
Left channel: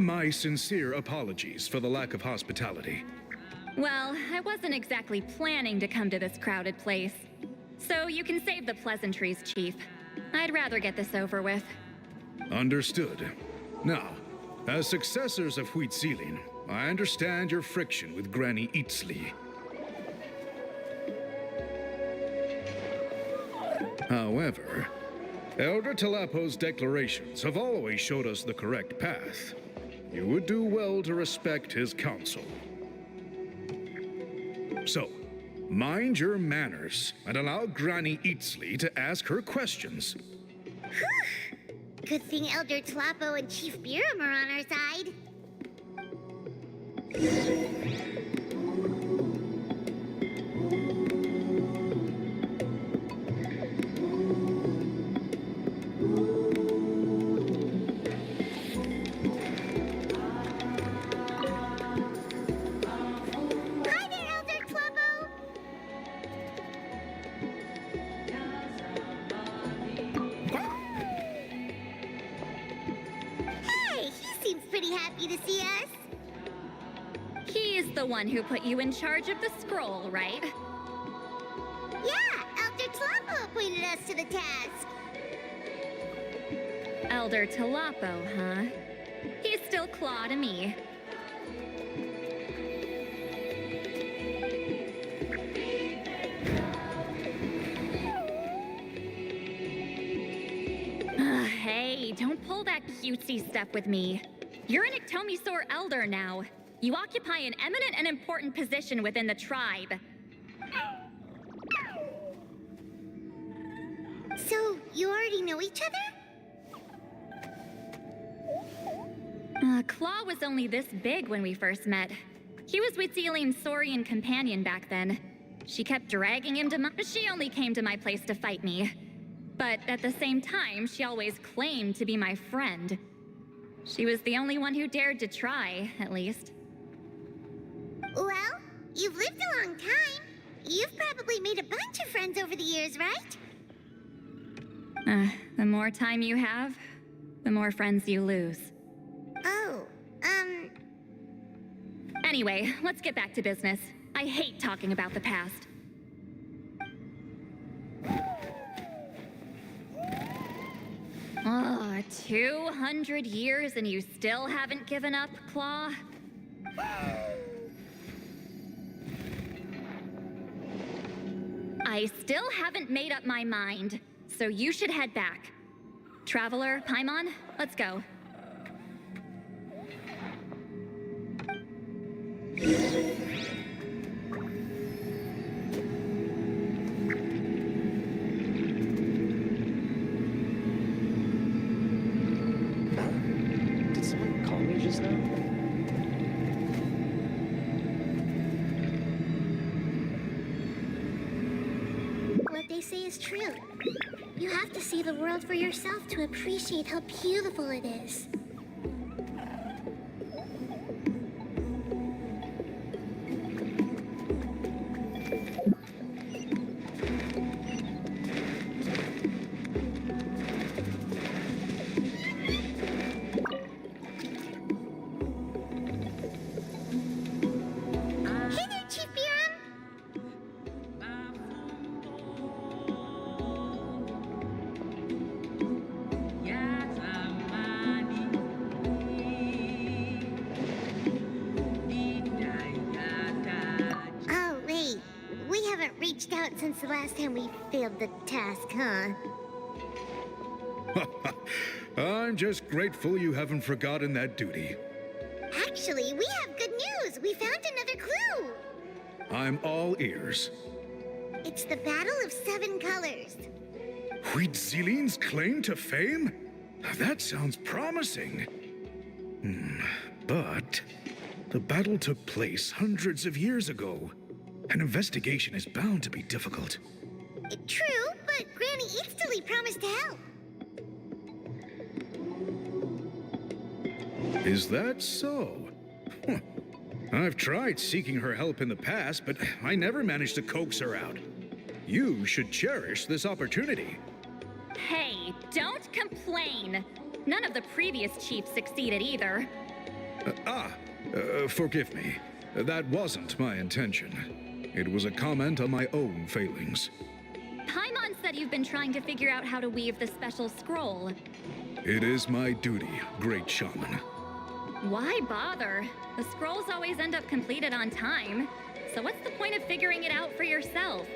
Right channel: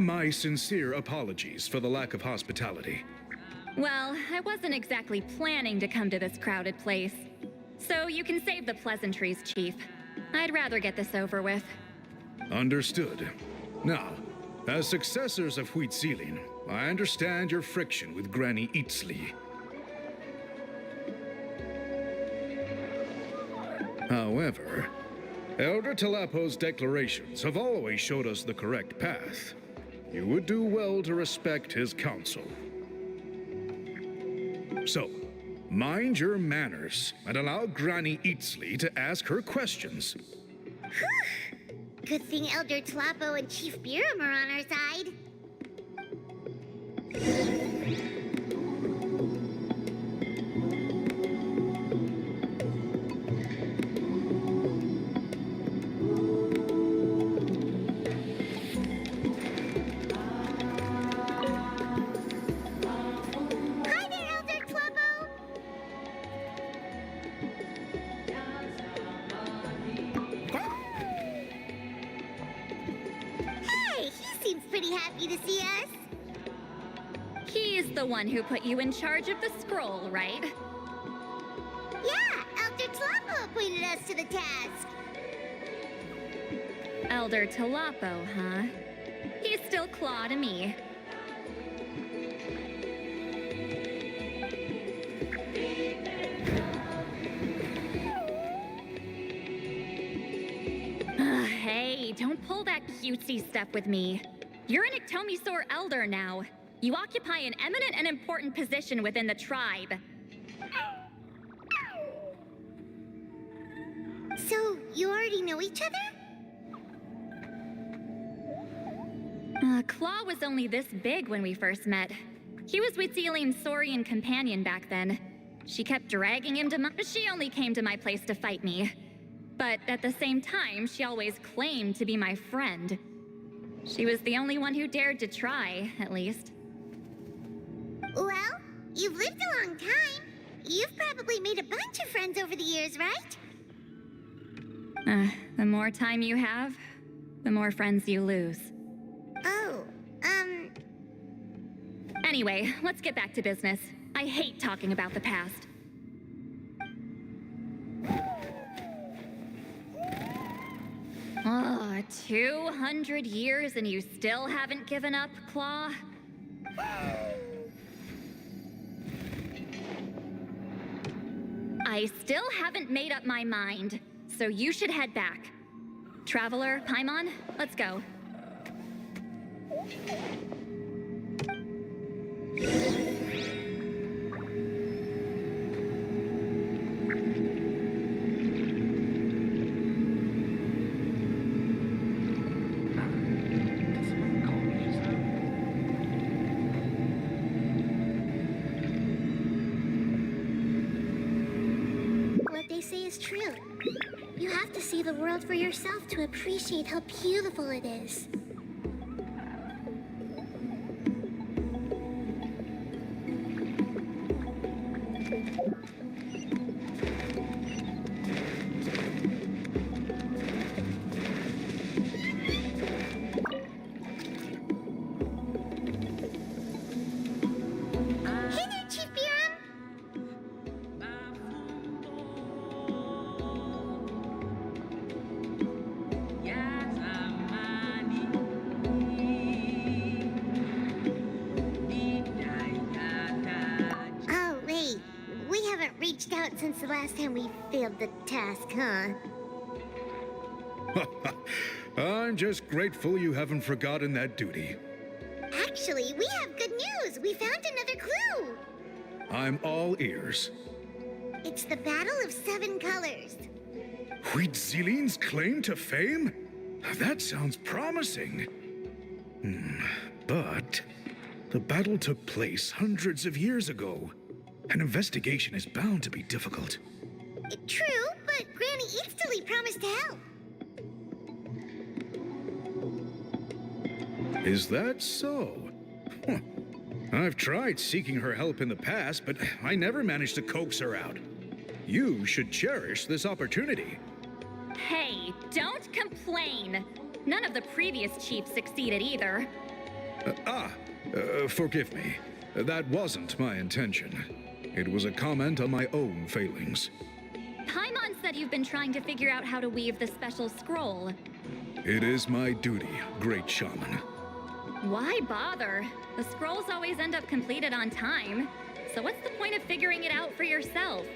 My sincere apologies for the lack of hospitality. Well, I wasn't exactly planning to come to this crowded place. So you can save the pleasantries, Chief. I'd rather get this over with. Understood. Now, as successors of Huitziling, I understand your friction with Granny Eatsley. However, Elder Tlapo's declarations have always showed us the correct path. You would do well to respect his counsel. So, mind your manners and allow Granny Eatsley to ask her questions. Good thing Elder Tlapo and Chief Biram are on our side. Hi there, Elder Tlapo! Hey, he seems pretty happy to see us. He's the one who put you in charge of the scroll, right? Yeah, Elder Tlapo appointed us to the task. Elder Tlapo, huh? He's still Claw to me. Hey, don't pull that cutesy stuff with me. You're an Iktomisaur Elder now. You occupy an eminent and important position within the tribe. So, you already know each other? Claw was only this big when we first met. He was with Zeline's Saurian companion back then. She kept dragging him to She only came to my place to fight me. But at the same time, she always claimed to be my friend. She was the only one who dared to try, at least. Well, you've lived a long time. You've probably made a bunch of friends over the years, right? The more time you have, the more friends you lose. Oh, Anyway, let's get back to business. I hate talking about the past. Oh, 200 years and you still haven't given up, Claw? I still haven't made up my mind, so you should head back. Traveler, Paimon, let's go. Did someone call me just now? what they say is true. You have to see the world for yourself to appreciate how beautiful it is. Since the last time we failed the task, huh? I'm just grateful you haven't forgotten that duty. Actually, we have good news. We found another clue. I'm all ears. It's the Battle of Seven Colors. Huitziline's claim to fame? That sounds promising. But the battle took place hundreds of years ago. An investigation is bound to be difficult. True, but Granny Eatsterly promised to help. Is that so? Huh. I've tried seeking her help in the past, but I never managed to coax her out. You should cherish this opportunity. Hey, don't complain. None of the previous chiefs succeeded either. Forgive me. That wasn't my intention. It was a comment on my own failings. Paimon said you've been trying to figure out how to weave the special scroll. It is my duty, great shaman. Why bother? The scrolls always end up completed on time. So what's the point of figuring it out for yourself?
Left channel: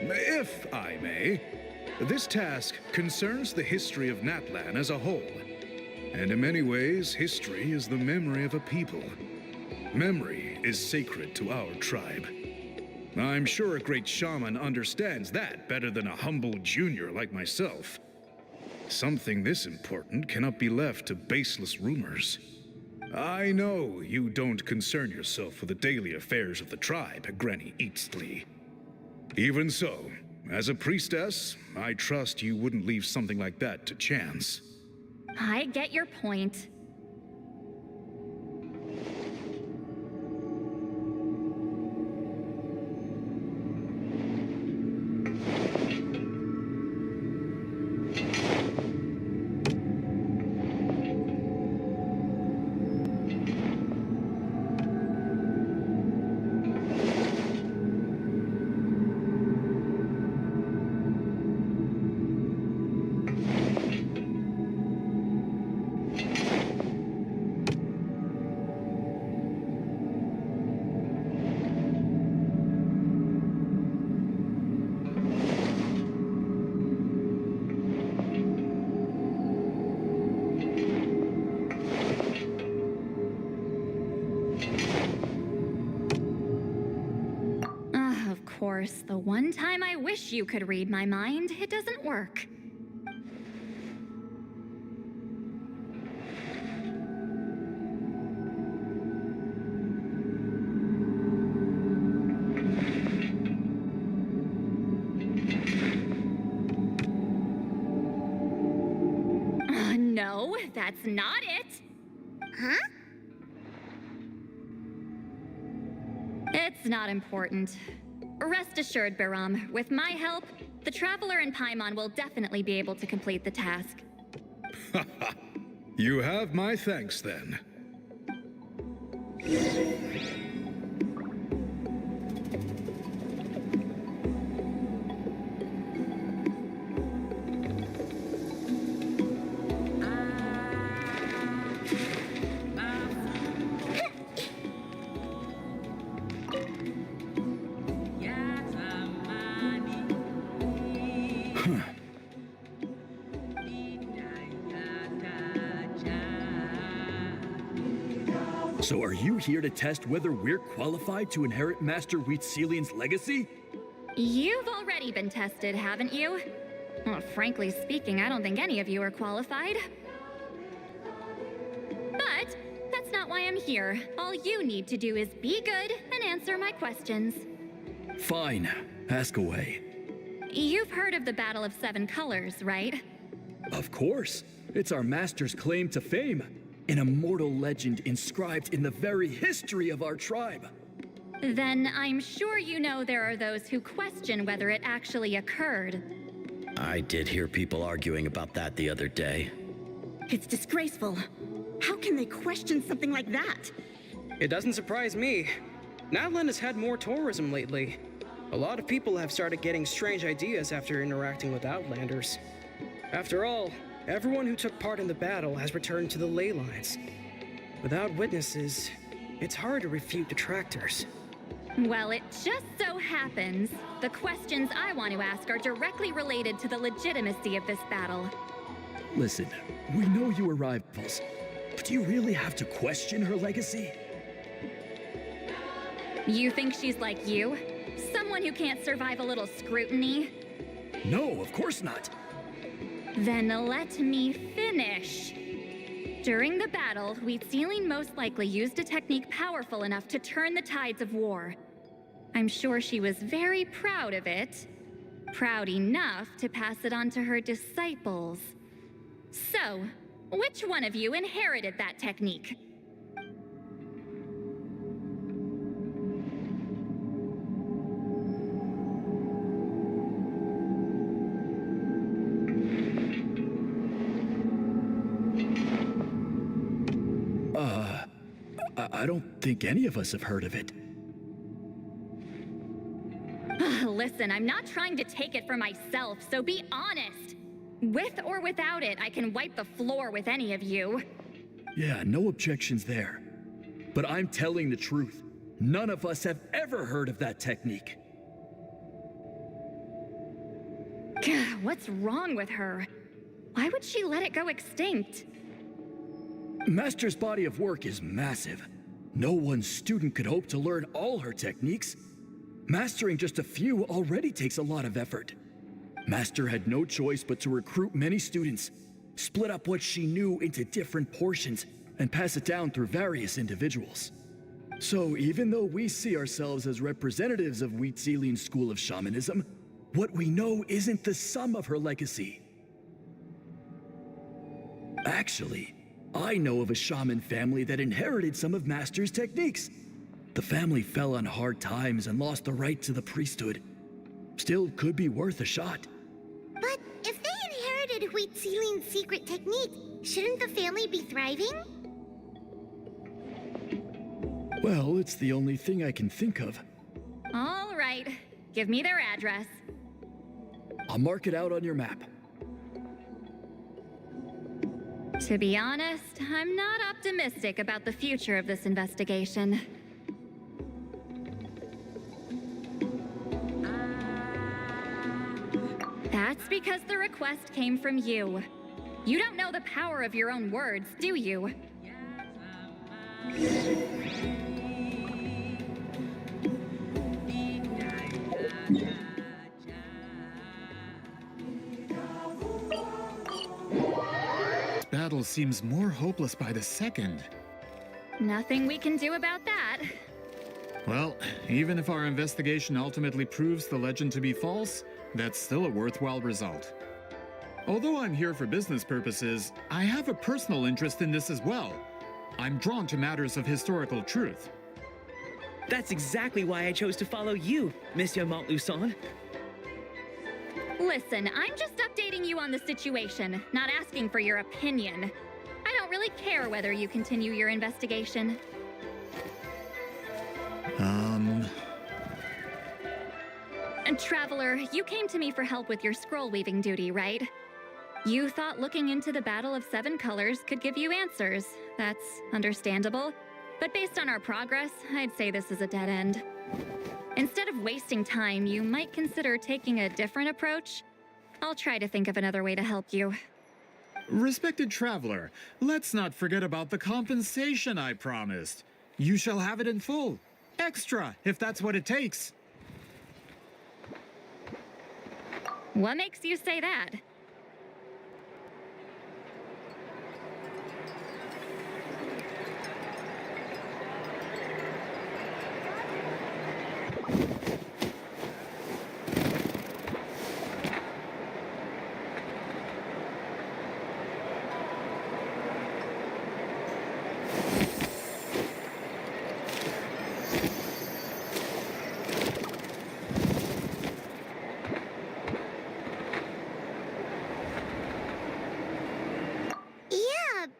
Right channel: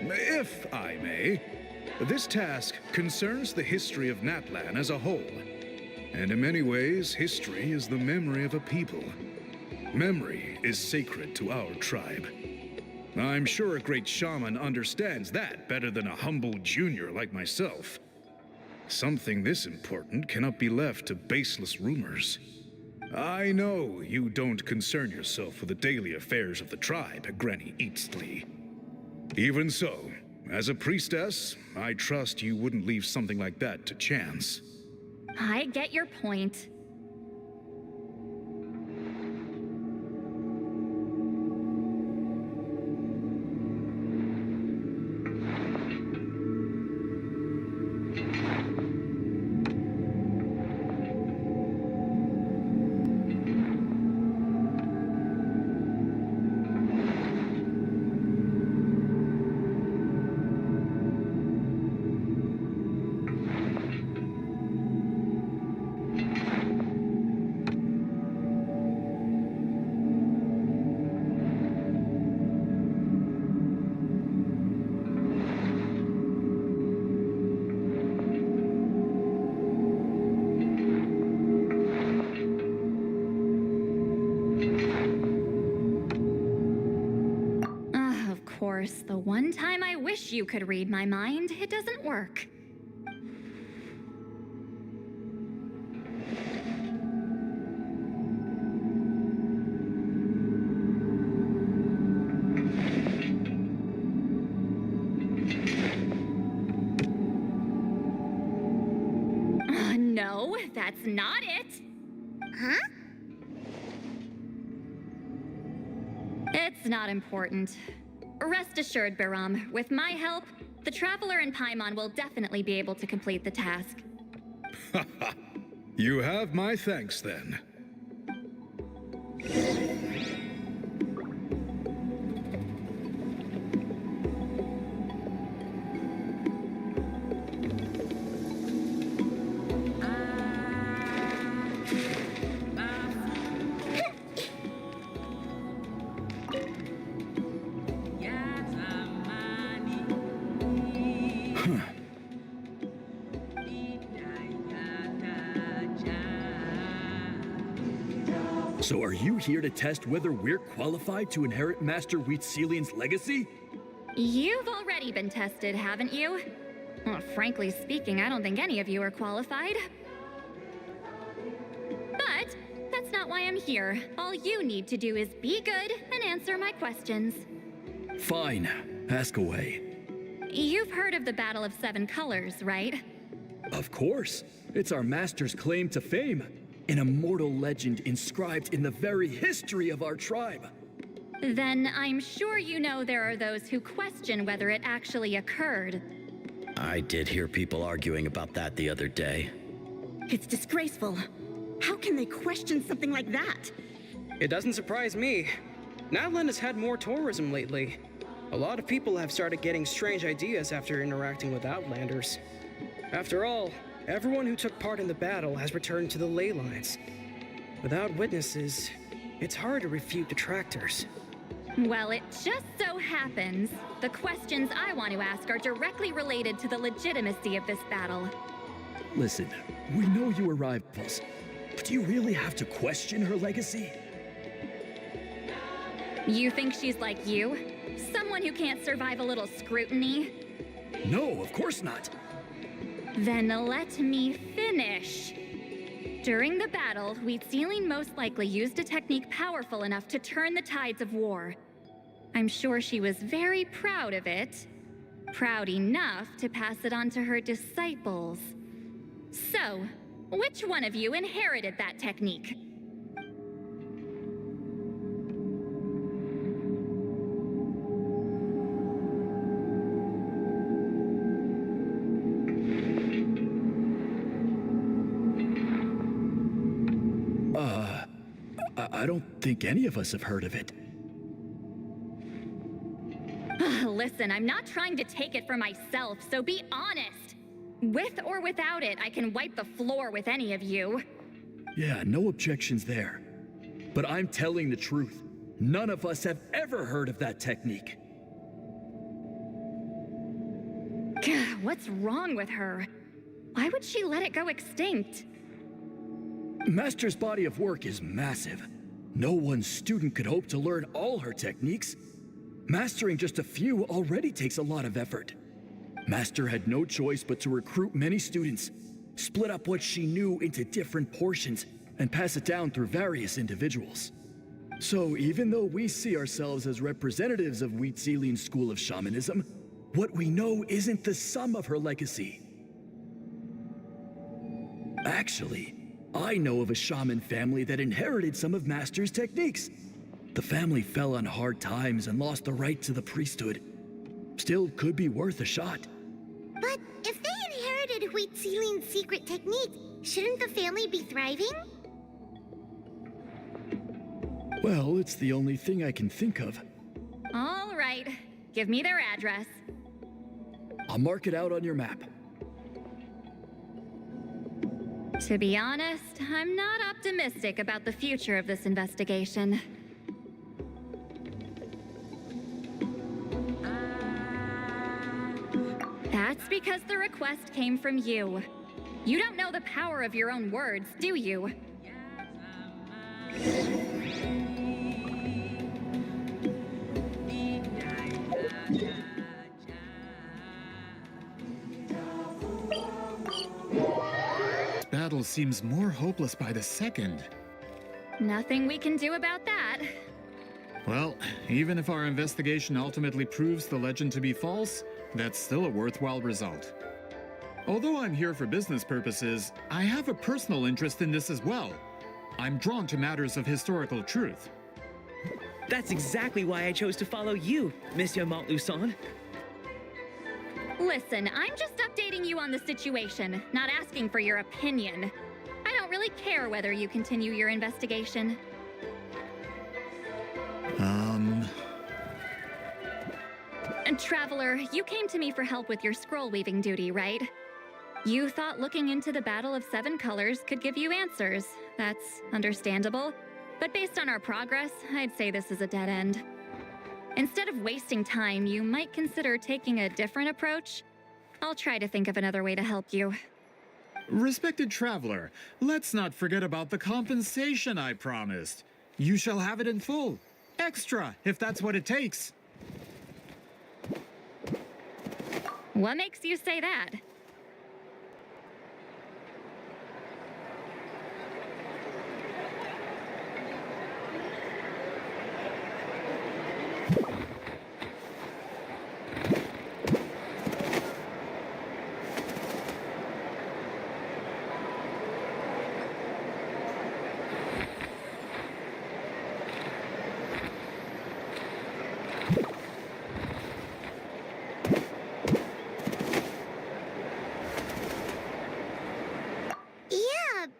If I may, this task concerns the history of Natlan as a whole. And in many ways, history is the memory of a people. Memory is sacred to our tribe. I'm sure a great shaman understands that better than a humble junior like myself. Something this important cannot be left to baseless rumors. I know you don't concern yourself with the daily affairs of the tribe, Granny Eatsterly. Even so, as a priestess, I trust you wouldn't leave something like that to chance. I get your point. course, the one time I wish you could read my mind, it doesn't work. No, that's not it. Huh? It's not important. Rest assured, Biram, with my help, the Traveler and Paimon will definitely be able to complete the task. You have my thanks then. So are you here to test whether we're qualified to inherit Master Wheatselian's legacy? You've already been tested, haven't you? Well, frankly speaking, I don't think any of you are qualified. But that's not why I'm here. All you need to do is be good and answer my questions. Fine. Ask away. You've heard of the Battle of Seven Colors, right? Of course. It's our master's claim to fame. An immortal legend inscribed in the very history of our tribe. Then I'm sure you know there are those who question whether it actually occurred. I did hear people arguing about that the other day. It's disgraceful. How can they question something like that? It doesn't surprise me. Natlan has had more tourism lately. A lot of people have started getting strange ideas after interacting with Outlanders. After all, everyone who took part in the battle has returned to the ley lines. Without witnesses, it's hard to refute detractors. Well, it just so happens the questions I want to ask are directly related to the legitimacy of this battle. Listen, we know you were rivals, but do you really have to question her legacy? You think she's like you? Someone who can't survive a little scrutiny? No, of course not. Then let me finish. During the battle, Wheatsealing most likely used a technique powerful enough to turn the tides of war. I'm sure she was very proud of it. Proud enough to pass it on to her disciples. So, which one of you inherited that technique? I don't think any of us have heard of it. Listen, I'm not trying to take it for myself, so be honest. With or without it, I can wipe the floor with any of you. Yeah, no objections there. But I'm telling the truth. None of us have ever heard of that technique. What's wrong with her? Why would she let it go extinct? Master's body of work is massive. No one student could hope to learn all her techniques. Mastering just a few already takes a lot of effort. Master had no choice but to recruit many students, split up what she knew into different portions, and pass it down through various individuals. So even though we see ourselves as representatives of Wheatselian's school of shamanism, what we know isn't the sum of her legacy. Actually, I know of a shaman family that inherited some of Master's techniques. The family fell on hard times and lost the right to the priesthood. Still could be worth a shot. But if they inherited Wheatselian's secret technique, shouldn't the family be thriving? Well, it's the only thing I can think of. All right, give me their address. I'll mark it out on your map. To be honest, I'm not optimistic about the future of this investigation. That's because the request came from you. You don't know the power of your own words, do you? battle seems more hopeless by the second. Nothing we can do about that. Well, even if our investigation ultimately proves the legend to be false, that's still a worthwhile result. Although I'm here for business purposes, I have a personal interest in this as well. I'm drawn to matters of historical truth. That's exactly why I chose to follow you, Monsieur Montluçon. Listen, I'm just updating you on the situation, not asking for your opinion. I don't really care whether you continue your investigation. And Traveler, you came to me for help with your scroll weaving duty, right? You thought looking into the Battle of Seven Colors could give you answers. That's understandable. But based on our progress, I'd say this is a dead end. Instead of wasting time, you might consider taking a different approach. I'll try to think of another way to help you. Respected traveler, let's not forget about the compensation I promised. You shall have it in full. Extra, if that's what it takes. What makes you say that?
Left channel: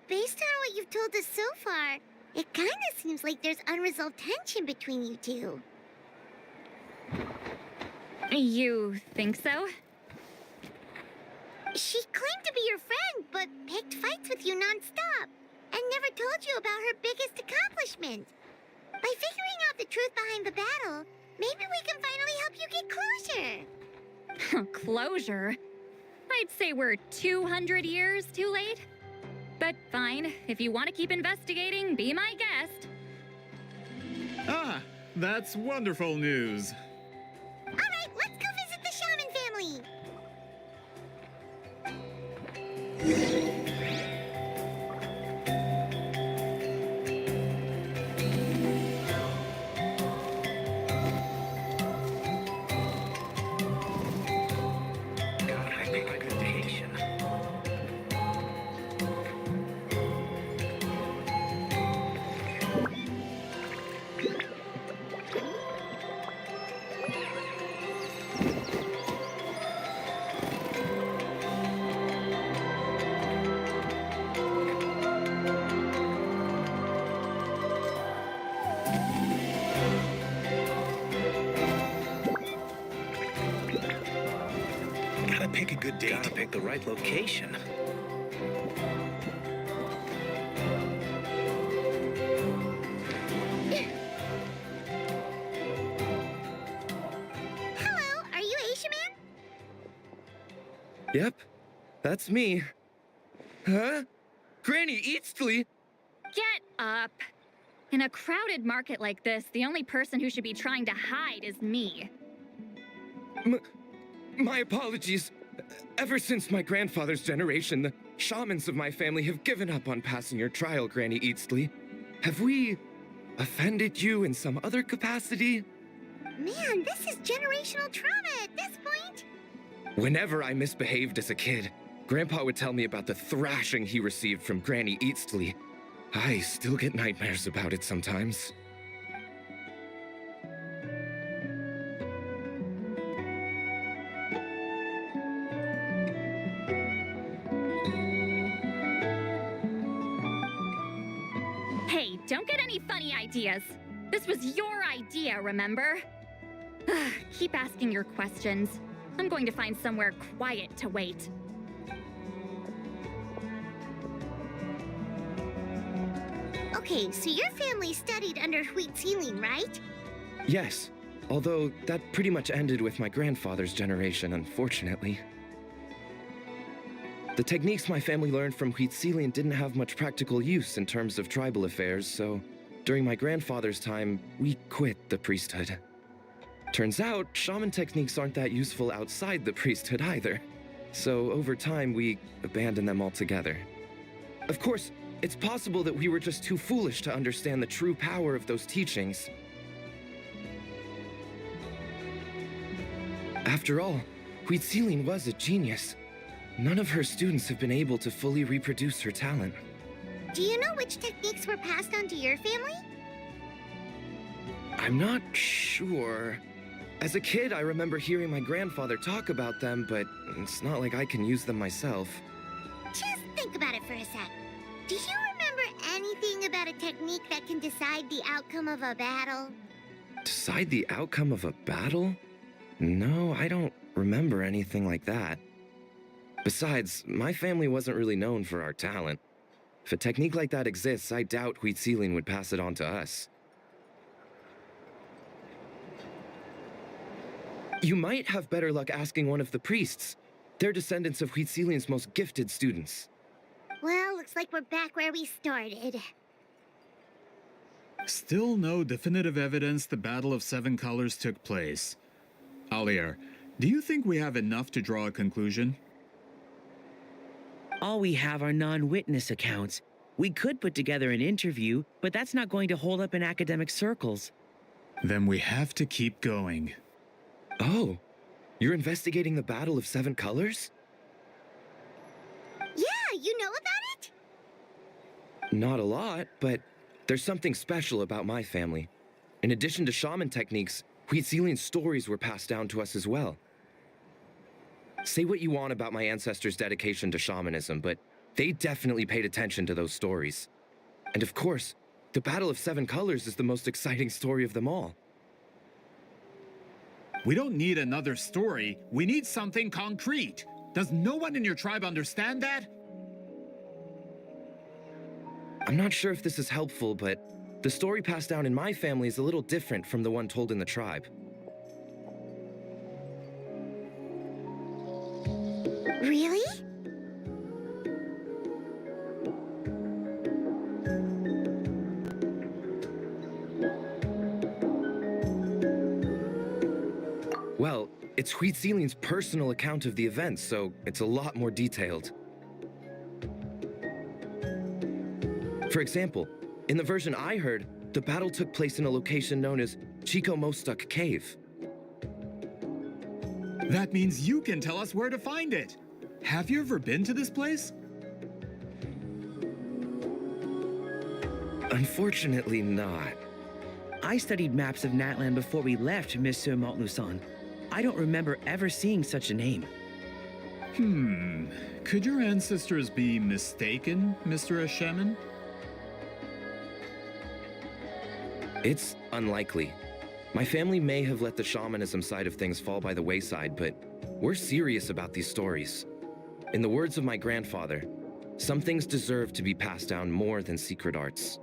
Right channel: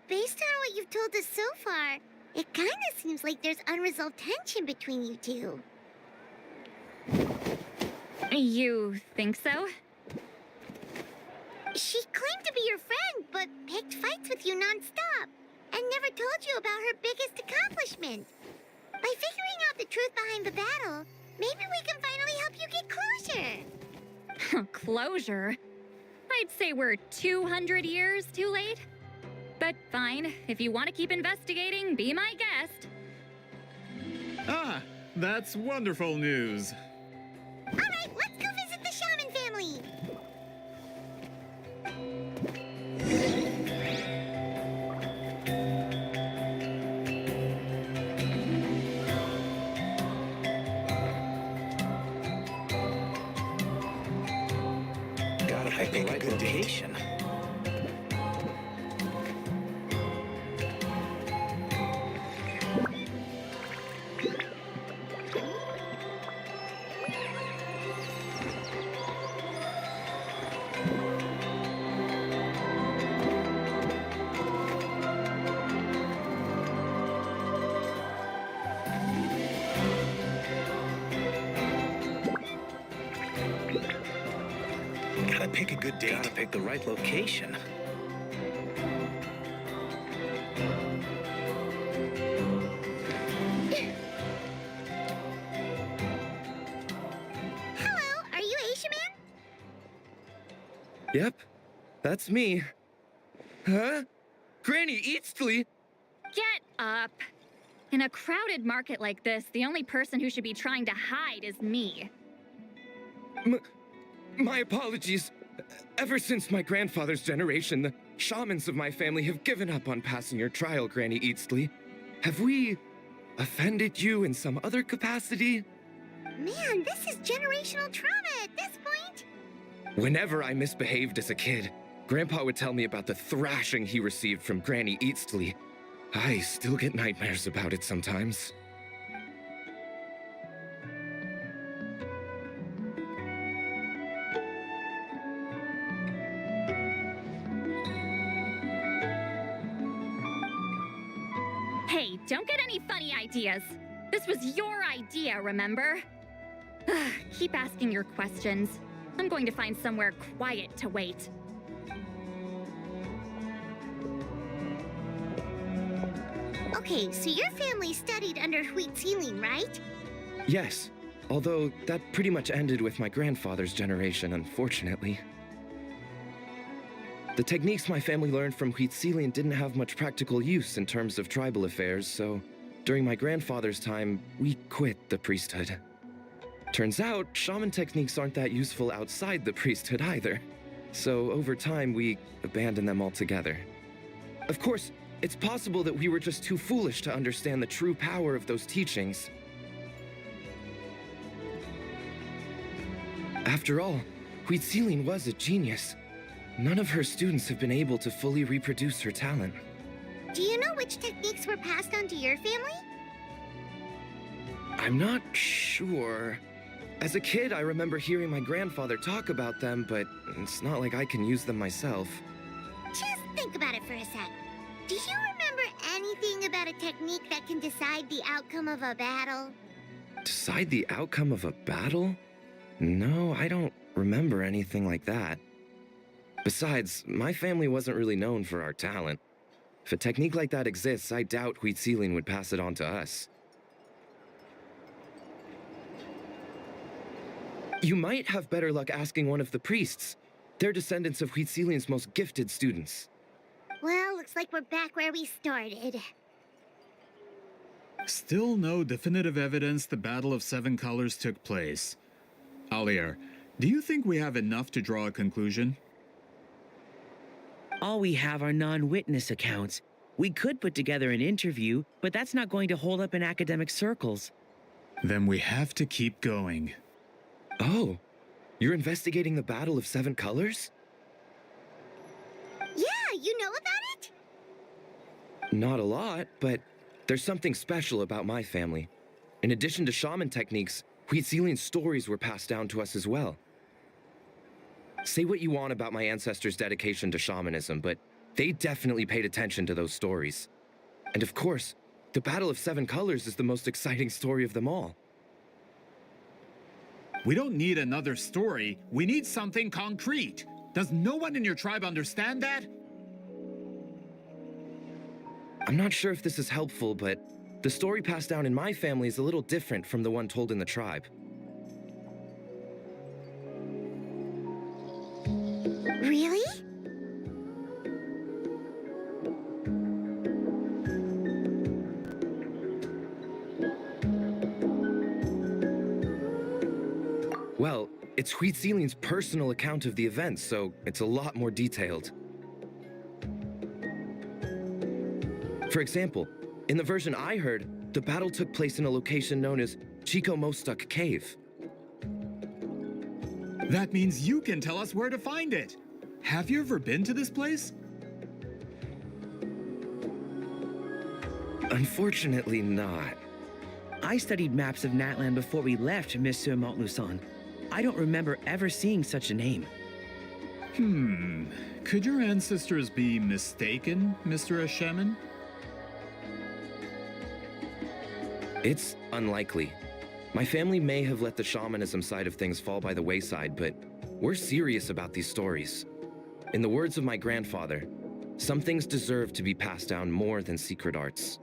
Based on what you've told us so far, it kinda seems like there's unresolved tension between you two. You think so? She claimed to be your friend, but picked fights with you non-stop, and never told you about her biggest accomplishment. By figuring out the truth behind the battle, maybe we can finally help you get closure. Closure? I'd say we're 200 years too late. But fine, if you want to keep investigating, be my guest. Ah, that's wonderful news. All right, let's go visit the Shaman family. Gotta pick the right location. Gotta pick a good date. Gotta pick the right location. Hello, are you Asia Man? Yep, that's me. Huh? Granny Eastly? Get up. In a crowded market like this, the only person who should be trying to hide is me. My apologies. Ever since my grandfather's generation, the shamans of my family have given up on passing your trial, Granny Eastly. Have we offended you in some other capacity? Man, this is generational trauma at this point. Whenever I misbehaved as a kid, Grandpa would tell me about the thrashing he received from Granny Eastly. I still get nightmares about it sometimes. Hey, don't get any funny ideas. This was your idea, remember? Keep asking your questions. I'm going to find somewhere quiet to wait. Okay, so your family studied under Huitzilin, right? Yes, although that pretty much ended with my grandfather's generation, unfortunately. The techniques my family learned from Huitzilin didn't have much practical use in terms of tribal affairs, so during my grandfather's time, we quit the priesthood. Turns out, shaman techniques aren't that useful outside the priesthood either. So over time, we abandoned them altogether. Of course, it's possible that we were just too foolish to understand the true power of those teachings. After all, Huitziling was a genius. None of her students have been able to fully reproduce her talent. Do you know which techniques were passed on to your family? I'm not sure. As a kid, I remember hearing my grandfather talk about them, but it's not like I can use them myself. Just think about it for a sec. Do you remember anything about a technique that can decide the outcome of a battle? Decide the outcome of a battle? No, I don't remember anything like that. Besides, my family wasn't really known for our talent. If a technique like that exists, I doubt Huitziling would pass it on to us. You might have better luck asking one of the priests. They're descendants of Huitziling's most gifted students. Well, looks like we're back where we started. Still no definitive evidence the Battle of Seven Colors took place. Alier, do you think we have enough to draw a conclusion? All we have are non-witness accounts. We could put together an interview, but that's not going to hold up in academic circles. Then we have to keep going. Oh, you're investigating the Battle of Seven Colors? Yeah, you know about it? Not a lot, but there's something special about my family. In addition to shaman techniques, Huitziling's stories were passed down to us as well. Say what you want about my ancestors' dedication to shamanism, but they definitely paid attention to those stories. And of course, the Battle of Seven Colors is the most exciting story of them all. We don't need another story. We need something concrete. Does no one in your tribe understand that? I'm not sure if this is helpful, but the story passed down in my family is a little different from the one told in the tribe. Really? Well, it's Huitziling's personal account of the events, so it's a lot more detailed. For example, in the version I heard, the battle took place in a location known as Chico Mostuk Cave. That means you can tell us where to find it. Have you ever been to this place? Unfortunately not. I studied maps of Natland before we left, Monsieur Montluçon. I don't remember ever seeing such a name. Could your ancestors be mistaken, Mr. Ashemin? It's unlikely. My family may have let the shamanism side of things fall by the wayside, but we're serious about these stories. In the words of my grandfather, some things deserve to be passed down more than secret arts.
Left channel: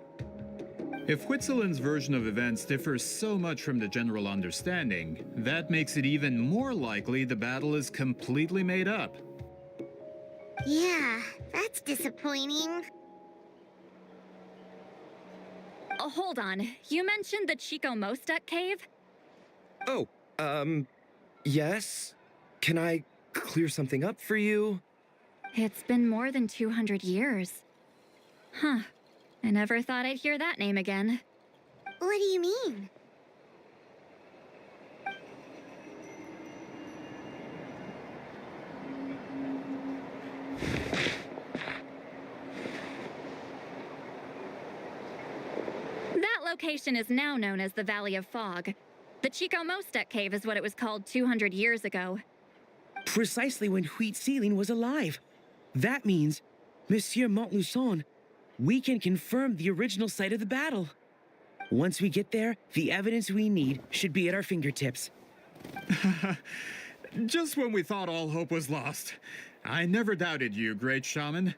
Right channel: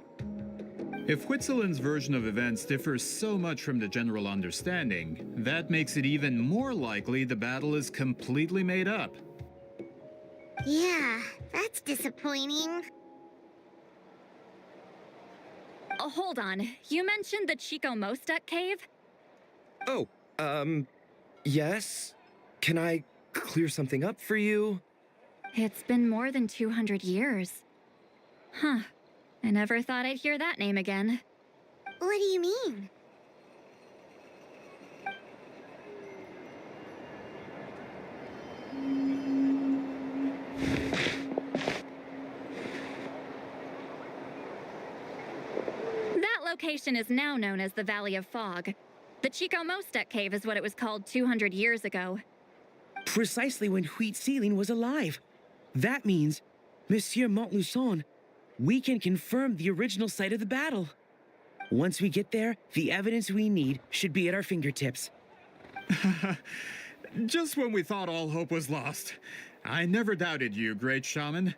If Huitzilin's version of events differs so much from the general understanding, that makes it even more likely the battle is completely made up. Yeah, that's disappointing. Oh, hold on. You mentioned the Chico Mostuk cave? Oh, yes? Can I clear something up for you? It's been more than 200 years. Huh. I never thought I'd hear that name again. What do you mean? That location is now known as the Valley of Fog. The Chico Mostuk cave is what it was called 200 years ago. Precisely when Huitziling was alive. That means, Monsieur Montluçon, we can confirm the original site of the battle. Once we get there, the evidence we need should be at our fingertips. Just when we thought all hope was lost. I never doubted you, great shaman.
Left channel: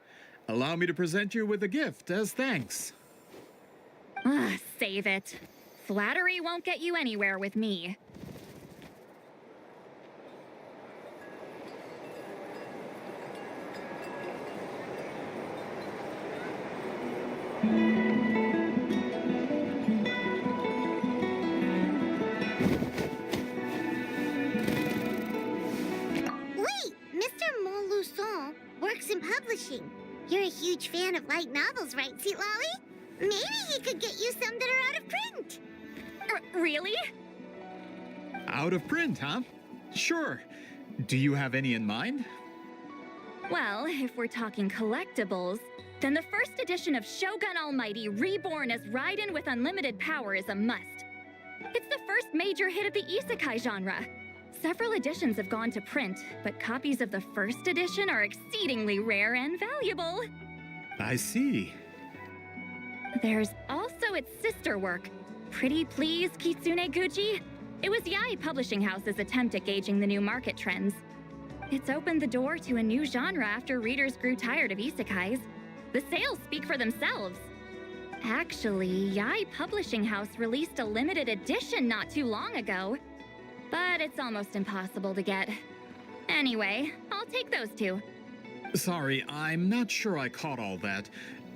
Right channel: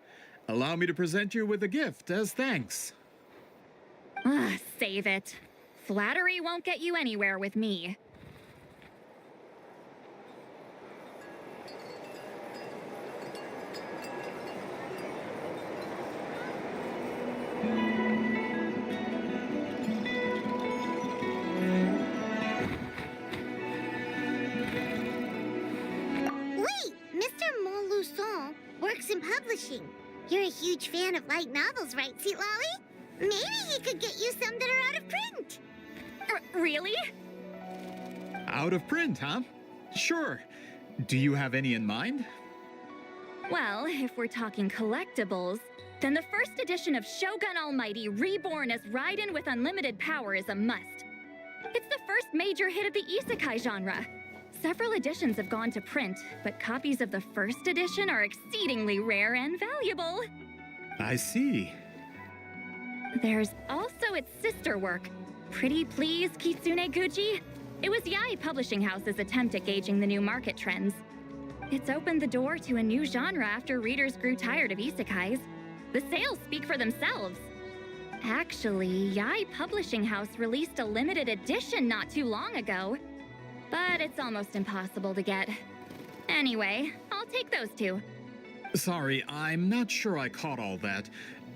Allow me to present you with a gift as thanks. Save it. Flattery won't get you anywhere with me. Wait! Mr. Montluçon works in publishing. You're a huge fan of light novels, right, Sweet Lolly? Maybe he could get you some that are out of print. Really? Out of print, huh? Sure. Do you have any in mind? Well, if we're talking collectibles, then the first edition of Shogun Almighty Reborn as Raiden with Unlimited Power is a must. It's the first major hit of the isekai genre. Several editions have gone to print, but copies of the first edition are exceedingly rare and valuable. I see. There's also its sister work, Pretty Please Kitsune Guji. It was Yae Publishing House's attempt at gauging the new market trends. It's opened the door to a new genre after readers grew tired of isekais. The sales speak for themselves. Actually, Yae Publishing House released a limited edition not too long ago, but it's almost impossible to get. Anyway, I'll take those two. Sorry, I'm not sure I caught all that.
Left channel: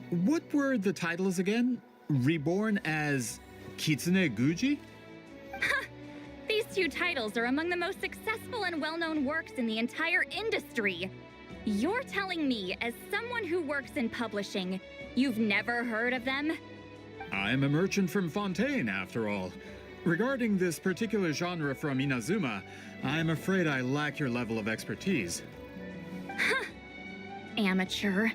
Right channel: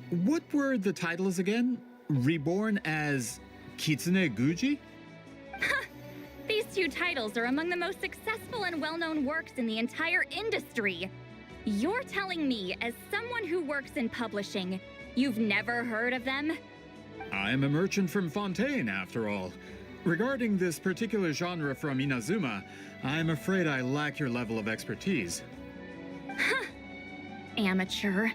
What were the titles again? Reborn as Kitsune Guji? These two titles are among the most successful and well-known works in the entire industry. You're telling me, as someone who works in publishing, you've never heard of them? I'm a merchant from Fontaine, after all. Regarding this particular genre from Inazuma, I'm afraid I lack your level of expertise. Amateur.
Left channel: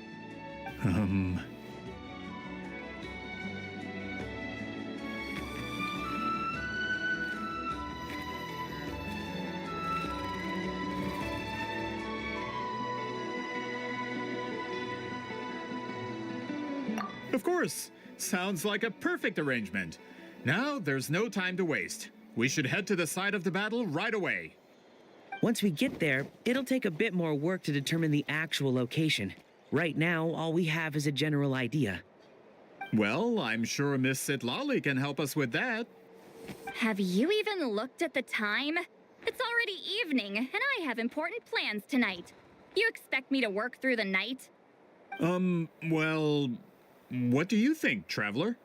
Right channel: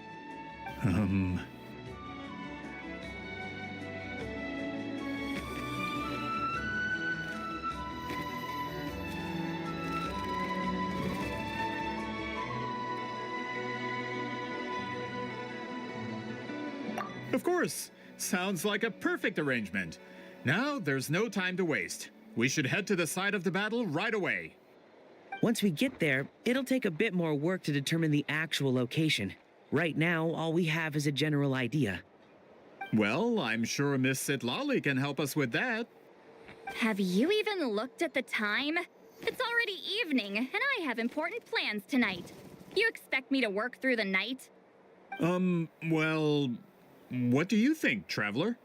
Of course! Sounds like a perfect arrangement. Now, there's no time to waste. We should head to the site of the battle right away. Once we get there, it'll take a bit more work to determine the actual location. Right now, all we have is a general idea. Well, I'm sure Miss Sitlali can help us with that. Have you even looked at the time? It's already evening, and I have important plans tonight. You expect me to work through the night? Well, what do you think, Traveler?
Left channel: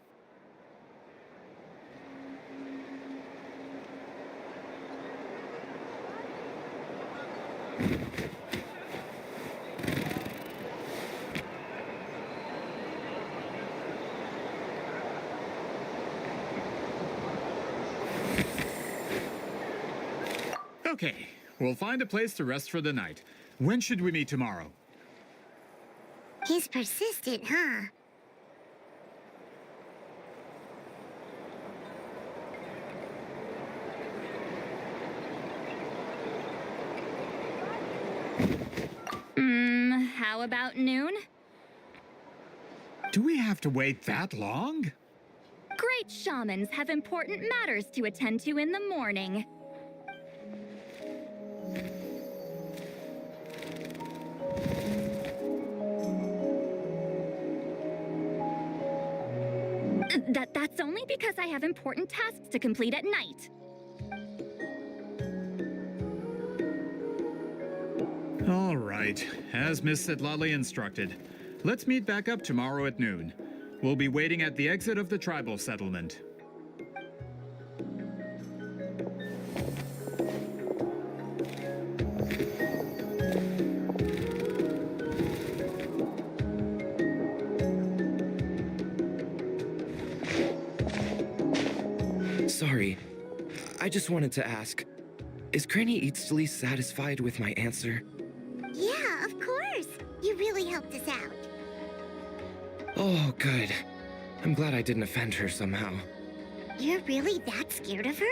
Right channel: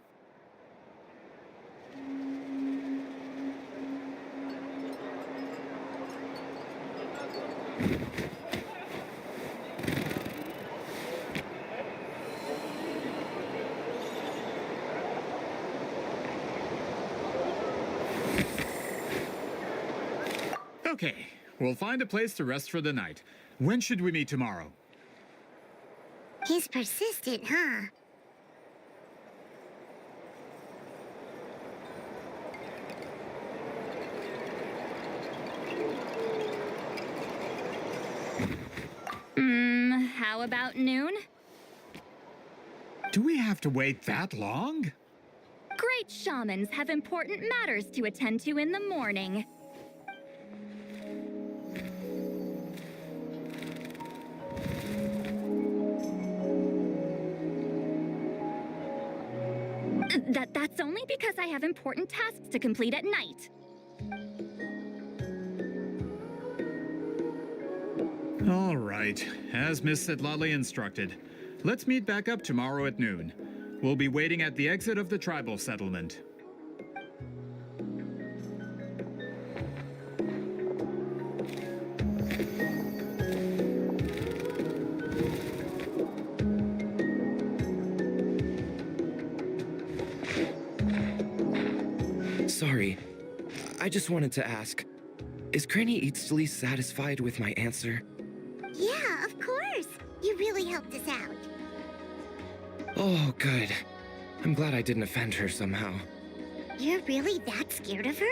Okay, we'll find a place to rest for the night. When should we meet tomorrow? He's persistent, huh? How about noon? Do we have to wait that long? Great shamans have important matters to attend to in the morning. That's only because I have important tasks to complete at night. All right, as Miss Sitlali instructed. Let's meet back up tomorrow at noon. We'll be waiting at the exit of the tribal settlement. Sorry, I just wanted to ask, is Granny Eatsley satisfied with my answer? Yeah, of course. You really helped us out. Oh, good. I'm glad I didn't offend her somehow. You're really that scared of her?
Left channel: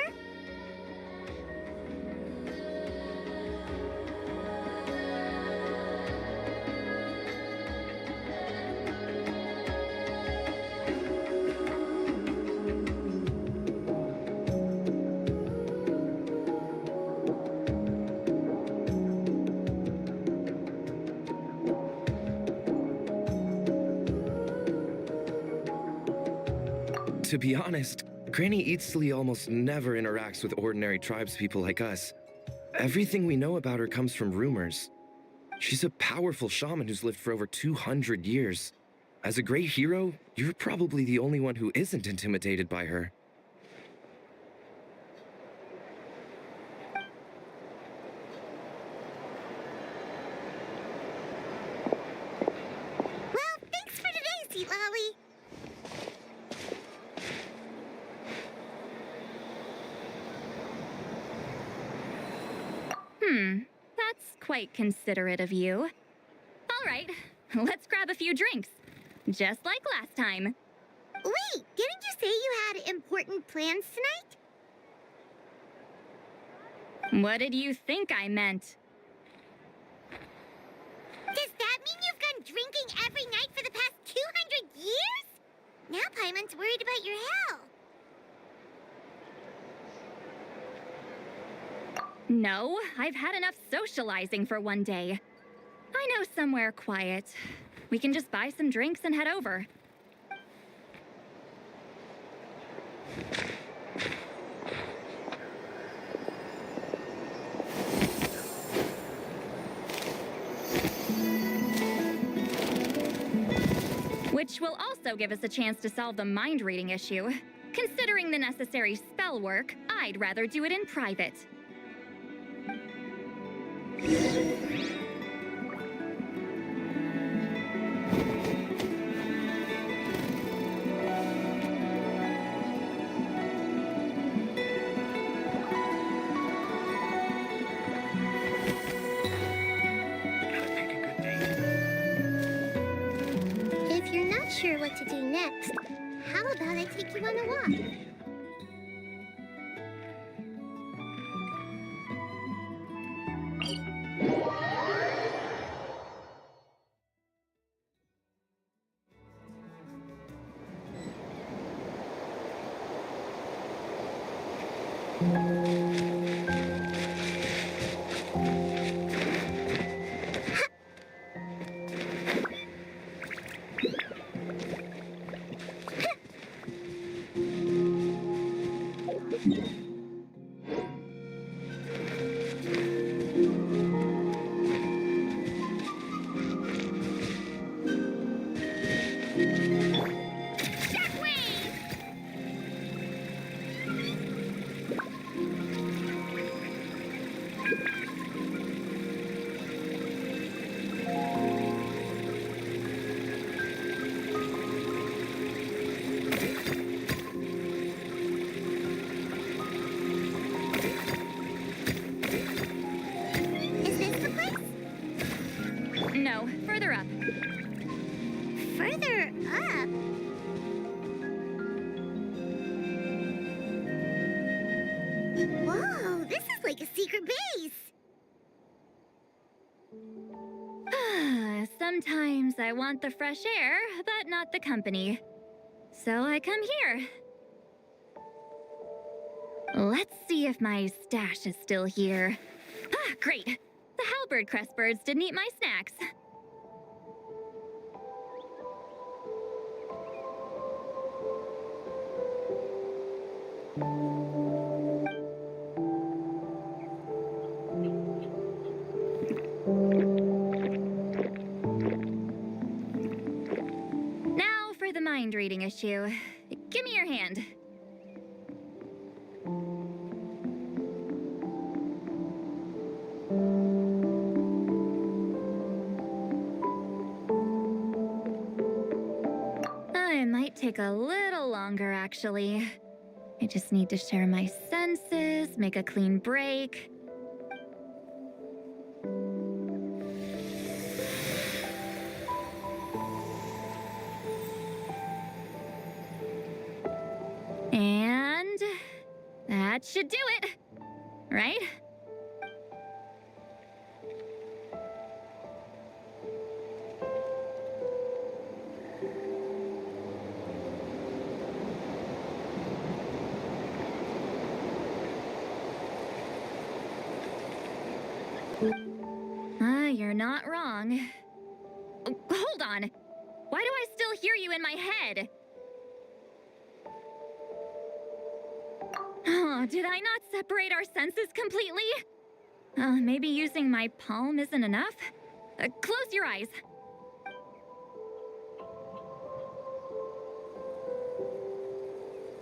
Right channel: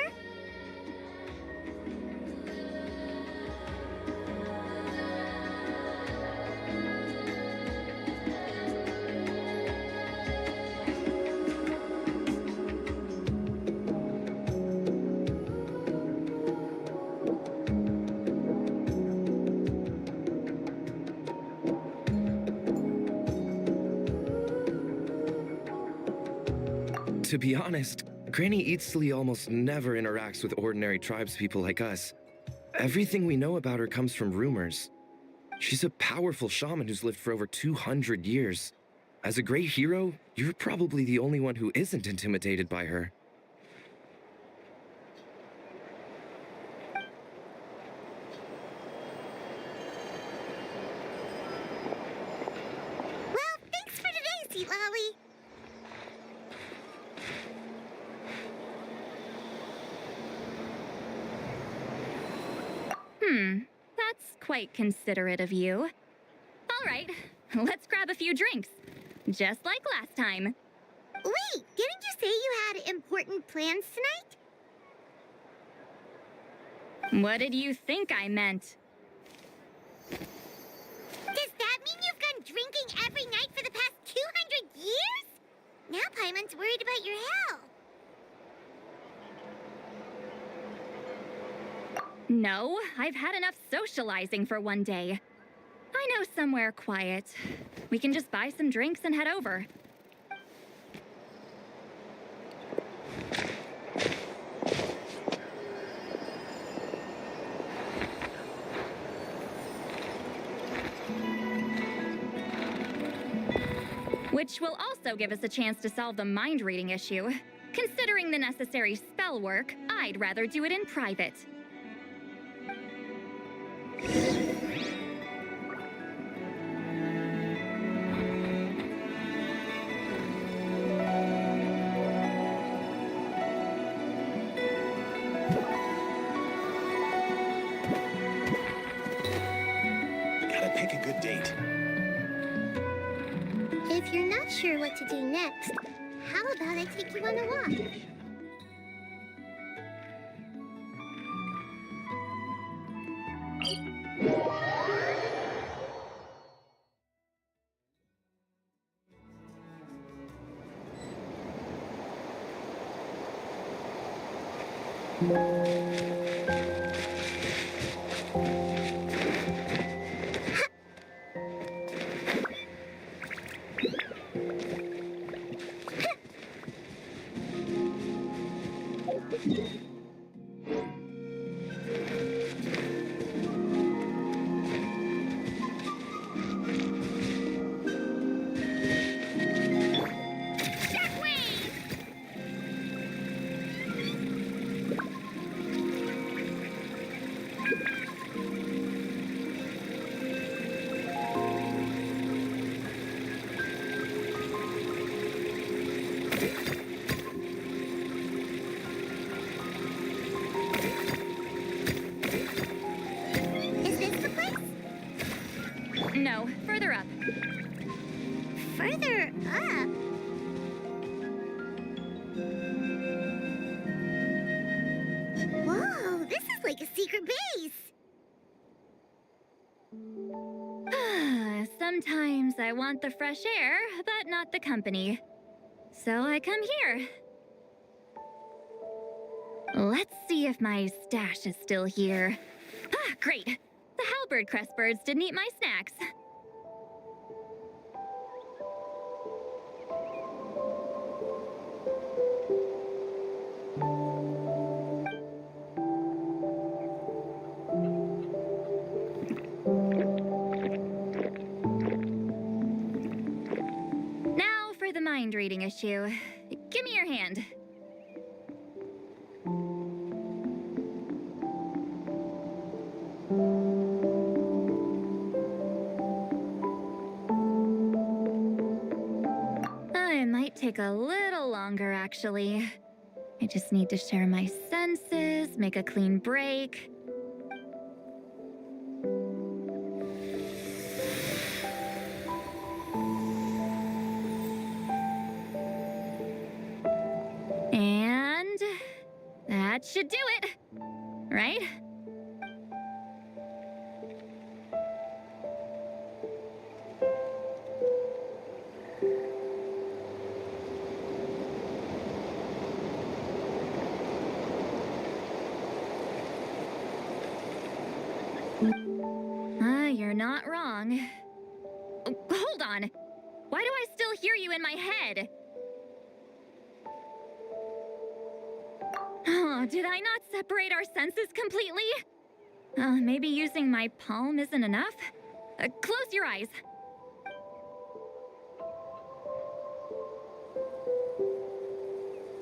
To be honest, Granny Eatsley almost never interacts with ordinary tribespeople like us. Everything we know about her comes from rumors. She's a powerful shaman who's lived for over 200 years. As a great hero, you're probably the only one who isn't intimidated by her. quite considerate of you. All right, let's grab a few drinks. Just like last time. Wait, didn't you say you had important plans tonight? What did you think I meant? Does that mean you've gone drinking every night for the past 200 years? Now Paimon's worried about your health. No, I've had enough socializing for one day. I know somewhere quiet. We can just buy some drinks and head over. Which will also give us a chance to solve the mind reading issue. Considering the necessary spell work, I'd rather do it in private. Gotta pick a good date. If you're not sure what to do next, how about I take you on a walk? Is this the place? No, further up. Further up? Whoa, this is like a secret base. Sometimes I want the fresh air, but not the company. So I come here. Let's see if my stash is still here. Ah, great. The halberd crest birds didn't eat my snacks. Now for the mind reading issue. Give me your hand. It might take a little longer, actually. I just need to share my senses, make a clean break. And that should do it, right? You're not wrong. Oh, hold on. Why do I still hear you in my head? Oh, did I not separate our senses completely? Maybe using my palm isn't enough? Close your eyes.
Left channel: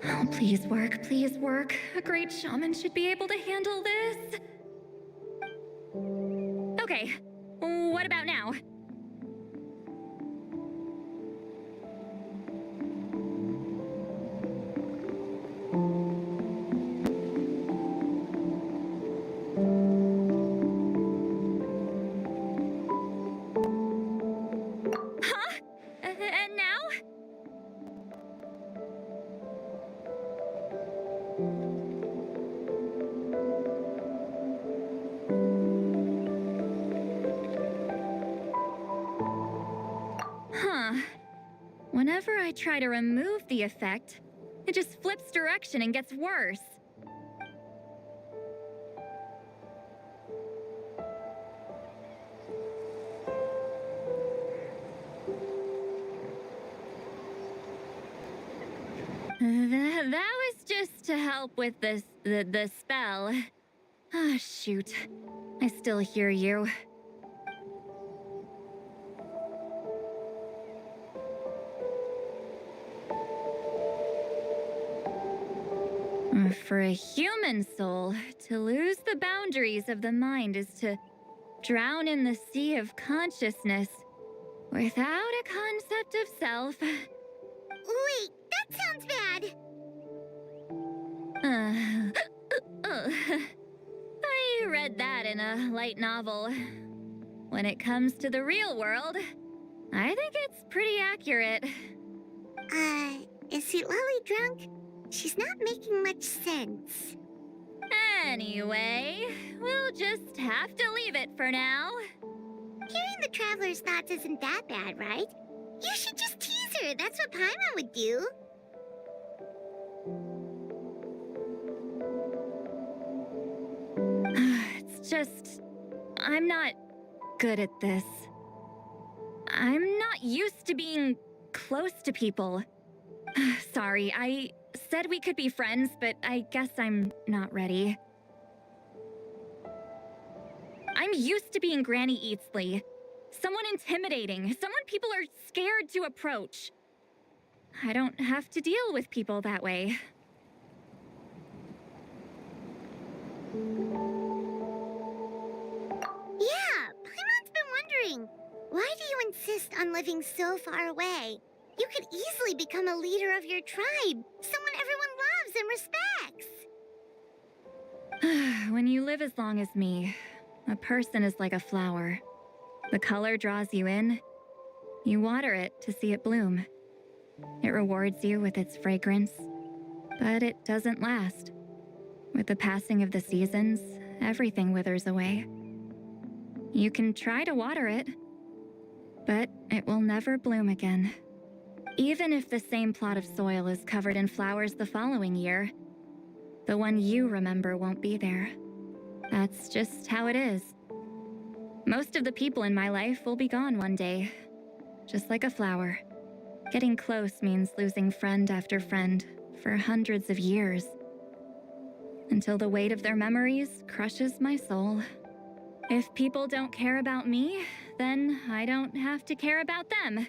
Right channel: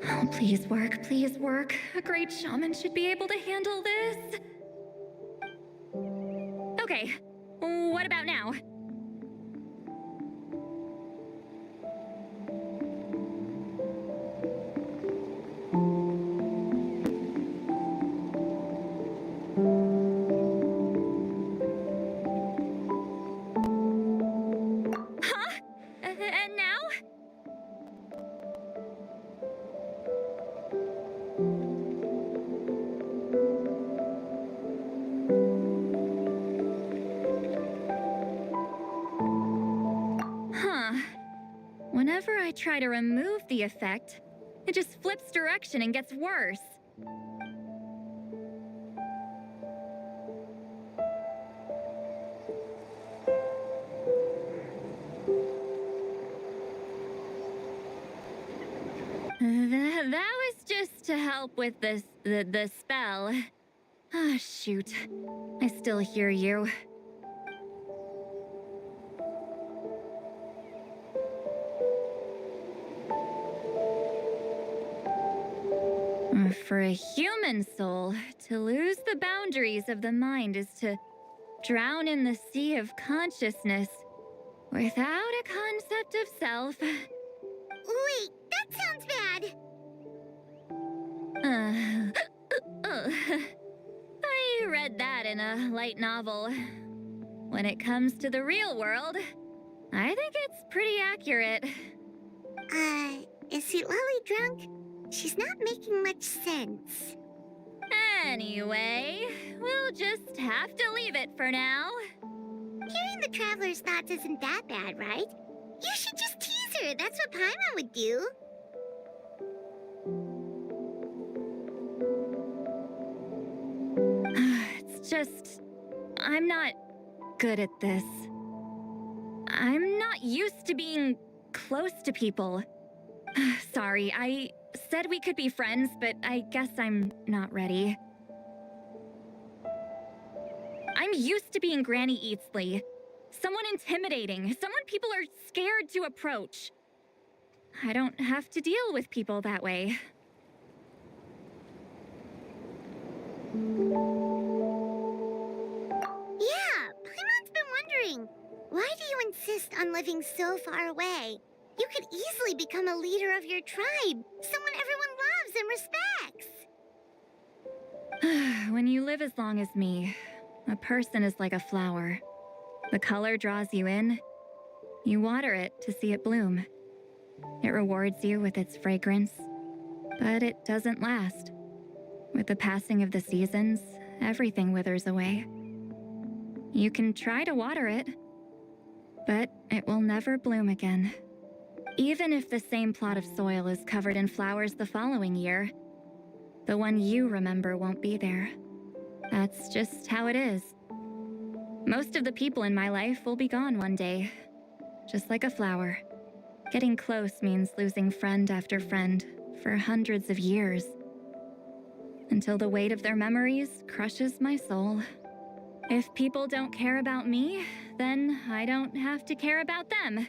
Oh, please work, please work. A great shaman should be able to handle this. Okay, what about now? Huh? And now? Huh. Whenever I try to remove the effect, it just flips direction and gets worse. That was just to help with the spell. Ah, shoot. I still hear you. For a human soul, to lose the boundaries of the mind is to drown in the sea of consciousness without a concept of self. Wait, that sounds bad. I read that in a light novel. When it comes to the real world, I think it's pretty accurate. Is Sweet Lolly drunk? She's not making much sense. Anyway, we'll just have to leave it for now. Hearing the Traveler's thoughts isn't that bad, right? You should just tease her. That's what Paimon would do. It's just... I'm not good at this. I'm not used to being close to people. Sorry, I said we could be friends, but I guess I'm not ready. I'm used to being Granny Eatsley. Someone intimidating, someone people are scared to approach. I don't have to deal with people that way. Yeah, Paimon's been wondering. Why do you insist on living so far away? You could easily become a leader of your tribe, someone everyone loves and respects. When you live as long as me, a person is like a flower. The color draws you in. You water it to see it bloom. It rewards you with its fragrance, but it doesn't last. With the passing of the seasons, everything withers away. You can try to water it, but it will never bloom again. Even if the same plot of soil is covered in flowers the following year, the one you remember won't be there. That's just how it is. Most of the people in my life will be gone one day, just like a flower. Getting close means losing friend after friend for hundreds of years, until the weight of their memories crushes my soul. If people don't care about me, then I don't have to care about them.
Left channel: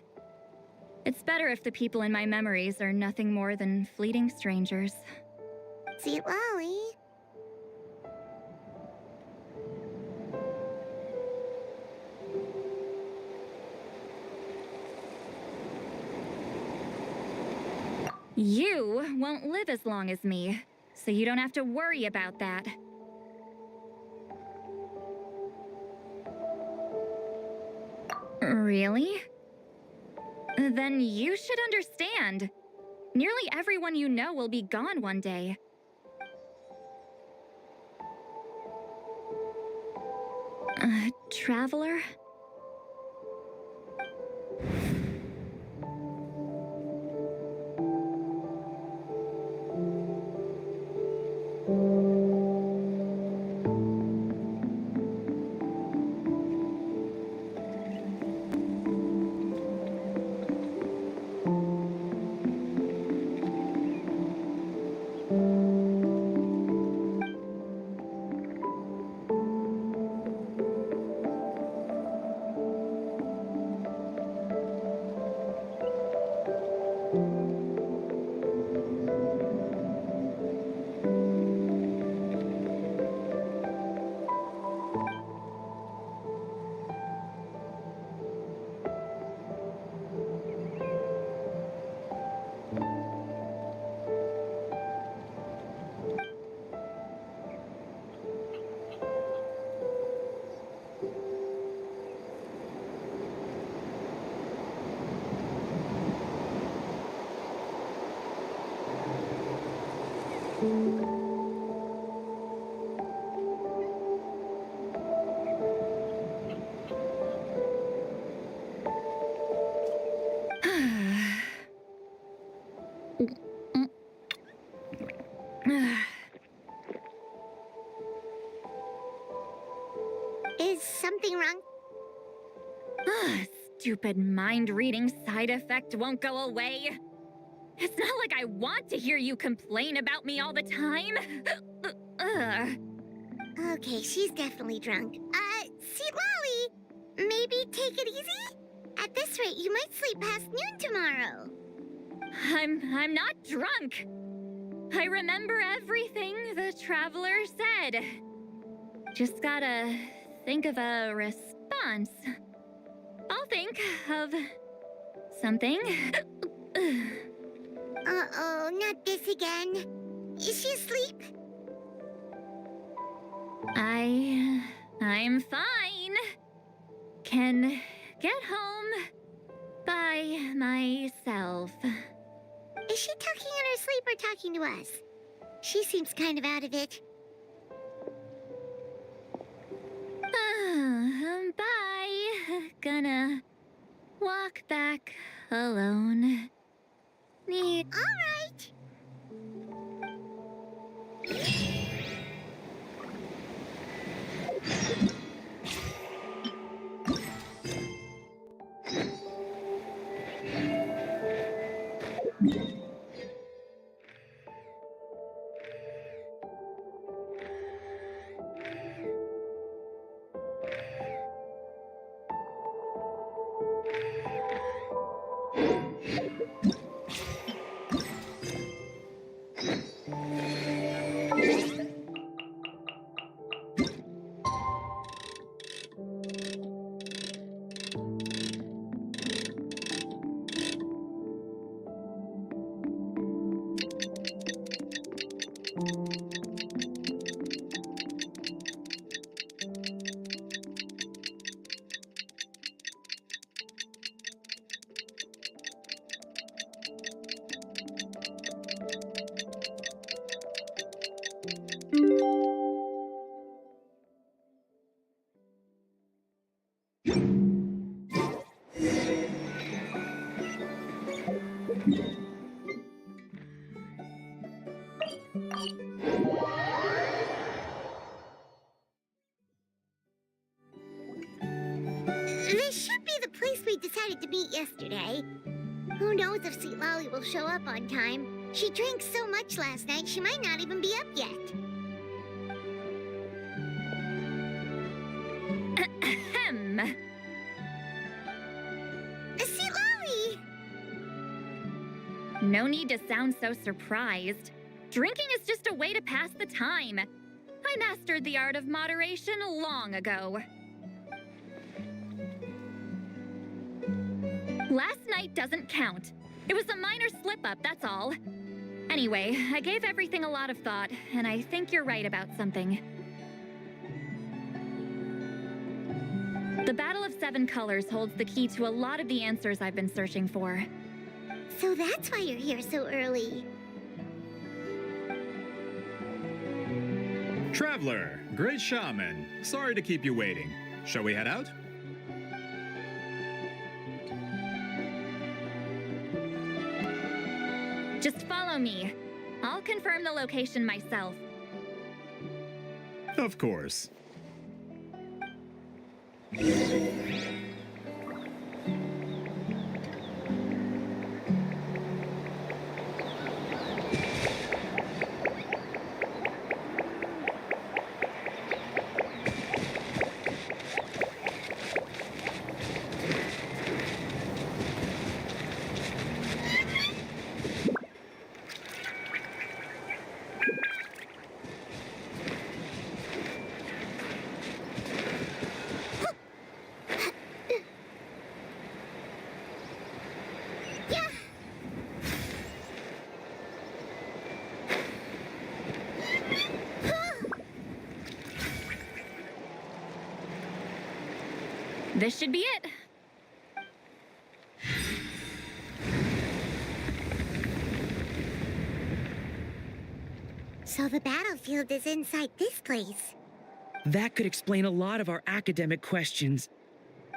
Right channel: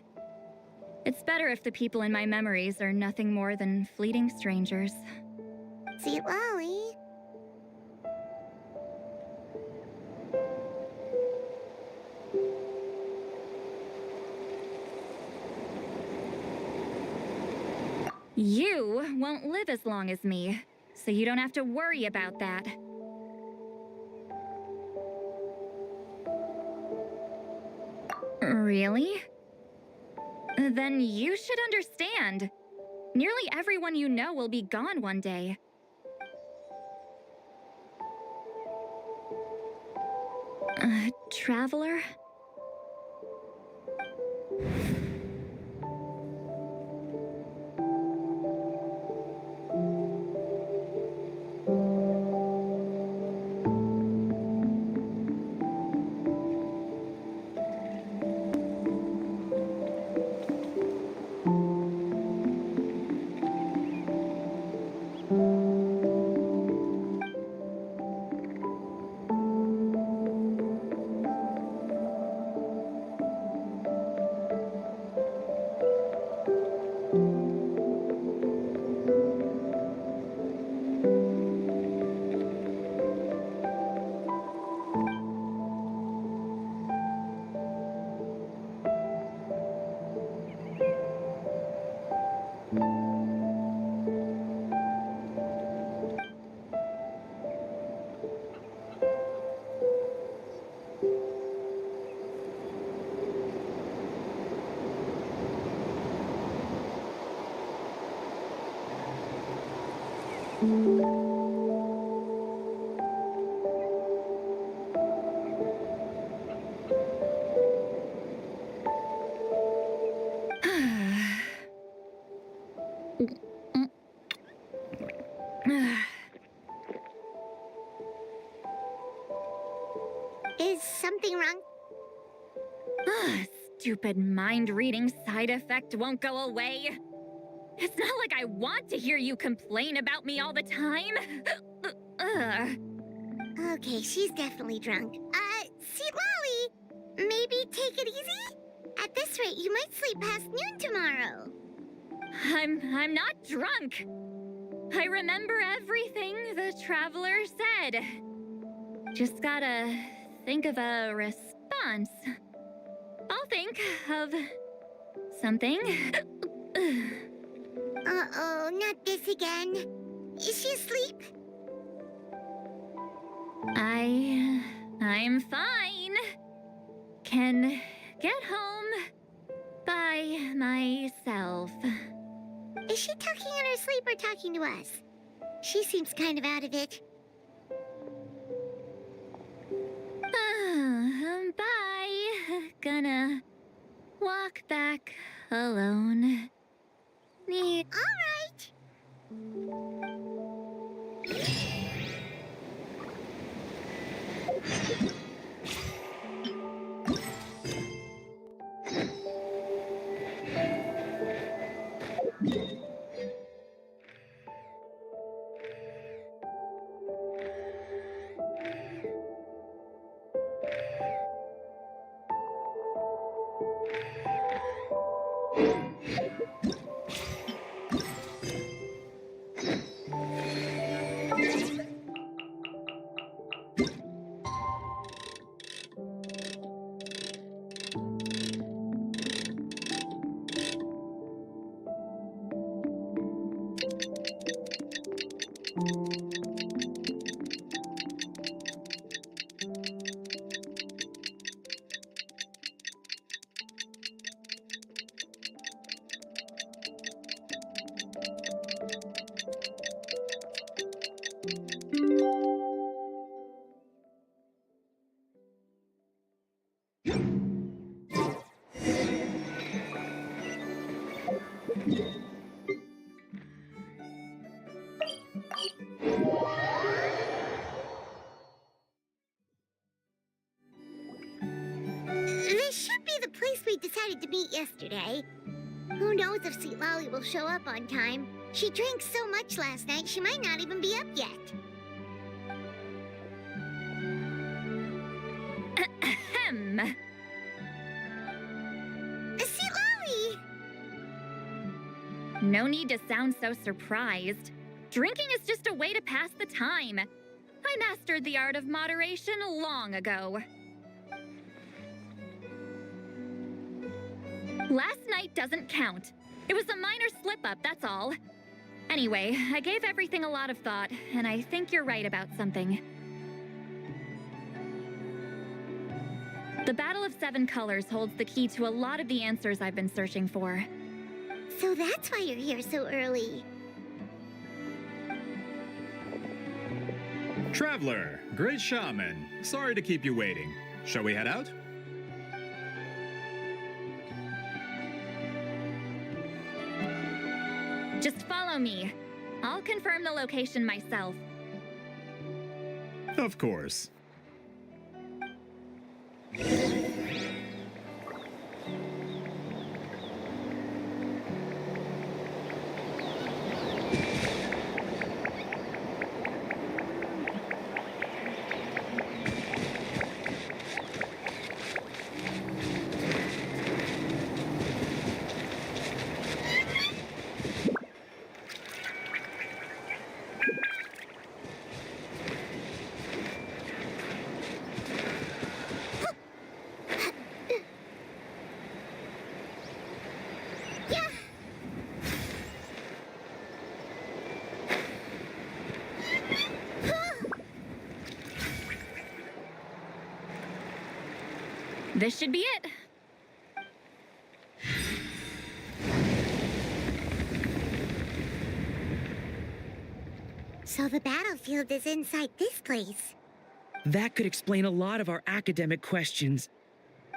It's better if the people in my memories are nothing more than fleeting strangers. Sweet Lolly. You won't live as long as me, so you don't have to worry about that. Really? Then you should understand. Nearly everyone you know will be gone one day. Traveler? Is something wrong? Stupid mind-reading side effect won't go away. It's not like I want to hear you complain about me all the time. Okay, she's definitely drunk. See, Lolly, maybe take it easy? At this rate, you might sleep past noon tomorrow. I'm not drunk. I remember everything the traveler said. Just gotta think of a response. I'll think of something. Uh-oh, not this again. Is she asleep? I'm fine. Can get home by myself. Is she talking in her sleep or talking to us? She seems kind of out of it. Bye. Gonna walk back alone. All right. This should be the place we decided to meet yesterday. Who knows if Sweet Lolly will show up on time? She drank so much last night, she might not even be up yet. Ahem. Sweet Lolly! No need to sound so surprised. Drinking is just a way to pass the time. I mastered the art of moderation long ago. Last night doesn't count. It was a minor slip-up, that's all. Anyway, I gave everything a lot of thought, and I think you're right about something. The Battle of Seven Colors holds the key to a lot of the answers I've been searching for. So that's why you're here so early. Traveler, great shaman. Sorry to keep you waiting. Shall we head out? Just follow me. I'll confirm the location myself. Of course. This should be it. So the battlefield is inside this place. That could explain a lot of our academic questions.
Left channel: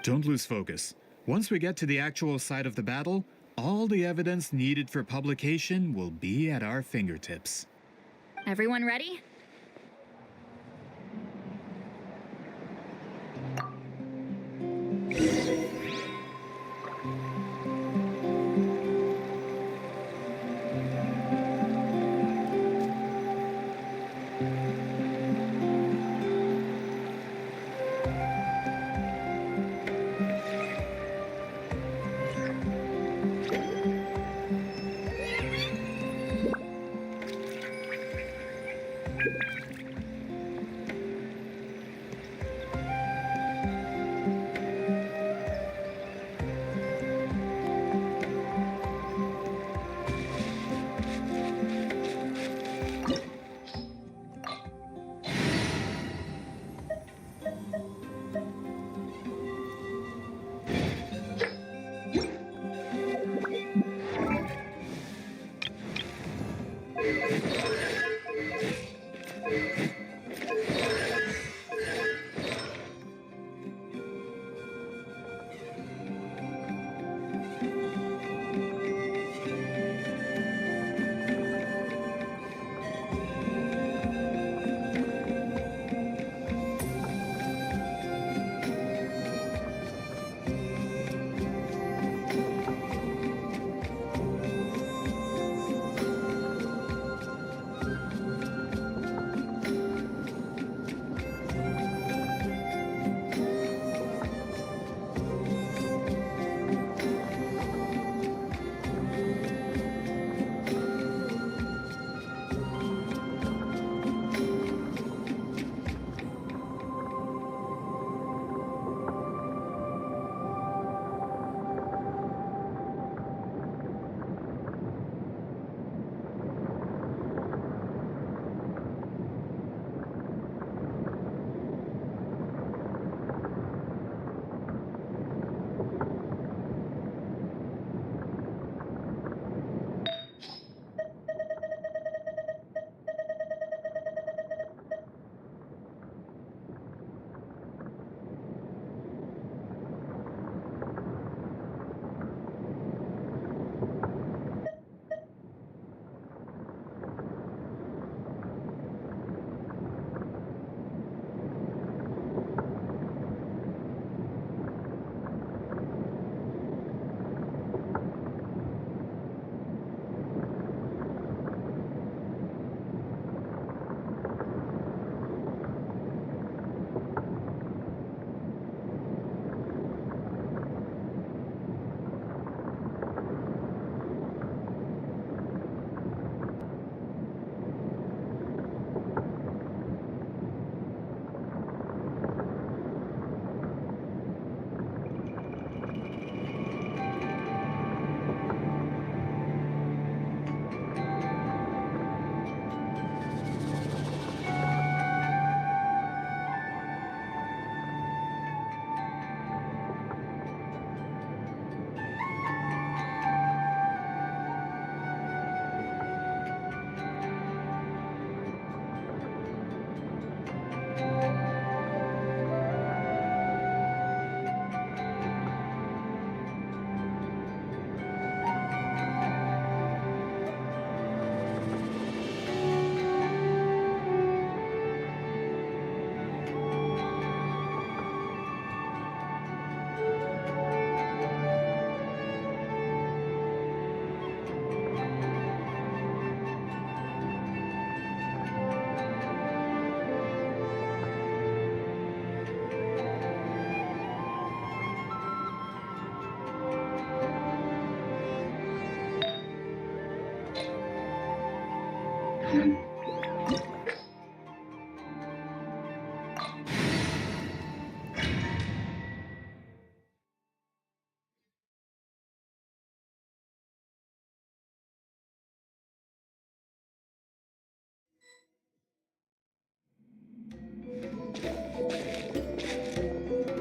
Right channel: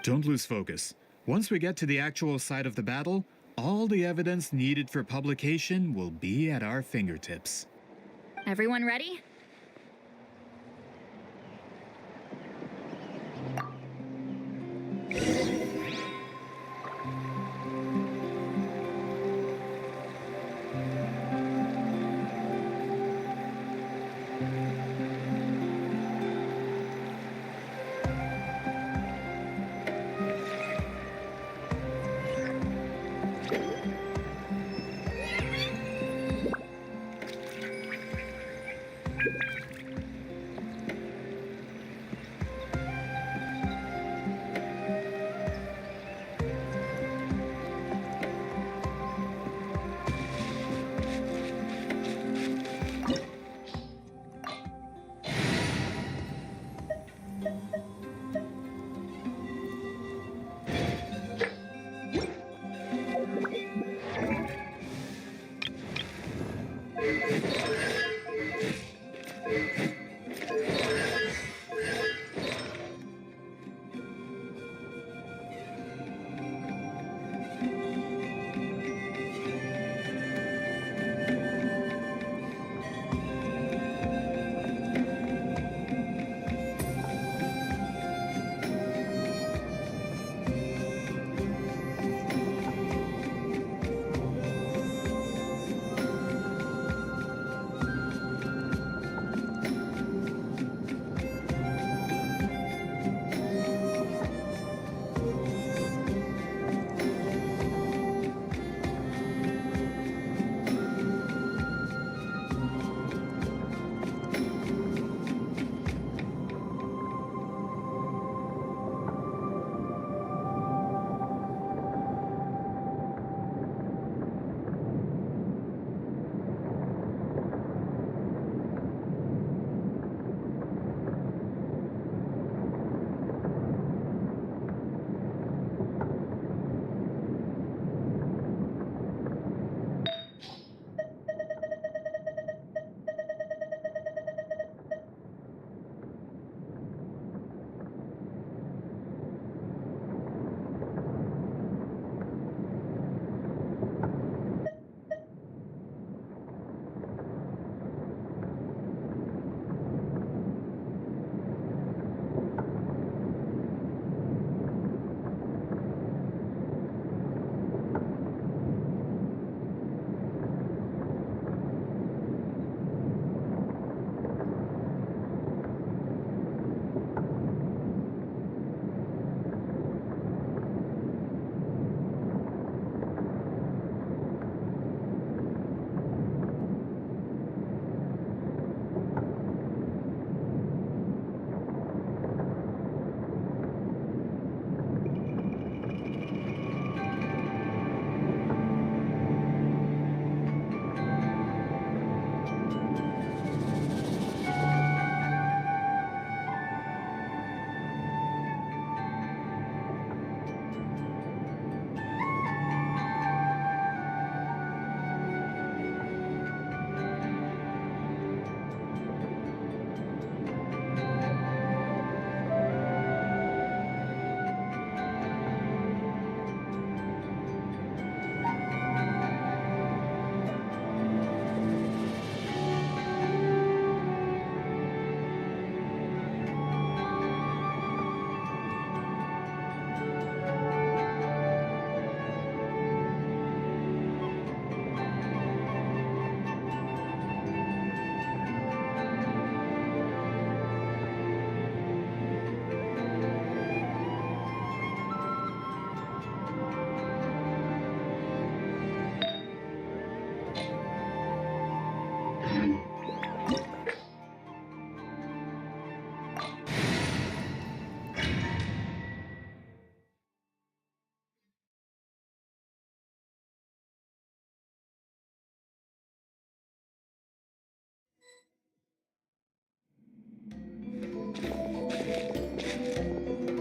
Don't lose focus. Once we get to the actual site of the battle, all the evidence needed for publication will be at our fingertips. Everyone ready?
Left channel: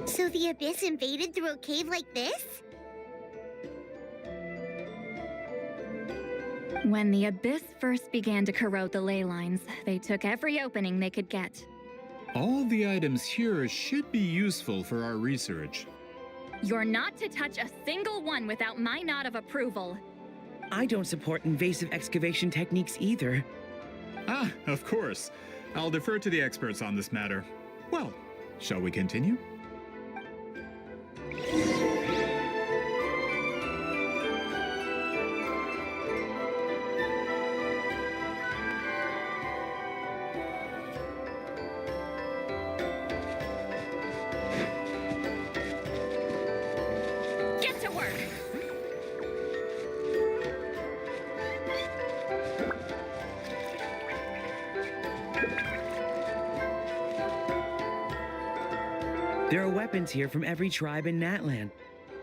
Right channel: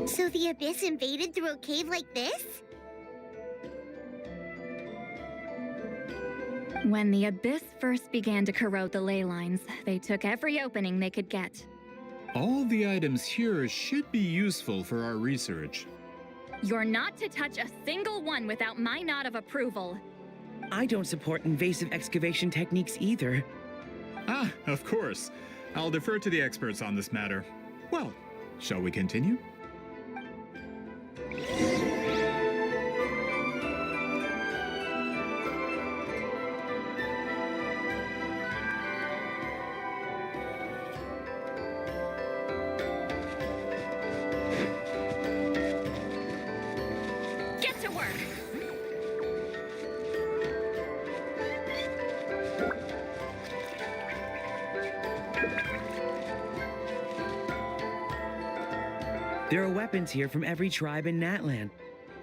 So the Abyss invaded through a cave like this? When the Abyss first began to corrode the ley lines, they took every opening they could get. All the items here should be useful for our research. You're not to touch a single one without my nod of approval. I don't support invasive excavation techniques either. Ah, of course. I'll defer to the experts on this matter. Well, shall we continue? Get to work! There are weapons here from every tribe in Natlan.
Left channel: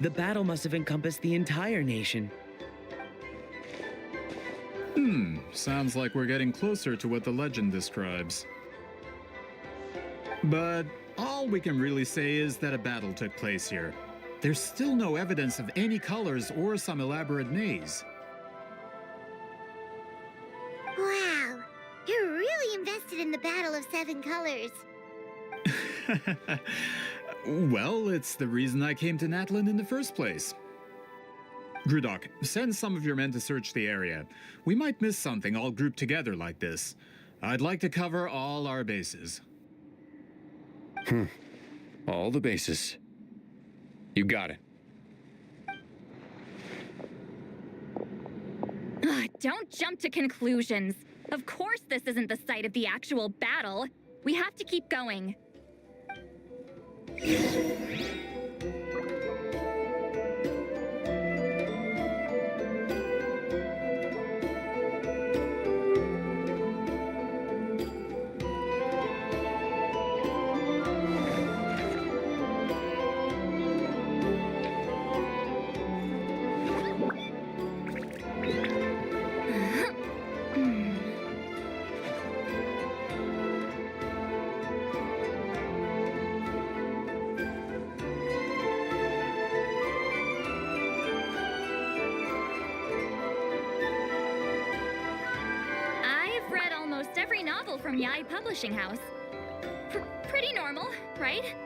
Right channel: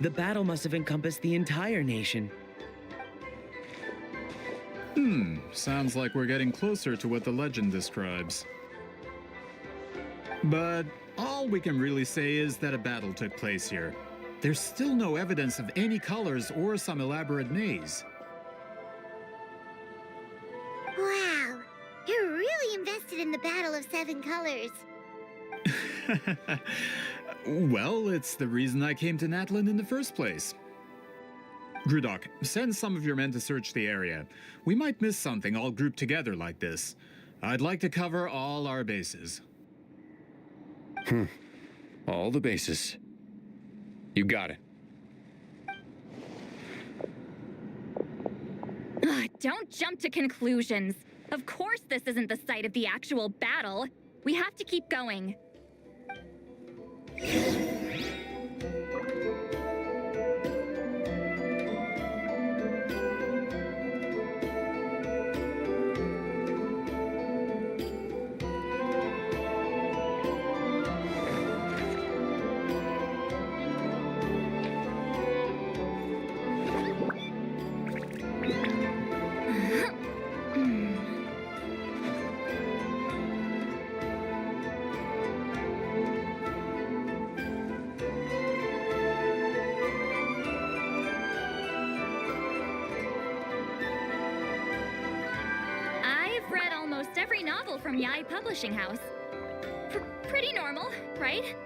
The battle must have encompassed the entire nation. Sounds like we're getting closer to what the legend describes. But all we can really say is that a battle took place here. There's still no evidence of any colors or some elaborate maze. Wow, you're really invested in the Battle of Seven Colors. Well, it's the reason I came to Natlan in the first place. Grudok, send some of your men to search the area. We might miss something all grouped together like this. I'd like to cover all our bases. All the bases. You got it. Ugh, don't jump to conclusions. Of course this isn't the site of the actual battle. We have to keep going. I've read almost every novel from Yai Publishing House. Pretty normal, right?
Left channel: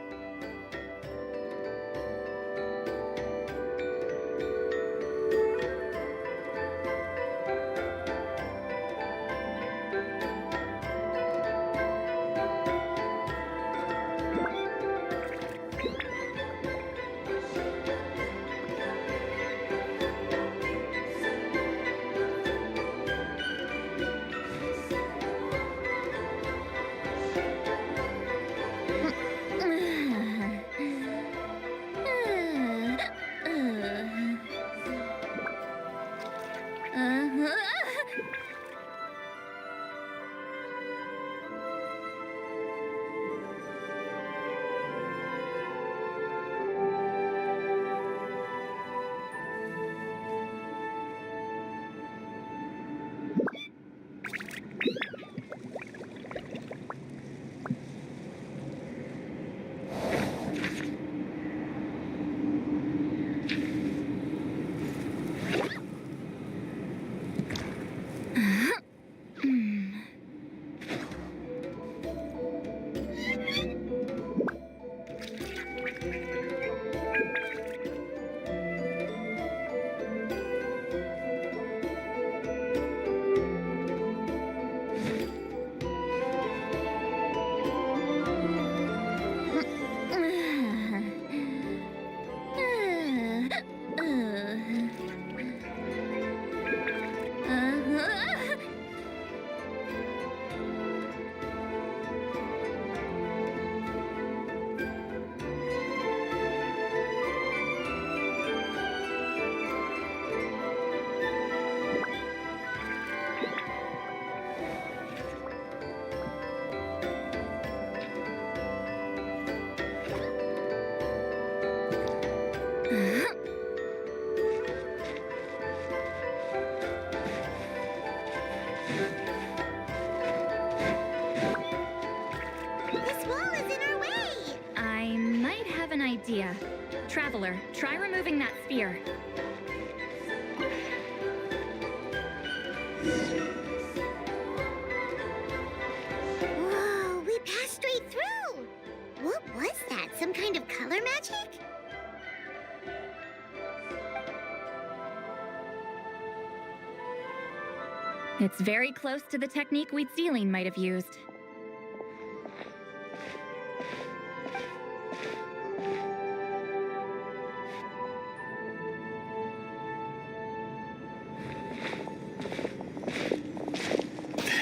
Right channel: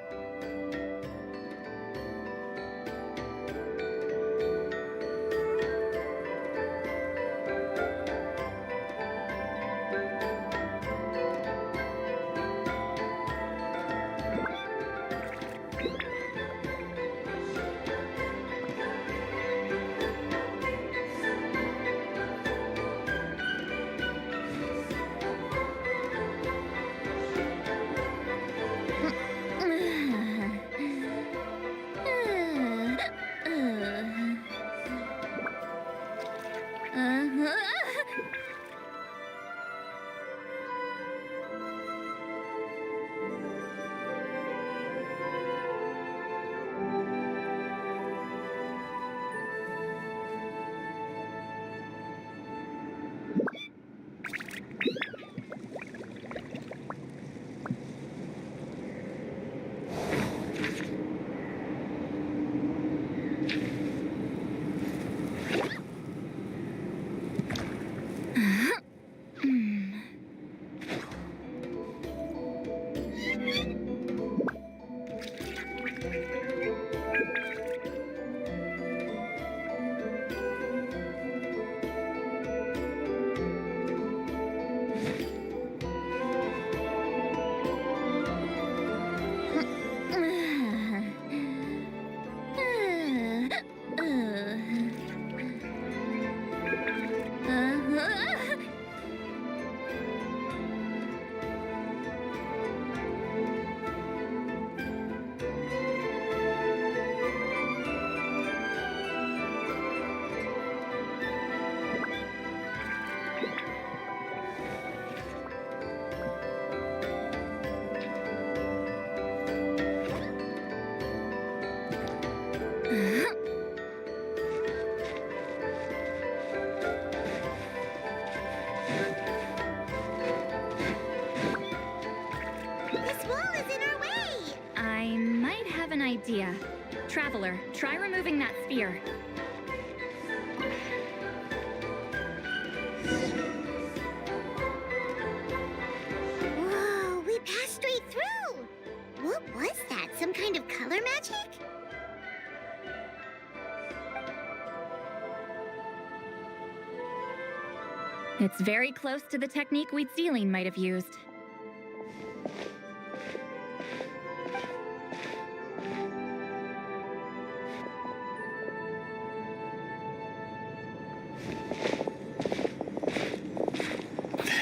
This wall is in our way! I might have an idea. Traveler, try removing that sphere. Whoa, we passed straight through! What was that? Some kind of color magic? It's very close to the technique Wheatsealing might have used.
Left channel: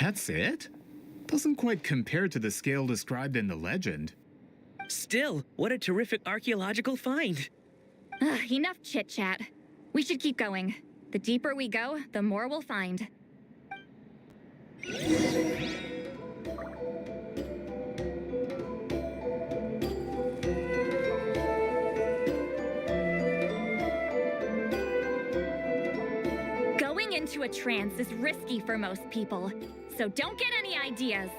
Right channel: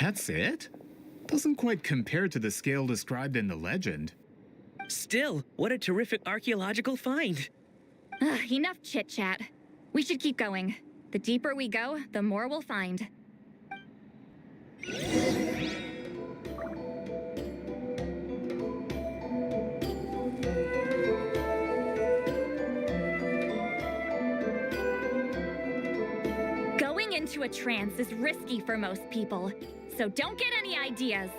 That's it? Doesn't quite compare to the scale described in the legend. Still, what a terrific archaeological find. Enough chit-chat. We should keep going. The deeper we go, the more we'll find. Going into a trance is risky for most people, so don't get any ideas.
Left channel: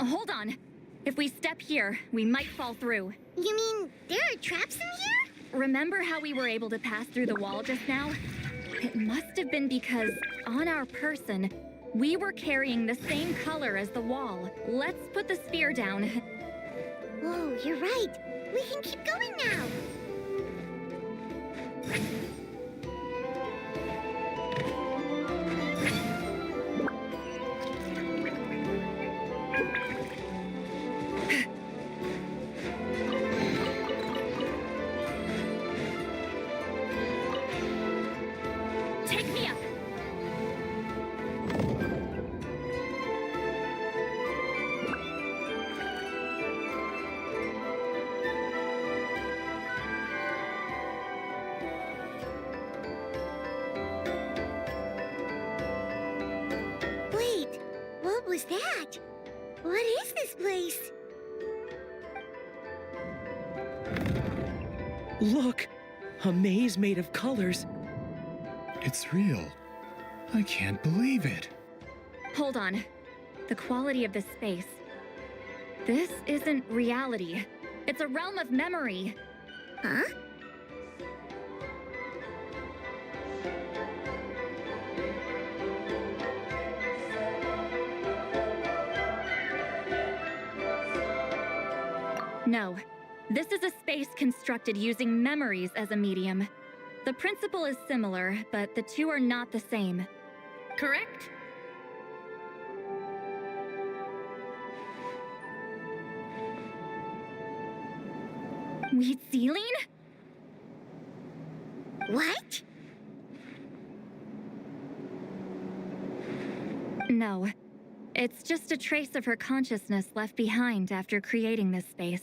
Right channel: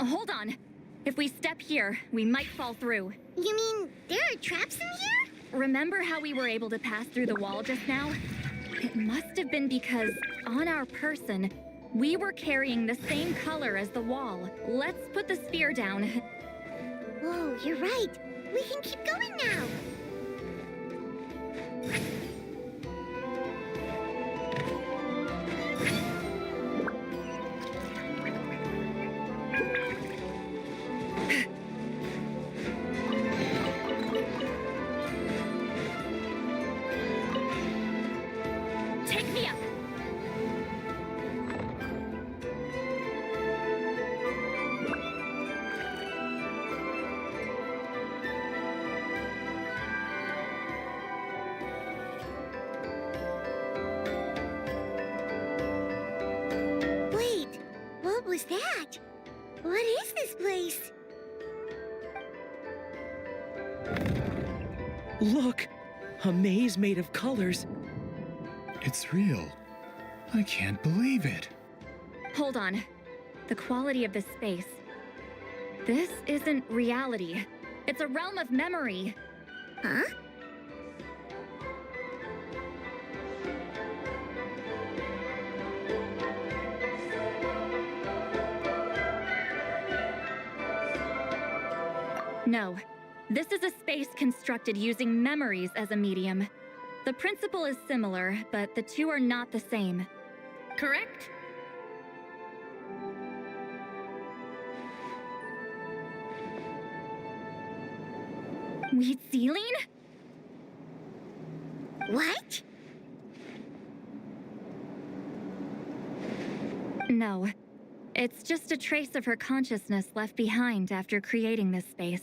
Hold on. If we step here, we might fall through. You mean there are traps in here? Remember how we were able to pass through the wall just now? It must have been because, on our person, we were carrying the same color as the wall. Let's put the spear down. Whoa, you're right. We can keep going now. Take me up. Wait, what was that? What is this place? Look! A maze made of colors. It's real. I can't believe it. Hold on. The quality of this space. This isn't reality. It's a realm of memory. Huh? No. This is a space constructed using memories as a medium. The principle is similar, but the two are not the same. Correct? Wheatsealing? What? No. It's just a trace of her consciousness left behind after creating this space.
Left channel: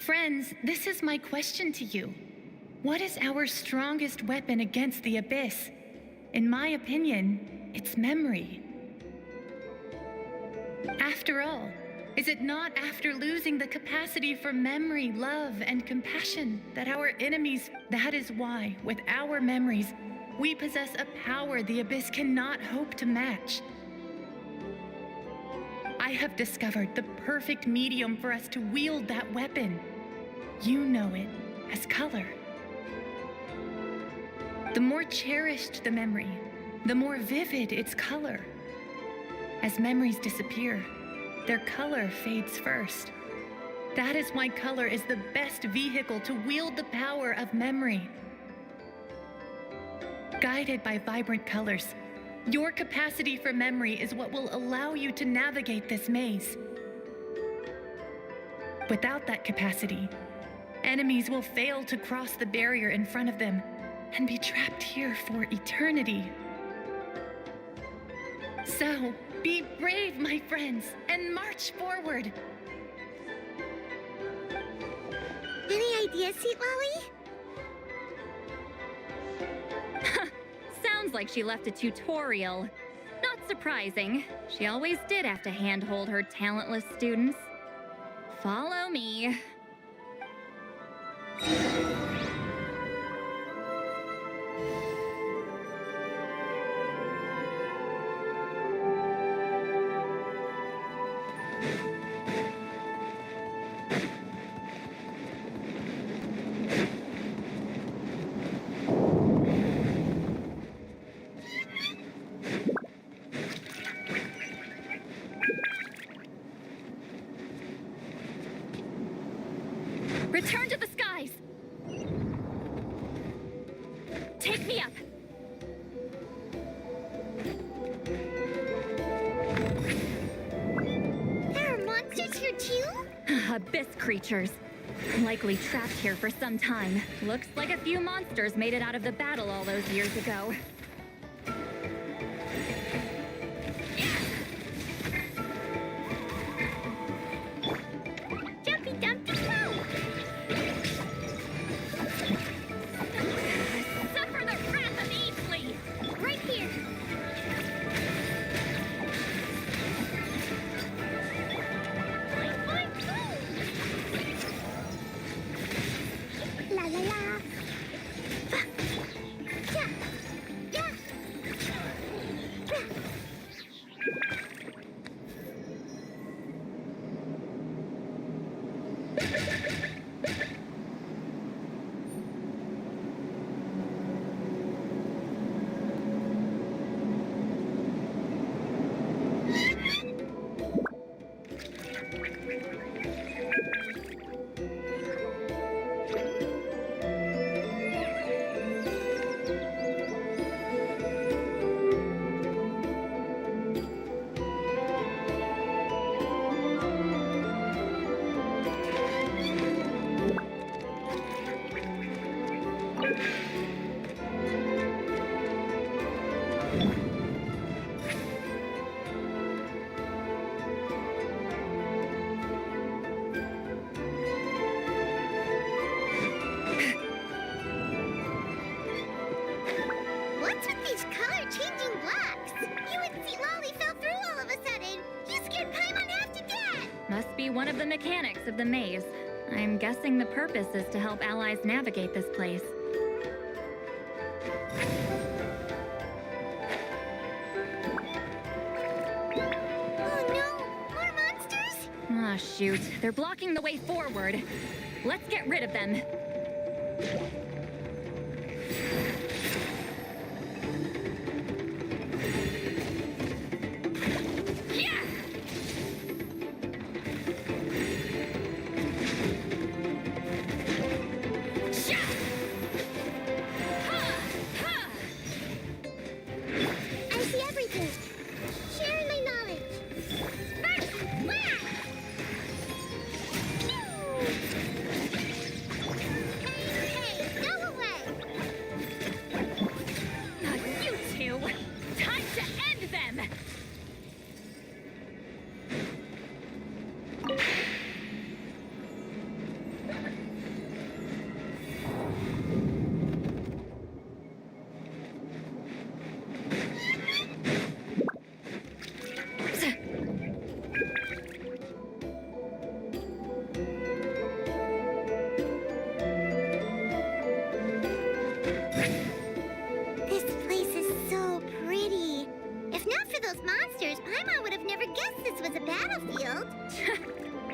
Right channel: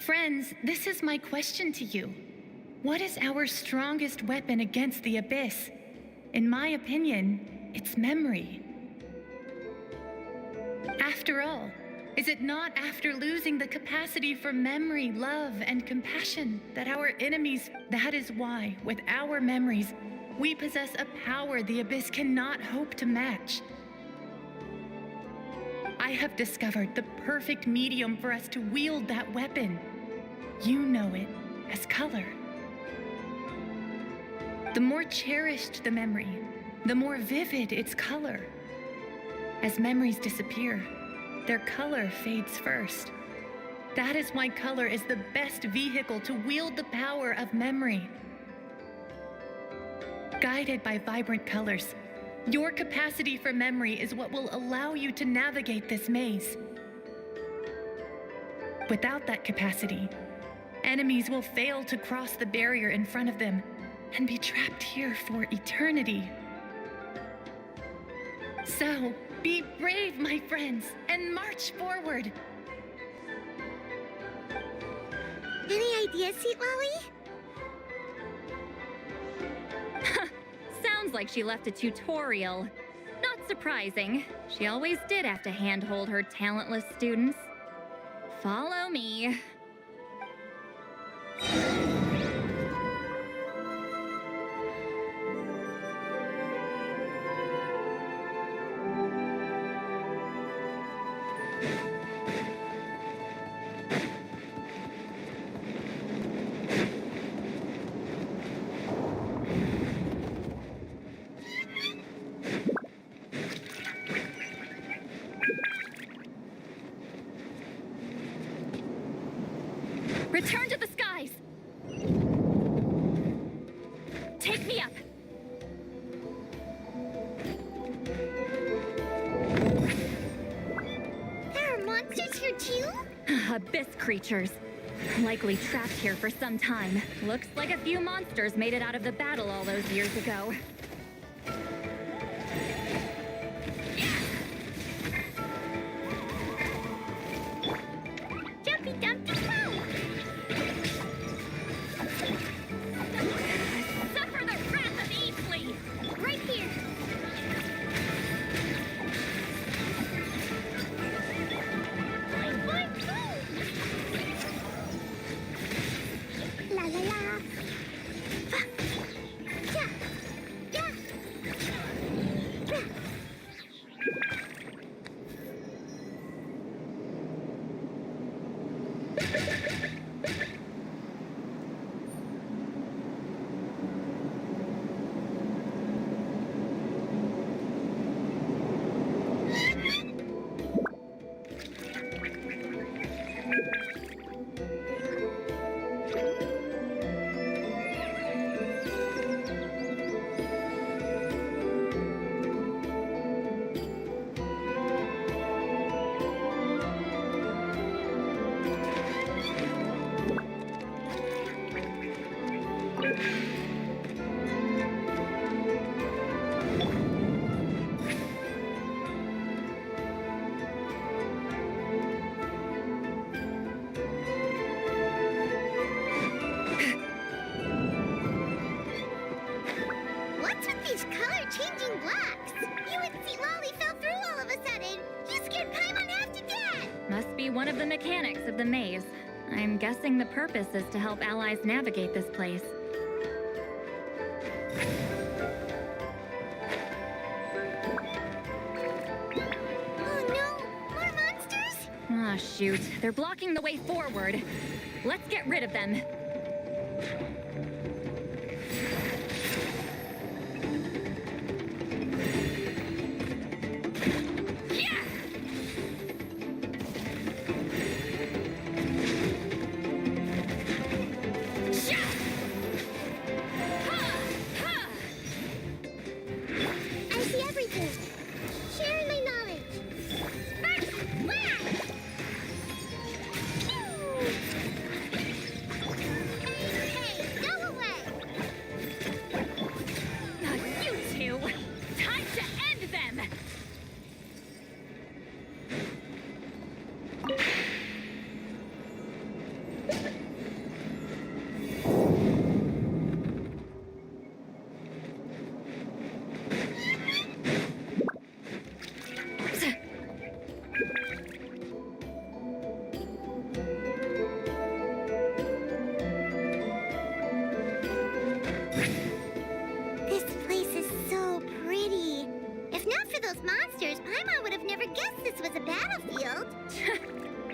Friends, this is my question to you. What is our strongest weapon against the Abyss? In my opinion, it's memory. After all, Is it not after losing the capacity for memory, love, and compassion that our enemies? That is why, with our memories, we possess a power the Abyss cannot hope to match. I have discovered the perfect medium for us to wield that weapon. You know it as color. The more cherished the memory, the more vivid its color. As memories disappear, their color fades first. That is why color is the best vehicle to wield the power of memory. Guided by vibrant colors, your capacity for memory is what will allow you to navigate this maze. Without that capacity, enemies will fail to cross the barrier in front of them and be trapped here for eternity. So, be brave, my friends, and march forward. Any ideas, Sweet Lolly? Sounds like she left a tutorial. Not surprising. She always did have to handhold her talentless students. Follow me. Return to the skies! Take me up! There are monsters here too? Abyss creatures. Likely trapped here for some time. Looks like a few monsters made it out of the battle all those years ago. Jumpy Dumpty Go! Suffer the wrath of Easley! Right here! Boing, boing, boom! La la la! Ja! Ja! Ja! What's with these color-changing blocks? You and Sweet Lolly fell through all of a sudden. You scared Paimon half to death. Must be one of the mechanics of the maze. I'm guessing the purpose is to help allies navigate this place. Oh no! More monsters? Ah, shoot. They're blocking the way forward. Let's get rid of them. Yeah! Sha! Ha! Ha! I see everything. Sharing my knowledge. Sparks! Whack! Pew! Hey, hey!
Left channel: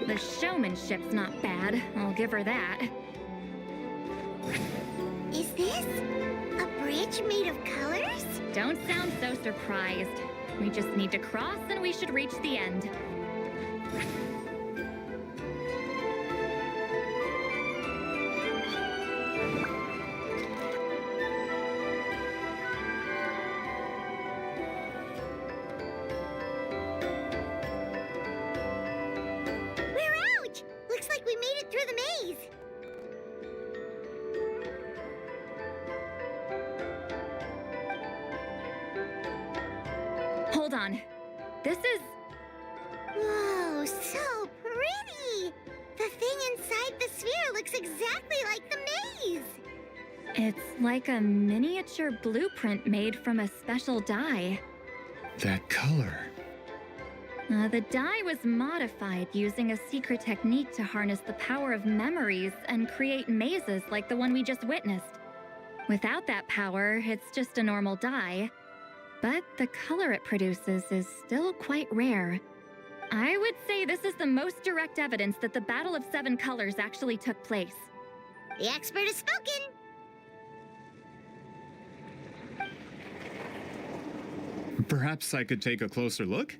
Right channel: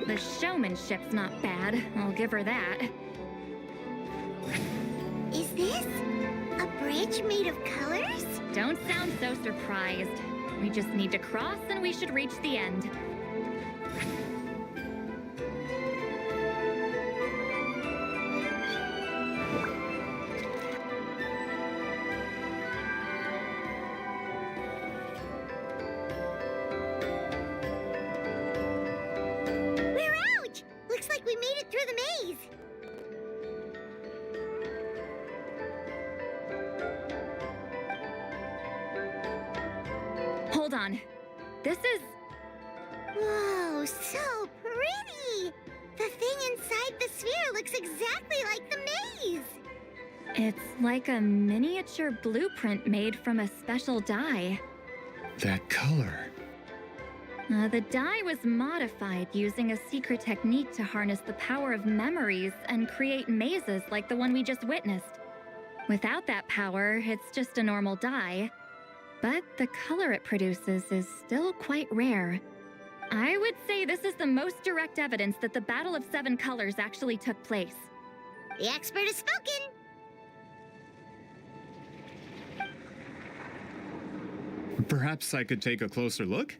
The showmanship's not bad, I'll give her that. Is this a bridge made of colors? Don't sound so surprised. We just need to cross and we should reach the end. We're out! Looks like we made it through the maze. Hold on. This is... Whoa, so pretty! The thing inside the sphere looks exactly like the maze! It's like a miniature blueprint made from a special dye. That color. The dye was modified using a secret technique to harness the power of memories and create mazes like the one we just witnessed. Without that power, it's just a normal dye. But the color it produces is still quite rare. I would say this is the most direct evidence that the Battle of Seven Colors actually took place. The expert has spoken! Perhaps I could take a closer look?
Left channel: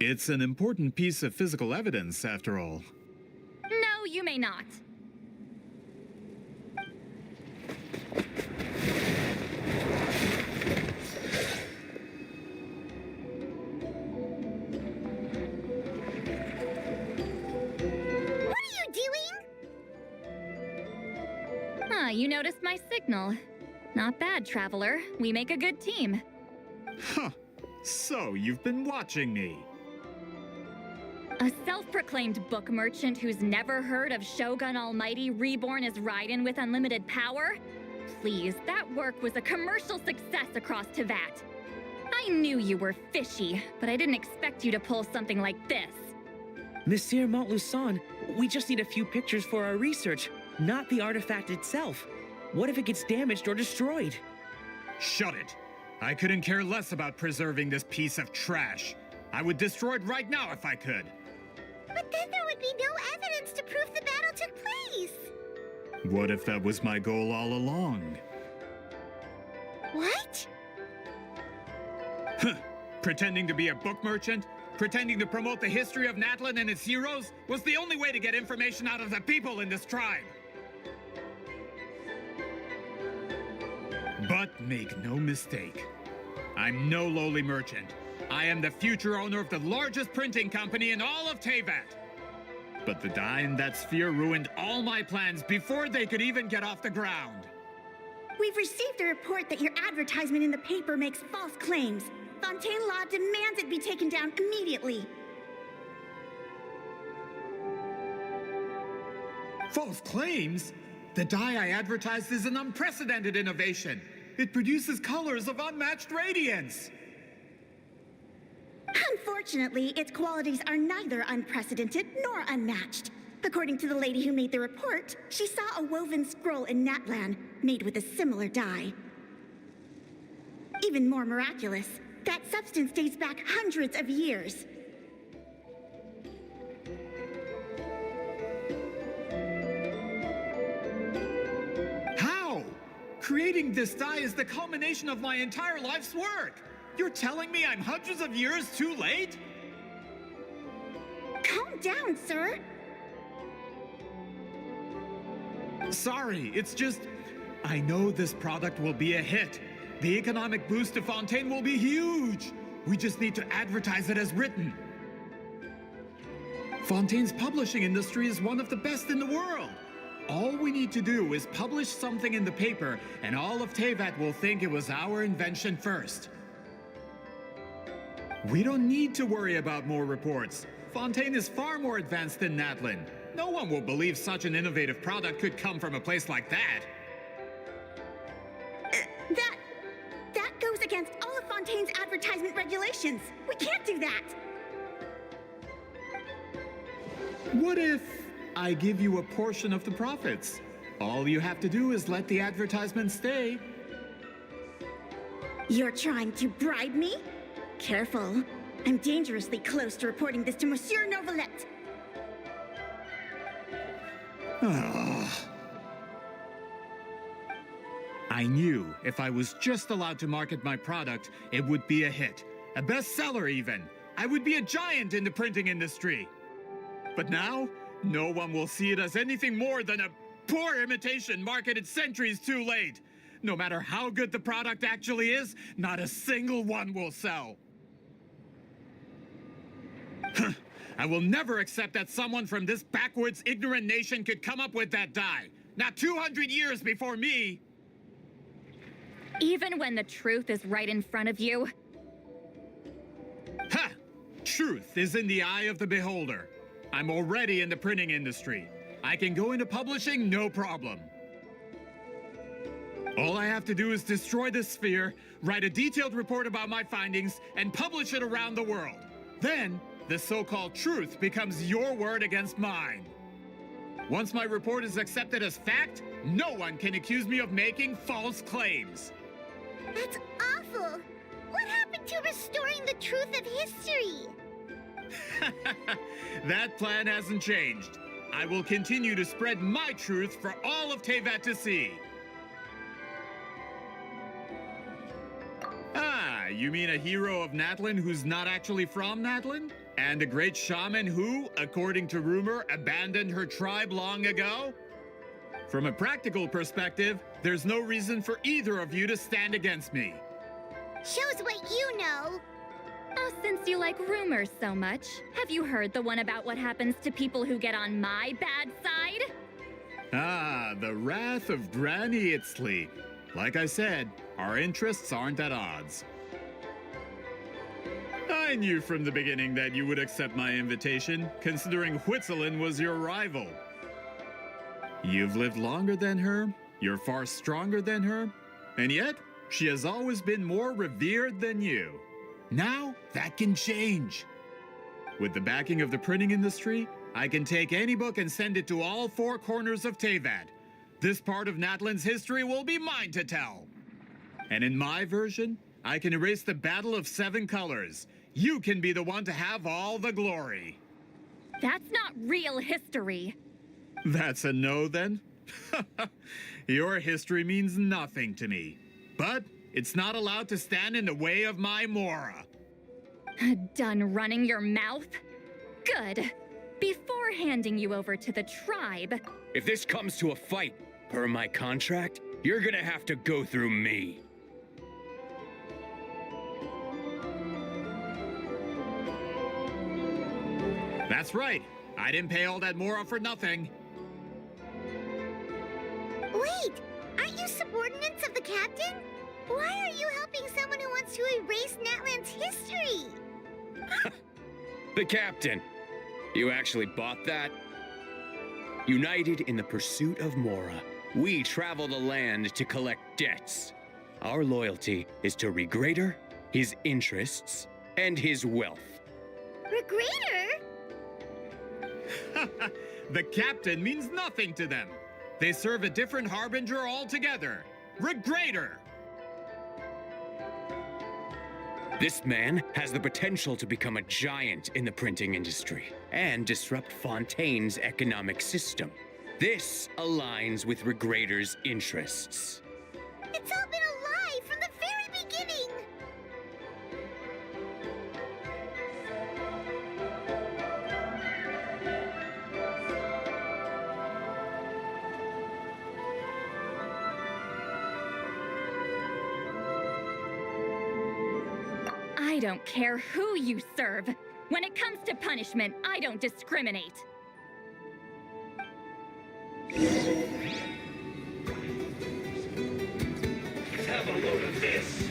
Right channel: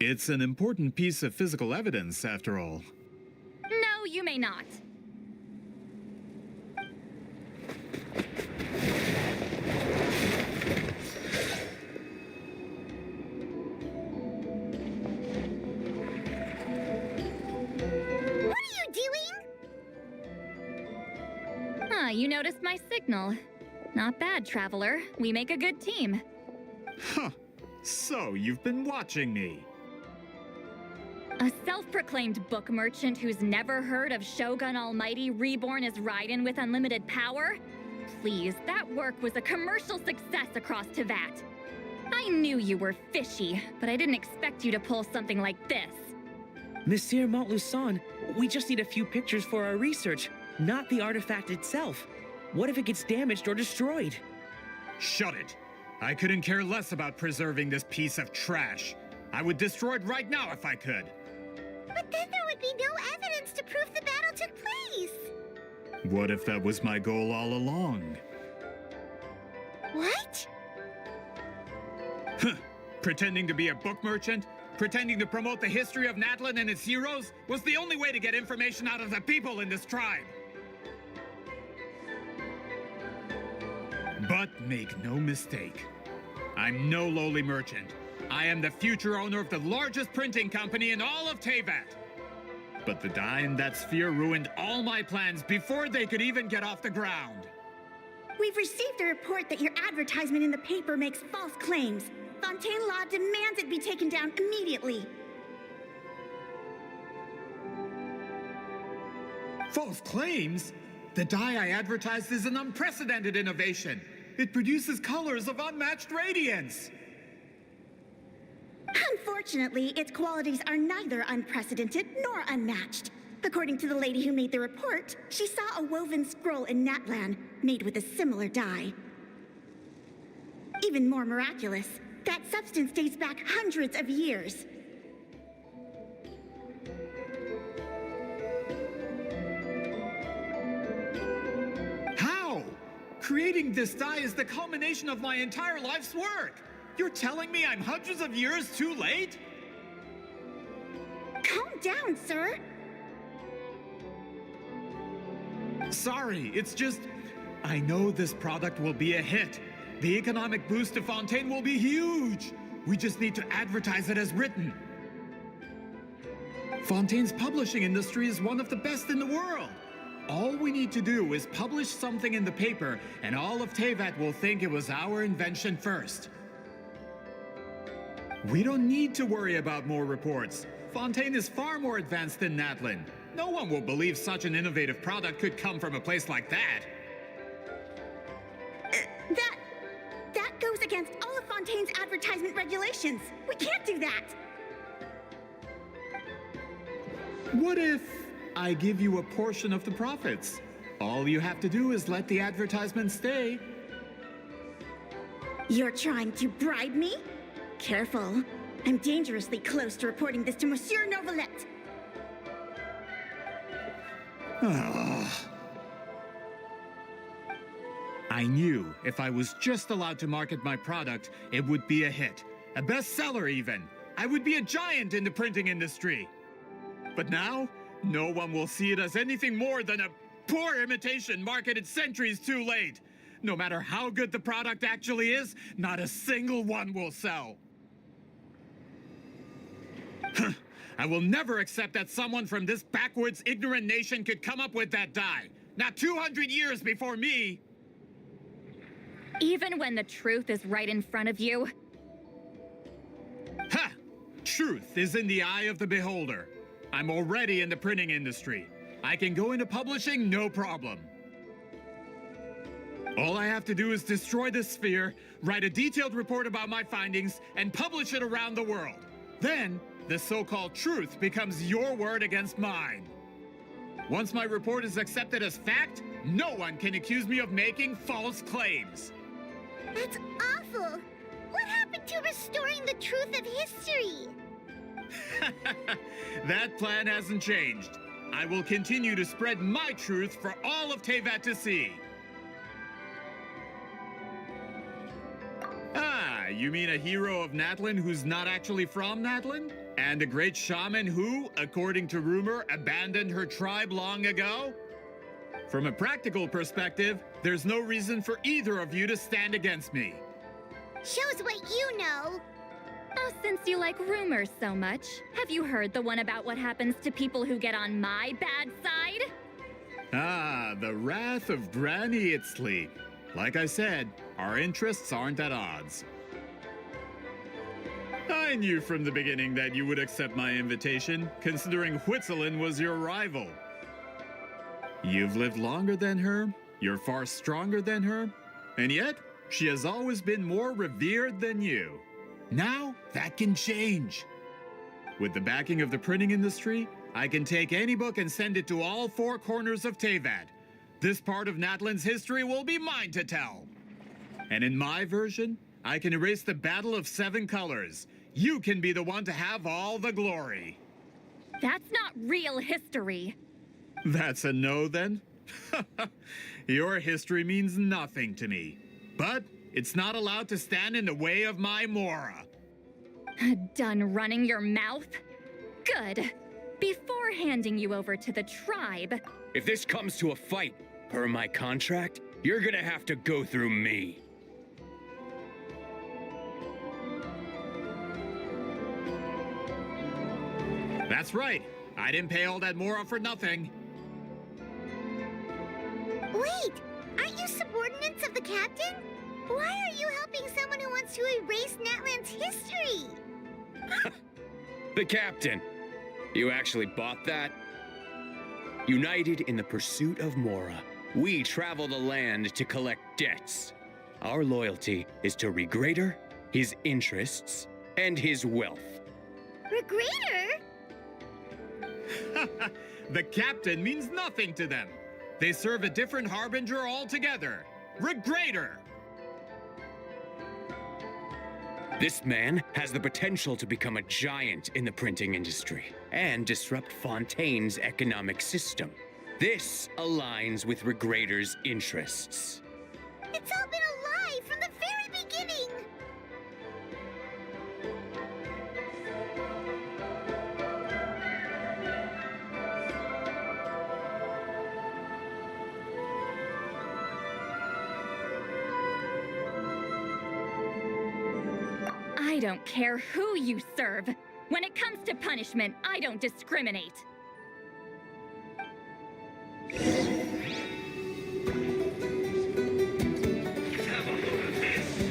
It's an important piece of physical evidence, after all. No, you may not. You noticed my signal. Not bad, Traveler. We make a good team. Huh. So, you've been watching me. A self-proclaimed book merchant who's never heard of Shogun Almighty reborn as Raiden with unlimited power? Please, that work was a commercial success across Teyvat. I knew you were fishy, but I didn't expect you to pull something like this. Monsieur Montluçon, we just need a few pictures for our research, not the artifact itself. What if it gets damaged or destroyed? Shut it! I couldn't care less about preserving this piece of trash. I would destroy it right now if I could. But then there would be no evidence to prove the battle took place. What if that was my goal all along? What? Huh. Pretending to be a book merchant, pretending to promote the history of Natlan and its heroes, was the only way to get information out of the people in this tribe. But make no mistake, I'm no lowly merchant. I am the future owner of the largest printing company in all of Teyvat. But the dye in that sphere ruined all my plans before they could even get off the ground. We've received a report that your advertisement in the paper makes false claims. Fontaine Law demands it be taken down immediately. False claims? The dye I advertised is an unprecedented innovation. It produces colors of unmatched radiance. Unfortunately, its qualities are neither unprecedented nor unmatched. According to the lady who made the report, she saw a woven scroll in Natlan made with a similar dye. Even more miraculous, that substance dates back hundreds of years. How? Creating this dye is the culmination of my entire life's work. You're telling me I'm hundreds of years too late? Calm down, sir. Sorry, it's just... I know this product will be a hit. The economic boost to Fontaine will be huge. We just need to advertise it as written. Fontaine's publishing industry is one of the best in the world. All we need to do is publish something in the paper, and all of Teyvat will think it was our invention first. We don't need to worry about more reports. Fontaine is far more advanced than Natlan. No one will believe such an innovative product could come from a place like that. That goes against all of Fontaine's advertisement regulations. We can't do that. What if I give you a portion of the profits? All you have to do is let the advertisement stay. You're trying to bribe me? Careful. I'm dangerously close to reporting this to Monsieur Novelette. I knew if I was just allowed to market my product, it would be a hit. A bestseller, even. I would be a giant in the printing industry. But now, no one will see it as anything more than a poor imitation marketed centuries too late. No matter how good the product actually is, not a single one will sell. I will never accept that someone from this backwards, ignorant nation could come up with that dye. Not 200 years before me. Even when the truth is right in front of you? Ha! Truth is in the eye of the beholder. I'm already in the printing industry. I can go into publishing, no problem. All I have to do is destroy this sphere, write a detailed report about my findings, and publish it around the world. Then, the so-called truth becomes your word against mine. Once my report is accepted as fact, no one can accuse me of making false claims. That's awful. What happened to restoring the truth of history? That plan hasn't changed. I will continue to spread my truth for all of Teyvat to see. Ah, you mean a hero of Natlan who's not actually from Natlan? And a great shaman who, according to rumor, abandoned her tribe long ago? From a practical perspective, there's no reason for either of you to stand against me. Shows what you know. Oh, since you like rumors so much, have you heard the one about what happens to people who get on my bad side? Ah, the wrath of Granny Itzli. Like I said, our interests aren't at odds. I knew from the beginning that you would accept my invitation, considering Huitzilin was your rival. You've lived longer than her, you're far stronger than her, and yet she has always been more revered than you. Now, that can change. With the backing of the printing industry, I can take any book and send it to all four corners of Teyvat. This part of Natlan's history will be mine to tell. And in my version, I can erase the Battle of Seven Colors. You can be the one to have all the glory. That's not real history. That's a no, then? Your history means nothing to me. But it's not allowed to stand in the way of my Mora. Done running your mouth? Good. Before handing you over to the tribe... If this comes to a fight, per my contract, you're gonna have to go through me. That's right. I didn't pay all that Mora for nothing. Wait, aren't you subordinates of the captain? Why are you helping someone who wants to erase Natlan's history? The captain. You actually bought that? United in the pursuit of Mora, we travel the land to collect debts. Our loyalty is to Regrader, his interests, and his wealth. Regrader? The captain means nothing to them. They serve a different harbinger altogether. Regrader! This man has the potential to become a giant in the printing industry and disrupt Fontaine's economic system. This aligns with Regrader's interests. It's all been a lie from the very beginning. I don't care who you serve. When it comes to punishment, I don't discriminate. Have a load of this.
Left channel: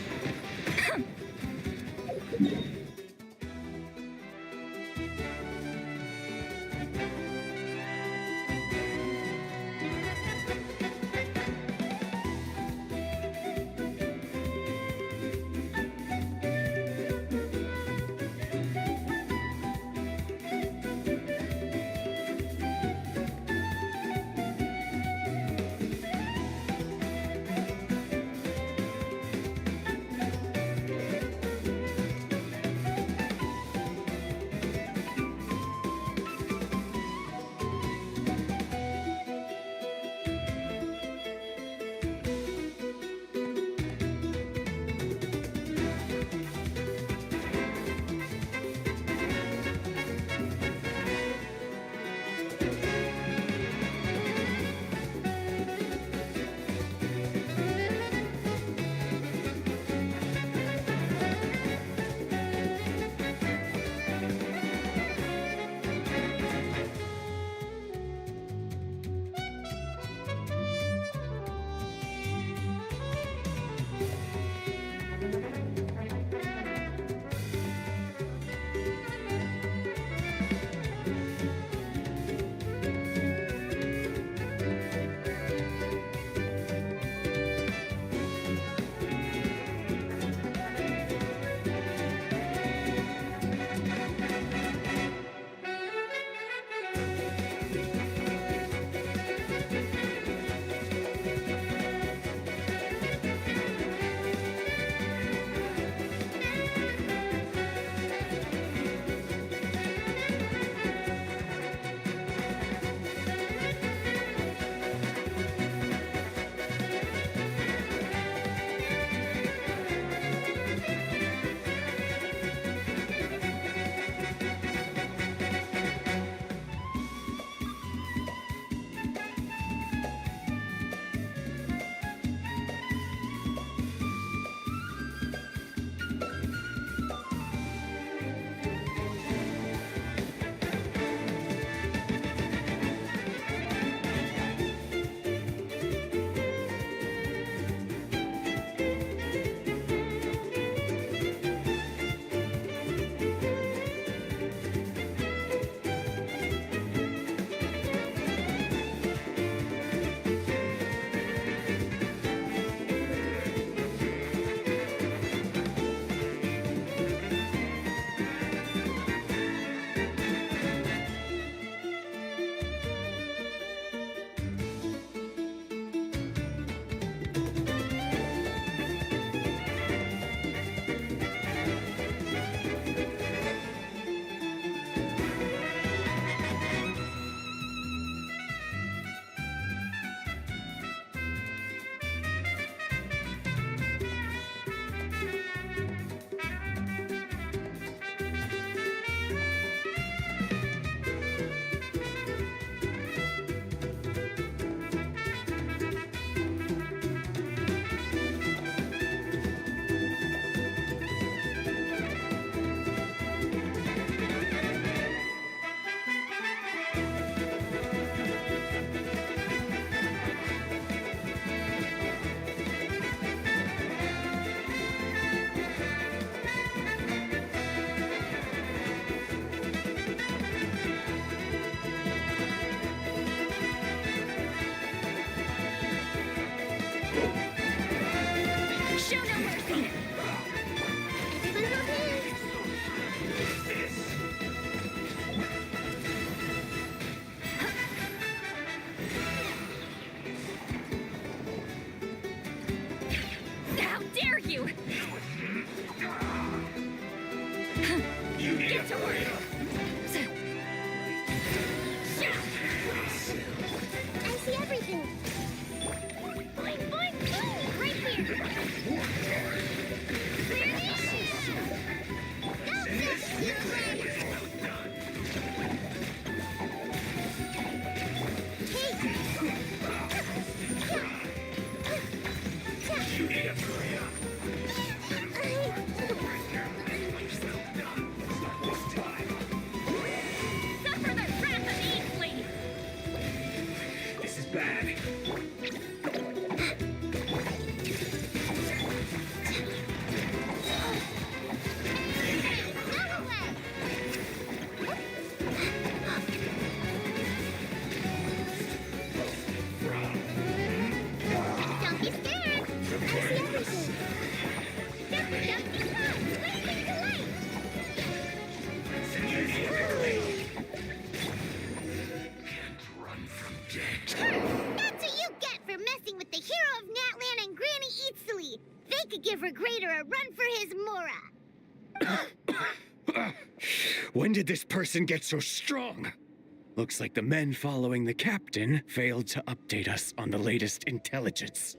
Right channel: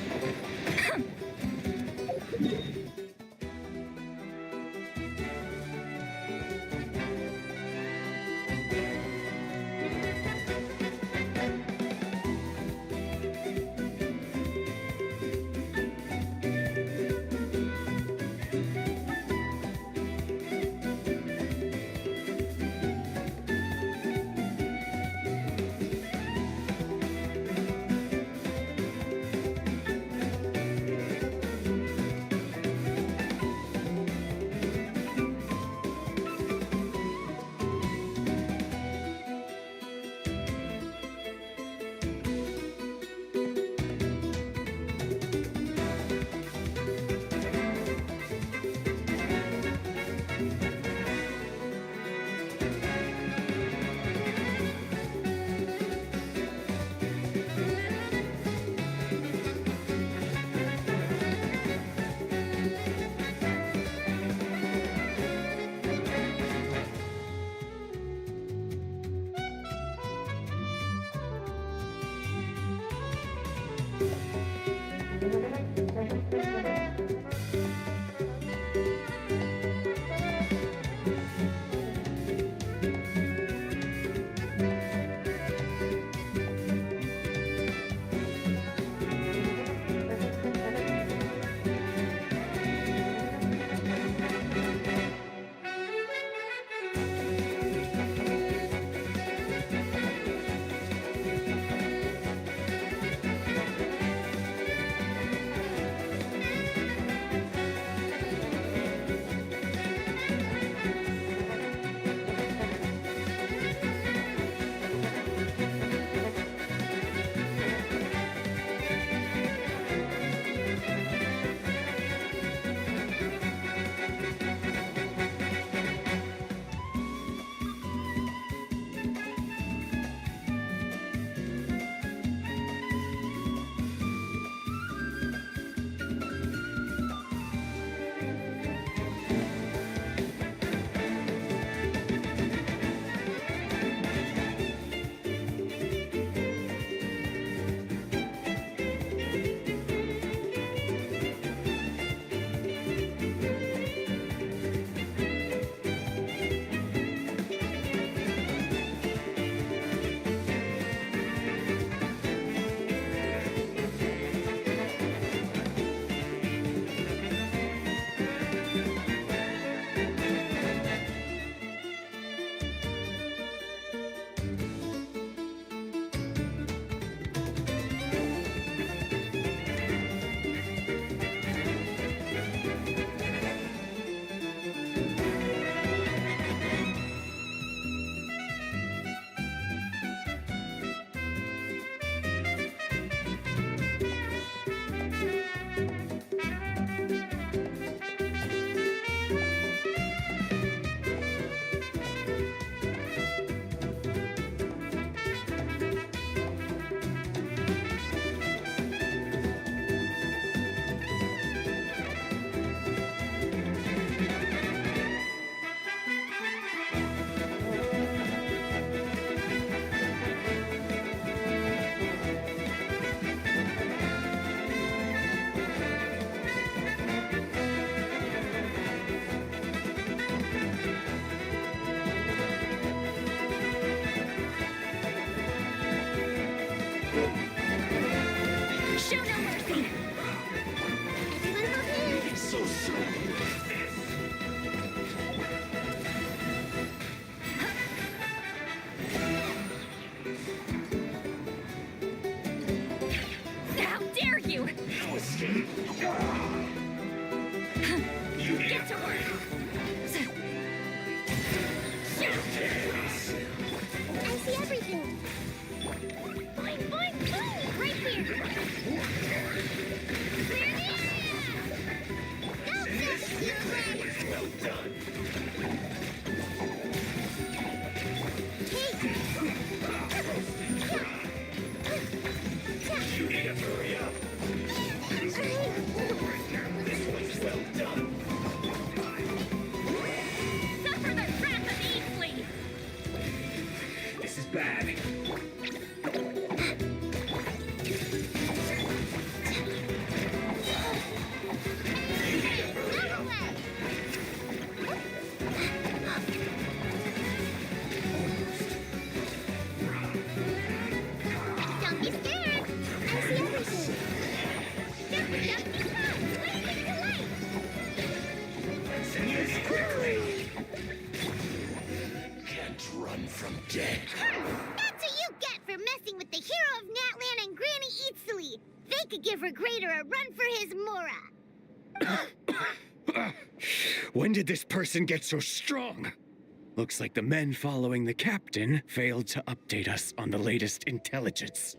bag. Don't be scared. I see everything. Jumpy, jumpy, come. Blazing to light. Can't run from death. That's what you get for messing with the hero of Natlan and Granny Eatsley. They could give her Grader a run for his Mora. When did this person get so strong? Looks like the men following the captain failed to update us on the latest intelligence.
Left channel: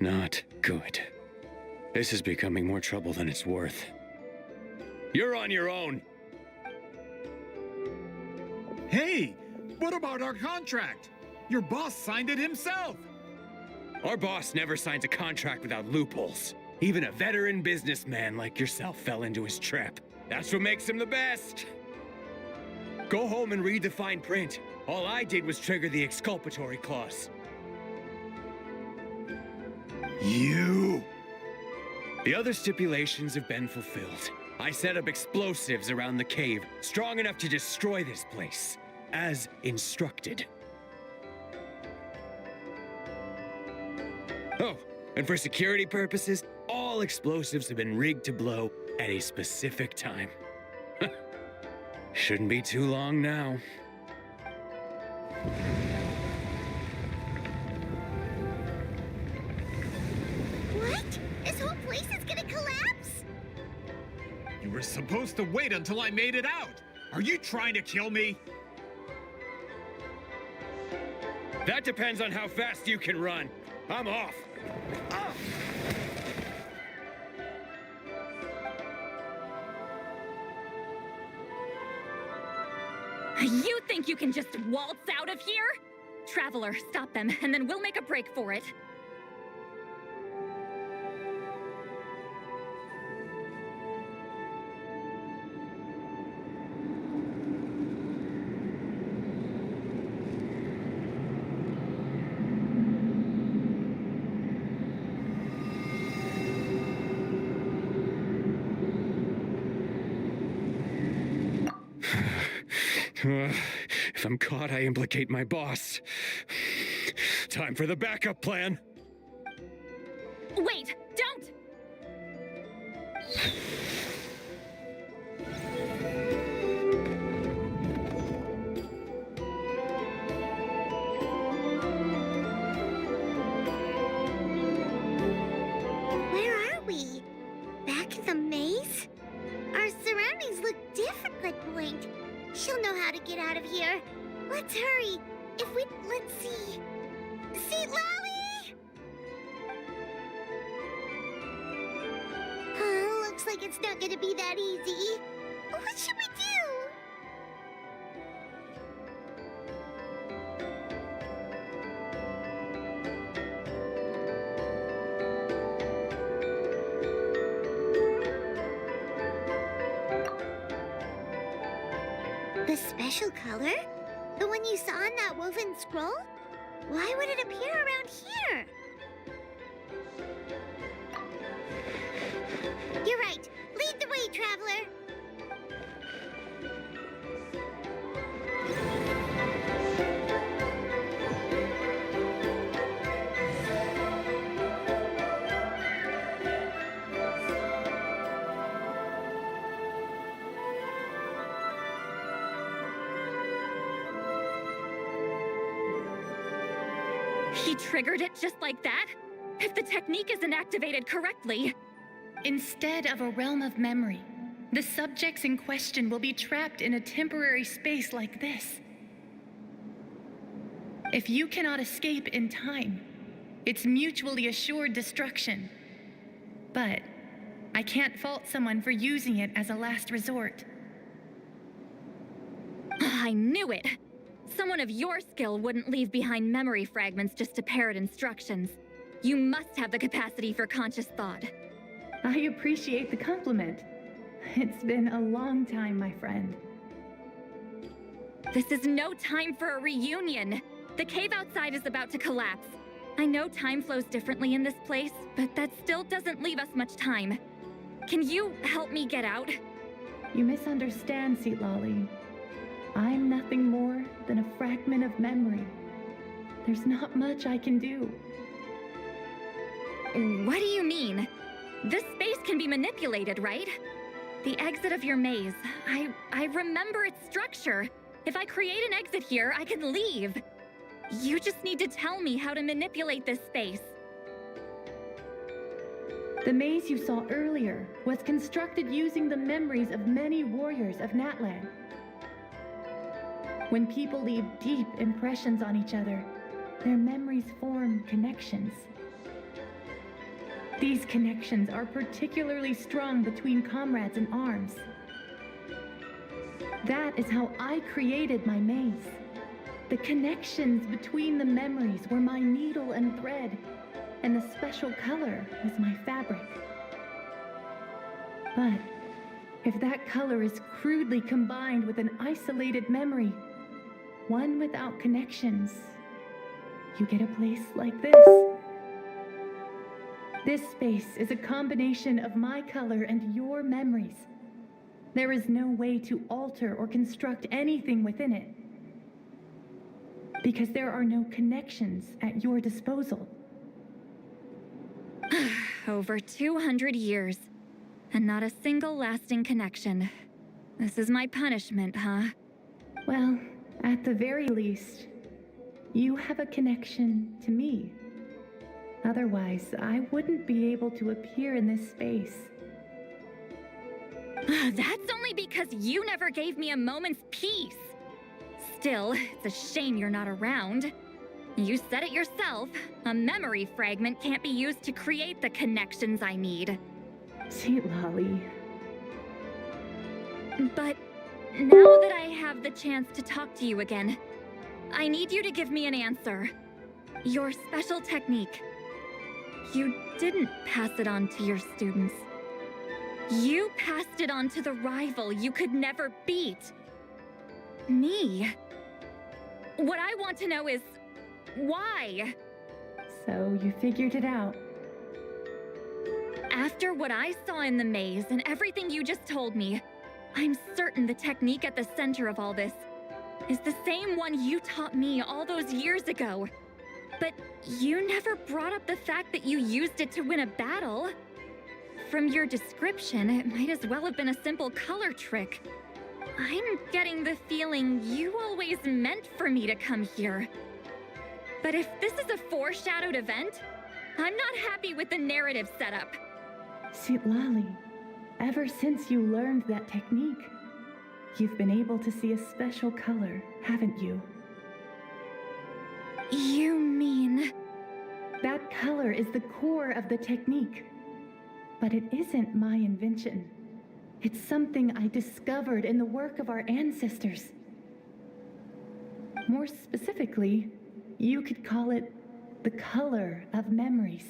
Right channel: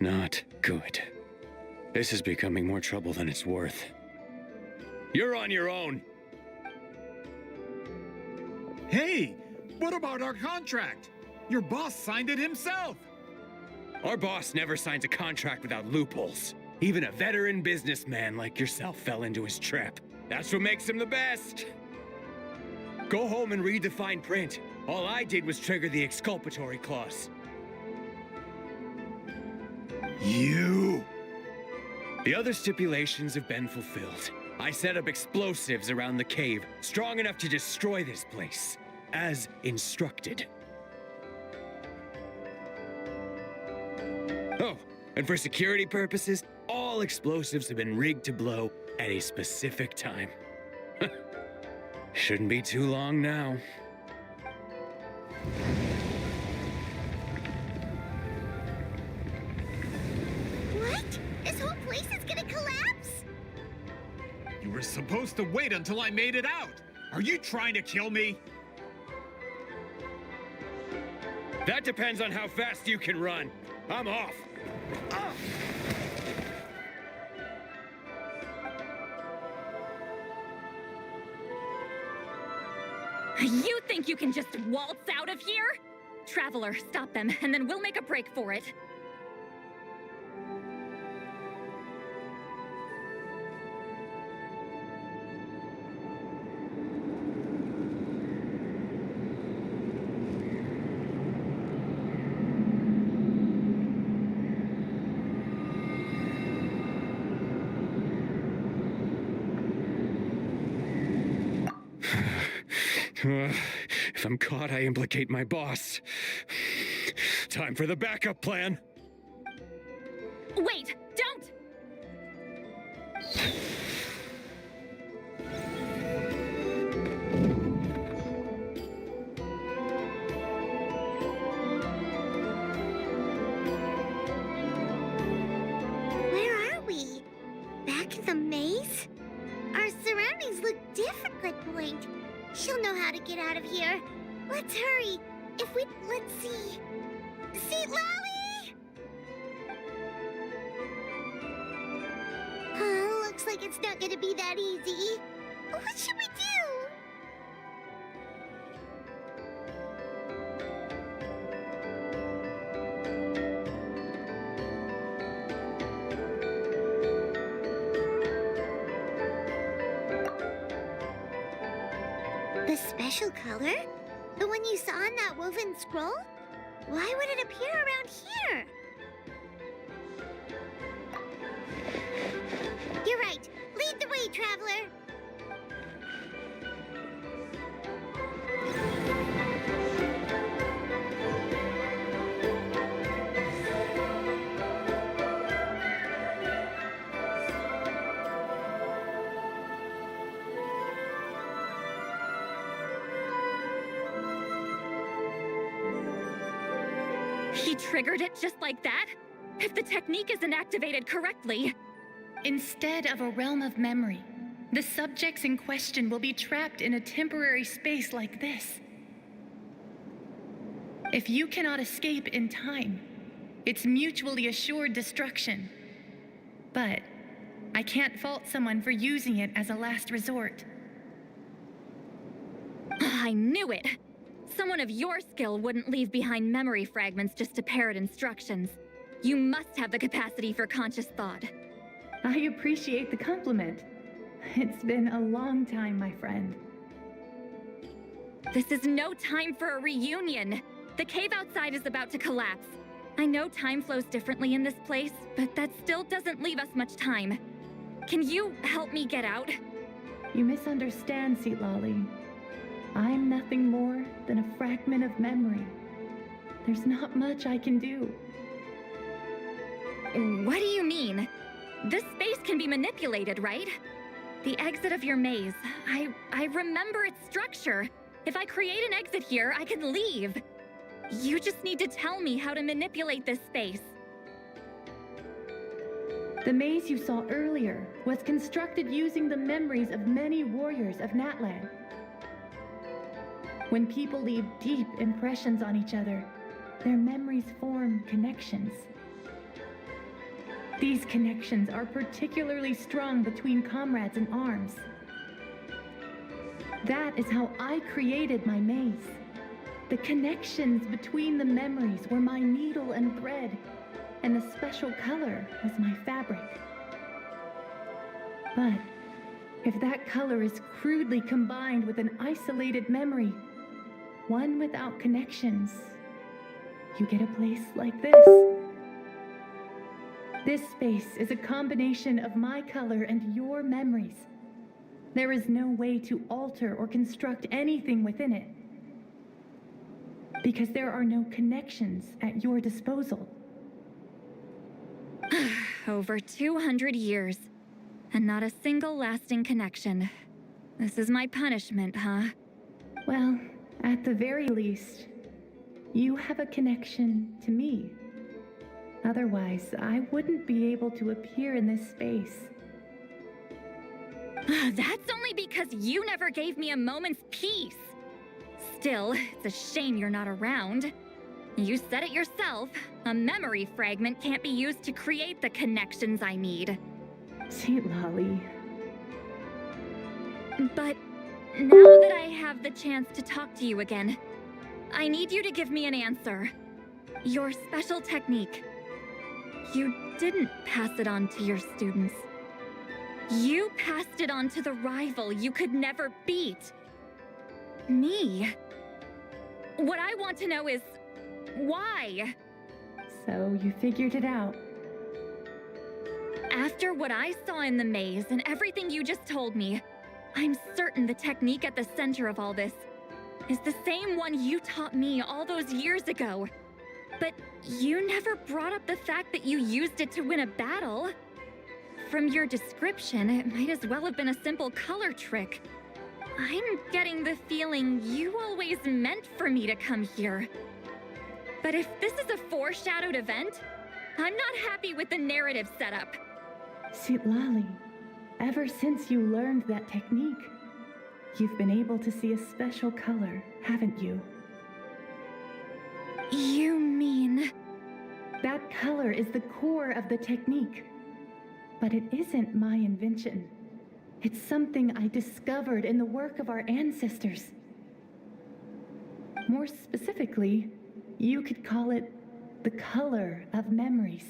Not good. This is becoming more trouble than it's worth. You're on your own. Hey, what about our contract? Your boss signed it himself. Our boss never signs a contract without loopholes. Even a veteran businessman like yourself fell into his trap. That's what makes him the best. Go home and read the fine print. All I did was trigger the exculpatory clause. You! The other stipulations have been fulfilled. I set up explosives around the cave, strong enough to destroy this place, as instructed. Oh, and for security purposes, all explosives have been rigged to blow at a specific time. Shouldn't be too long now. What? This whole place is gonna collapse? You were supposed to wait until I made it out. Are you trying to kill me? That depends on how fast you can run. I'm off. Ah! You think you can just waltz out of here? Traveler, stop them, and then we'll make a break for it. If I'm caught, I implicate my boss. Time for the backup plan. Wait, don't! Where are we? Back in the maze? Our surroundings look different at point. She'll know how to get out of here. Let's hurry. Let's see. See, Lolly! Looks like it's not gonna be that easy. What should we do? The special color? The one you saw in that woven scroll? Why would it appear around here? You're right. Lead the way, traveler. He triggered it just like that? If the technique isn't activated correctly... Instead of a realm of memory, the subjects in question will be trapped in a temporary space like this. If you cannot escape in time, it's mutually assured destruction. But I can't fault someone for using it as a last resort. I knew it! Someone of your skill wouldn't leave behind memory fragments just to parrot instructions. You must have the capacity for conscious thought. I appreciate the compliment. It's been a long time, my friend. This is no time for a reunion. The cave outside is about to collapse. I know time flows differently in this place, but that still doesn't leave us much time. Can you help me get out? You misunderstand, Seatlali. I'm nothing more than a fragment of memory. There's not much I can do. What do you mean? This space can be manipulated, right? The exit of your maze. I remember its structure. If I create an exit here, I can leave. You just need to tell me how to manipulate this space. The maze you saw earlier was constructed using the memories of many warriors of Natlan. When people leave deep impressions on each other, their memories form connections. These connections are particularly strong between comrades in arms. That is how I created my maze. The connections between the memories were my needle and thread, and the special color was my fabric. But if that color is crudely combined with an isolated memory, one without connections, you get a place like this. This space is a combination of my color and your memories. There is no way to alter or construct anything within it, because there are no connections at your disposal. Over 200 years, and not a single lasting connection. This is my punishment, huh? Well, at the very least, you have a connection to me. Otherwise, I wouldn't be able to appear in this space. That's only because you never gave me a moment's peace. Still, it's a shame you're not around. You said it yourself. A memory fragment can't be used to create the connections I need. Seatlali. But now that I have the chance to talk to you again, I need you to give me an answer. Your special technique. You didn't pass it on to your students. You passed it on to the rival you could never beat. Me. What I want to know is, why? So you figured it out. After what I saw in the maze and everything you just told me, I'm certain the technique at the center of all this is the same one you taught me all those years ago. But you never brought up the fact that you used it to win a battle. From your description, it might as well have been a simple color trick. I'm getting the feeling you always meant for me to come here. But if this is a foreshadowed event, I'm not happy with the narrative setup. Seatlali, ever since you learned that technique, you've been able to see a special color, haven't you? You mean? That color is the core of the technique. But it isn't my invention. It's something I discovered in the work of our ancestors. More specifically, you could call it the color of memories.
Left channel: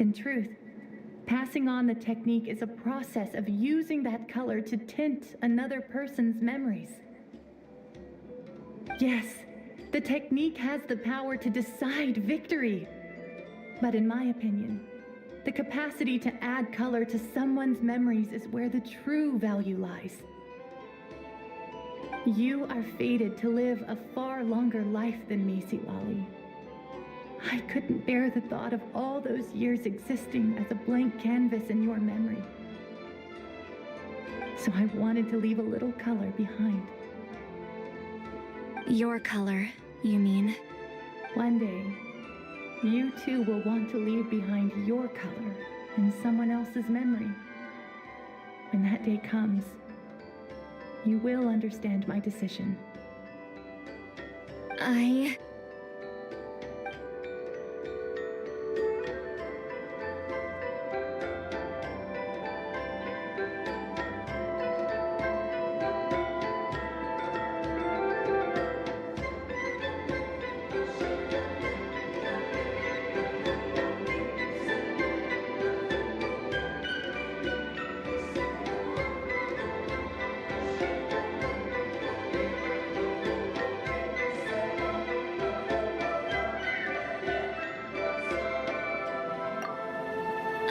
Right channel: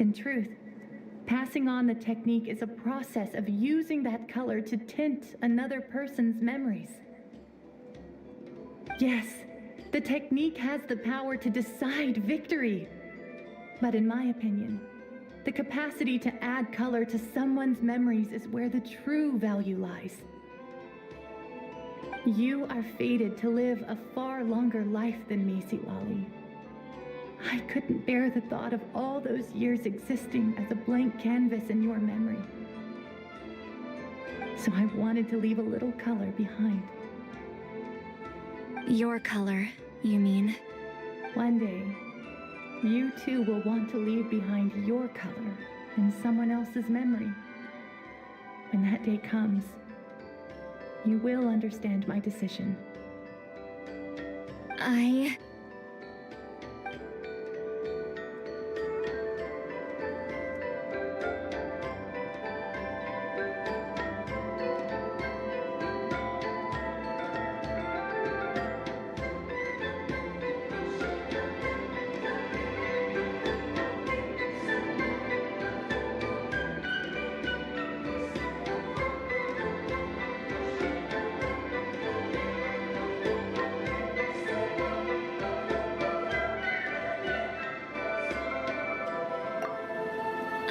In truth, passing on the technique is a process of using that color to tint another person's memories. Yes, the technique has the power to decide victory. But in my opinion, the capacity to add color to someone's memories is where the true value lies. You are fated to live a far longer life than me, Seatlali. I couldn't bear the thought of all those years existing as a blank canvas in your memory. So I wanted to leave a little color behind. Your color, you mean? One day, you too will want to leave behind your color in someone else's memory. When that day comes, you will understand my decision.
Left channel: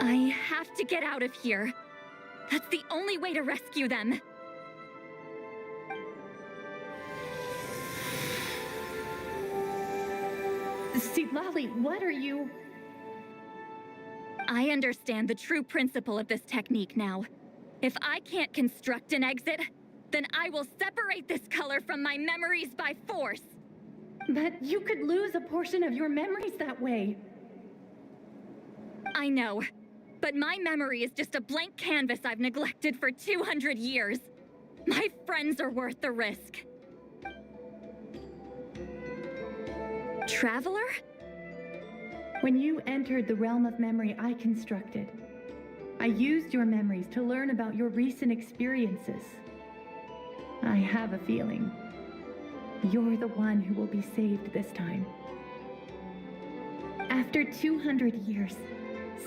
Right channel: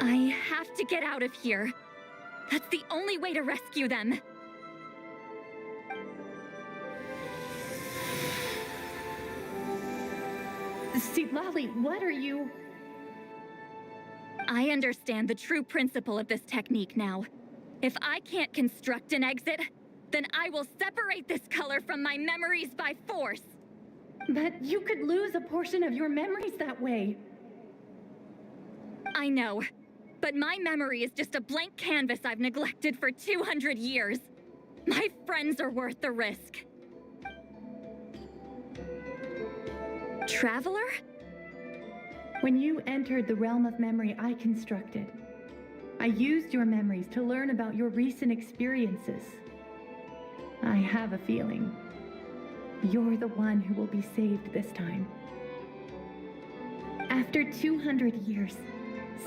I have to get out of here. That's the only way to rescue them. Lolly, what are you... I understand the true principle of this technique now. If I can't construct an exit, then I will separate this color from my memories by force. But you could lose a portion of your memories that way. I know, but my memory is just a blank canvas I've neglected for 200 years. My friends are worth the risk. Traveler? When you entered the realm of memory I constructed, I used your memories to learn about your recent experiences. I have a feeling you're the one who will be saved this time. After 200 years,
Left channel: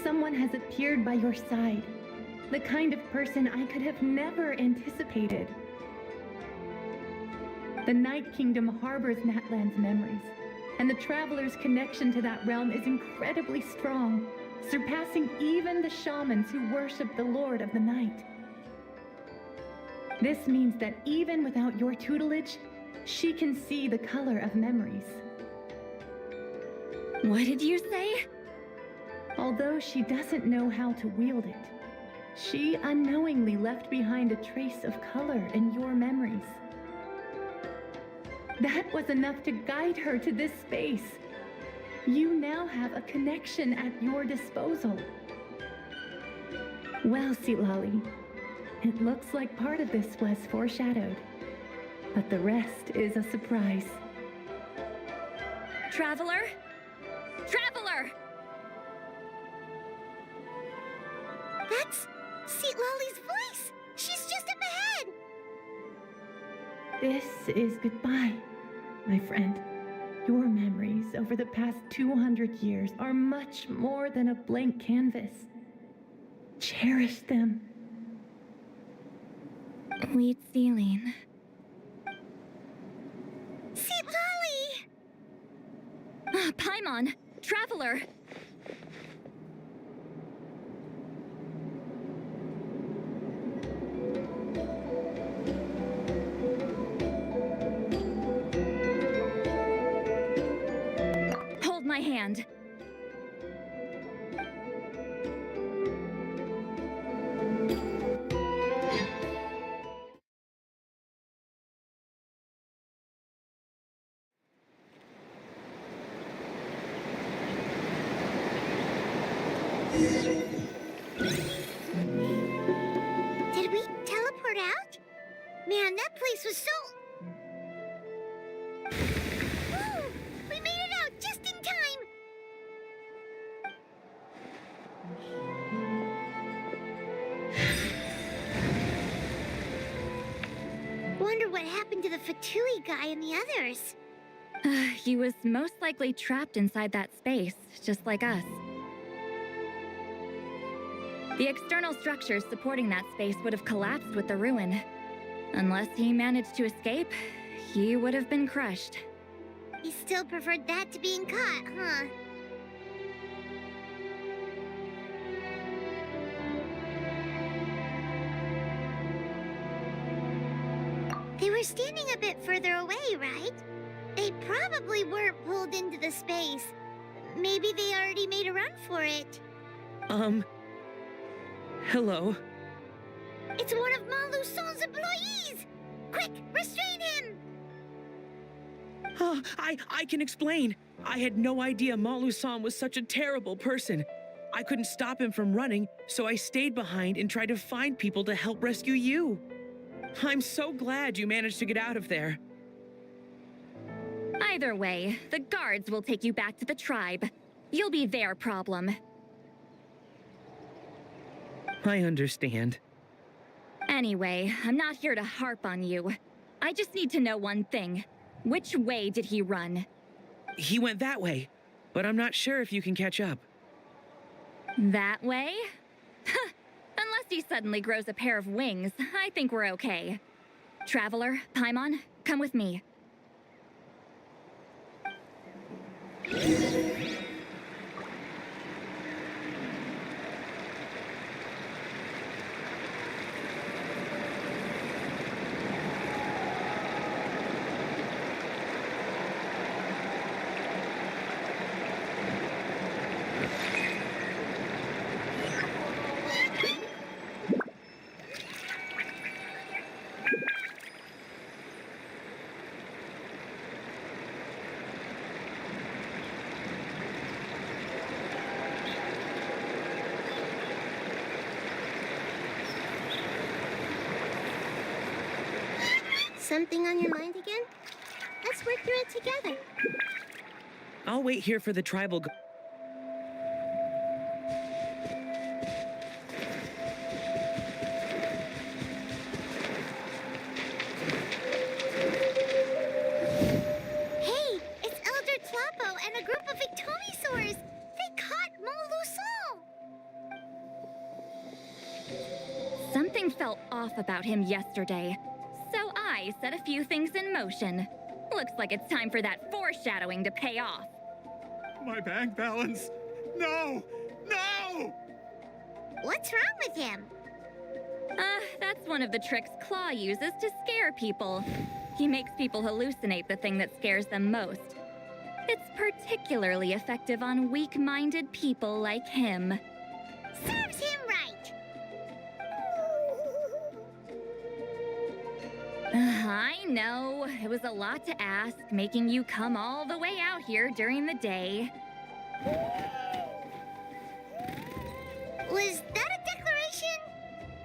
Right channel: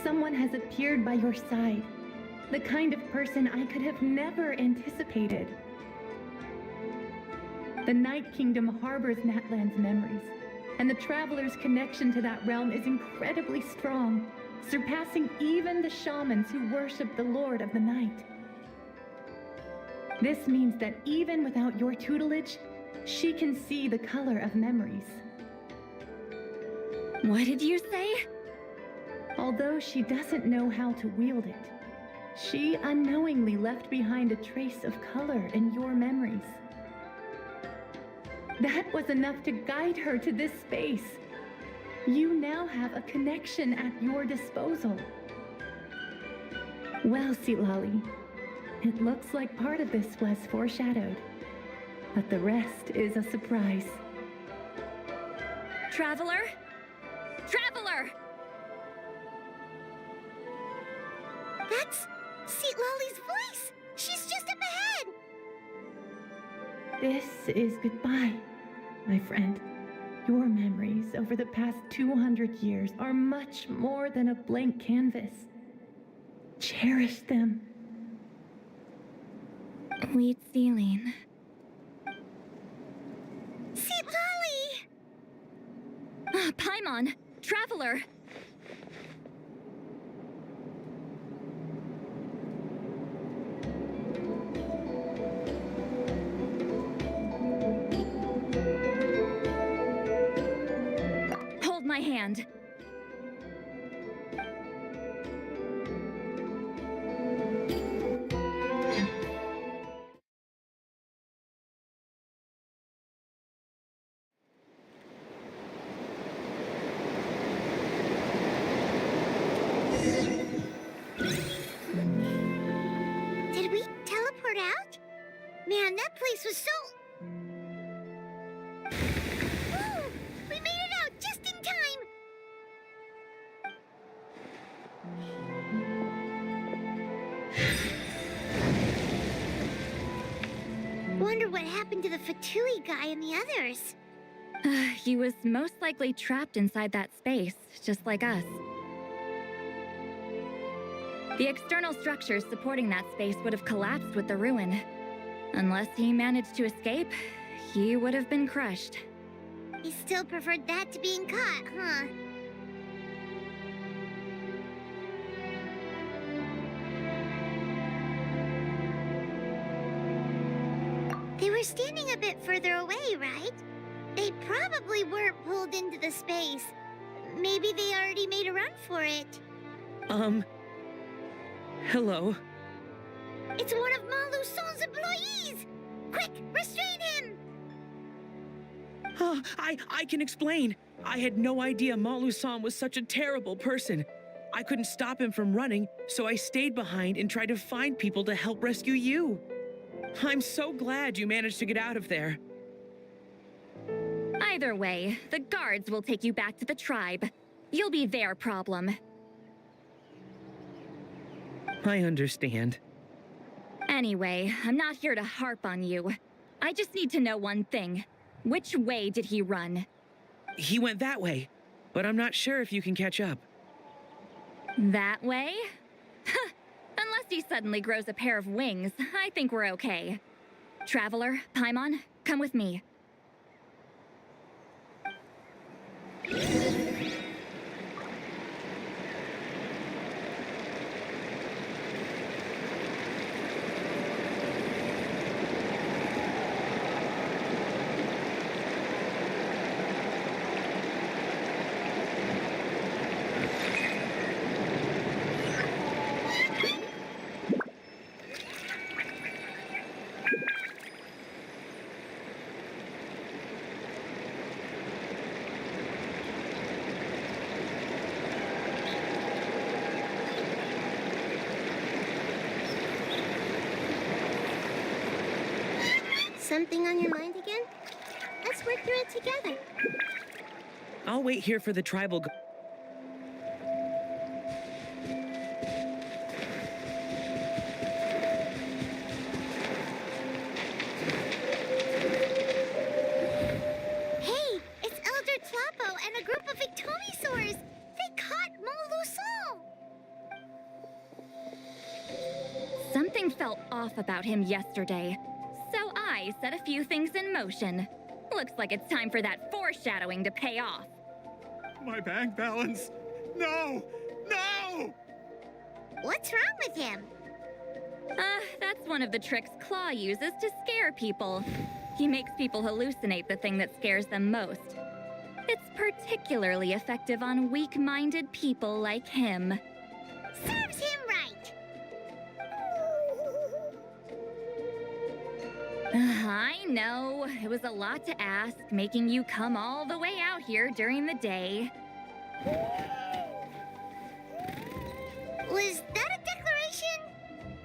someone has appeared by your side, the kind of person I could have never anticipated. The Night Kingdom harbors Natlan's memories, and the Traveler's connection to that realm is incredibly strong, surpassing even the shamans who worship the Lord of the Night. This means that even without your tutelage, she can see the color of memories. What did you say? Although she doesn't know how to wield it, she unknowingly left behind a trace of color in your memories. That was enough to guide her to this space. You now have a connection at your disposal. Well, Lolly, it looks like part of this was foreshadowed, but the rest is a surprise. Traveler? Traveler! That's Lolly's voice! She's just up ahead! This is goodbye, my friend. Your memories over the past 200 years are much more than a blank canvas. Cherish them. Wheat ceiling. Lolly! Paimon! Traveler! Hold my hand. Did we teleport out? Man, that place was so... Woo! We made it out just in time! Wonder what happened to the Fatui guy and the others. He was most likely trapped inside that space, just like us. The external structures supporting that space would have collapsed with the ruin. Unless he managed to escape, he would have been crushed. He still preferred that to being caught, huh? They were standing a bit further away, right? They probably weren't pulled into the space. Maybe they already made a run for it. Hello? It's one of Maluson's employees! Quick, restrain him! I can explain. I had no idea Malu-san was such a terrible person. I couldn't stop him from running, so I stayed behind and tried to find people to help rescue you. I'm so glad you managed to get out of there. Either way, the guards will take you back to the tribe. You'll be their problem. I understand. Anyway, I'm not here to harp on you. I just need to know one thing. Which way did he run? He went that way, but I'm not sure if you can catch up. That way? Unless he suddenly grows a pair of wings, I think we're okay. Traveler, Paimon, come with me. Something on your mind again? Let's work through it together. I'll wait here for the tribal. Hey, it's Elder Tlapo and a group of Ictomisaurs. They caught Moluson. Something felt off about him yesterday, so I set a few things in motion. Looks like it's time for that foreshadowing to pay off. My bank balance. No! No! What's wrong with him? That's one of the tricks Claw uses to scare people. He makes people hallucinate the thing that scares them most. It's particularly effective on weak-minded people like him. Serves him right. I know, it was a lot to ask, making you come all the way out here during the day. Was that a declaration?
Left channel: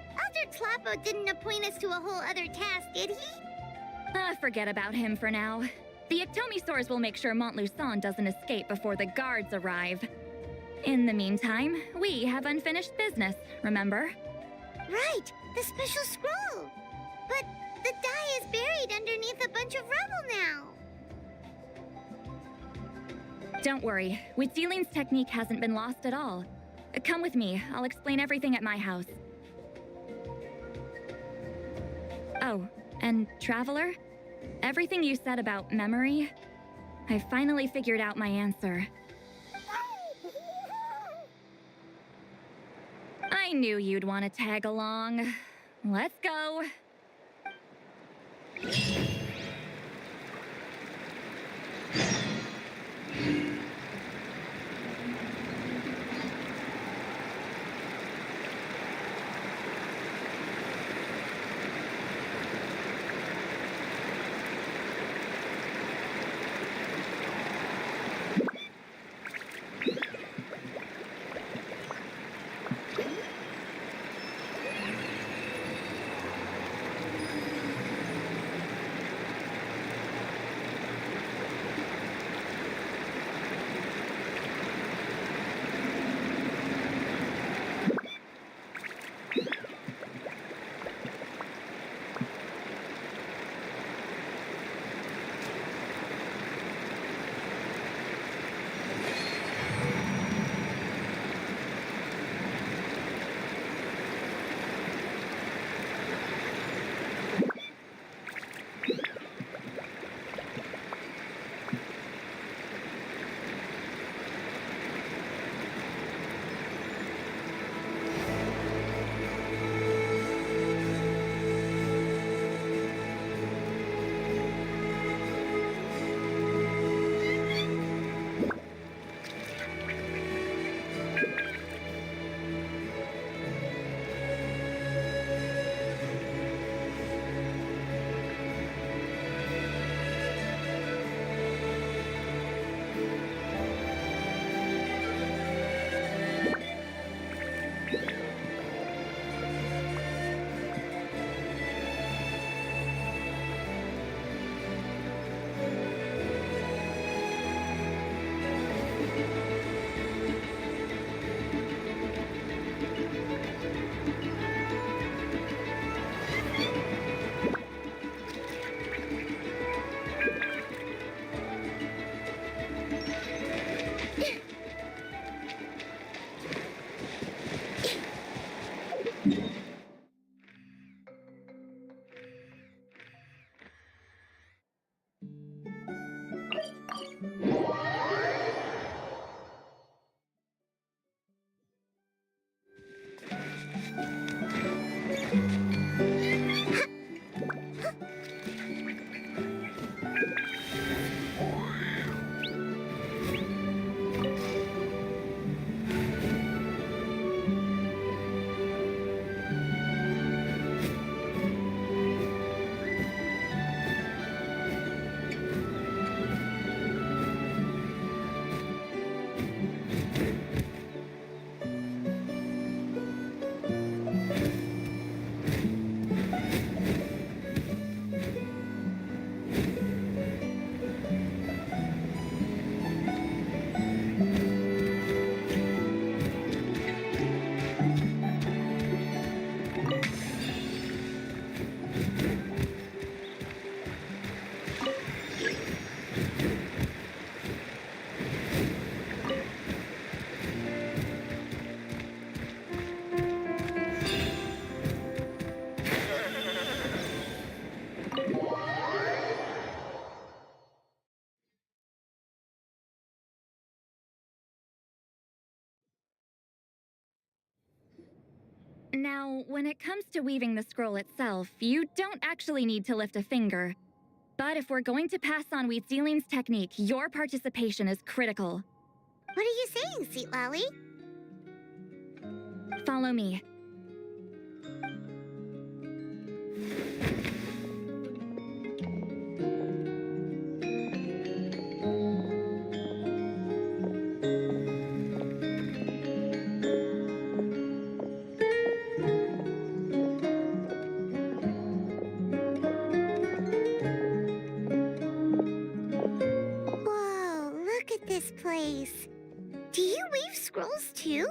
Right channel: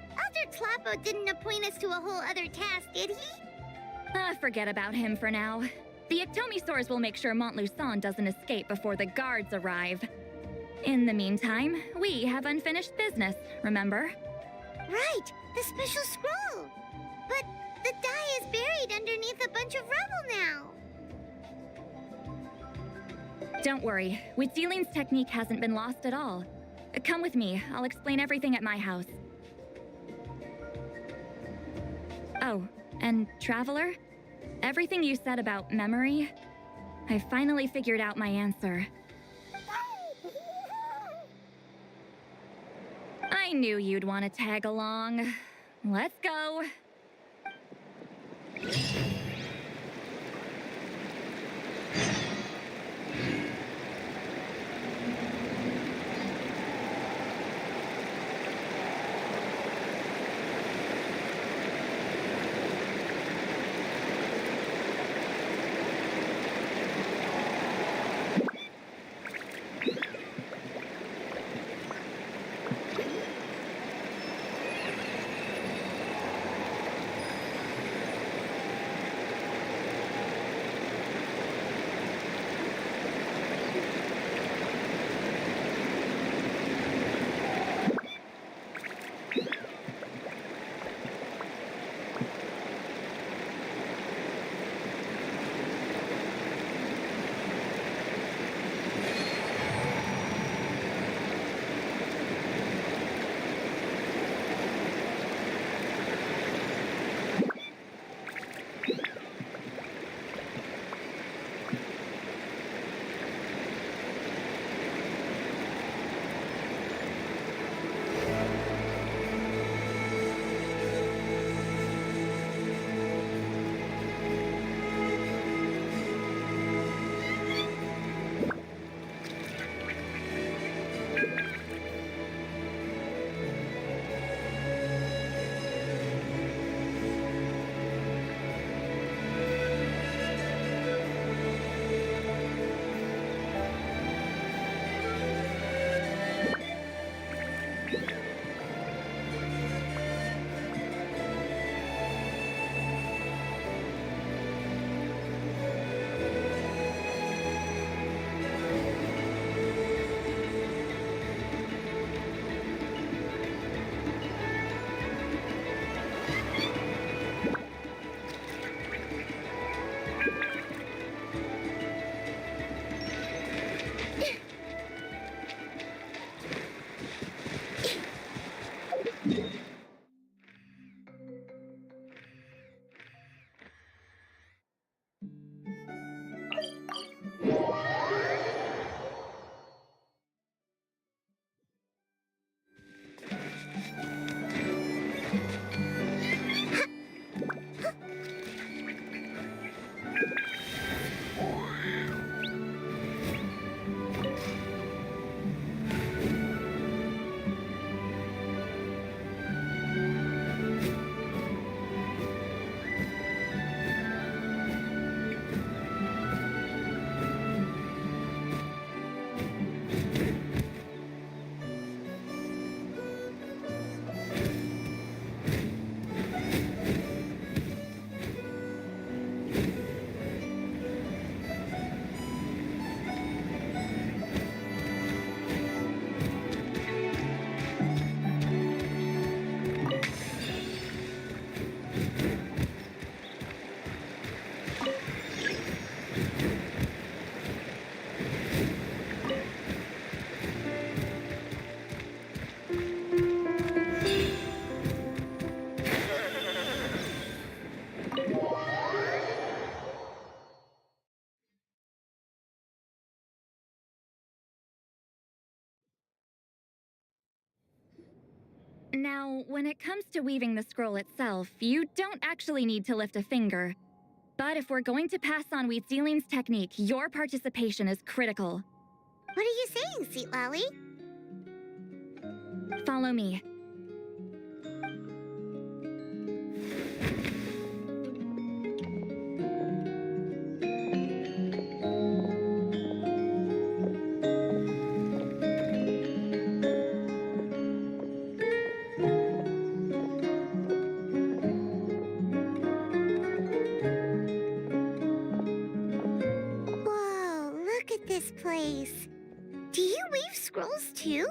Elder Tlapo didn't appoint us to a whole other task, did he? Forget about him for now. The Ictomisaurs will make sure Montluçon doesn't escape before the guards arrive. In the meantime, we have unfinished business, remember? Right, the special scroll. But the die is buried underneath a bunch of rubble now. Don't worry, Witzeline's technique hasn't been lost at all. Come with me, I'll explain everything at my house. Oh, and Traveler? Everything you said about memory, I finally figured out my answer. I knew you'd want to tag along. Let's go. Now, when it comes to weaving the scroll itself, you don't actually need to lift a finger. But if we're going to pass on Wheatzilion's technique, your participation is critical. What are you saying, Sweet Lolly? Follow me. Whoa, look at this place. Do you weave scrolls too?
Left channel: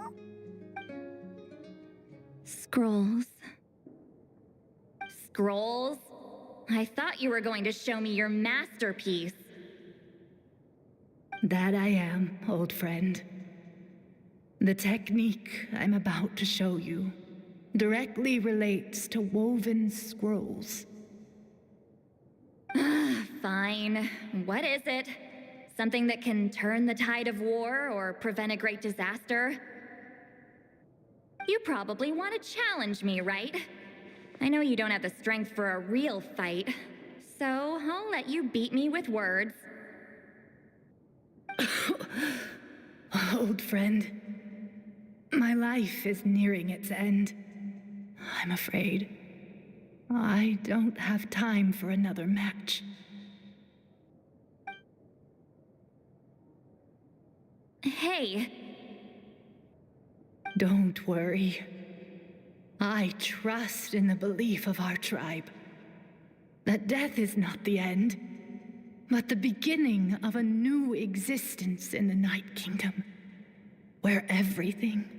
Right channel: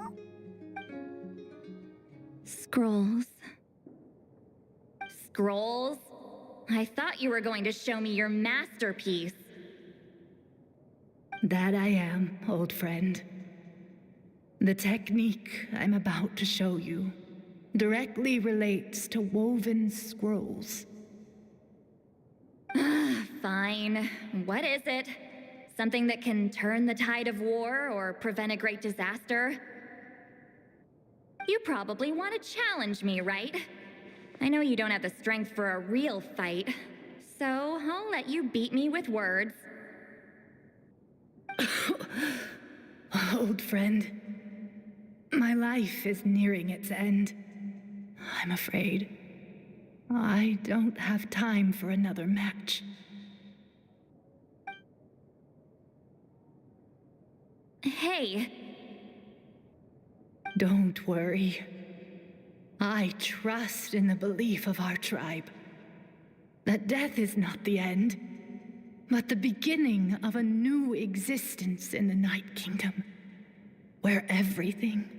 Scrolls. Scrolls? I thought you were going to show me your masterpiece. That I am, old friend. The technique I'm about to show you directly relates to woven scrolls. Fine. What is it? Something that can turn the tide of war or prevent a great disaster? You probably want to challenge me, right? I know you don't have the strength for a real fight, so I'll let you beat me with words. Old friend, my life is nearing its end. I'm afraid I don't have time for another match. Hey. Don't worry. I trust in the belief of our tribe that death is not the end, but the beginning of a new existence in the Night Kingdom, where everything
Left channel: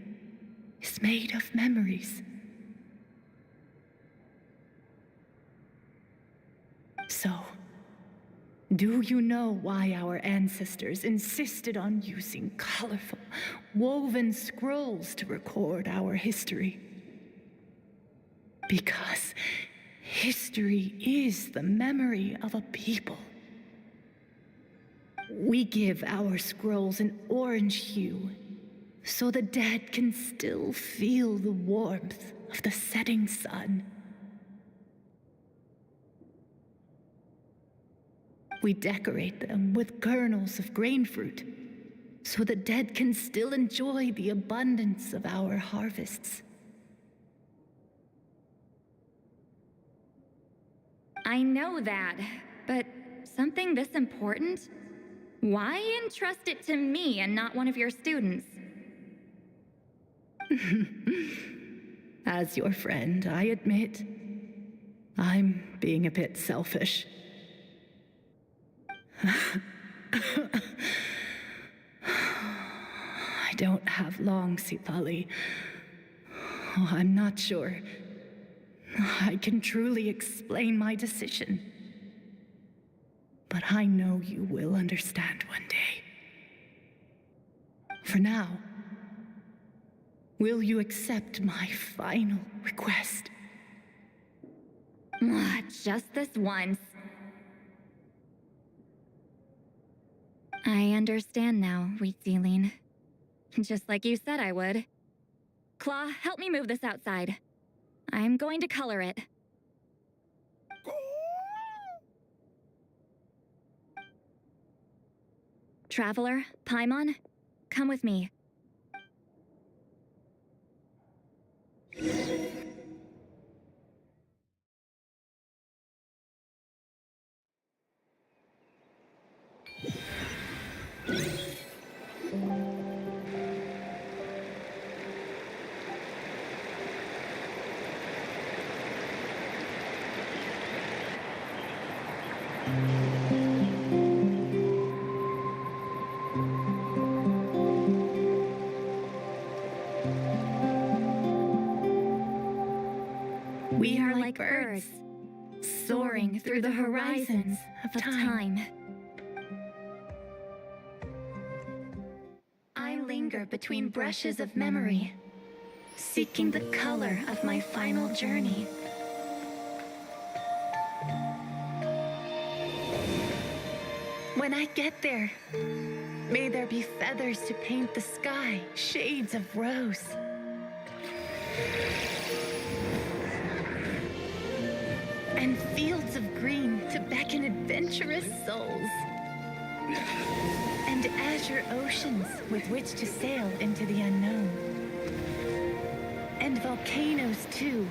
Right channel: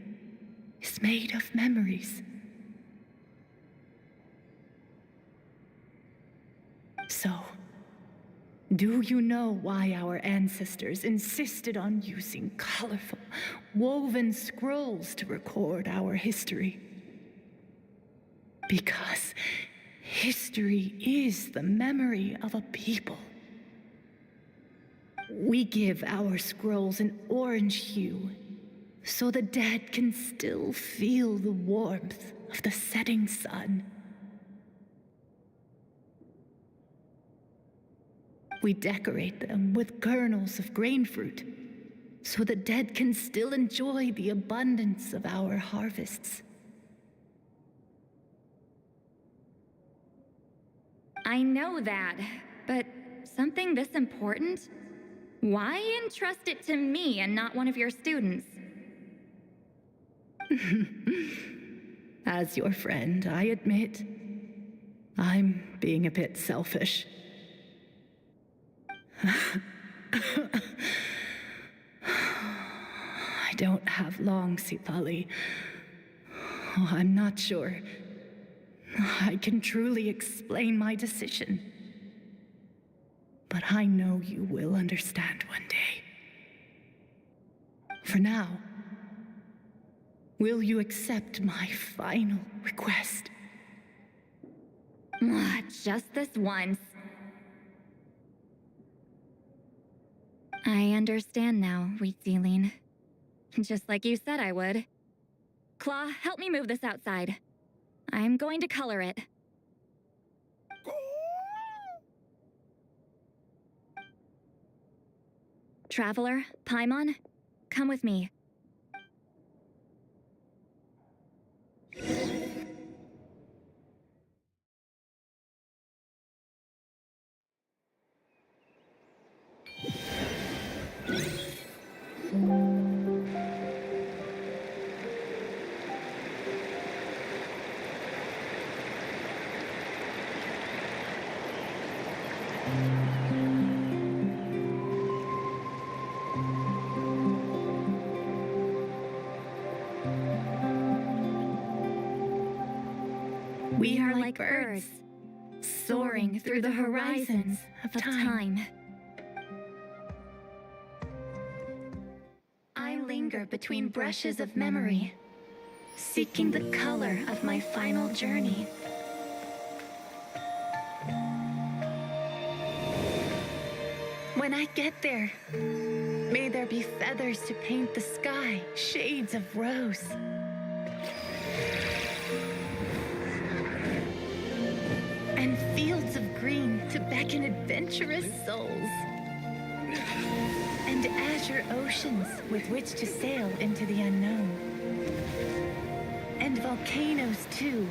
is made of memories. So, do you know why our ancestors insisted on using colorful, woven scrolls to record our history? Because history is the memory of a people. We give our scrolls an orange hue, so the dead can still feel the warmth of the setting sun. We decorate them with kernels of grain fruit, so the dead can still enjoy the abundance of our harvests. I know that, but something this important? Why entrust it to me and not one of your students? As your friend, I admit, I'm being a bit selfish. I don't have long, Sitali. Oh, I'm not sure I can truly explain my decision. But I know you will understand one day. For now, will you accept my final request? Just this once. I understand now, Wheatzilien. Just like you said I would. Claw, help me move this outside. I'm going to color it. Traveler, Paimon, come with me. We are like birds, soaring through the horizons of time. I linger between brushes of memory, seeking the color of my final journey. When I get there, may there be feathers to paint the sky, shades of rose. and fields of green to beckon adventurous souls, and azure oceans with which to sail into the unknown, and volcanoes too,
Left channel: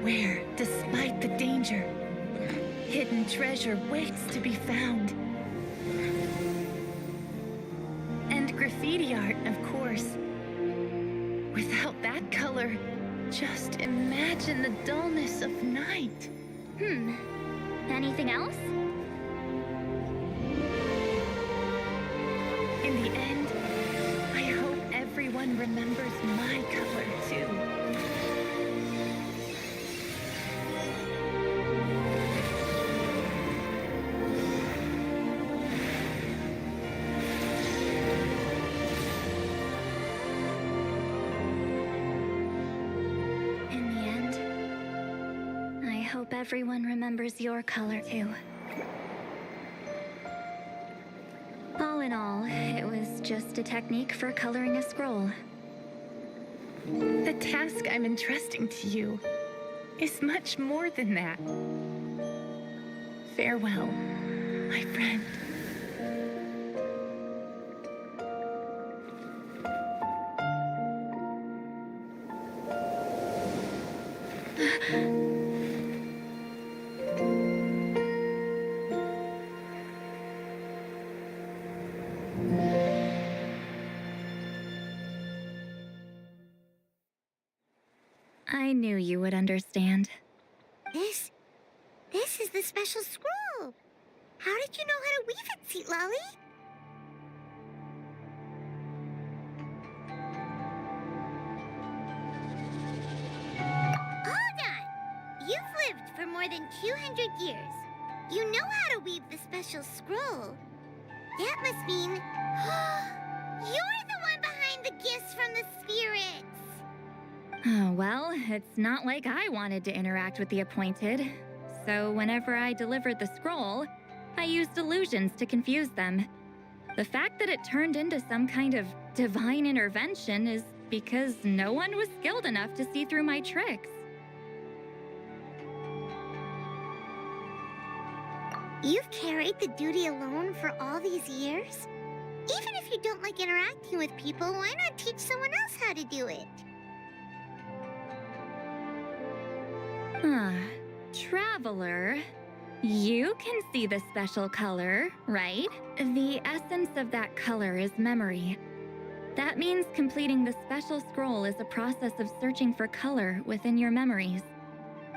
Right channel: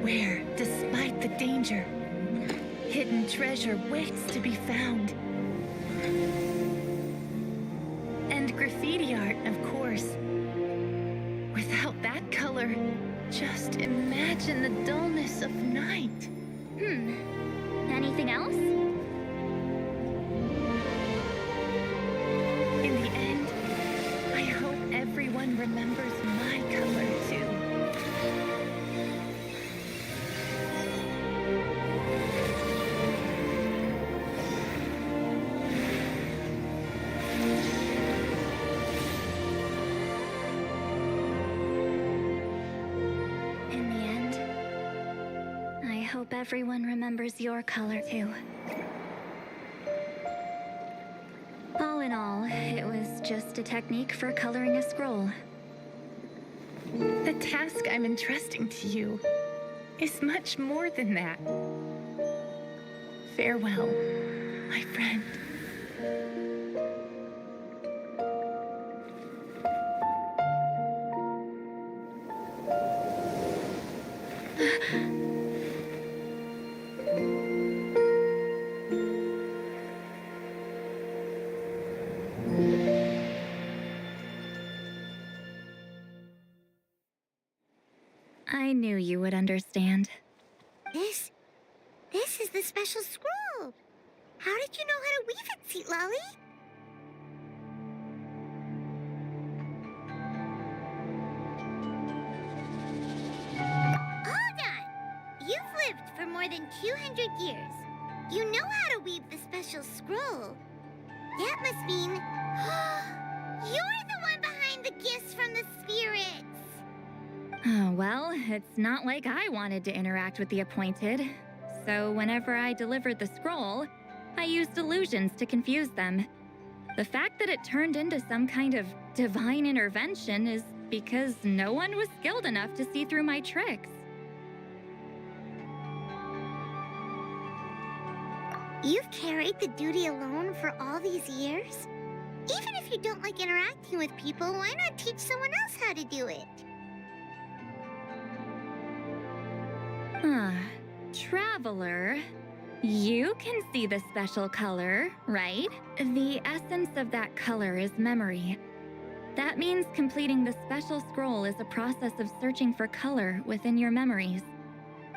where, despite the danger, hidden treasure waits to be found. And graffiti art, of course. Without that color, just imagine the dullness of night. Anything else? In the end, I hope everyone remembers my color too. In the end, I hope everyone remembers your color too. All in all, it was just a technique for coloring a scroll. The task I'm entrusting to you is much more than that. Farewell, my friend. I knew you would understand. This is the special scroll. How did you know how to weave it, Seat Lolly? Hold on! You've lived for more than 200 years. You know how to weave the special scroll. That must mean you're the one behind the gifts from the spirits. Oh, well, it's not like I wanted to interact with the appointed. So whenever I delivered the scroll, I used illusions to confuse them. The fact that it turned into some kind of divine intervention is because no one was skilled enough to see through my tricks. You've carried the duty alone for all these years? Even if you don't like interacting with people, why not teach someone else how to do it? Traveler, you can see the special color, right? The essence of that color is memory. That means completing the special scroll is a process of searching for color within your memories.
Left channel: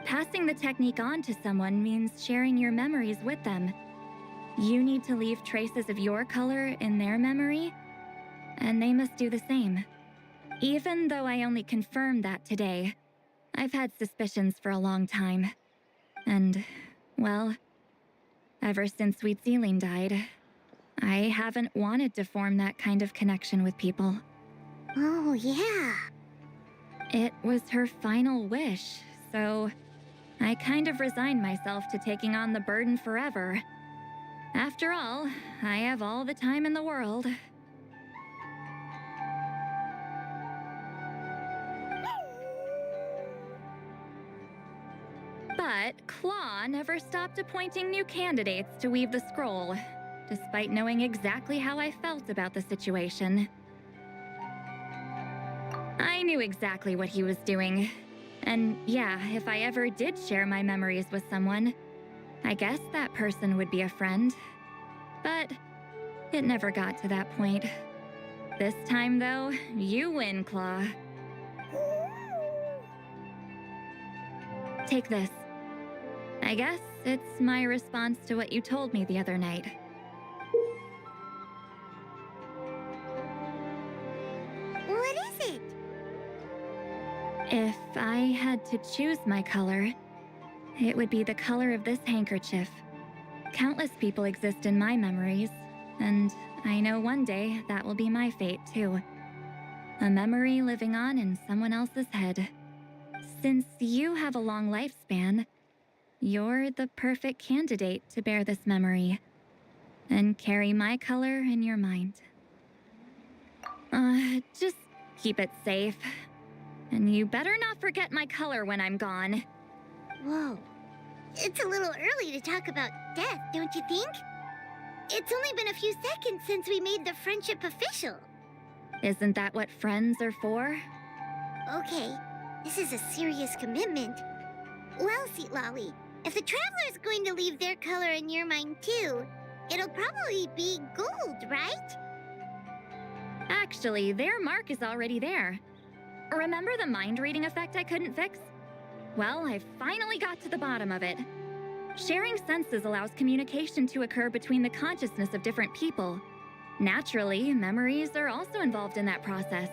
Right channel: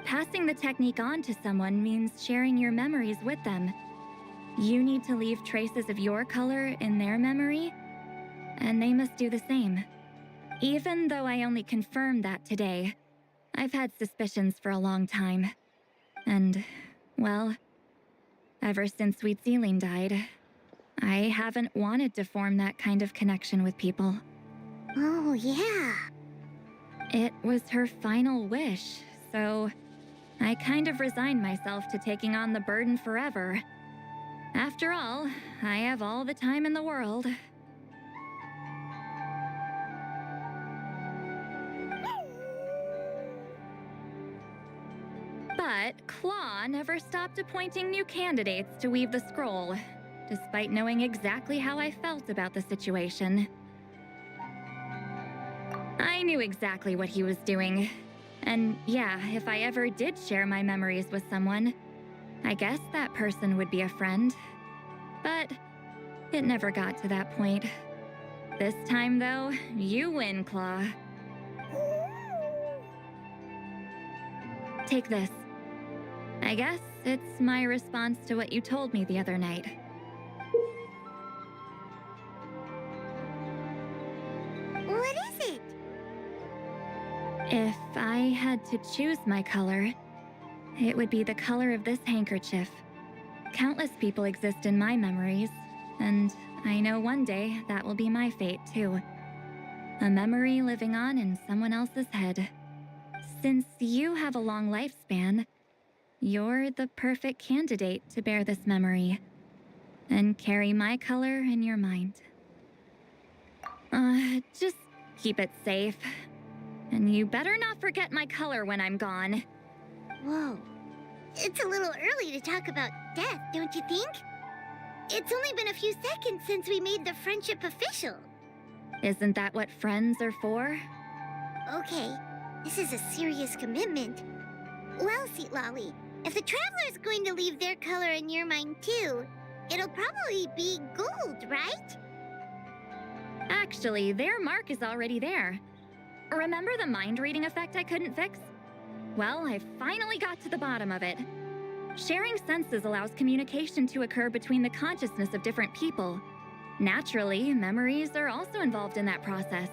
Passing the technique on to someone means sharing your memories with them. You need to leave traces of your color in their memory, and they must do the same. Even though I only confirmed that today, I've had suspicions for a long time. And, well, ever since Sweet Ceiling died, I haven't wanted to form that kind of connection with people. Oh, yeah. It was her final wish, so I kind of resigned myself to taking on the burden forever. After all, I have all the time in the world. But Claw never stopped appointing new candidates to weave the scroll, despite knowing exactly how I felt about the situation. I knew exactly what he was doing. And yeah, if I ever did share my memories with someone, I guess that person would be a friend. But it never got to that point. This time, though, you win, Claw. Take this. I guess it's my response to what you told me the other night. What is it? If I had to choose my color, it would be the color of this handkerchief. Countless people exist in my memories, and I know one day that will be my fate too. A memory living on in someone else's head. Since you have a long lifespan, you're the perfect candidate to bear this memory and carry my color in your mind. Just keep it safe. And you better not forget my color when I'm gone. Whoa, It's a little early to talk about death, don't you think? It's only been a few seconds since we made the friendship official. Isn't that what friends are for? Okay, this is a serious commitment. Well, Sweet Lolly, if the Traveler's going to leave their color in your mind too, it'll probably be gold, right? Actually, their mark is already there. Remember the mind reading effect I couldn't fix? Well, I finally got to the bottom of it. Sharing senses allows communication to occur between the consciousness of different people. Naturally, memories are also involved in that process.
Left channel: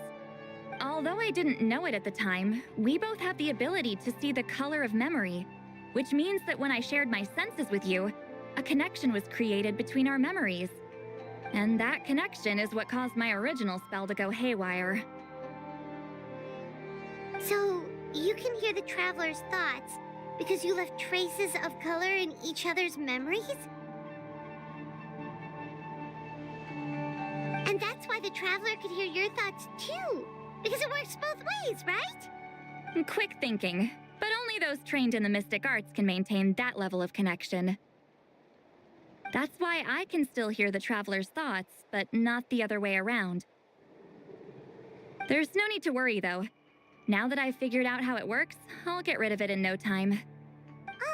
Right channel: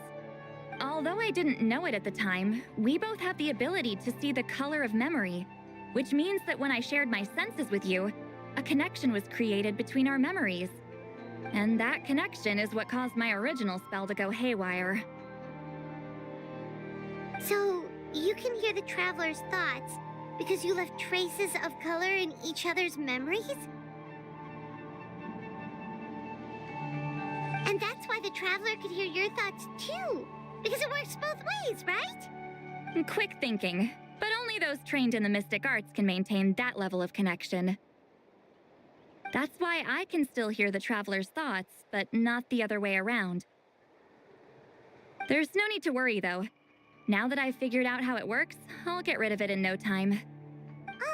Although I didn't know it at the time, we both have the ability to see the color of memory, which means that when I shared my senses with you, a connection was created between our memories. And that connection is what caused my original spell to go haywire. So, you can hear the Traveler's thoughts because you left traces of color in each other's memories? And that's why the Traveler could hear your thoughts too, because it works both ways, right? Quick thinking, but only those trained in the mystic arts can maintain that level of connection. That's why I can still hear the Traveler's thoughts, but not the other way around. There's no need to worry, though. Now that I've figured out how it works, I'll get rid of it in no time.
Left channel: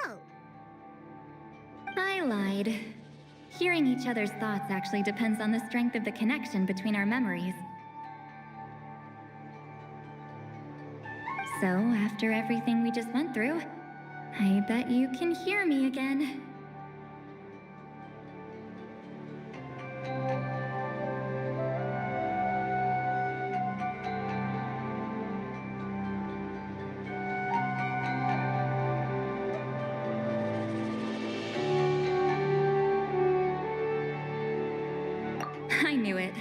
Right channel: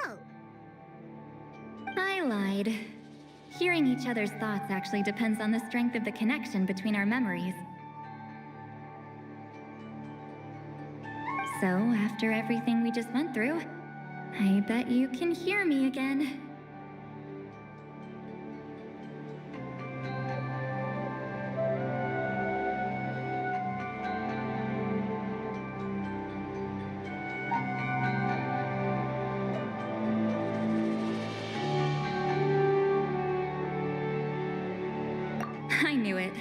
Oh. I lied. Hearing each other's thoughts actually depends on the strength of the connection between our memories. So, after everything we just went through, I bet you can hear me again. I knew it.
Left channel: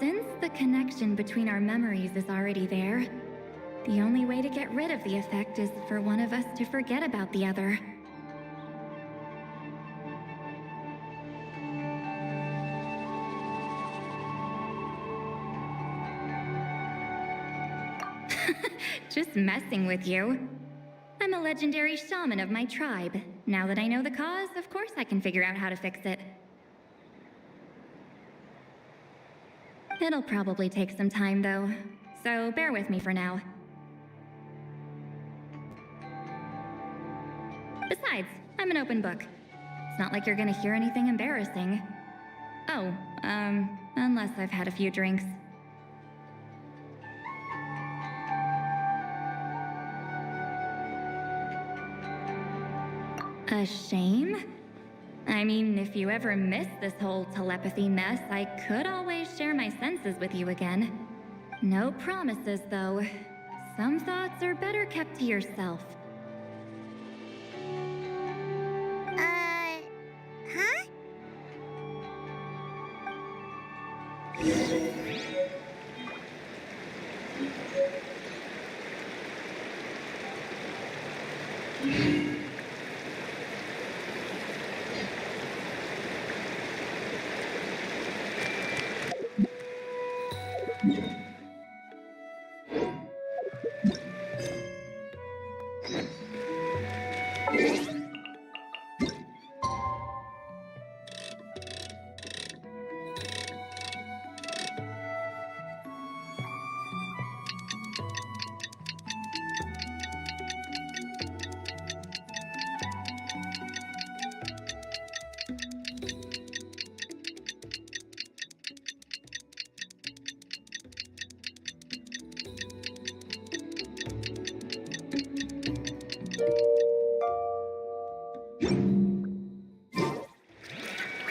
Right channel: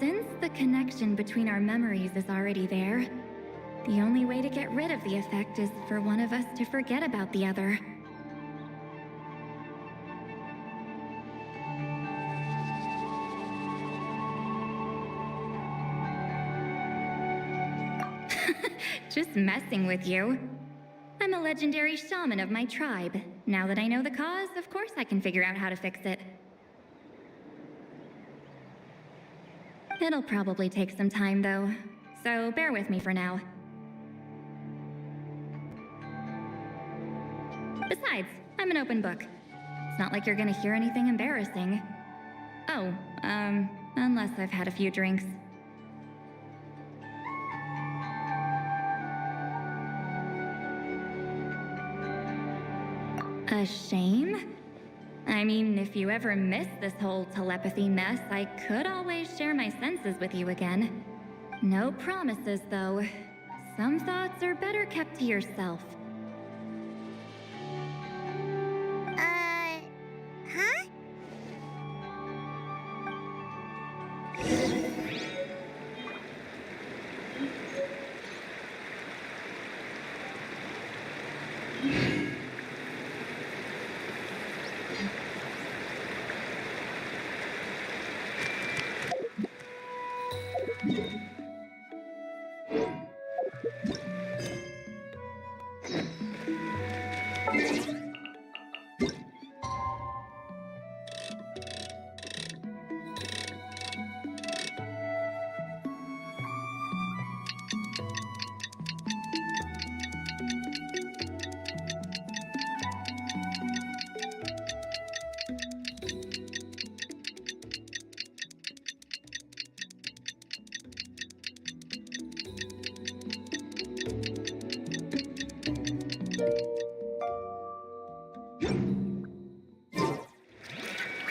Since the connection between our memories is already there, the only way to get rid of the effect is for one of us to forget about the other. Just messing with you. I'm a legendary shaman of my tribe. Now that I know the cause, of course I can figure out how to fix it. It'll probably take some time, though, so bear with me for now. Besides, I'm an open book. It's not like you're gonna hear anything embarrassing. Oh, unless I've had a few drinks. A shame? I mean, if you ever miss this whole telepathy mess, I could always share my senses with you again. No promises, though. Some thoughts are better kept to yourself. Huh?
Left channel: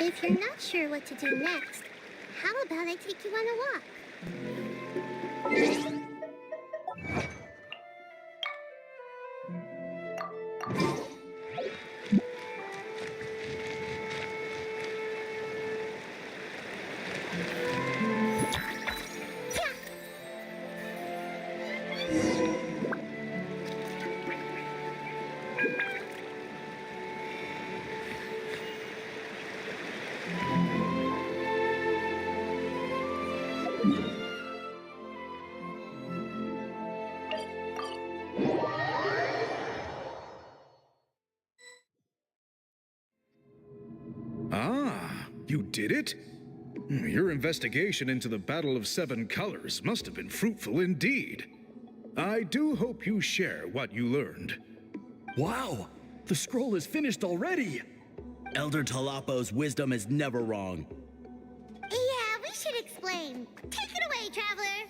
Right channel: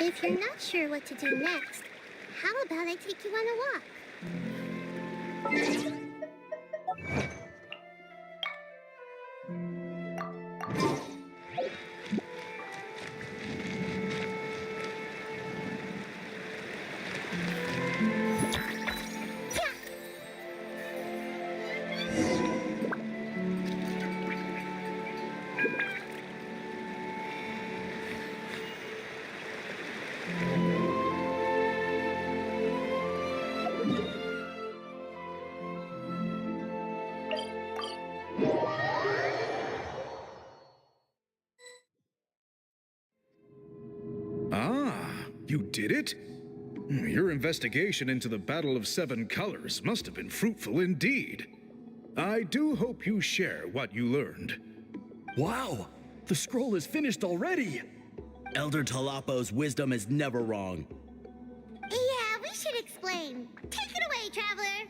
If you're not sure what to do next, how about I take you on a walk? Ah, you did it? Your investigation into the Battle of Seven Colors must have been fruitful indeed. I do hope you share what you learned. Wow! The scroll is finished already! Elder Talapo's wisdom is never wrong. Yeah, we should explain. Take it away, traveler.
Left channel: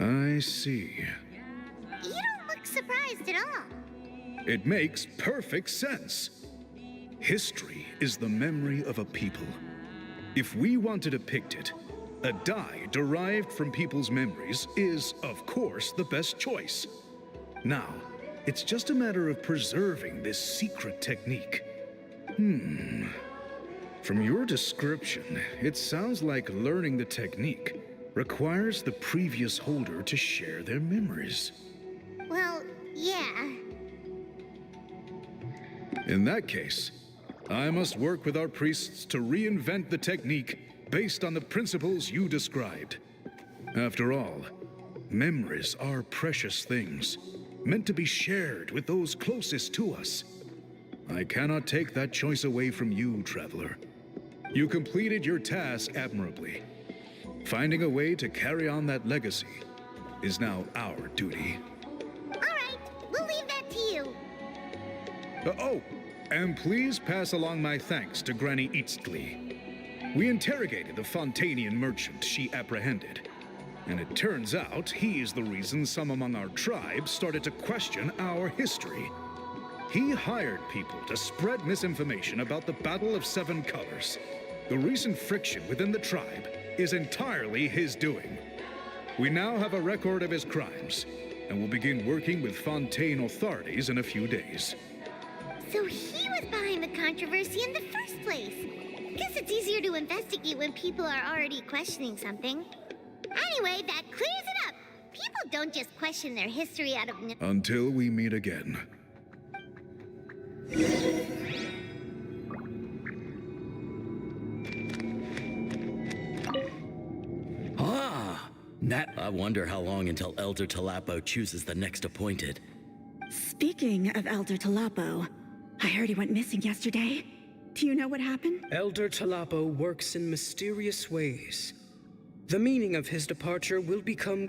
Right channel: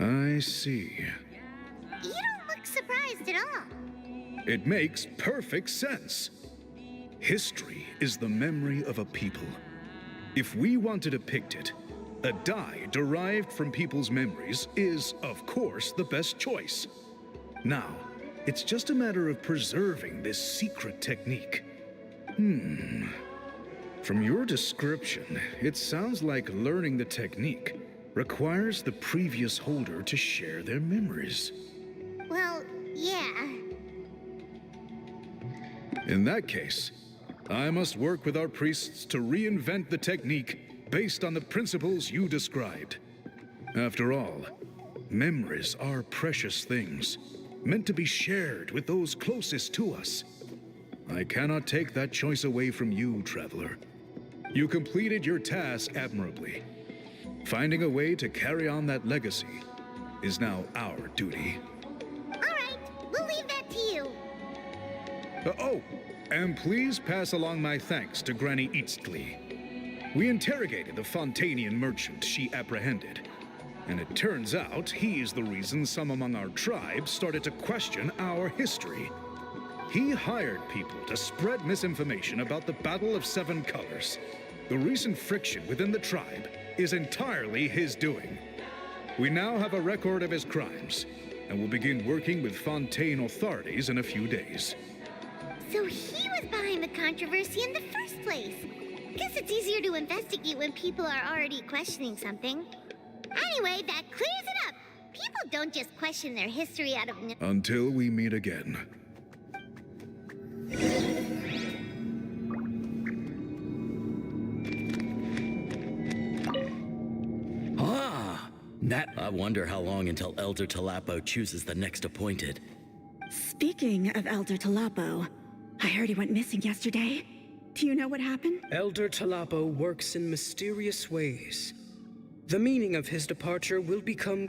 I see. You don't look surprised at all. It makes perfect sense. History is the memory of a people. If we want to depict it, a dye derived from people's memories is, of course, the best choice. Now, it's just a matter of preserving this secret technique. From your description, it sounds like learning the technique requires the previous holder to share their memories. Well, yeah. In that case, I must work with our priests to reinvent the technique based on the principles you described. After all, memories are precious things, meant to be shared with those closest to us. I cannot take that choice away from you, traveler. You completed your task admirably. Finding a way to carry on that legacy is now our duty. All right, we'll leave that to you. Oh, and please pass along my thanks to Granny Eastly. We interrogated the Fontanian merchant she apprehended, and it turns out he's the reason some among our tribe started to question our history. He hired people to spread misinformation about the Battle of Seven Colors. The recent friction within the tribe is entirely his doing. We now have a record of his crimes, and will begin working with Fontaine authorities in a few days. So he was behind the controversy in the first place. Guess it's easier to investigate when people are already questioning something. Anyway, that clears it up. People don't just question their history out of... Until we meet again. I wonder how long until Elder Talapo chooses the next appointed. Speaking of Elder Talapo, I heard he went missing yesterday. Do you know what happened? Elder Talapo works in mysterious ways. The meaning of his departure will become...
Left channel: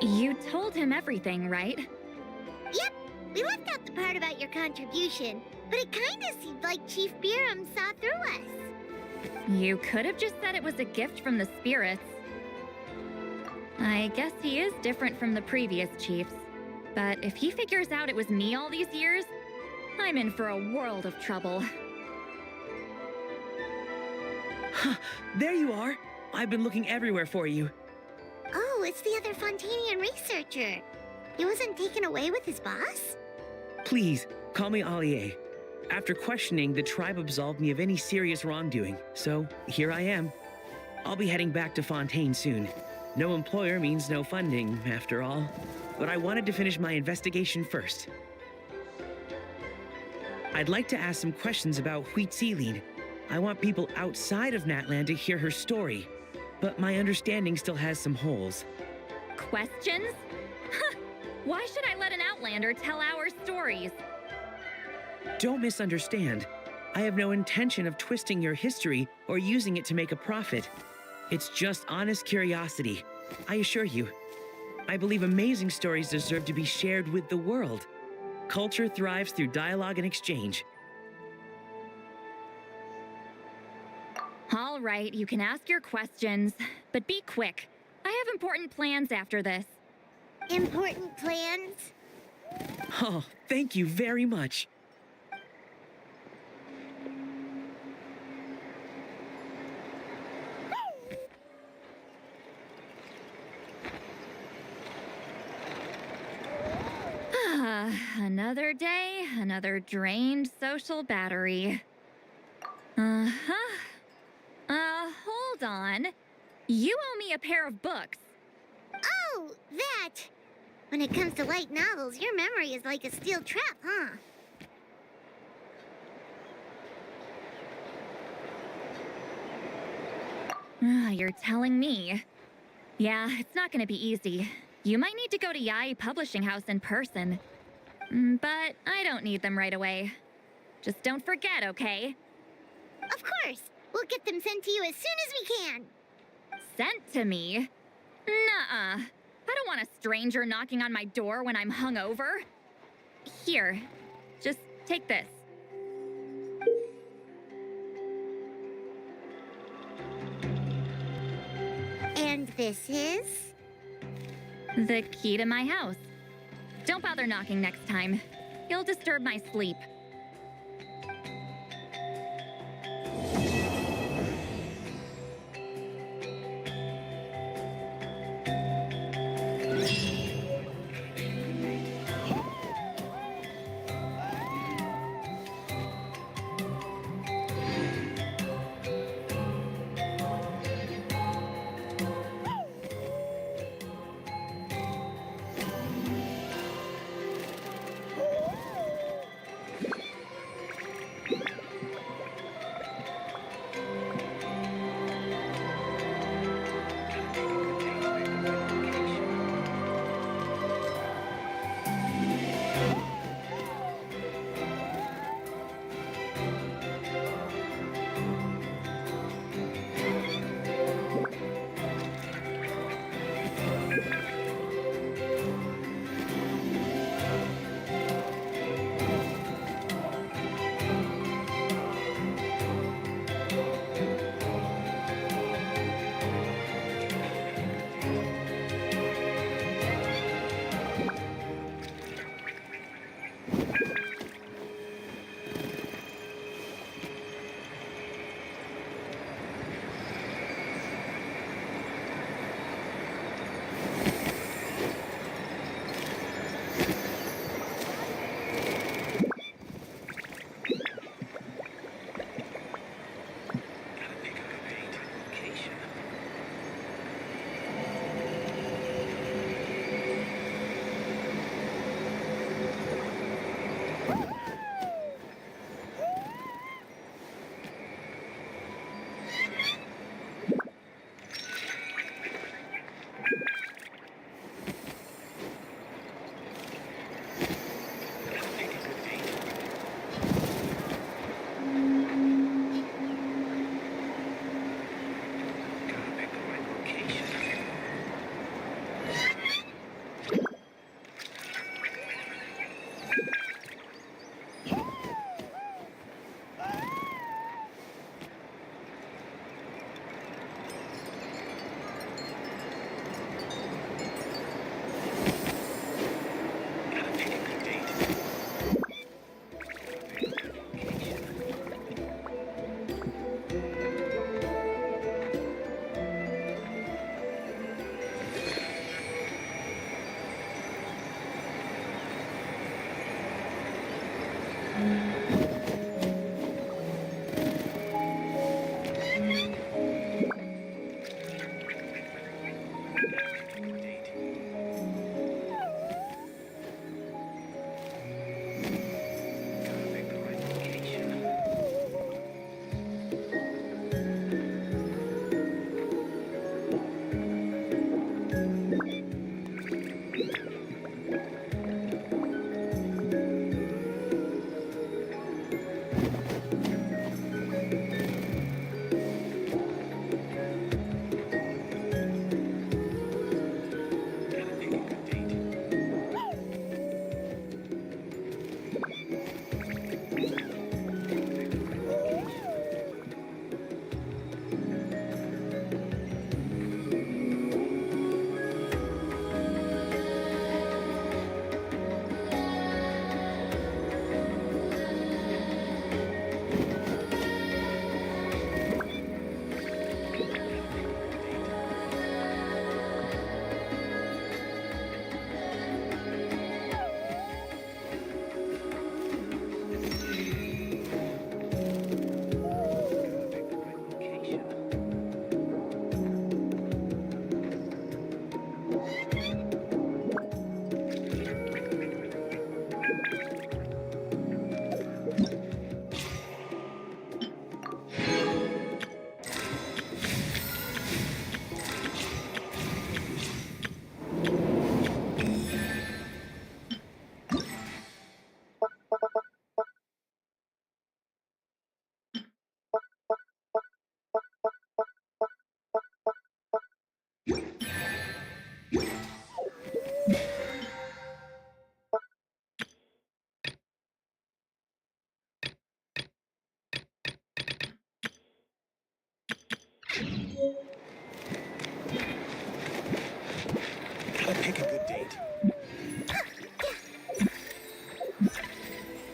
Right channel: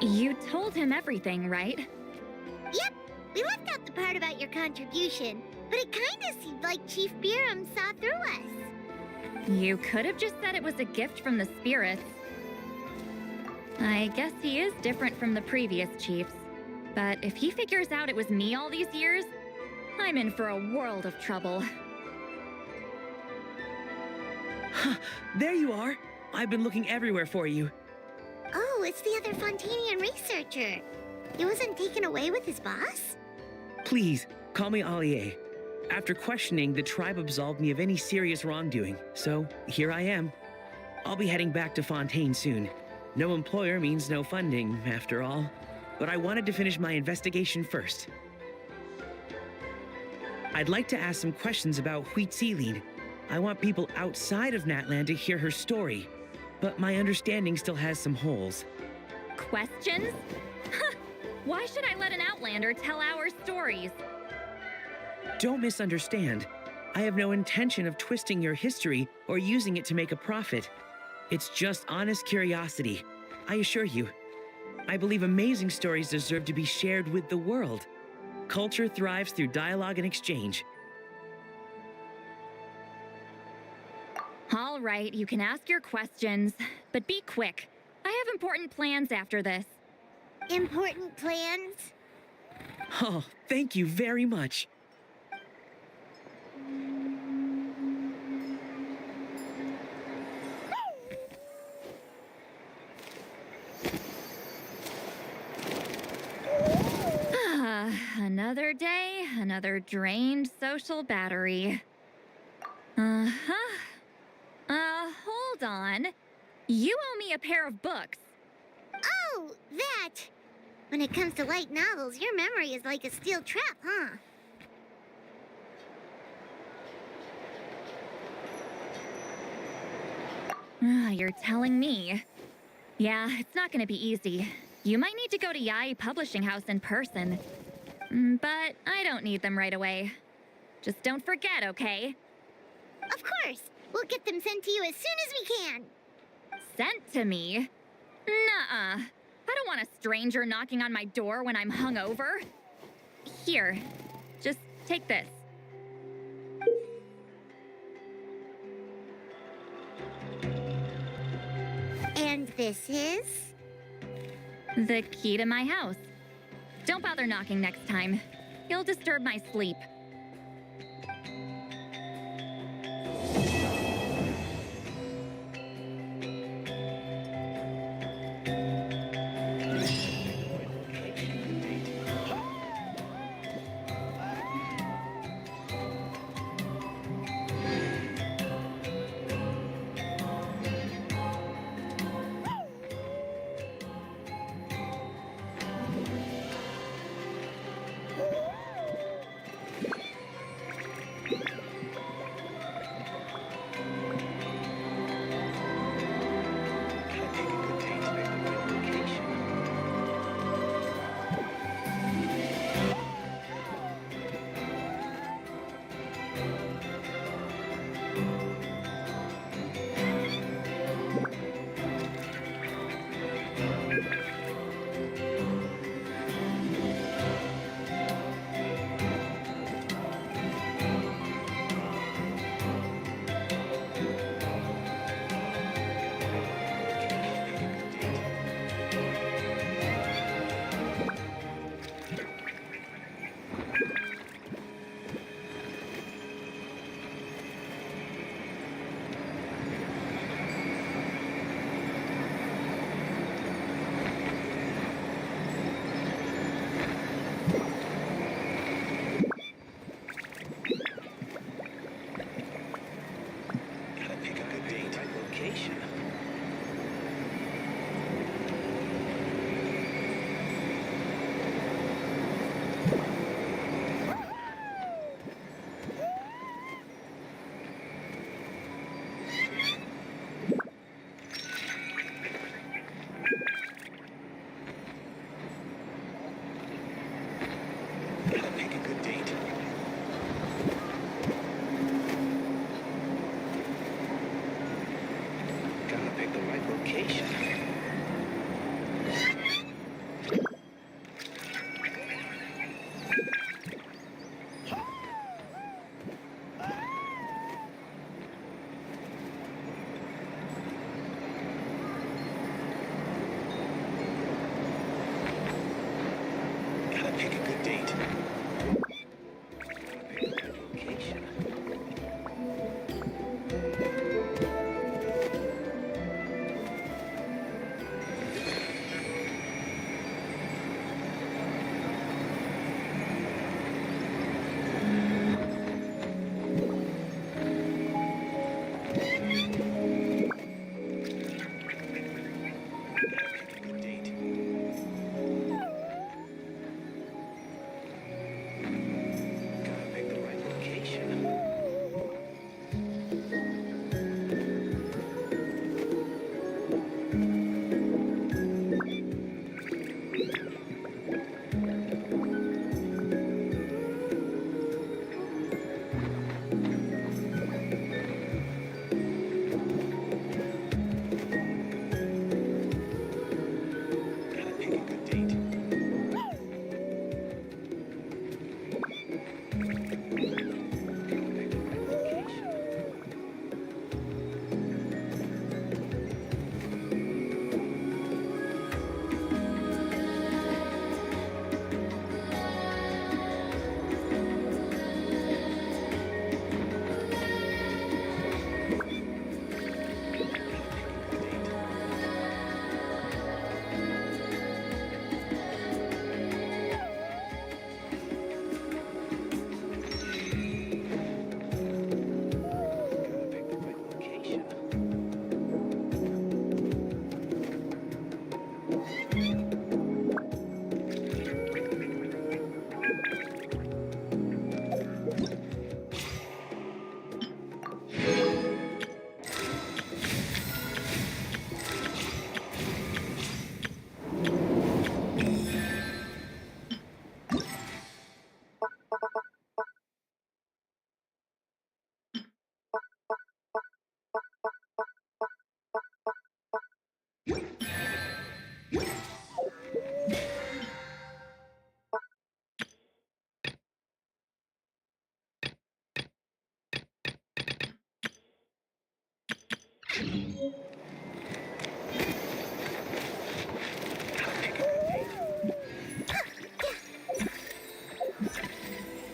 You told him everything, right? Yep, we left out the part about your contribution, but it kinda seemed like Chief Biram saw through us. You could have just said it was a gift from the spirits. I guess he is different from the previous chiefs. But if he figures out it was me all these years, I'm in for a world of trouble. There you are. I've been looking everywhere for you. Oh, it's the other Fontanian researcher. He wasn't taken away with his boss? Please, call me Allier. After questioning, the tribe absolved me of any serious wrongdoing, so here I am. I'll be heading back to Fontaine soon. No employer means no funding, after all. But I wanted to finish my investigation first. I'd like to ask some questions about Huitziline. I want people outside of Natland to hear her story, but my understanding still has some holes. Questions? Why should I let an Outlander tell our stories? Don't misunderstand. I have no intention of twisting your history or using it to make a profit. It's just honest curiosity, I assure you. I believe amazing stories deserve to be shared with the world. Culture thrives through dialogue and exchange. All right, you can ask your questions, but be quick. I have important plans after this. Important plans? Oh, thank you very much. Another day, another drained social battery. Uh-huh. Hold on. You owe me a pair of books. Oh, that! When it comes to light novels, your memory is like a steel trap, huh? You're telling me. Yeah, it's not gonna be easy. You might need to go to Yai Publishing House in person. But I don't need them right away. Just don't forget, okay? Of course! We'll get them sent to you as soon as we can! Sent to me? Nuh-uh. I don't want a stranger knocking on my door when I'm hungover. Here, just take this. And this is? The key to my house. Don't bother knocking next time. You'll disturb my sleep. Pick a good date.